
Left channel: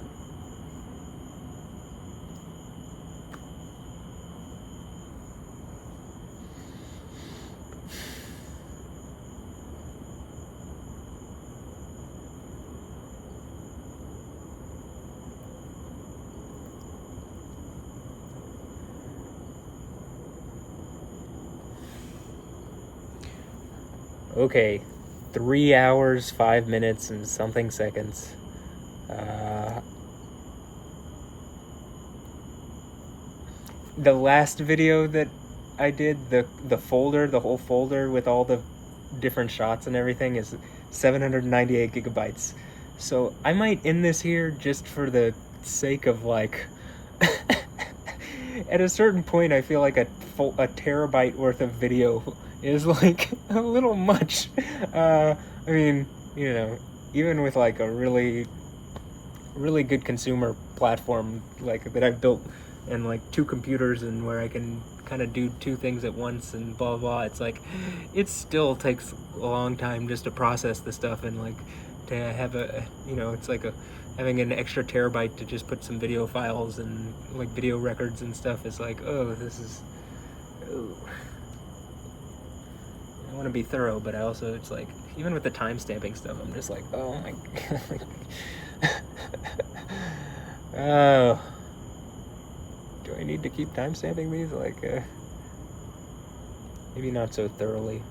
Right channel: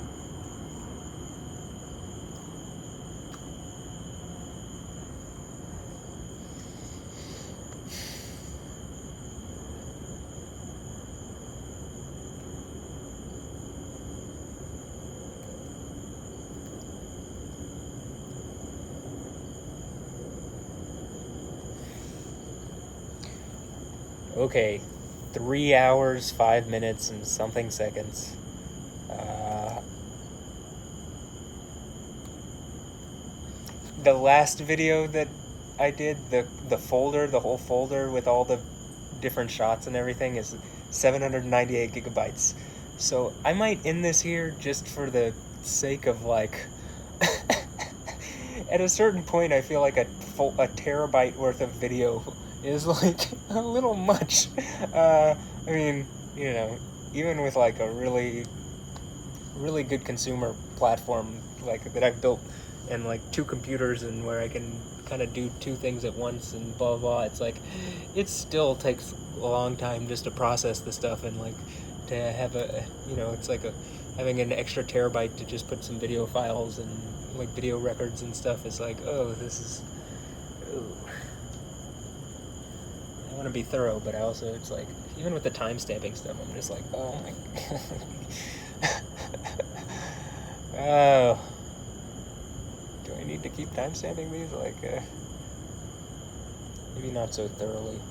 okay, 3 hours, 5 minutes, and something seconds. The last video that I did, the whole folder with all the different shots and everything is 798 gigabytes. So I might end this here just for the sake of like at a certain point I feel like a terabyte worth of video is like a little much. I mean, even with like a really good consumer platform like that I've built, and like 2 computers, and where I can kind of do 2 things at once and blah blah. It's like it still takes a long time just to process the stuff, and like to have it's like having an extra terabyte to just put some video files and like video records and stuff is like, I want to be thorough, but I also, it's like, even with the timestamping stuff, I'm just like, oh my god. Oh. Do I need to keep timestamping these? Like, maybe not so thoroughly.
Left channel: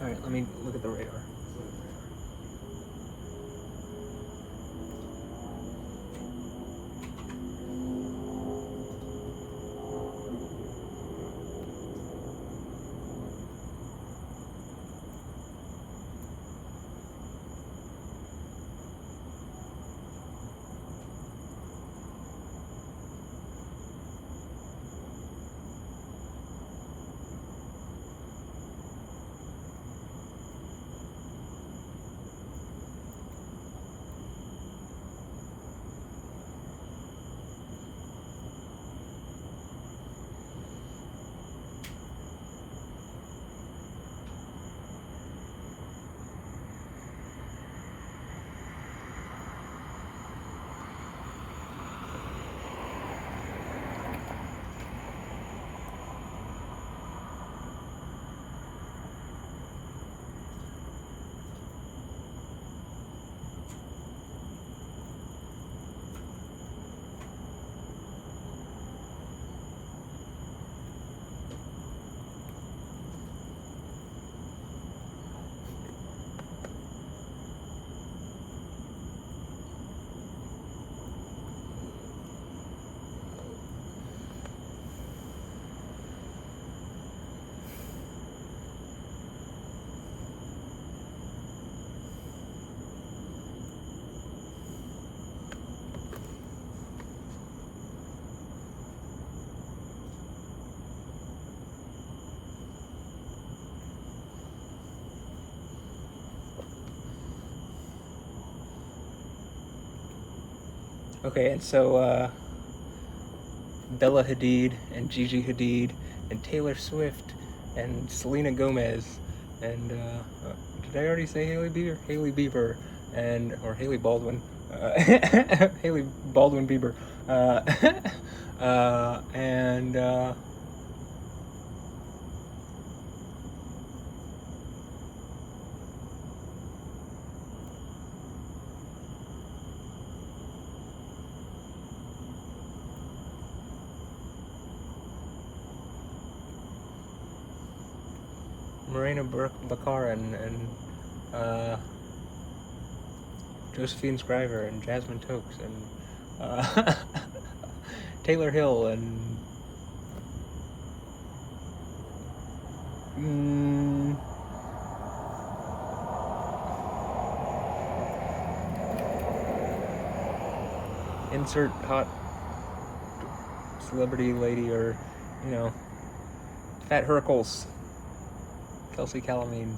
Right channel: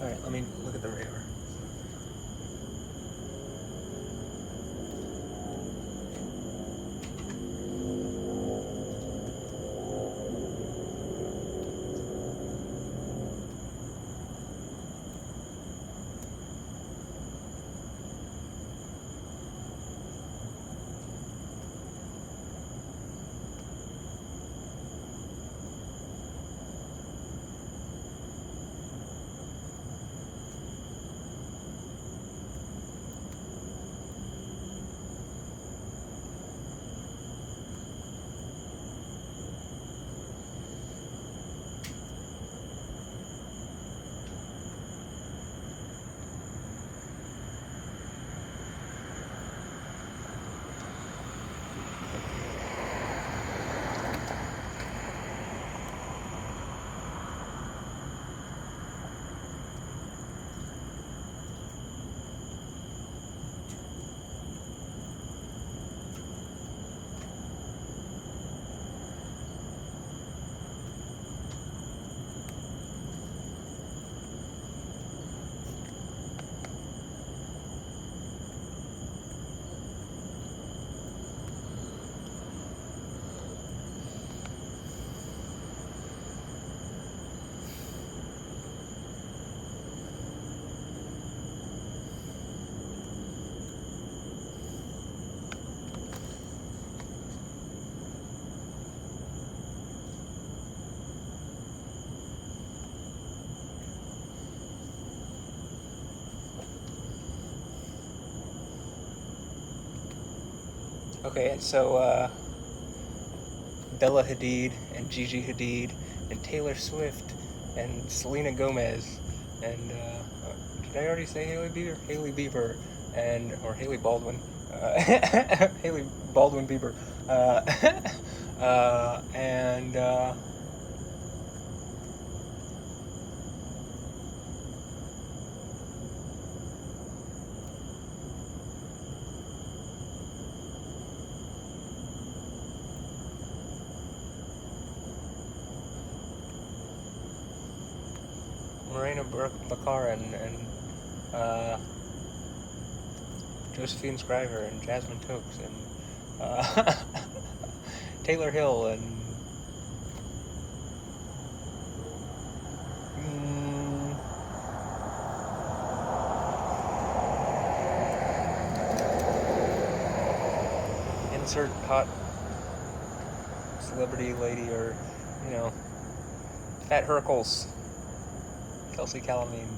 Alright, let me look at the radar. Okay, and so Bella Hadid and Gigi Hadid and Taylor Swift and Selena Gomez and did I already say Haley Bieber? Haley Bieber and or Haley Baldwin, Haley Baldwin Bieber, and Morena Baccarin and Josephine Scriver and Jasmine Tokes and Taylor Hill and insert hot celebrity lady or, you know, Fat Hercules, Kelsey Calamine.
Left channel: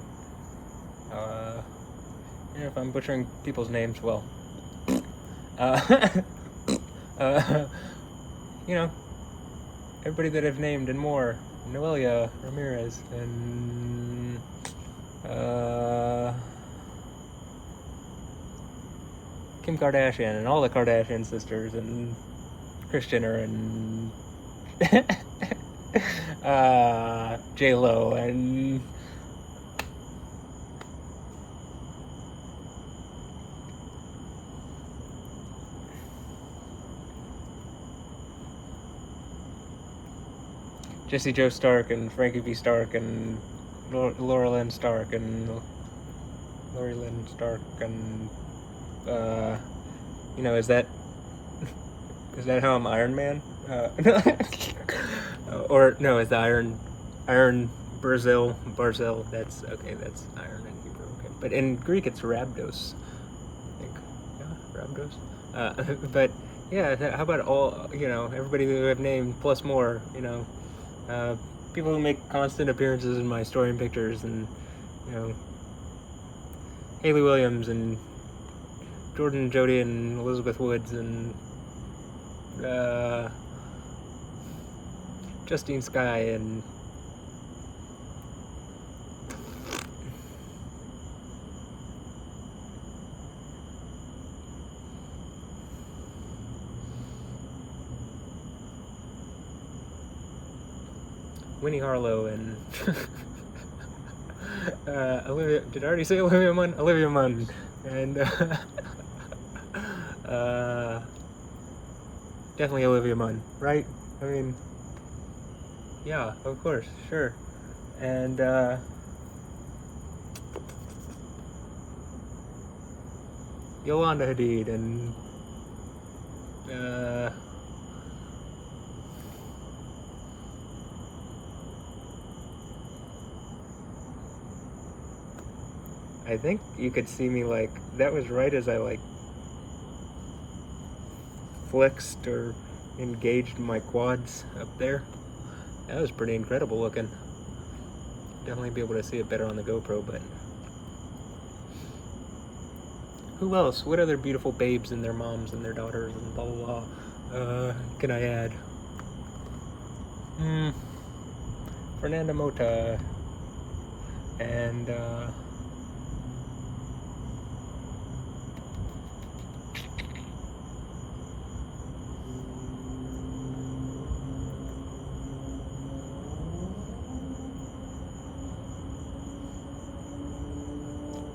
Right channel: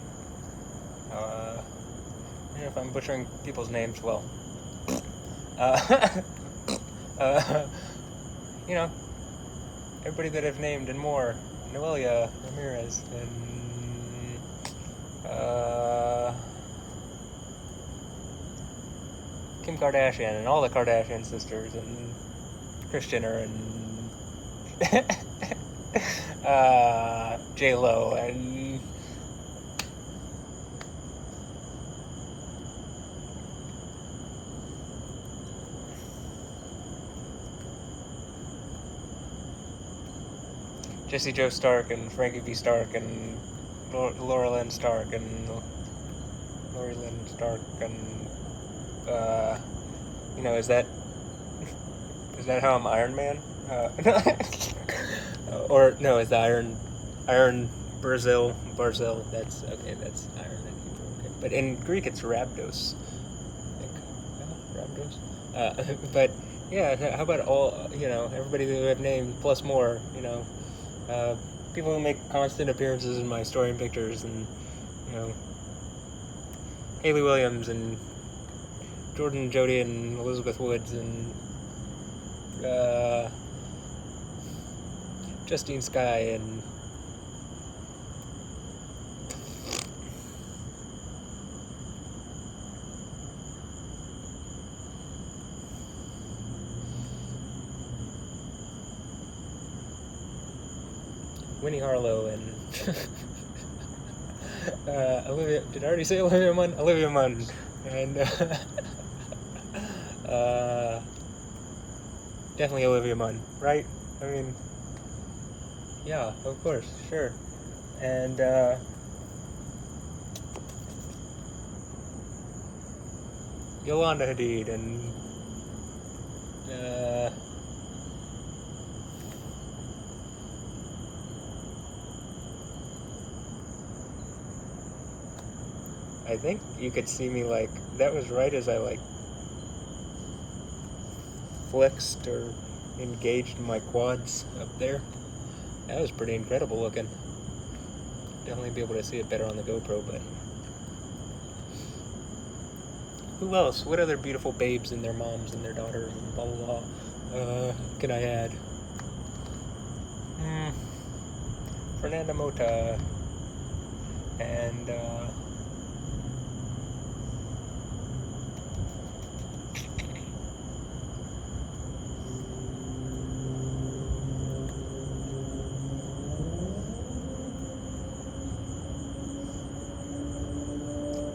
If I'm butchering people's names, well, you know, everybody that I've named and more. Noelia Ramirez and Kim Kardashian and all the Kardashian sisters and Kris Jenner and J-Lo and Jesse Joe Stark and Frankie B. Stark and Laura Lynn Stark and Lori Lynn Stark and you know, is that how I'm Iron Man? Or no, is the Iron Barzil? That's okay. That's Iron in Hebrew. Okay, but in Greek it's Rabdos. I think Rabdos. But yeah, how about all, you know, everybody that I've named plus more, you know. People who make constant appearances in my story and pictures, and, you know, Haley Williams and Jordan and Jody and Elizabeth Woods and Justine Skye and Winnie Harlow and Olivia. Did I already say Olivia Munn? Olivia Munn and definitely Olivia Munn, right? I mean, yeah, of course, sure. And Yolanda Hadid and I think you could see me, like, that was right as I, like, flexed or engaged my quads up there. That was pretty incredible looking. Definitely be able to see it better on the GoPro, but who else? What other beautiful babes and their moms and their daughters and blah blah blah can I add? Fernanda Mota and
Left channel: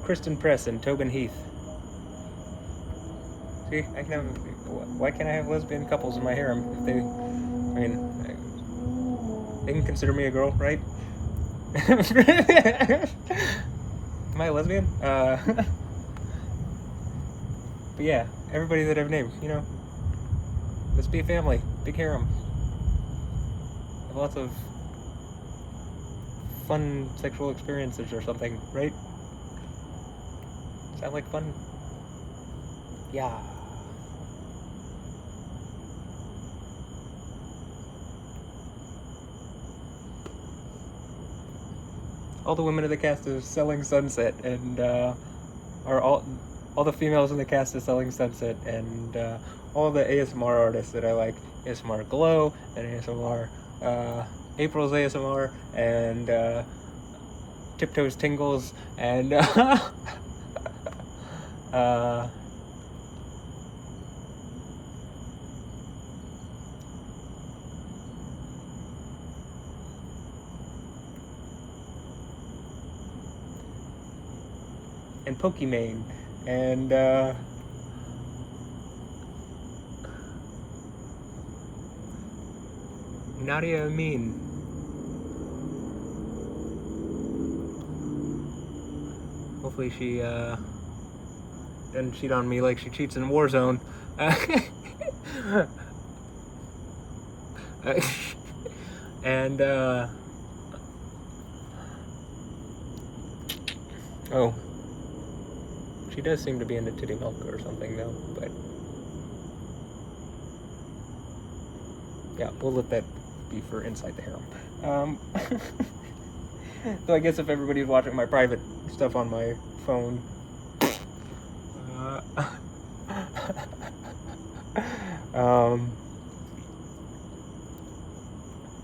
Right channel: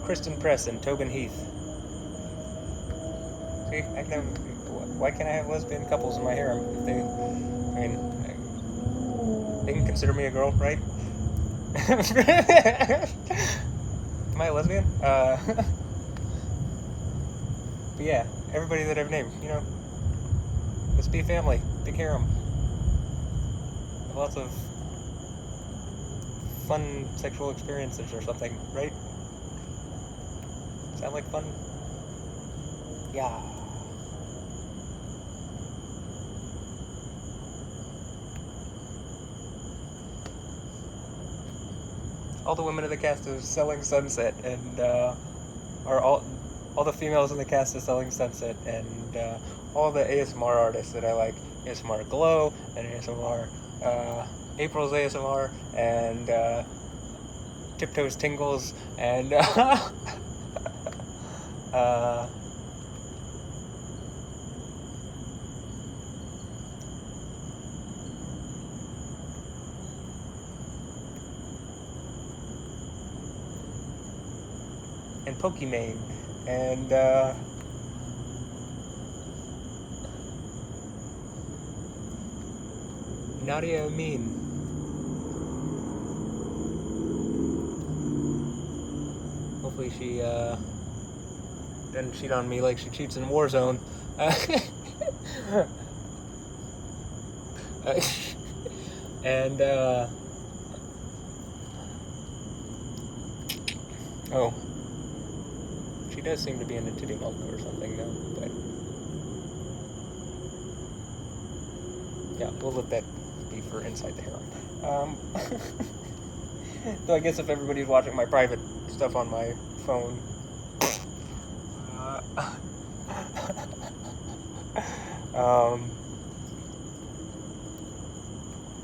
Kristen Press and Tobin Heath. See, I can have. Why can't I have lesbian couples in my harem? If they, I mean, they can consider me a girl, right? Am I a lesbian? But yeah, everybody that I've named, you know, let's be a family, big harem, lots of fun sexual experiences or something, right? Sound like fun? Yeah. All the women of the cast of Selling Sunset and are all all the females in the cast of Selling Sunset, and all the ASMR artists that I like. ASMR Glow, and ASMR April's ASMR, and Tiptoes Tingles, and and Pokimane, and Nadia Amin. Hopefully she doesn't cheat on me like she cheats in Warzone. And oh, she does seem to be into titty milk or something though, but yeah, we'll let that be for inside the harem. So I guess if everybody's watching my private stuff on my phone,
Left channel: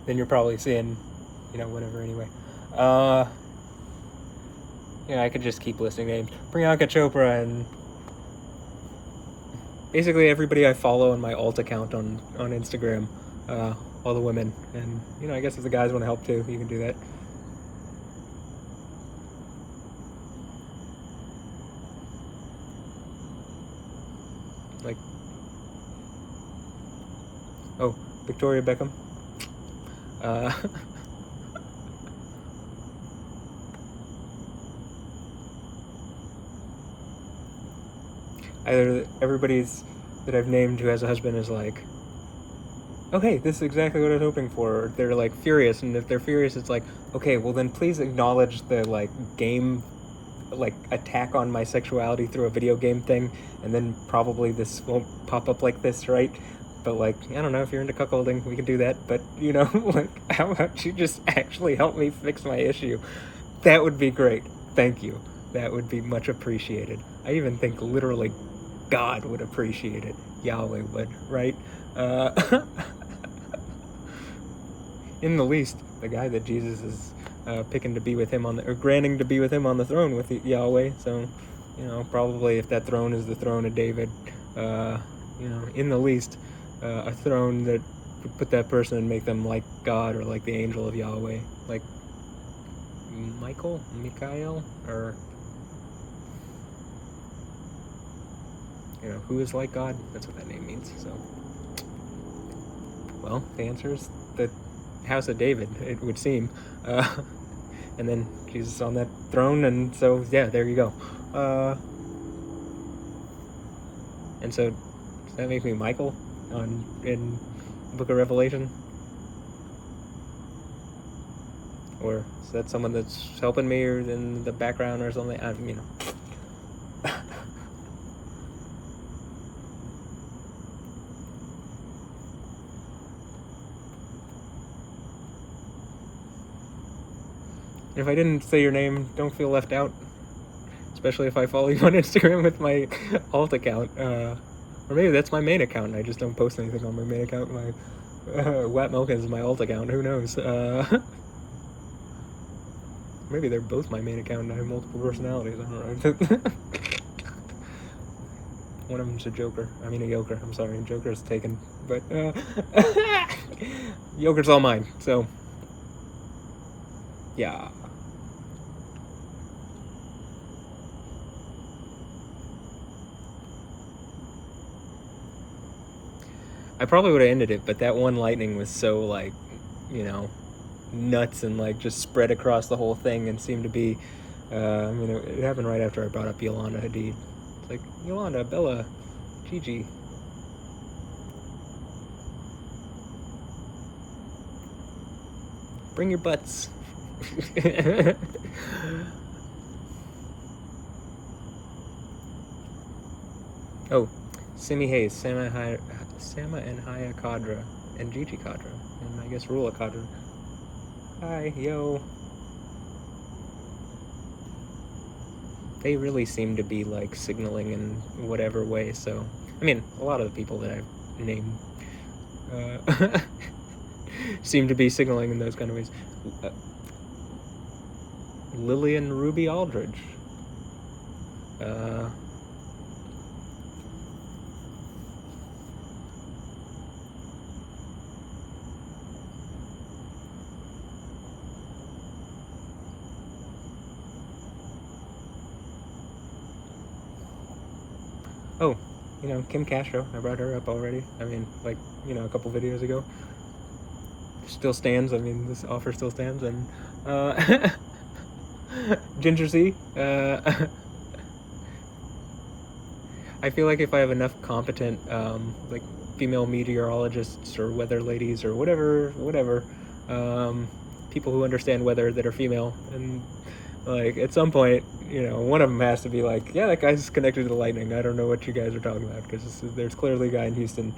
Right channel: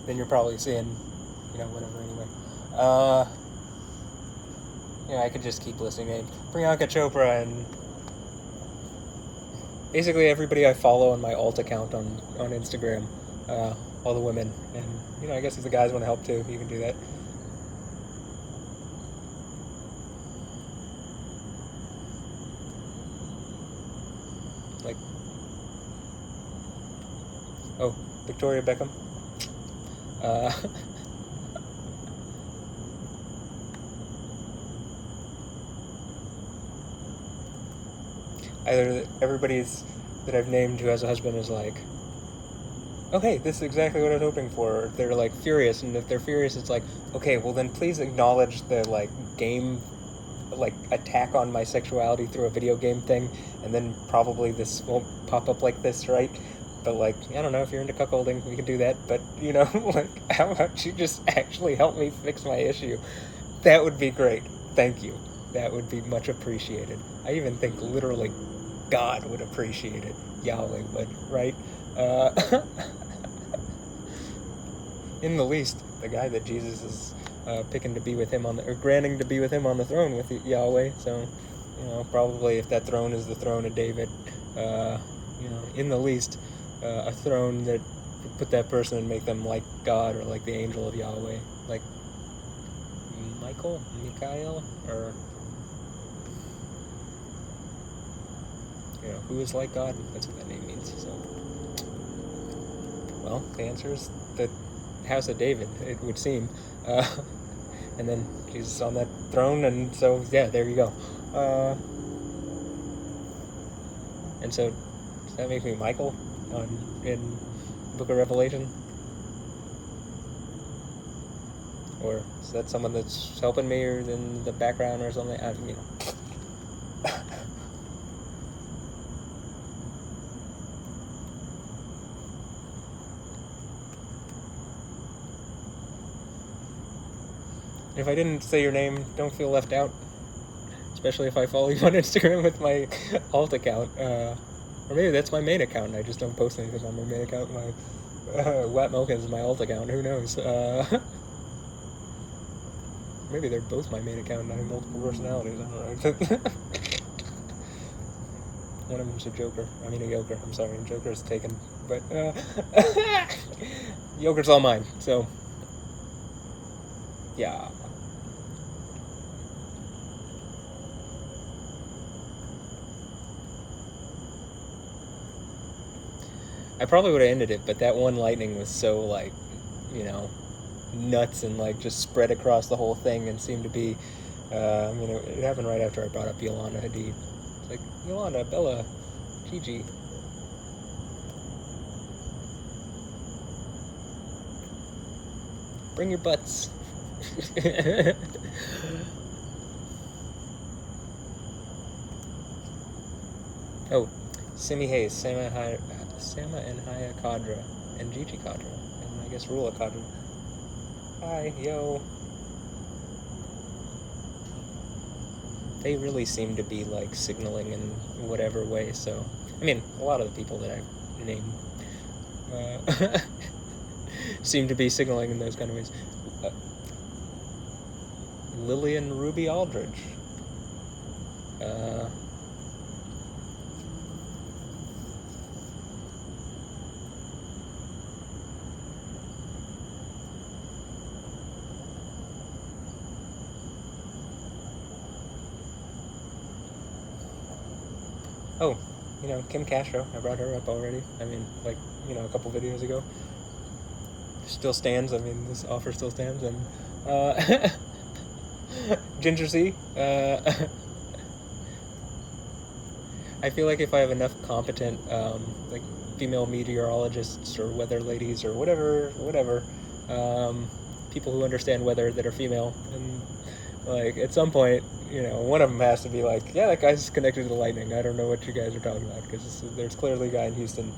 then you're probably seeing, whatever anyway. Yeah, I could just keep listing names. Priyanka Chopra and basically everybody I follow on my alt account on Instagram, all the women. And, I guess if the guys want to help too, you can do that. Like, oh, Victoria Beckham. Either everybody's that I've named who has a husband is like, oh hey, this is exactly what I was hoping for. Or they're like furious, and if they're furious, it's like, okay, well then please acknowledge the like game, like attack on my sexuality through a video game thing, and then probably this won't pop up like this, right? But like, I don't know, if you're into cuckolding, we can do that. But like, how about you just actually help me fix my issue? That would be great. Thank you. That would be much appreciated. I even think literally God would appreciate it. Yahweh would, right? In the least, the guy that Jesus is picking to be with him or granting to be with him on the throne with Yahweh. So, probably if that throne is the throne of David, in the least, a throne that would put that person and make them like God or like the angel of Yahweh, like Michael, or who is like God? That's what that name means. So, well, the answer is the House of David, it would seem, and then Jesus on that throne, and so yeah, there you go. And so, does that make me Michael in Book of Revelation? Or is that someone that's helping me or in the background or something? If I didn't say your name, don't feel left out. Especially if I follow you on Instagram with my alt account. Or maybe that's my main account. I just don't post anything on my main account. My Wat Milk is my alt account. Who knows? Maybe they're both my main account and I have multiple personalities. I don't know. One of them's a joker. I mean a yoker. I'm sorry, joker's taken. But yoker's all mine. So yeah. I probably would have ended it, but that one lightning was so, like, nuts and, like, just spread across the whole thing and seemed to be, it happened right after I brought up Yolanda Hadid. It's like, Yolanda, Bella, Gigi. Bring your butts. Oh, Simi Hayes, Sama and Haya Kadra, and Gigi Kadra, and I guess Rula Kadra. Hi, yo. they really seem to be like signaling in whatever way. So, I mean, a lot of the people that I've named seem to be signaling in those kind of ways. Lillian Ruby Aldridge. Oh, Kim Castro. I brought her up already. I mean, like, a couple videos ago. Still stands. I mean, this offer still stands. And Ginger C. I feel like if I have enough competent, like, female meteorologists or weather ladies or whatever, people who understand weather that are female, and like at some point, one of them has to be like, yeah, that guy's connected to the lightning. I don't know what you guys are talking about, because there's clearly a guy in Houston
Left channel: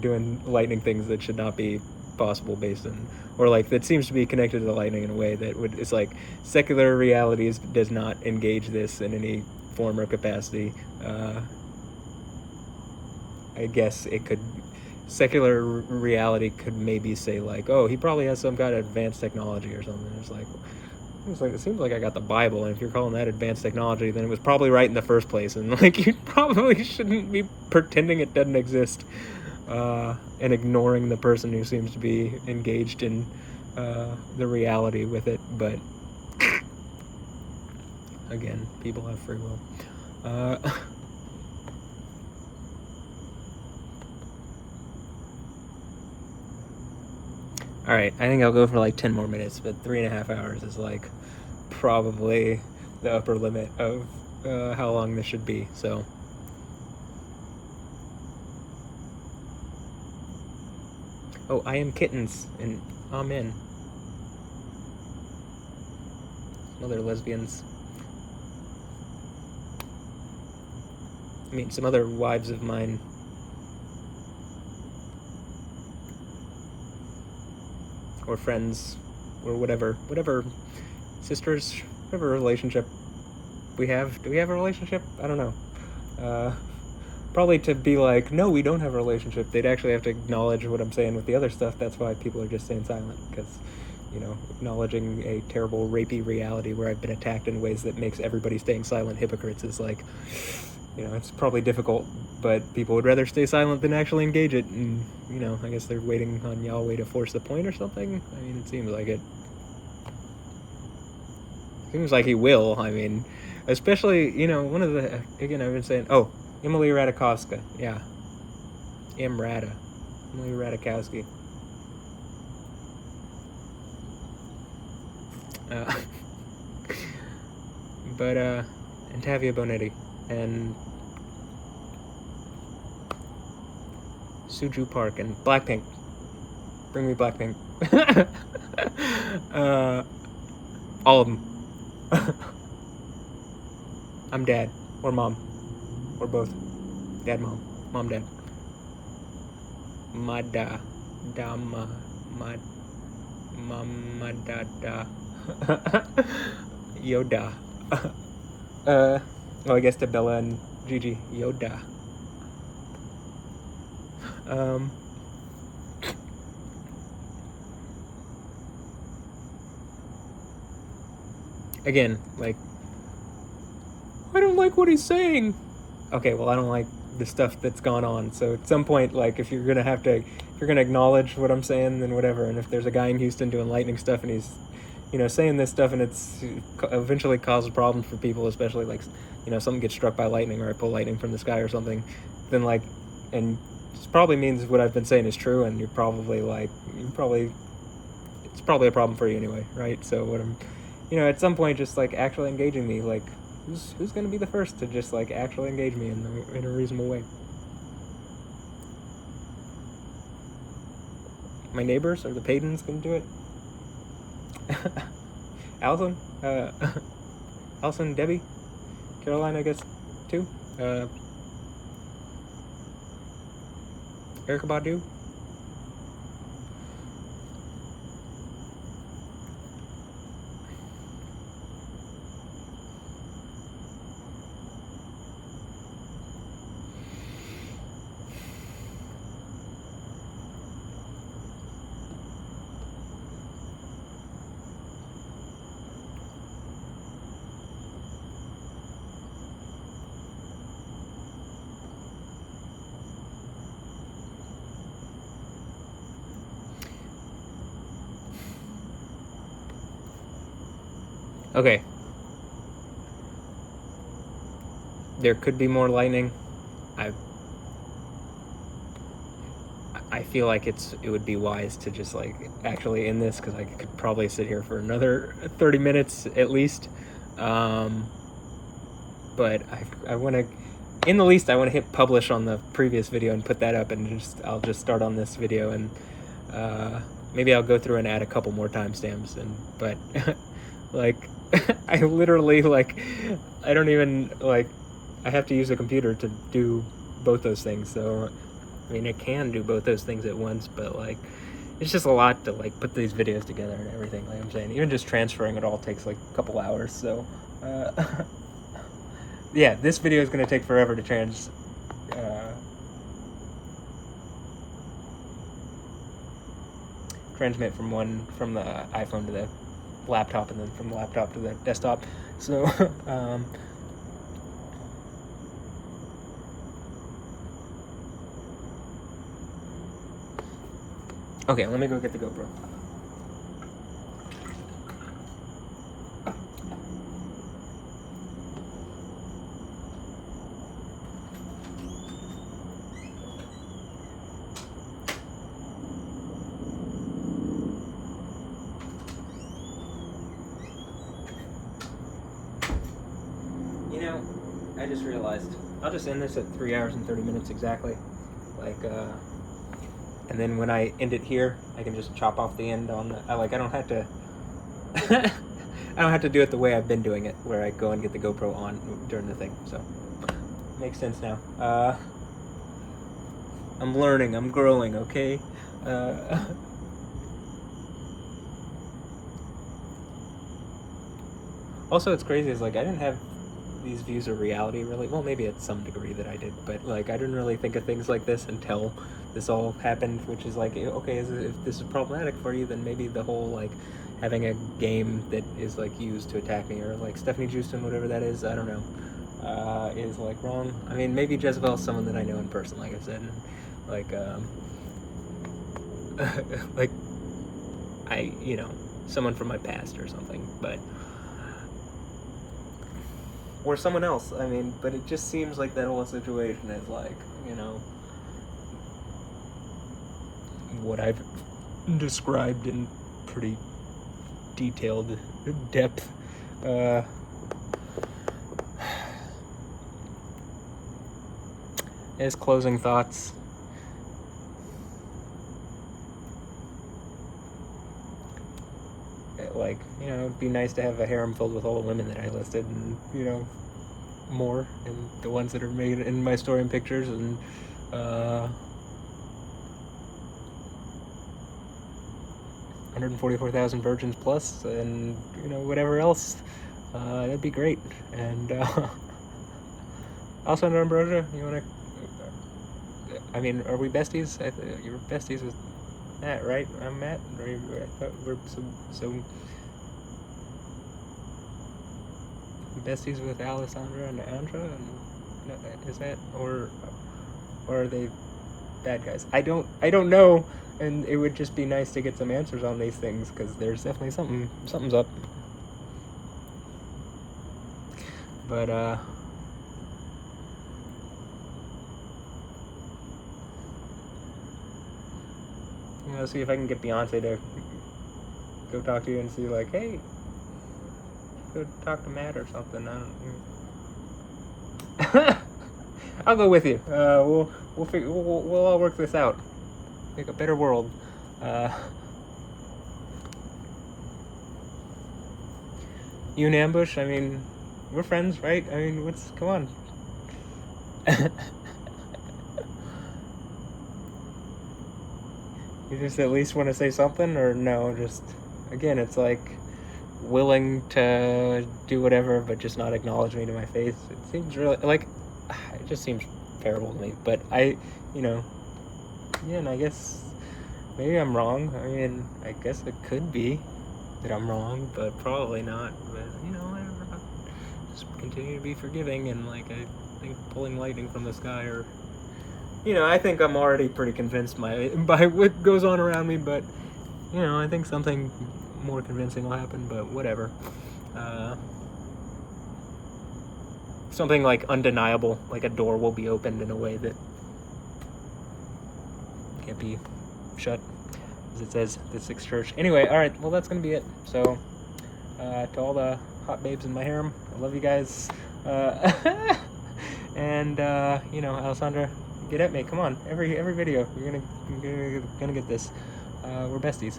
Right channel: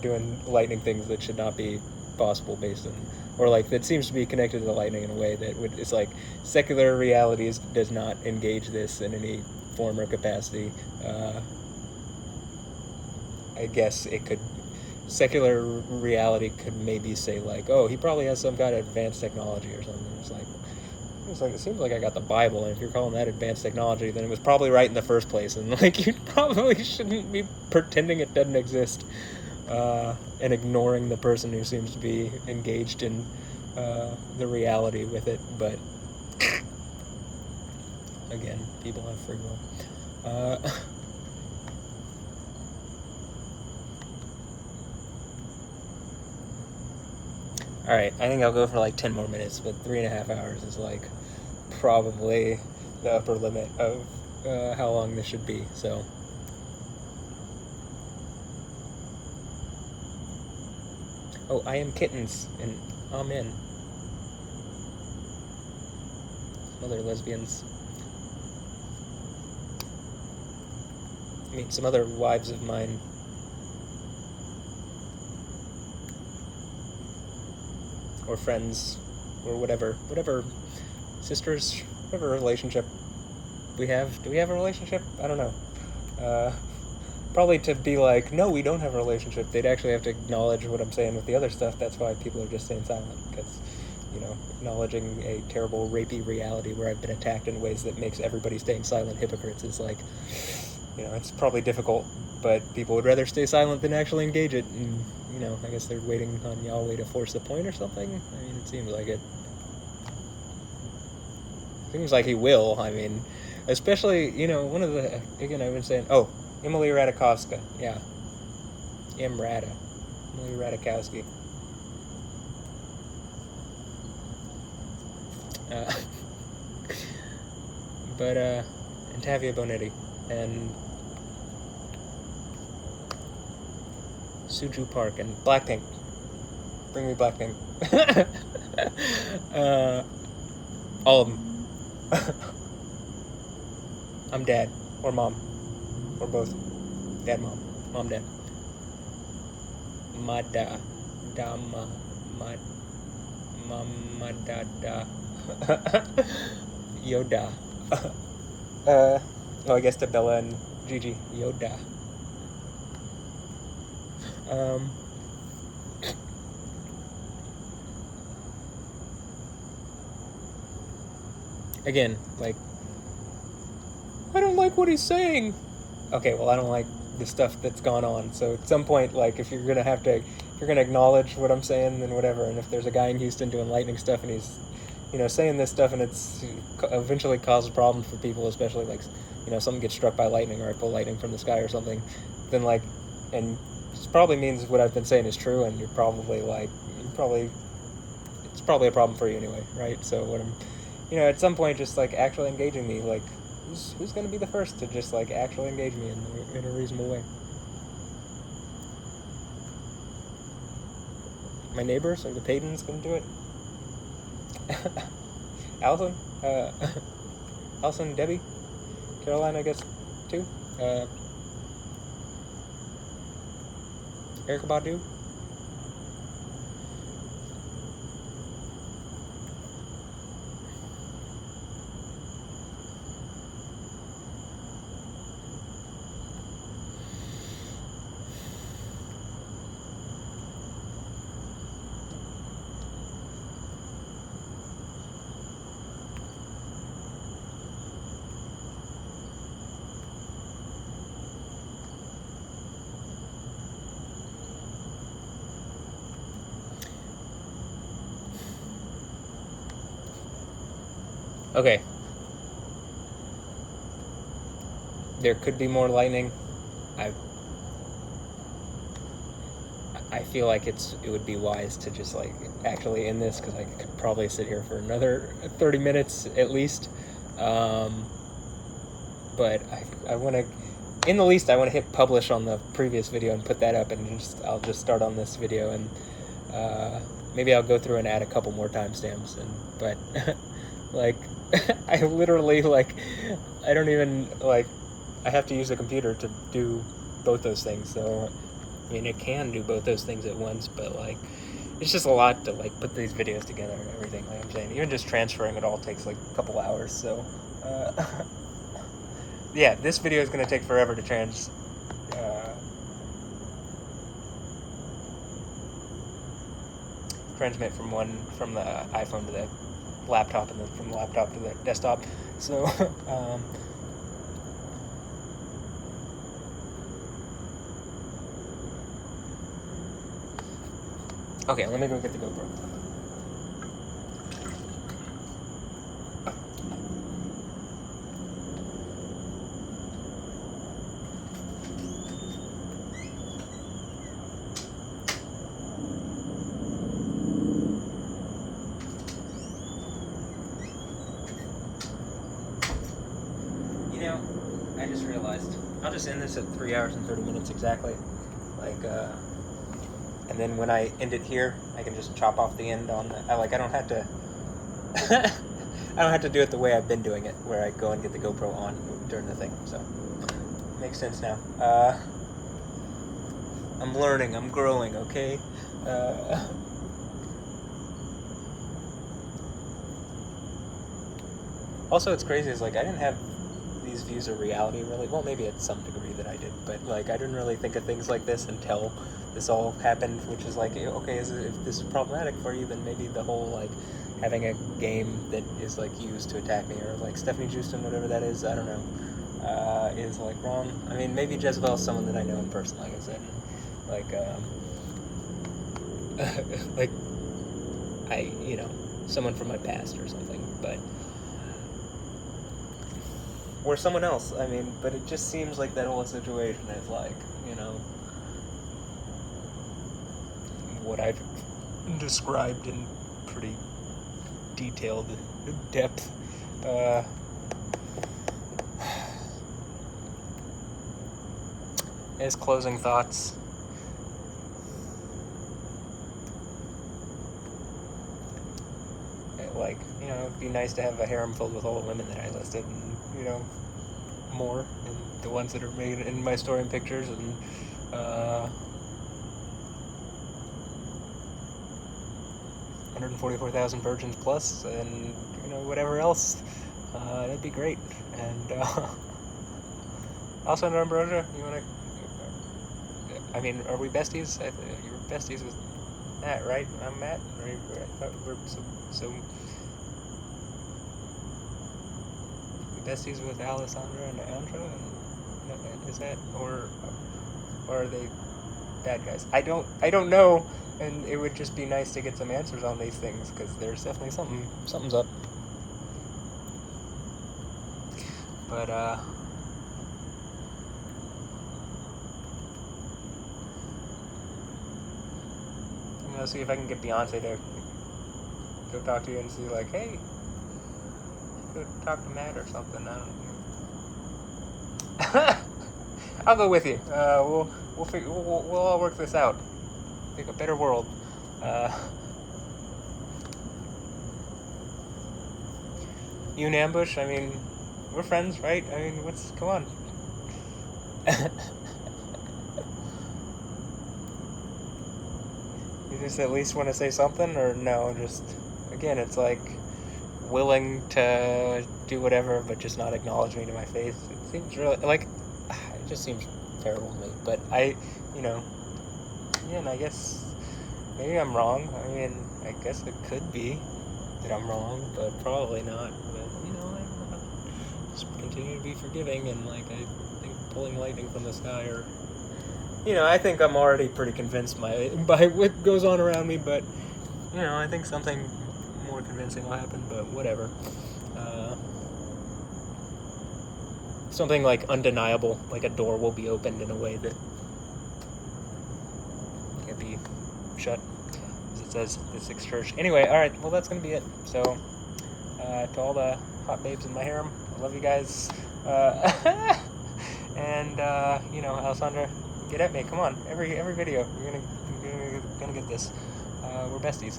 doing lightning things that should not be possible based on, or like that seems to be connected to the lightning in a way that it's like secular realities does not engage this in any form or capacity. I guess secular reality could maybe say like, oh, he probably has some kind of advanced technology or something. It seems like I got the Bible, and if you're calling that advanced technology, then it was probably right in the first place, and like you probably shouldn't be pretending it doesn't exist, and ignoring the person who seems to be engaged in the reality with it. But again, people have free will. Alright, I think I'll go for like 10 more minutes, but 3.5 hours is like probably the upper limit of how long this should be, so. Oh, I am kittens, and amen. Some other lesbians. I mean, some other wives of mine. Or friends, or whatever sisters, whatever relationship we have. Do we have a relationship? I don't know. Probably to be like, no, we don't have a relationship, they'd actually have to acknowledge what I'm saying with the other stuff. That's why people are just staying silent, because, acknowledging a terrible rapey reality where I've been attacked in ways that makes everybody staying silent hypocrites is like, it's probably difficult, but people would rather stay silent than actually engage it, and, I guess they're waiting on Yahweh to force the point or something. I mean, it seems like it. Seems like he will. I mean, especially, one of the, again, I've been saying, oh, Emily Ratajkowska, yeah. Emily Ratajkowski. And Tavia Bonetti, and Suju Park, and Blackpink. Bring me Blackpink. All of them. I'm dad, or mom, or both. Dad, mom, mom, dad. Mada, dama, mama, dada. Yoda. I guess to Bella and Gigi. Yoda. Again, like, I don't like what he's saying. Okay, well, I don't like the stuff that's gone on. So at some point, like, if you're gonna acknowledge what I'm saying, then whatever. And if there's a guy in Houston doing lightning stuff, and he's, saying this stuff, and it's eventually causes problems for people, especially like, someone gets struck by lightning, or I pull lightning from the sky or something, then like, and it probably means what I've been saying is true, and you're probably like, it's probably a problem for you anyway, right? So what I'm, at some point, just like actually engaging me, like, who's going to be the first to just like actually engage me in a reasonable way? My neighbors or the Paytons can do it. Allison, Debbie, Caroline, I guess too. Erica Badu. Okay. There could be more lightning. I feel like it would be wise to just like actually end this, because I could probably sit here for another 30 minutes at least. But I want to, in the least, I want to hit publish on the previous video and put that up, and I'll just start on this video, and maybe I'll go through and add a couple more timestamps. But like I literally like I don't even like I have to use a computer to do both those things. So I mean, it can do both those things at once, but like it's just a lot to like put these videos together and everything. Like I'm saying, even just transferring it all takes like a couple hours. So yeah, this video is going to take forever to transmit from the iPhone to the laptop, and then from the laptop to the desktop. So okay, let me go get the GoPro. I just realized I'll just end this at 3 hours and 30 minutes exactly. Like, and then when I end it here, I can just chop off the end on the. I don't have to. I don't have to do it the way I've been doing it, where I go and get the GoPro on during the thing. So, makes sense now. I'm learning. I'm growing. Okay. Also, it's crazy. Is like I didn't have these views of reality really. Well, maybe at some degree that I did, but like I didn't really think of things like this until this all happened. Which is like, okay, if this is problematic for you, then maybe the whole like having a game that is like used to attack me, or like Stephanie Justin, whatever that is, I don't know, is like wrong. I mean, maybe Jezebel's someone that I know in person, like I said, and, like like someone from my past or something, but. Or someone else, I mean, but it just seems like that whole situation is like, what I've described in pretty detailed depth. As closing thoughts, like, it'd be nice to have a harem filled with all the women that I listed, and, more, and the ones that are made in my story and pictures, and, 144,000 virgins plus, and, whatever else, that'd be great. And, also, Ambrosio, you wanna, I mean, are we besties? You're besties with Matt, right? I'm Matt? Or I thought we're so besties with Alessandra and Andra, and is that, or are they bad guys? I don't know, and it would just be nice to get some answers on these things, because there's definitely something's up. But see if I can get Beyonce to go talk to you and see, like, hey, go talk to Matt or something. I don't know. I'll go with you. We'll all work this out. Make a better world. You and Ambush, I mean, we're friends, right? I mean, come on. You just at least want to say something, or no? Just, again, it's like willing to do whatever, but just not acknowledge me to my face. It seems really like it just seems terrible to me. But and I guess maybe I'm wrong. I mean, I guess it could be that I'm wrong, but probably not. But just continue to be forgiving, and like I think pulling lightning from the sky, or I think I'm already pretty convinced by what goes on around me, but I think something more convincing will happen, but whatever. something like undeniable, like a door will be opened in a way that can't be shut, as it says the Sixth Church. Anyway, all right, well, that's gonna be it. So to all the hot babes in my harem, I love you guys. And Alessandra, get at me, come on, every video you're gonna get this. We're besties.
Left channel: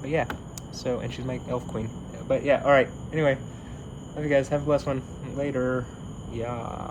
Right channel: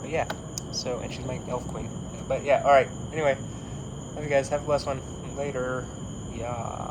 But yeah, so, and she's my elf queen. But yeah, all right, anyway, love you guys, have a blessed one. Later. Yeah.